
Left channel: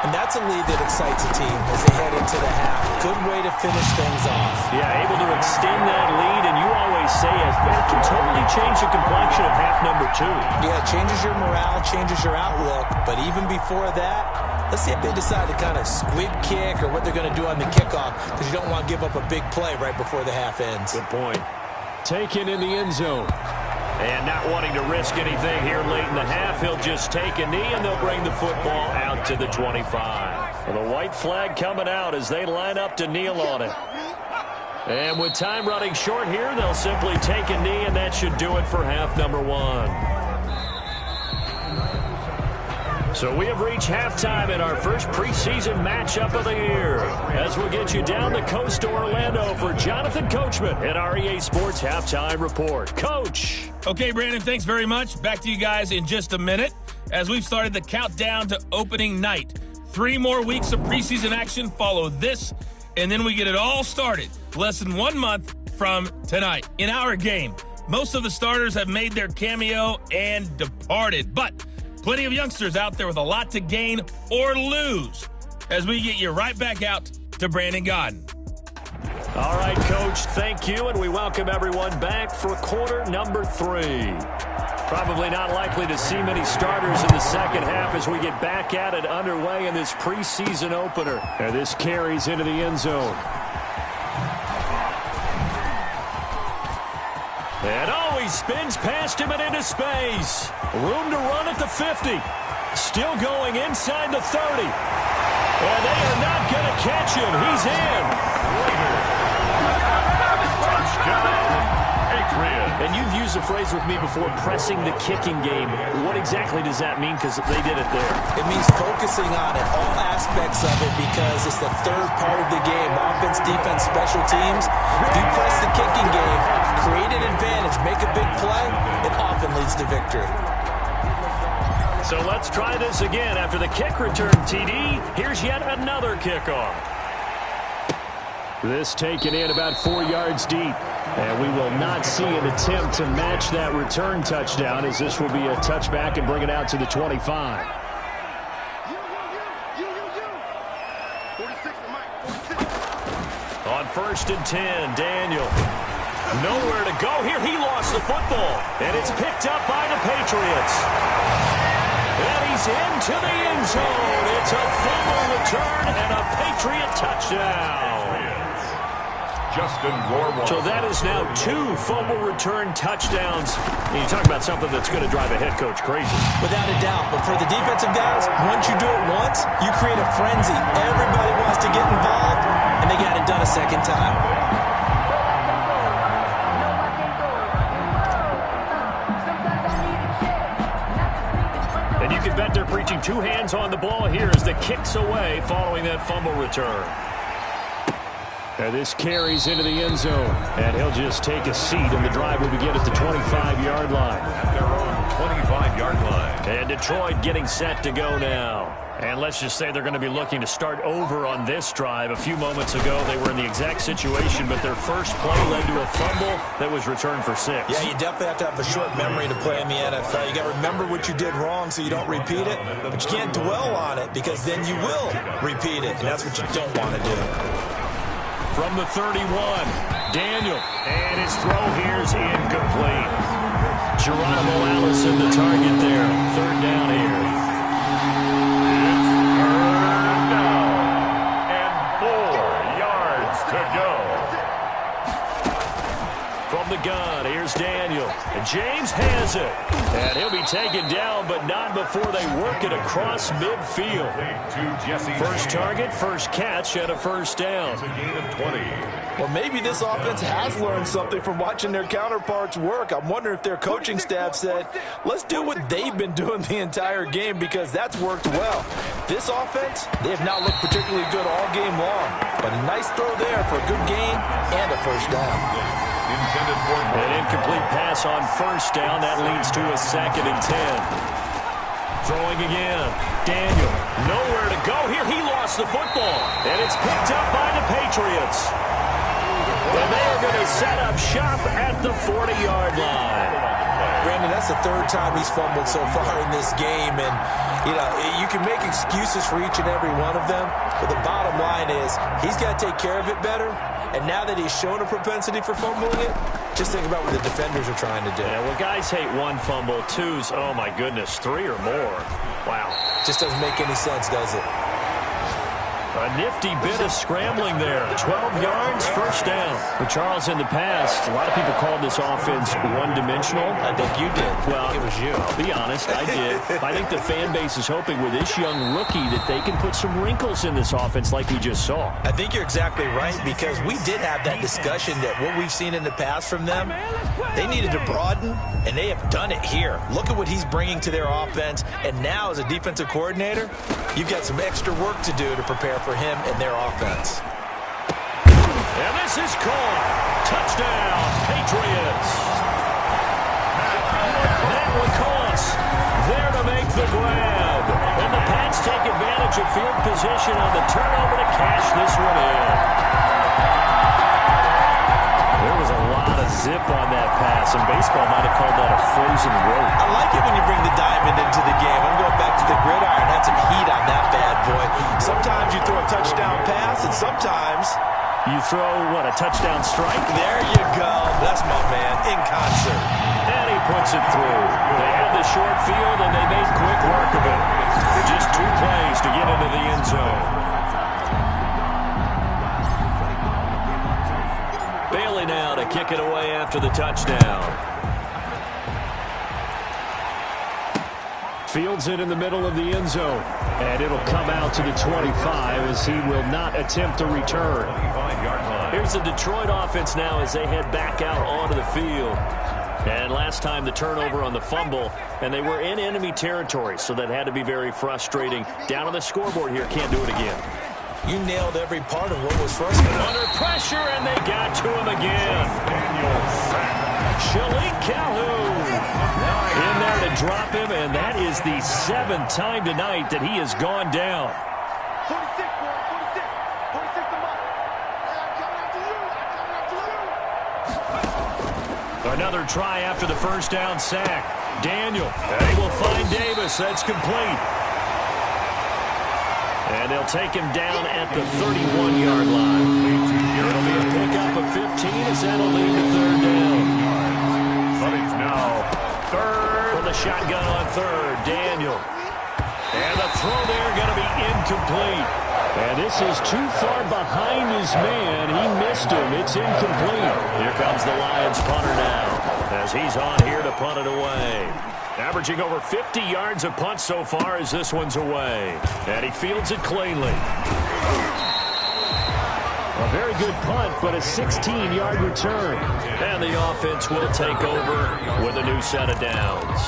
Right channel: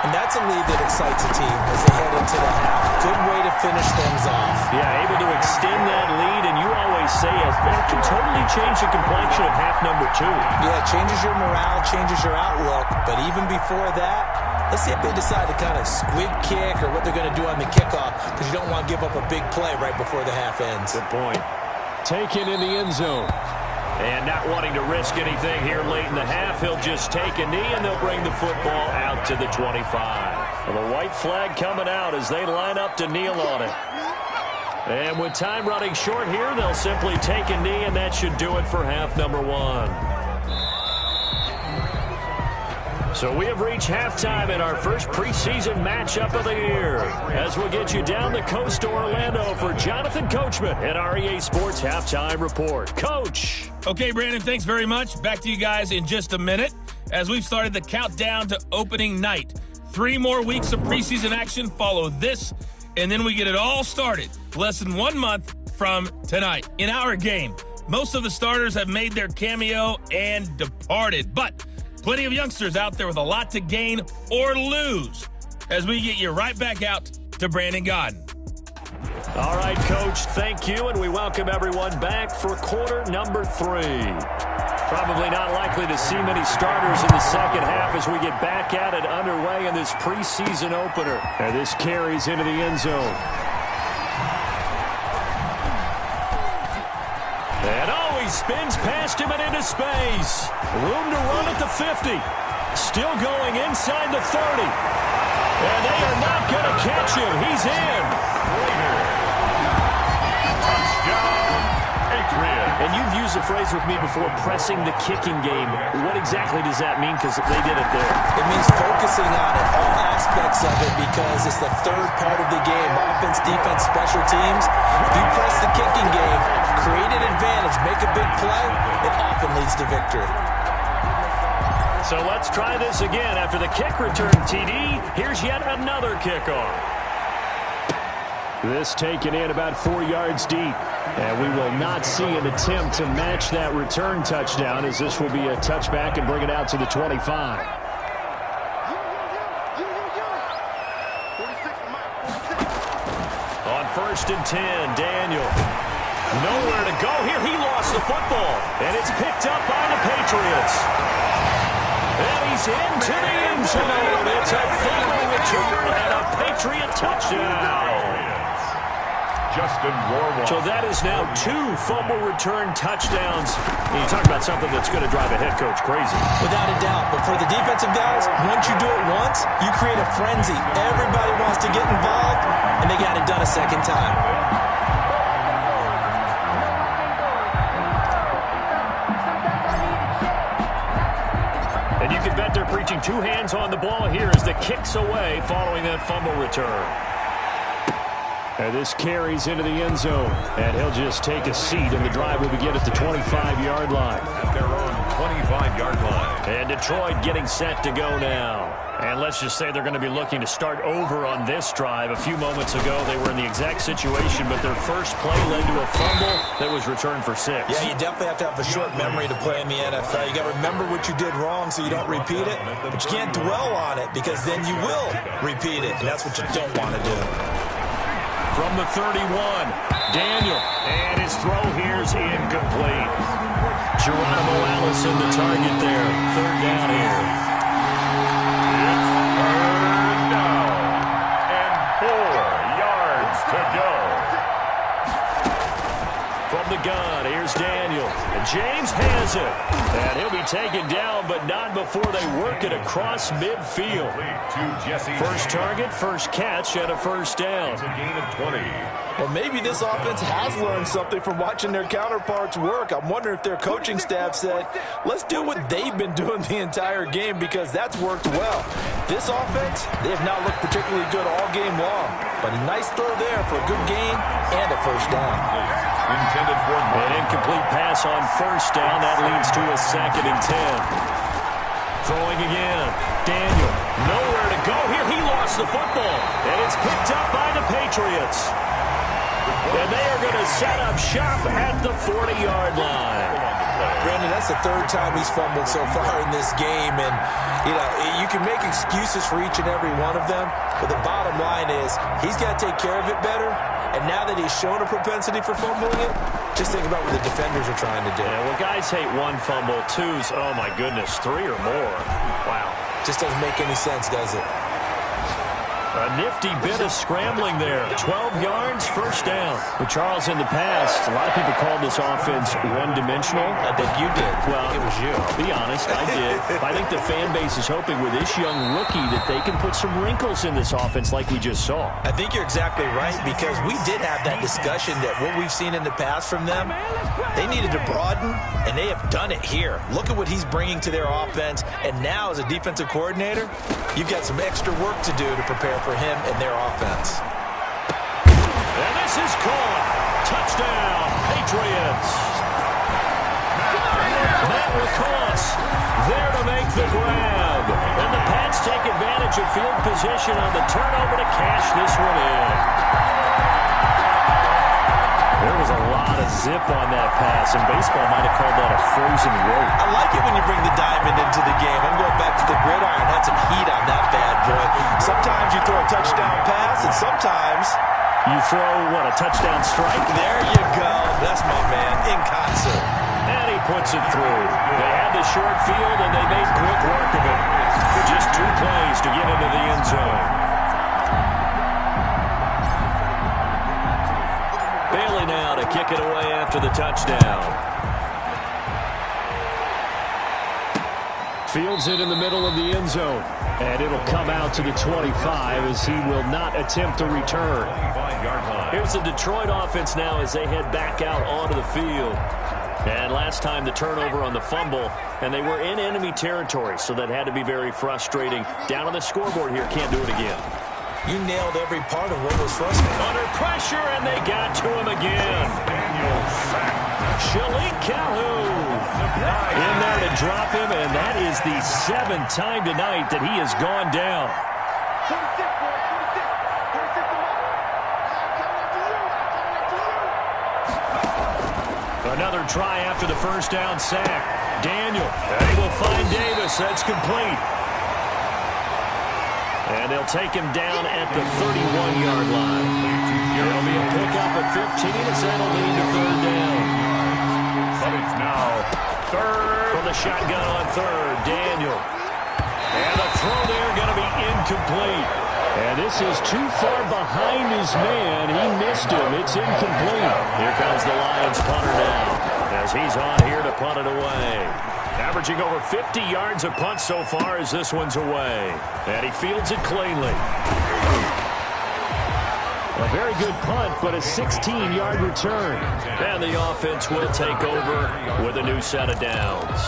And that's a lead that excites a team as they head into the half. Good way to finish things off. Yeah, able to extend that lead, and you always say it can totally change the complexion of half number 2. Yeah, it changes your morale, changes your outlook. But even before that, let's see if they decide to kind of squib kick or what they're going to do on the kickoff, because you don't want to give up a big play right before the half ends. Good point. Taken in the end zone. And not wanting to risk anything here late in the half, he'll just take a knee, and they'll bring the football out to the 25. Well, the white flag coming out as they line up to kneel on it. And with time running short here, they'll simply take a knee, and that should do it for half number 1. So we have reached halftime in our first preseason matchup of the year. As we'll get you down the coast to Orlando for Jonathan Coachman at our EA Sports Halftime Report. Coach. Okay, Brandon, thanks very much. Back to you guys in just a minute as we've started the countdown to opening night. 3 more weeks of preseason action follow this, and then we get it all started less than 1 month from tonight. In our game, most of the starters have made their cameo and departed, but plenty of youngsters out there with a lot to gain or lose as we get you right back out to Brandon Gaudin. All right, Coach, thank you, and we welcome everyone back for quarter number 3. Probably not likely to see many starters in the second half as we get back at it underway in this preseason opener. And this carries into the end zone. And he spins past him and into space. Room to run at the 50. Still going inside the 30. And they are not going to catch him. He's in. Touchdown, Patriots. And you've used the phrase with me before, pressing the kicking game. What exactly does that mean? Because they did it there. It means focusing on it, all aspects of it, because it's the third part of the game. Offense, defense, special teams. If you press the kicking game, create an advantage, make a big play, it often leads to victory. So let's try this again. After the kick return, TD, here's yet another kickoff. This taken in about 4 yards deep. And we will not see an attempt to match that return touchdown, as this will be a touchback and bring it out to the 25. On 1st and 10, Daniel. Nowhere to go here. He lost the football. And it's picked up by the Patriots. And he's into the end zone. It's a fumble return and a Patriot touchdown. Justin Rohrwasser. So that is now 2 fumble return touchdowns. And you talk about something that's going to drive a head coach crazy. Without a doubt. But for the defensive guys, once you do it once, you create a frenzy. Everybody wants to get involved, and they got it done a second time. And you can bet they're preaching 2 hands on the ball here as the kick's away following that fumble return. And this carries into the end zone. And he'll just take a seat, and the drive will begin at the 25-yard line. At their own 25-yard line. And Detroit getting set to go now. And let's just say they're going to be looking to start over on this drive. A few moments ago, they were in the exact situation, but their first play led to a fumble that was returned for 6. Yeah, you definitely have to have a short memory to play in the NFL. You got to remember what you did wrong so you don't repeat it, but you can't dwell on it because then you will repeat it, and that's what you don't want to do. From the 31, Daniel, and his throw here's incomplete. Geronimo Allison, the target there. 3rd down here. It's 3rd down and 4 yards to go. From the gun, here's Daniel. And James has it. And he'll be taken down, but not before they work it across midfield. First target, first catch, and a 1st down. It's a gain of 20. Well, maybe this offense has learned something from watching their counterparts work. I'm wondering if their coaching staff said, let's do what they've been doing the entire game because that's worked well. This offense, they have not looked particularly good all game long. But a nice throw there for a good gain and a 1st down. Intended for an incomplete pass on 1st down. That leads to a 2nd and 10. Throwing again. Daniel, nowhere to go here. He lost the football. And it's picked up by the Patriots. And they are going to set up shop at the 40-yard line. Brandon, that's the 3rd time he's fumbled so far in this game. And, you know, you can make excuses for each and every one of them. But the bottom line is he's got to take care of it better. And now that he's shown a propensity for fumbling it, just think about what the defenders are trying to do. Yeah, well, guys hate 1 fumble, 2's, oh, my goodness, 3 or more. Wow. Just doesn't make any sense, does it? A nifty bit of scrambling there. 12 yards, 1st down. But Charles, in the past, a lot of people called this offense one-dimensional. I think you did. Well, it was you. I'll be honest, I did. I think the fan base is hoping with this young rookie that they can put some wrinkles in this offense like we just saw. I think you're exactly right because we did have that discussion that what we've seen in the past from them, they needed to broaden, and they have done it here. Look at what he's bringing to their offense, and now as a defensive coordinator, you've got some extra work to do to prepare for him and their offense. And this is caught. Touchdown, Patriots. Matt LaCosse there to make the grab. And the Pats take advantage of field position on the turnover to cash this one in. There was a lot of zip on that pass, and baseball might have called that a frozen rope. I like it when you bring the diamond into the game. I'm going back to the gridiron. Had some heat on that bad boy. Sometimes you throw a touchdown pass, and sometimes you throw, what, a touchdown strike? There you go. That's my man, in concert. And he puts it through. They had the short field, and they made quick work of it. Just 2 plays to get into the end zone. Bailey now to kick it away after the touchdown. Fields it in the middle of the end zone. And it'll come out to the 25 as he will not attempt to return. Here's the Detroit offense now as they head back out onto the field. And last time the turnover on the fumble, and they were in enemy territory, so that had to be very frustrating. Down on the scoreboard here, can't do it again. You nailed every part of what was frustrating. Under pressure, and they got to him again. Shalik Calhoun in there to drop him, and that is the 7th time tonight that he has gone down. 46, boy, 46. 46 them up. I'm coming after you. Another try after the 1st down sack. Daniel, they will find Davis. That's complete. And they'll take him down at the 31-yard line. It'll be a pickup of 15 as that'll lead to third down. But it's now third. From the shotgun on third, Daniel. And the throw there going to be incomplete. And this is too far behind his man. He missed him. It's incomplete. Here comes the Lions punter now as he's on here to punt it away. Averaging over 50 yards a punt so far as this one's away. And he fields it cleanly. A very good punt, but a 16-yard return. And the offense will take over with a new set of downs.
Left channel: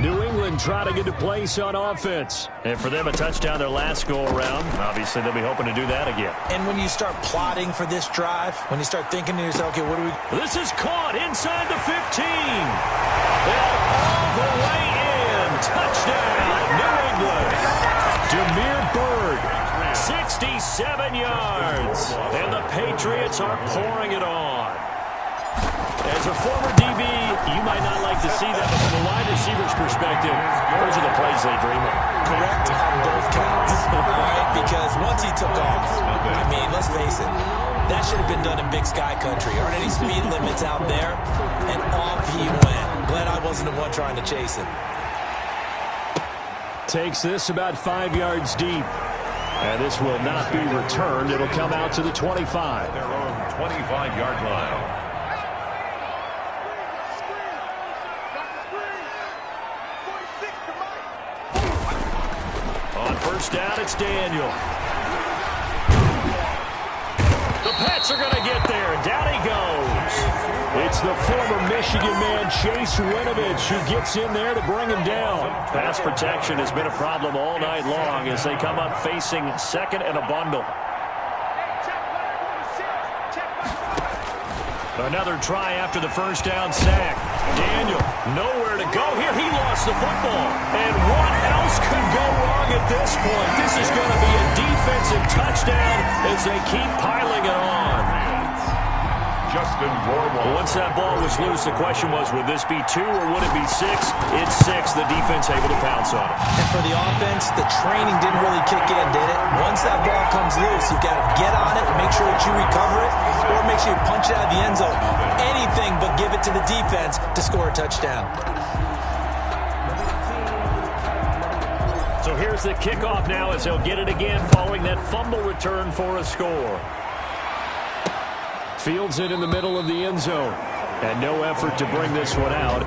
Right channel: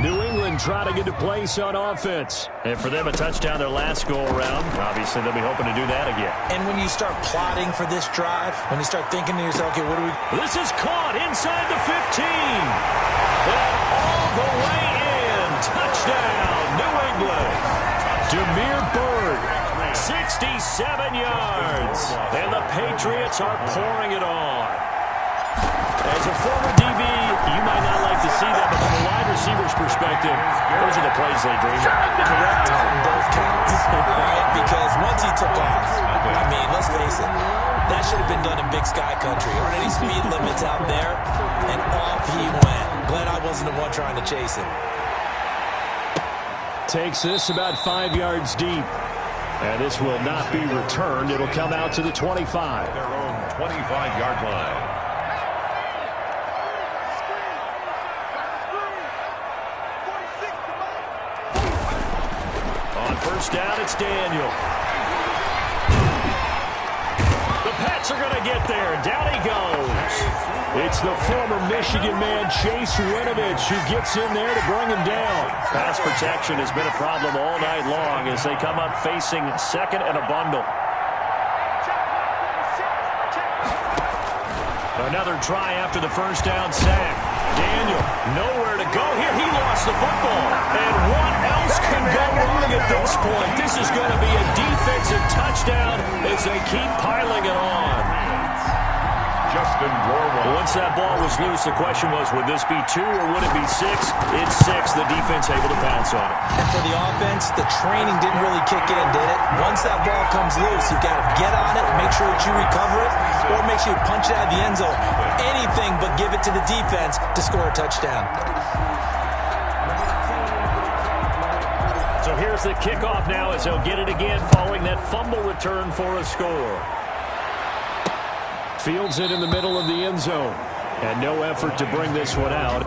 New England trying to get a place on offense. And for them, a touchdown their last go-around. Obviously, they'll be hoping to do that again. And when you start plotting for this drive, when you start thinking to yourself, okay, what do we... This is caught inside the 15. And all the way in. Touchdown, New England. Demir Bird, 67 yards. And the Patriots are pouring it on. As a former DB, you might not like to see that, but from a wide receiver's perspective, those are the plays they dream of. Correct on both counts, all right? Because once he took off, I mean, let's face it, that should have been done in Big Sky Country. Aren't any speed limits out there? And off he went. Glad I wasn't the one trying to chase him. Takes this about 5 yards deep. And this will not be returned. It'll come out to the 25. Their own 25-yard line. On first down, it's Daniel. The Pats are going to get there. Down he goes. It's the former Michigan man, Chase Winovich, who gets in there to bring him down. Pass protection has been a problem all night long as they come up facing second and a bundle. Another try after the first down sack. Daniel, nowhere to go here. He lost the football. And what else could go wrong at this point? This is going to be a defensive touchdown as they keep piling it on. Justin Rohrwald. Once that ball was loose, the question was, would this be 2 or would it be 6? It's 6. The defense able to pounce on it. And for the offense, the training didn't really kick in, did it? Once that ball comes loose, you've got to get on it, make sure that you recover it, or make sure you punch it out of the end zone. Anything but give it to the defense to score a touchdown. So here's the kickoff now as they'll get it again following that fumble return for a score. Fields it in the middle of the end zone. And no effort to bring this one out.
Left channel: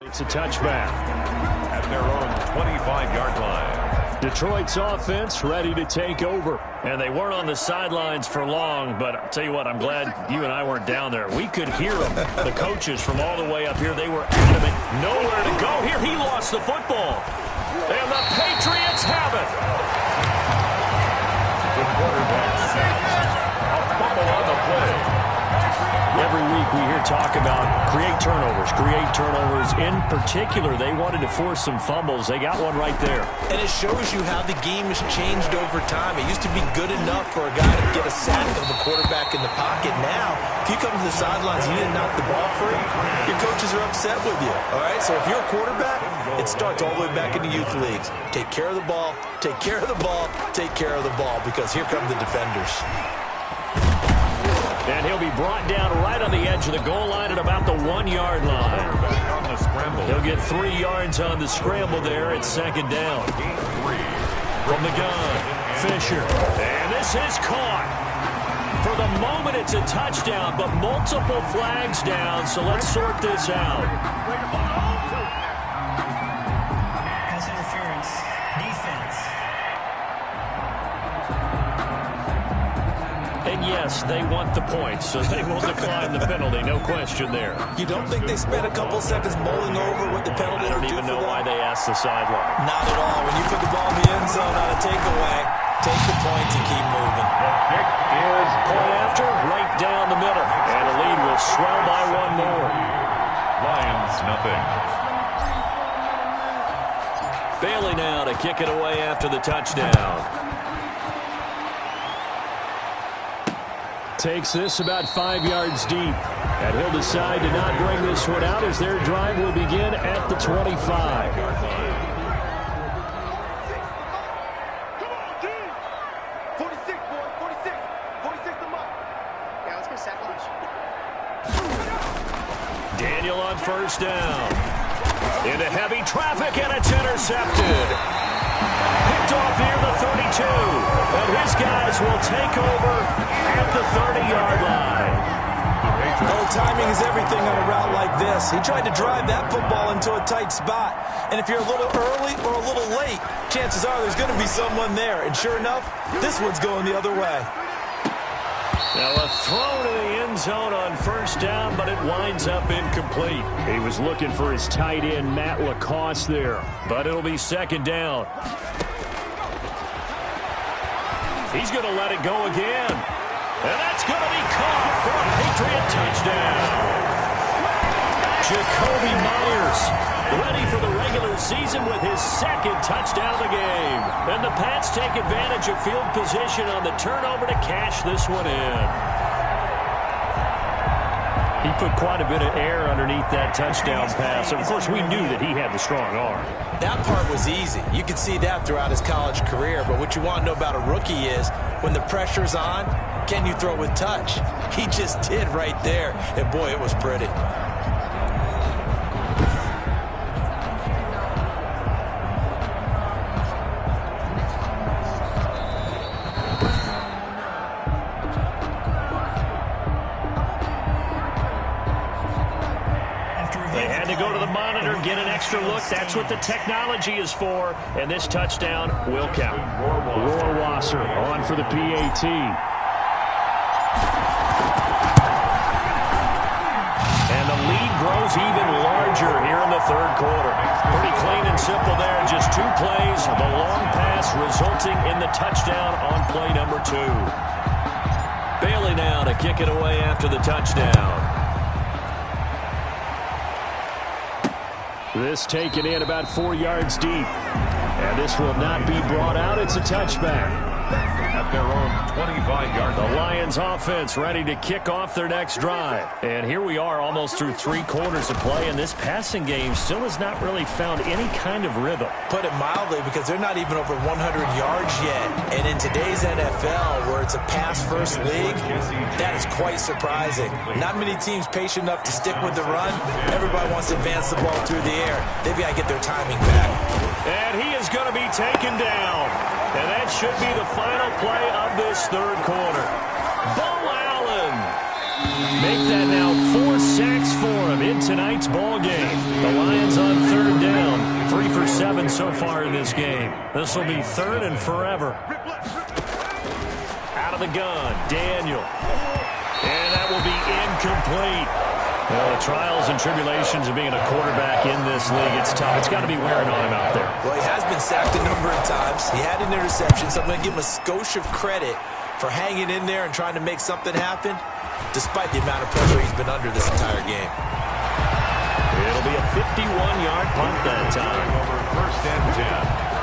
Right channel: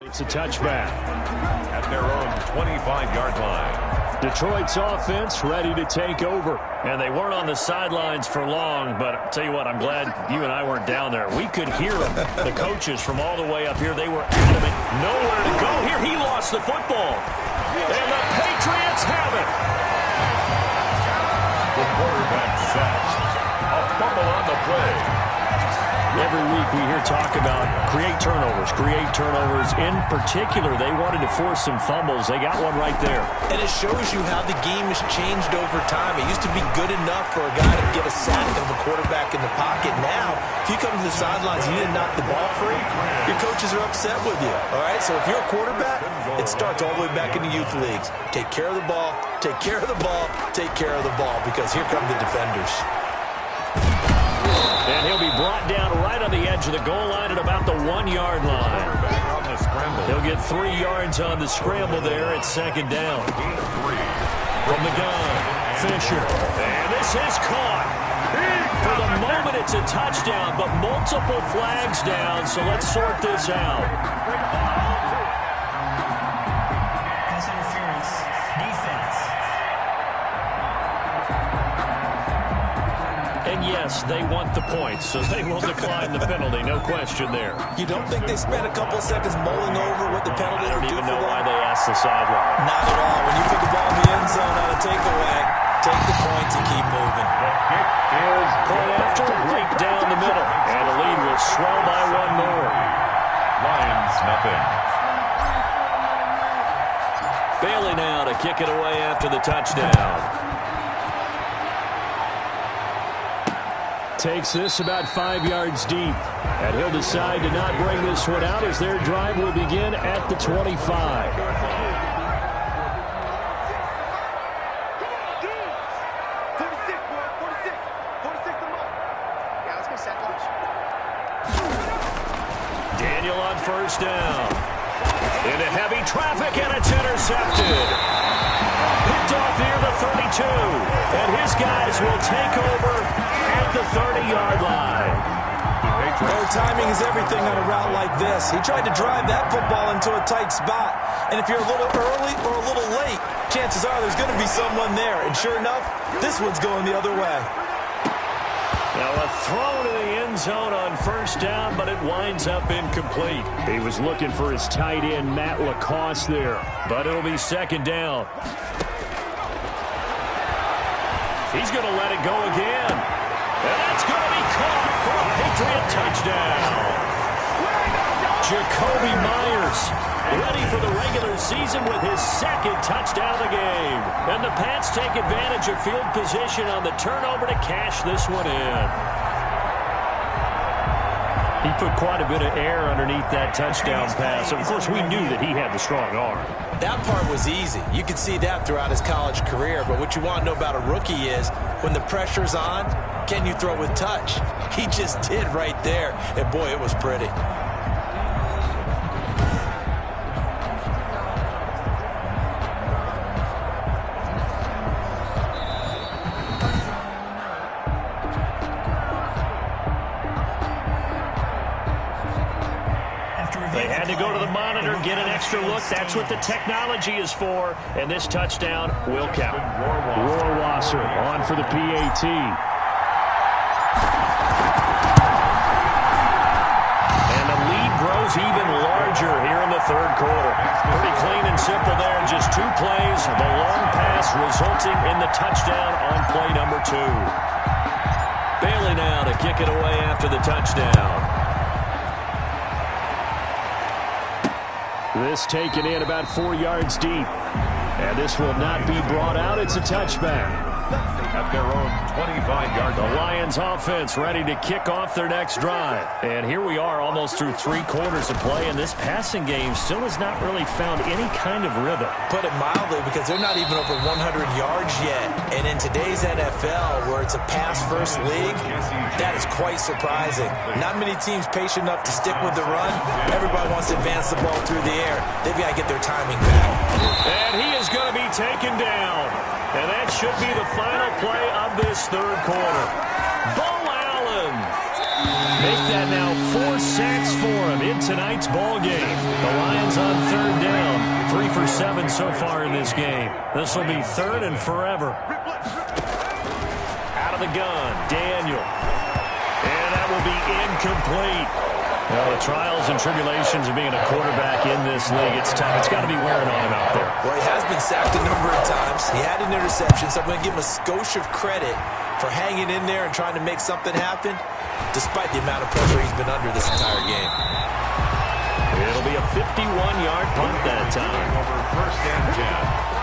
It's a touchback. At their own 25-yard line. Detroit's offense ready to take over. And they weren't on the sidelines for long, but I'll tell you what, I'm glad you and I weren't down there. We could hear them. The coaches from all the way up here, they were adamant. Nowhere to go here. He lost the football. And the Patriots have it. The quarterback sacked. A fumble on the play. Every week we hear talk about create turnovers. In particular, they wanted to force some fumbles. They got one right there. And it shows you how the game has changed over time. It used to be good enough for a guy to get a sack of a quarterback in the pocket. Now, if you come to the sidelines and you didn't knock the ball free, your coaches are upset with you. All right? So if you're a quarterback, it starts all the way back in the youth leagues. Take care of the ball, take care of the ball, take care of the ball, because here come the defenders. And he'll be brought down right on the edge of the goal line at about the 1-yard line. On the scramble. He'll get 3 yards on the scramble there at second down. From the gun, Fisher. And this is caught. For the moment, it's a touchdown, but multiple flags down, so let's sort this out. Pass interference. Defense. And yes, they want the points, so they will decline the penalty. No question there. You don't think they spent a couple seconds mulling over what the penalty would do for them? I don't even know why they asked the sideline. Not at all. When you put the ball in the end zone on a takeaway, take the points and keep moving. The kick is point after, right down the middle. And the lead will swell by 1 more. Lions, nothing. Bailey now to kick it away after the touchdown. takes this about 5 yards deep. And he'll decide to not bring this one out as their drive will begin at the 25. Daniel on first down. Into heavy traffic, and it's intercepted. Picked off near the 32. And his guys will take over at the 30-yard line. Oh, timing is everything on a route like this. He tried to drive that football into a tight spot. And if you're a little early or a little late, chances are there's going to be someone there. And sure enough, this one's going the other way. Now a throw to the end zone on first down, but it winds up incomplete. He was looking for his tight end, Matt Lacoste, there. But it'll be second down. He's going to let it go again. And that's going to be caught for a Patriot touchdown. Jakobi Meyers ready for the regular season with his second touchdown of the game. And the Pats take advantage of field position on the turnover to cash this one in. He put quite a bit of air underneath that touchdown pass. Of course, we knew that he had the strong arm. That part was easy. You could see that throughout his college career. But what you want to know about a rookie is when the pressure's on, can you throw with touch? He just did right there. And boy, it was pretty. They had to go to the monitor, get an extra look. That's what the technology is for. And this touchdown will count. Rohrwasser on for the PAT. And the lead grows even larger here in the third quarter. Pretty clean and simple there. Just 2 plays. The long pass resulting in the touchdown on play number 2. Bailey now to kick it away after the touchdown. This taken in about 4 yards deep. And this will not be brought out. It's a touchback. At their own 25-yard line. The Lions offense ready to kick off their next drive. And here we are almost through 3 quarters of play, and this passing game still has not really found any kind of rhythm. Put it mildly, because they're not even over 100 yards yet. And in today's NFL, where it's a pass-first league, that is quite surprising. Not many teams patient enough to stick with the run. Everybody wants to advance the ball through the air. They've got to get their timing back. And he is going to be taken down. And that should be the final play of this third quarter. Bo Allen. Make that now 4 sacks for him in tonight's ball game. The Lions on third down. 3 for 7 so far in this game. This will be third and forever. Out of the gun, Daniel. And that will be incomplete. Well, the trials and tribulations of being a quarterback in this league, it's tough. It's got to be wearing on him out there. Well, he has been sacked a number of times. He had an interception, so I'm going to give him a skosh of credit for hanging in there and trying to make something happen, despite the amount of pressure he's been under this entire game. It'll be a 51-yard punt that time. Over first and 10.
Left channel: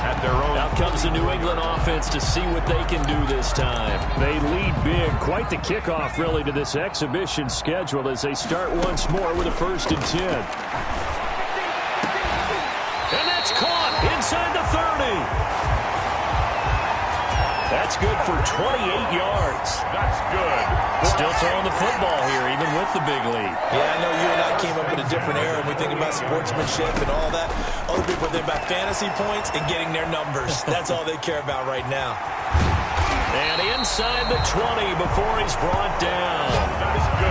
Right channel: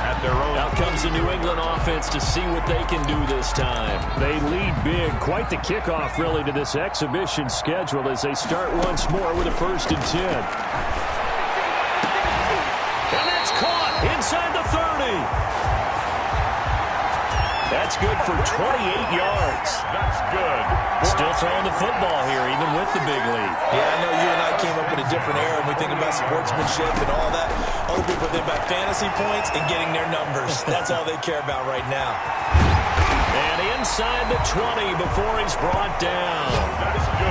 At their own. Out comes the New England offense to see what they can do this time. They lead big. Quite the kickoff, really, to this exhibition schedule as they start once more with a 1st and 10. And that's caught inside the 30. That's good for 28 yards. That's good. Still throwing the football here, even with the big lead. Yeah, I know you and I came up in a different era, and we think about sportsmanship and all that. Other people think about fantasy points and getting their numbers. That's all they care about right now. And inside the 20 before he's brought down.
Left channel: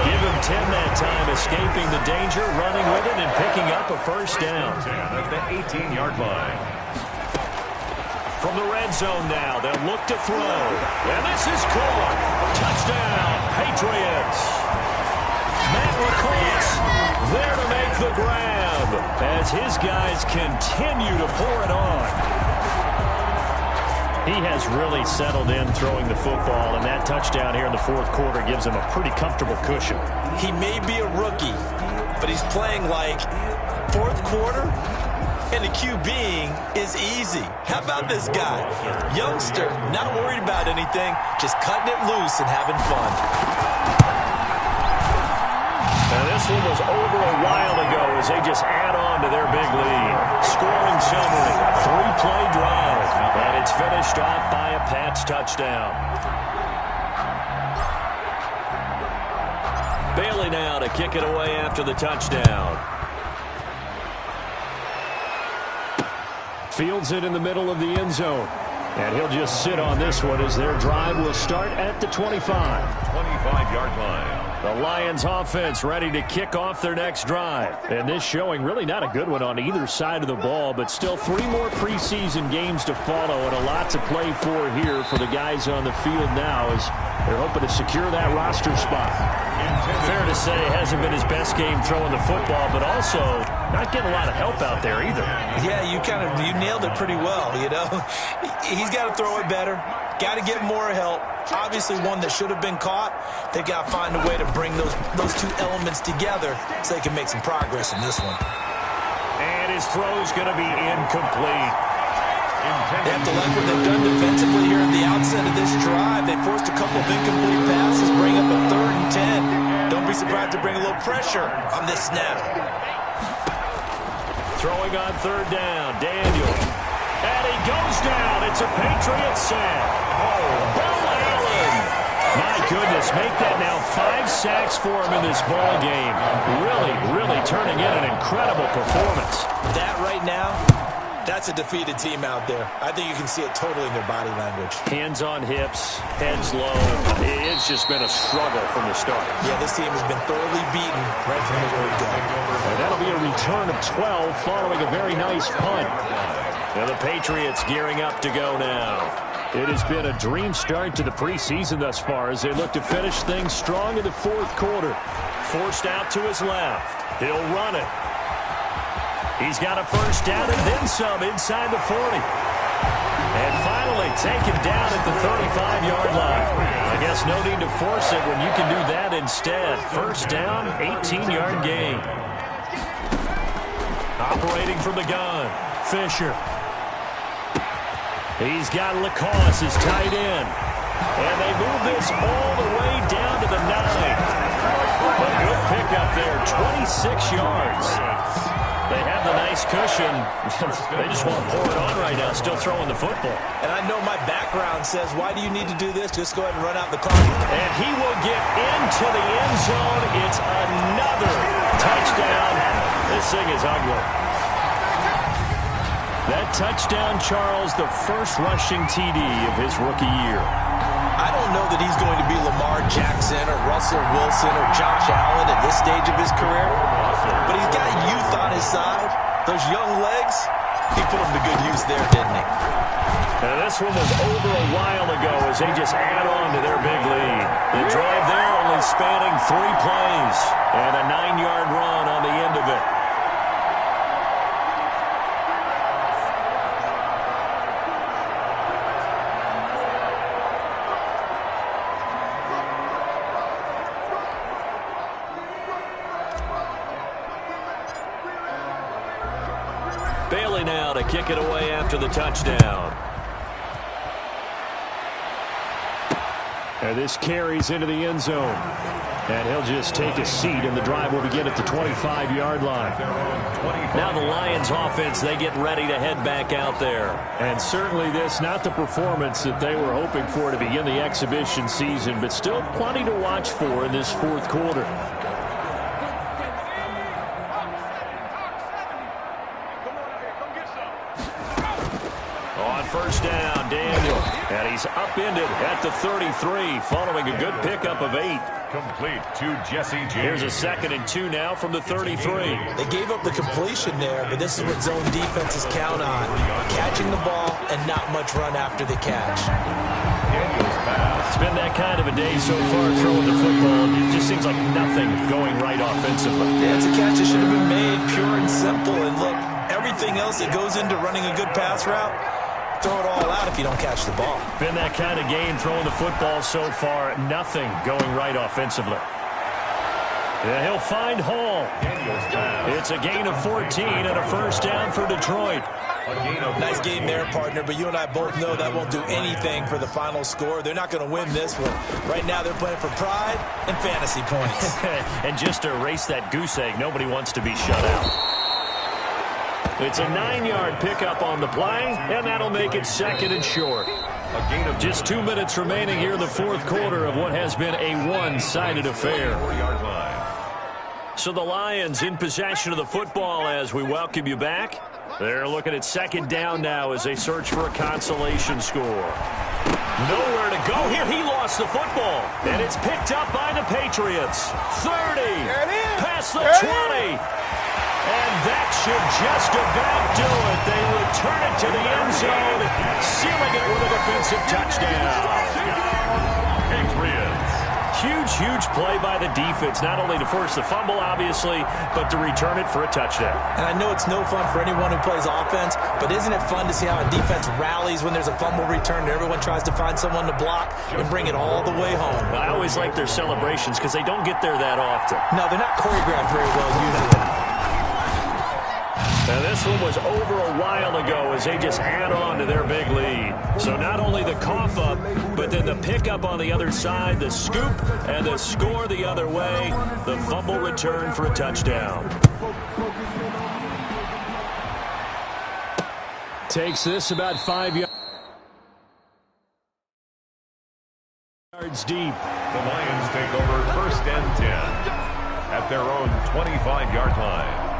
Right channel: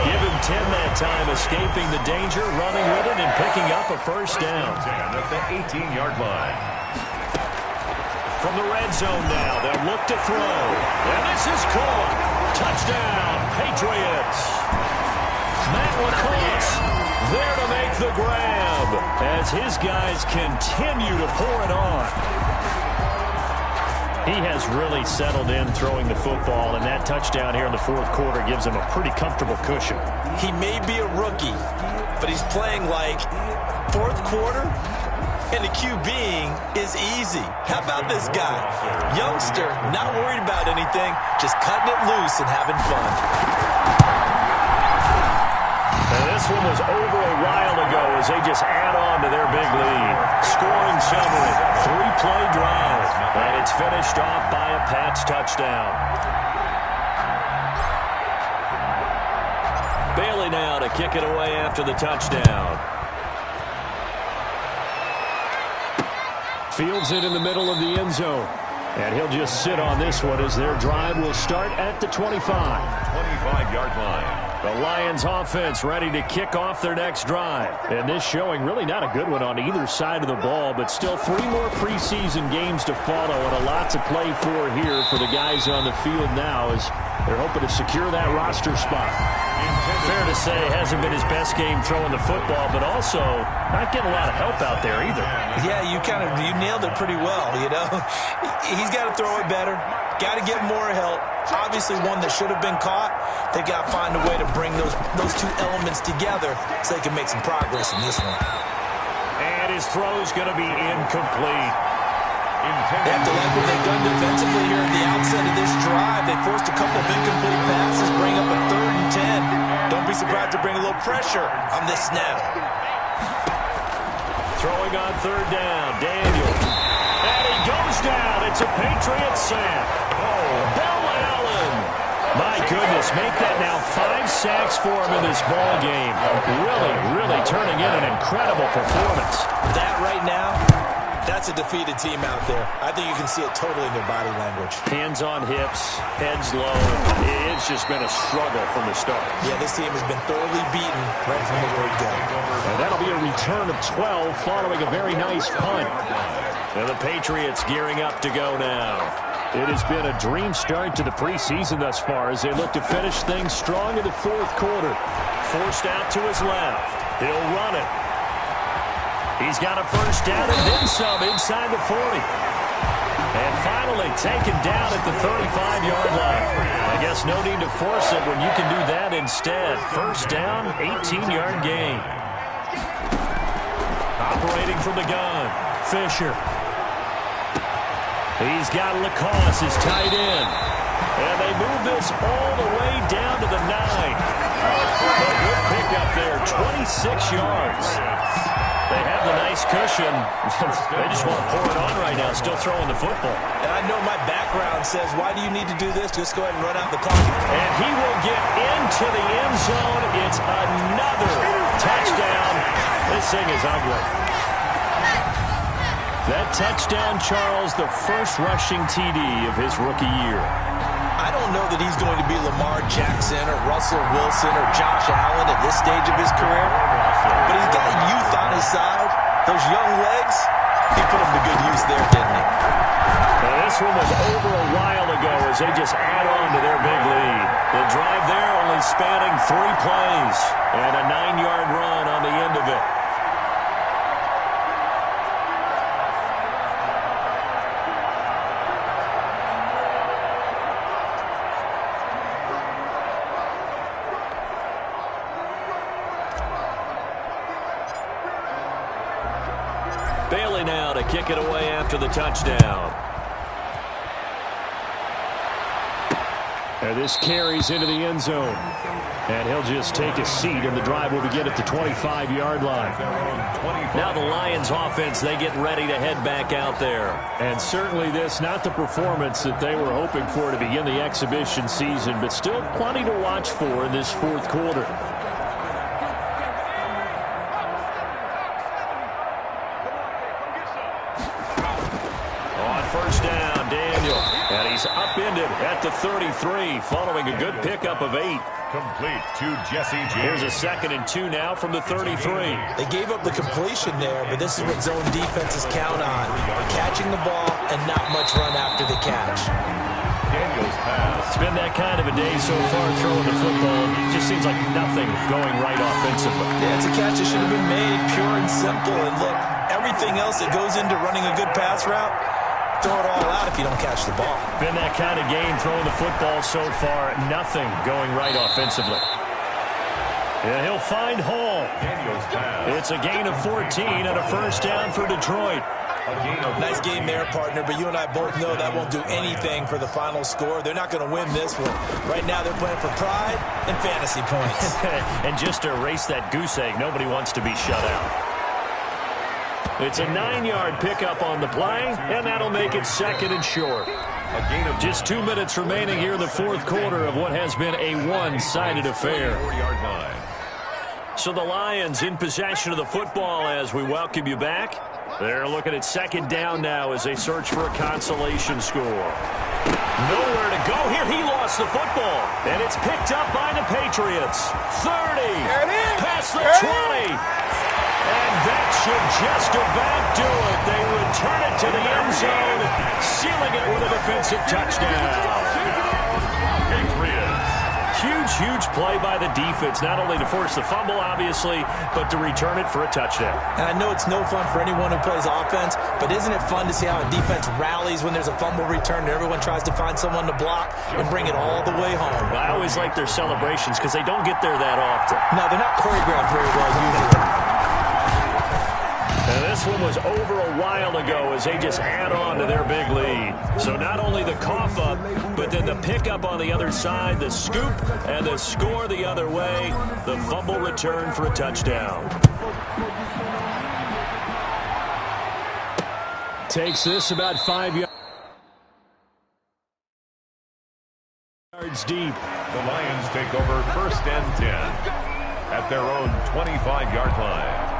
Give him 10 that time, escaping the danger, running with it, and picking up a first down. 10 at the 18-yard line. From the red zone now, they'll look to throw. And this is caught. Touchdown, Patriots. Matt Lacoste there to make the grab as his guys continue to pour it on. He has really settled in throwing the football, and that touchdown here in the 4th quarter gives him a pretty comfortable cushion. He may be a rookie, but he's playing like 4th quarter. And the QBing is easy. How about this guy? Youngster, not worried about anything, just cutting it loose and having fun. And this one was over a while ago as they just add on to their big lead. Scoring summary, 3-play drive. And it's finished off by a Pats touchdown. Bailey now to kick it away after the touchdown. Fields it in the middle of the end zone. And he'll just sit on this one as their drive will start at the 25. 25-yard line. The Lions offense ready to kick off their next drive. And this showing really not a good one on either side of the ball, but still 3 more preseason games to follow and a lot to play for here for the guys on the field now as they're hoping to secure that roster spot. Fair to say, hasn't been his best game throwing the football, but also not getting a lot of help out there either. Yeah, you nailed it pretty well, you know. He's got to throw it better. Got to get more help. Obviously one that should have been caught. They've got to find a way to bring those two elements together so they can make some progress in this one. And his throw's going to be incomplete. They have to like what they've done defensively here at the outset of this drive. They forced a couple of incomplete passes, bring up a 3rd and 10. Don't be surprised to bring a little pressure on this snap. Throwing on 3rd down, Daniel. And he goes down. It's a Patriots sack. Oh, Bo Allen. My goodness, make that now 5 sacks for him in this ball game. Really turning in an incredible performance. That right now, that's a defeated team out there. I think you can see it totally in their body language. Hands on hips, heads low. It's just been a struggle from the start. Yeah, this team has been thoroughly beaten right from the word go. And that'll be a return of 12 following a very nice punt. And the Patriots gearing up to go now. It has been a dream start to the preseason thus far as they look to finish things strong in the 4th quarter. Forced out to his left. He'll run it. He's got a 1st down and then some inside the 40. And finally taken down at the 35-yard line. I guess no need to force it when you can do that instead. 1st down, 18-yard gain. Operating from the gun, Fisher. He's got Lacoste as tight end. And they move this all the way down to the 9. A good pickup there, 26 yards. They have the nice cushion. They just want to pour it on right now, still throwing the football. And I know my background says, why do you need to do this? Just go ahead and run out the clock. And he will get into the end zone. It's another touchdown. This thing is ugly. That touchdown, Charles, the first rushing TD of his rookie year. I don't know that he's going to be Lamar Jackson or Russell Wilson or Josh Allen at this stage of his career, but he's got youth on his side. Those young legs, he put them to good use there, didn't he? Now this one was over a while ago as they just add on to their big lead. The drive there only spanning 3 plays and a 9-yard run on the end of it. Bailey now to kick it away after the touchdown. And this carries into the end zone. And he'll just take a seat, and the drive will begin at the 25-yard line. Now the Lions offense, they get ready to head back out there. And certainly this, not the performance that they were hoping for to begin the exhibition season, but still plenty to watch for in this 4th quarter. On 1st down, Daniel. And he's upended at the 33 following a good pickup of 8. Complete to Jesse James. Here's a 2nd and 2 now from the 33. They gave up the completion there, but this is what zone defenses count on. Catching the ball and not much run after the catch. Daniel's pass. It's been that kind of a day so far throwing the football. It just seems like nothing going right offensively. Yeah, it's a catch that should have been made, pure and simple. And look, everything else that goes into running a good pass route, throw it all out if you don't catch the ball. Been that kind of game throwing the football so far. Nothing going right offensively. Yeah, he'll find Hall. It's a gain of 14 and a first down for Detroit. Nice game there, partner, but you and I both know that won't do anything for the final score. They're not going to win this one. Right now, they're playing for pride and fantasy points. And just to erase that goose egg, nobody wants to be shut out. It's a 9-yard pickup on the play, and that'll make it second and short. Just 2 minutes remaining here in the fourth quarter of what has been a one-sided affair. So the Lions in possession of the football as we welcome you back. They're looking at second down now as they search for a consolation score. Nowhere to go here. He lost the football, and it's picked up by the Patriots. 30, past the 20. And that should just about do it. They return it to the end zone, sealing it with a defensive touchdown. Patriots. Huge play by the defense, not only to force the fumble, obviously, but to return it for a touchdown. And I know it's no fun for anyone who plays offense, but isn't it fun to see how a defense rallies when there's a fumble return and everyone tries to find someone to block and bring it all the way home? I always like their celebrations because they don't get there that often. No, they're not choreographed very well usually. And this one was over a while ago as they just add on to their big lead. So not only the cough up, but then the pickup on the other side, the scoop, and the score the other way, the fumble return for a touchdown. Takes this about 5 yards deep. The Lions take over first and 10 at their own 25-yard line.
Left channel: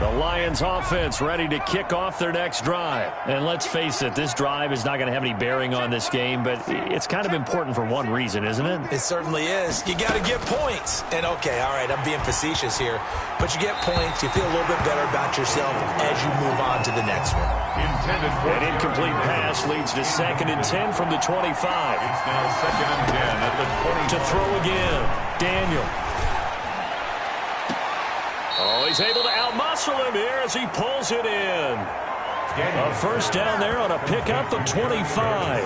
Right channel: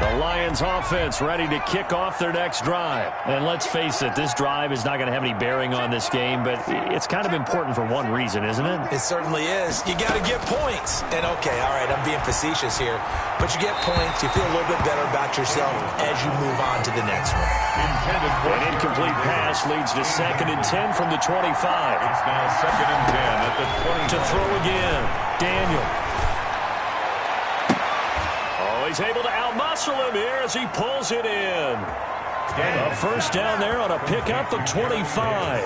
The Lions offense ready to kick off their next drive. And let's face it, this drive is not going to have any bearing on this game, but it's kind of important for one reason, isn't it? It certainly is. You got to get points. And okay, all right, I'm being facetious here, but you get points, you feel a little bit better about yourself as you move on to the next one. An incomplete pass leads to 2nd and 10 from the 25. It's now 2nd and 10 at the 25. To throw again, Daniel. Oh, he's able to outmuscle him here as he pulls it in. A first down there on a pickup of 25.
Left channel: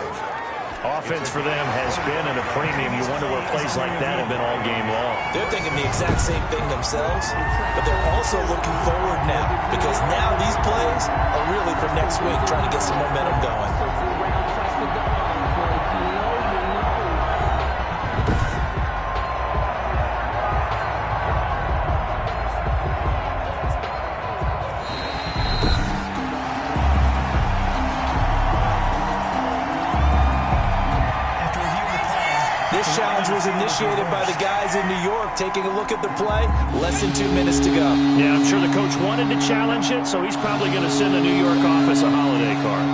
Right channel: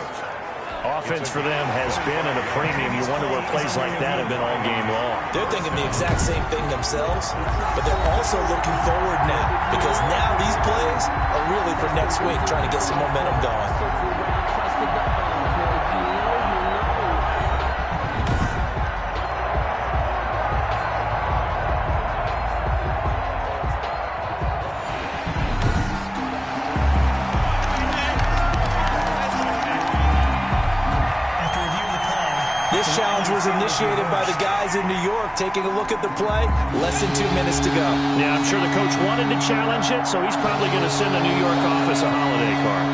Offense for them has been at a premium. You wonder where plays like that have been all game long. They're thinking the exact same thing themselves, but they're also looking forward now because now these plays are really for next week, trying to get some momentum going. This challenge was initiated by the guys in New York. Taking a look at the play, less than 2 minutes to go. Yeah, I'm sure the coach wanted to challenge it, so he's probably going to send the New York office a holiday card.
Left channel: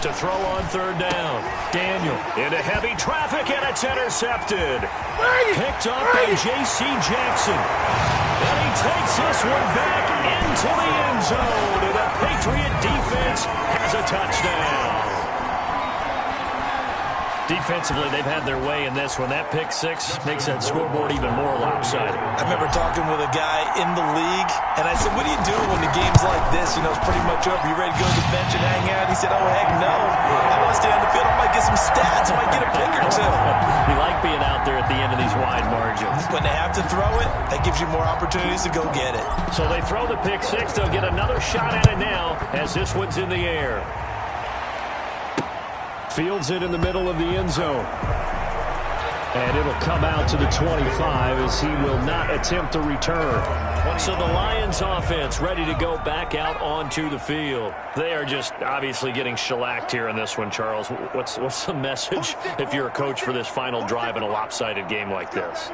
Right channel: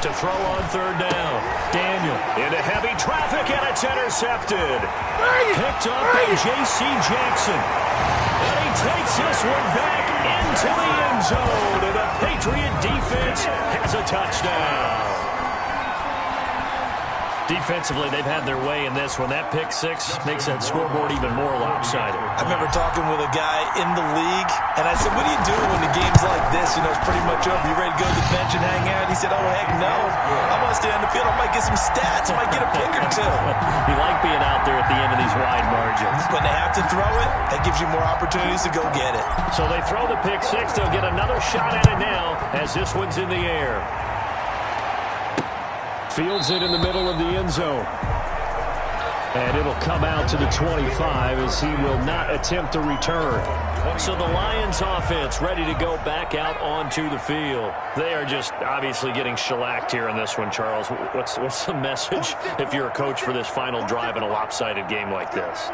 To throw on third down. Daniel into heavy traffic, and it's intercepted. Picked up by J.C. Jackson. And he takes this one back into the end zone, and the Patriot defense has a touchdown. Defensively, they've had their way in this one. That pick six makes that scoreboard even more lopsided. I remember talking with a guy in the league, and I said, what do you do when the game's like this? You know, it's pretty much over. You ready to go to the bench and hang out? He said, oh, heck no. I want to stay on the field. I might get some stats. I might get a pick or two. You like being out there at the end of these wide margins. When they have to throw it, that gives you more opportunities to go get it. So they throw the pick six. They'll get another shot at it now as this one's in the air. Fields it in the middle of the end zone. And it'll come out to the 25 as he will not attempt to return. So the Lions offense ready to go back out onto the field. They are just obviously getting shellacked here in this one, Charles. What's the message if you're a coach for this final drive in a lopsided game like this?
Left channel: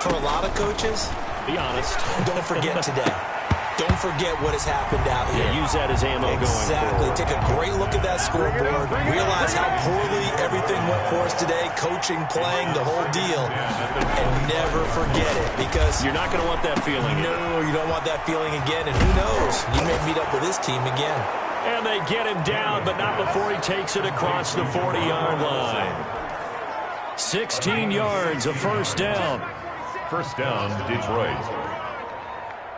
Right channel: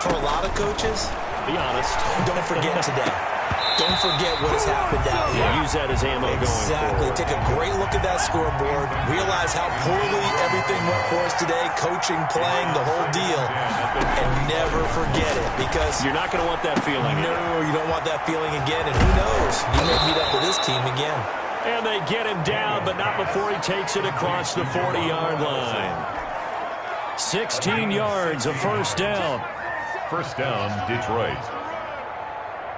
For a lot of coaches, be honest. Don't forget today. Don't forget what has happened out here. Yeah, use that as ammo going forward. Exactly. Take a great look at that scoreboard. Realize how poorly everything went for us today. Coaching, playing, the whole deal. And never forget it because you're not going to want that feeling. No, you don't want that feeling again. And who knows? You may meet up with this team again. And they get him down, but not before he takes it across the 40-yard line. 16 yards, a first down. First down, Detroit.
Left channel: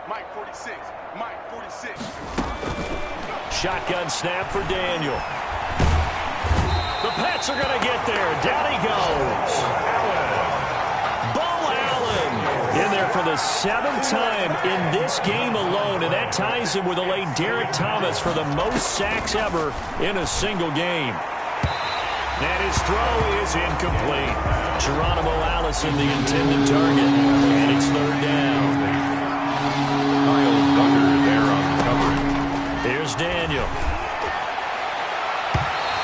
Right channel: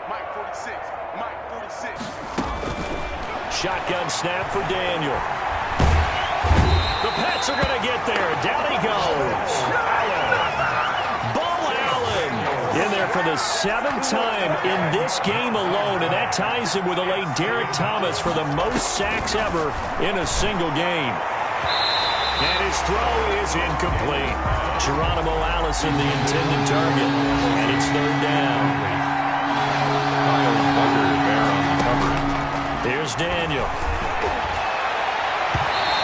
Mike 46. Mike 46. Shotgun snap for Daniel. The Pats are going to get there. Down he goes. Allen. Ball for the 7th time in this game alone, and that ties him with the late Derek Thomas for the most sacks ever in a single game. And his throw is incomplete. Geronimo Allison, the intended target, and it's 3rd down. Kyle Duggar there on the coverage. Here's Daniel.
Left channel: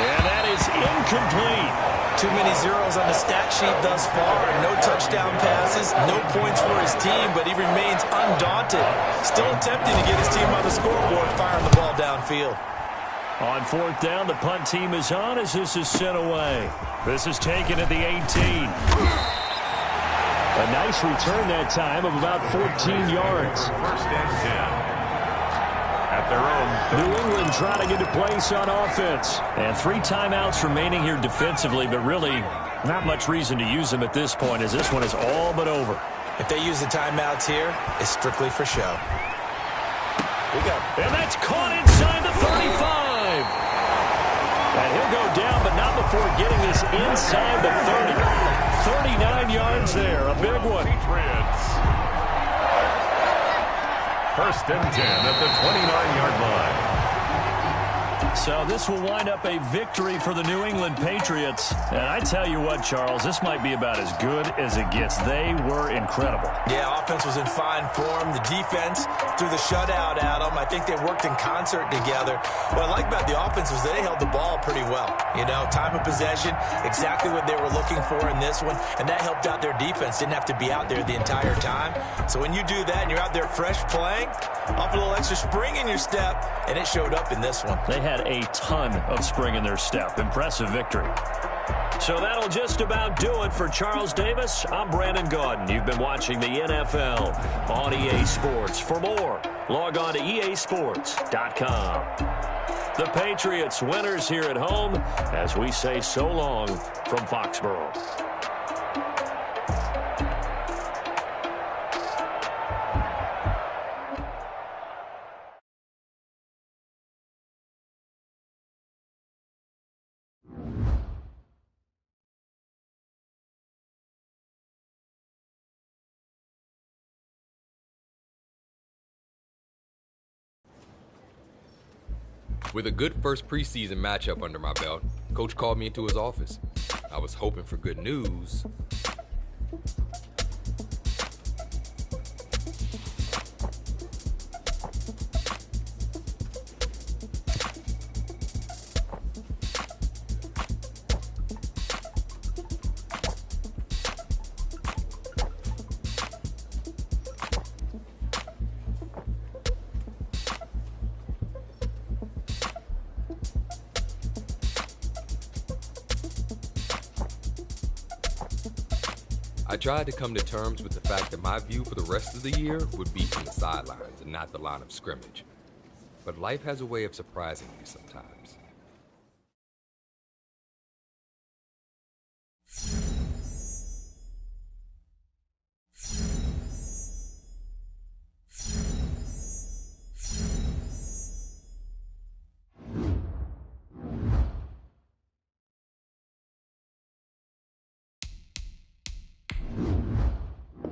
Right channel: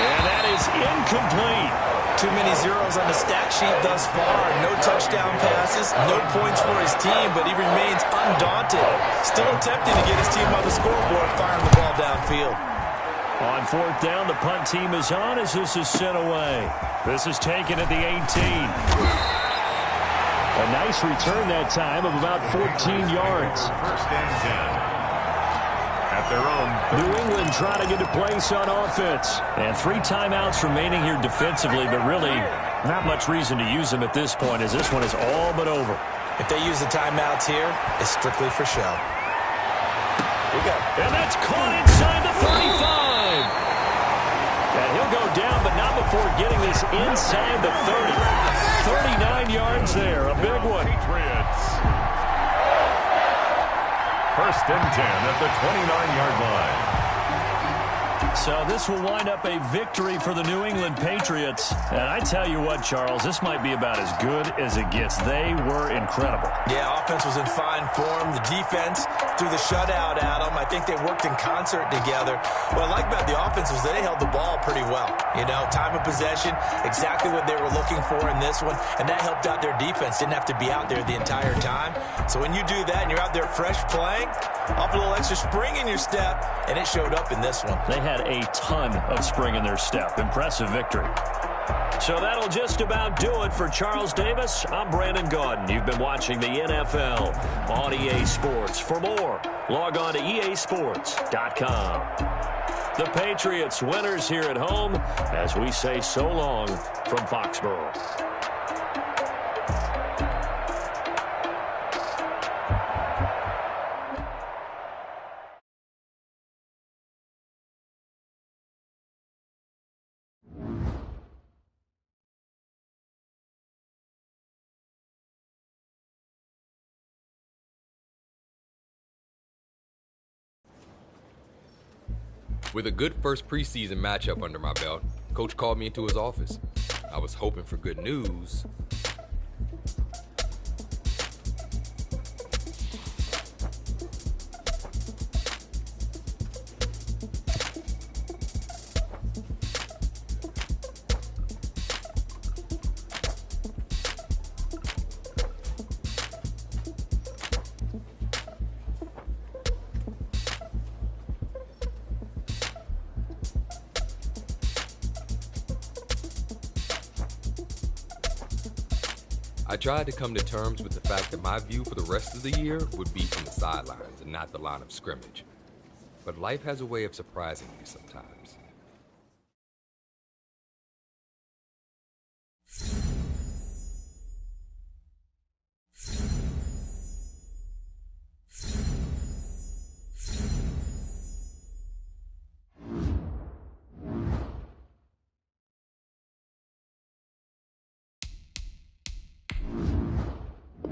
And that is incomplete. Too many zeros on the stat sheet thus far. No touchdown passes, no points for his team, but he remains undaunted. Still attempting to get his team on the scoreboard, firing the ball downfield. On 4th down, the punt team is on as this is sent away. This is taken at the 18. A nice return that time of about 14 yards. 1st and 10. At their own. New England trying to get a place on offense. And 3 timeouts remaining here defensively, but really not much reason to use them at this point as this one is all but over. If they use the timeouts here, it's strictly for show. We go. And that's caught inside the 35. And he'll go down, but not before getting this inside the 30. 39 yards there, a big one. Patriots. 1st and 10 at the 29-yard line. So this will wind up a victory for the New England Patriots. And I tell you what, Charles, this might be about as good as it gets. They were incredible. Yeah, offense was in fine form. The defense threw the shutout at them. I think they worked in concert together. What I like about the offense was they held the ball pretty well. You know, time of possession, exactly what they were looking for in this one. And that helped out their defense. Didn't have to be out there the entire time. So when you do that and you're out there fresh playing, off a little extra spring in your step, and it showed up in this one. They had a ton of spring in their step. Impressive victory. So that'll just about do it for Charles Davis. I'm Brandon Gaudin. You've been watching the NFL on EA Sports. For more, log on to easports.com. The Patriots winners here at home as we say so long from Foxborough. With a good first preseason matchup under my belt, Coach called me into his office. I was hoping for good news. I tried to come to terms with the fact that my view for the rest of the year would be from the sidelines and not the line of scrimmage. But life has a way of surprising me sometimes.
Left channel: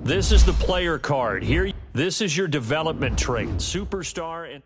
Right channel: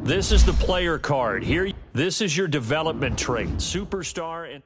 This is the player card. Here, this is your development trait. Superstar and...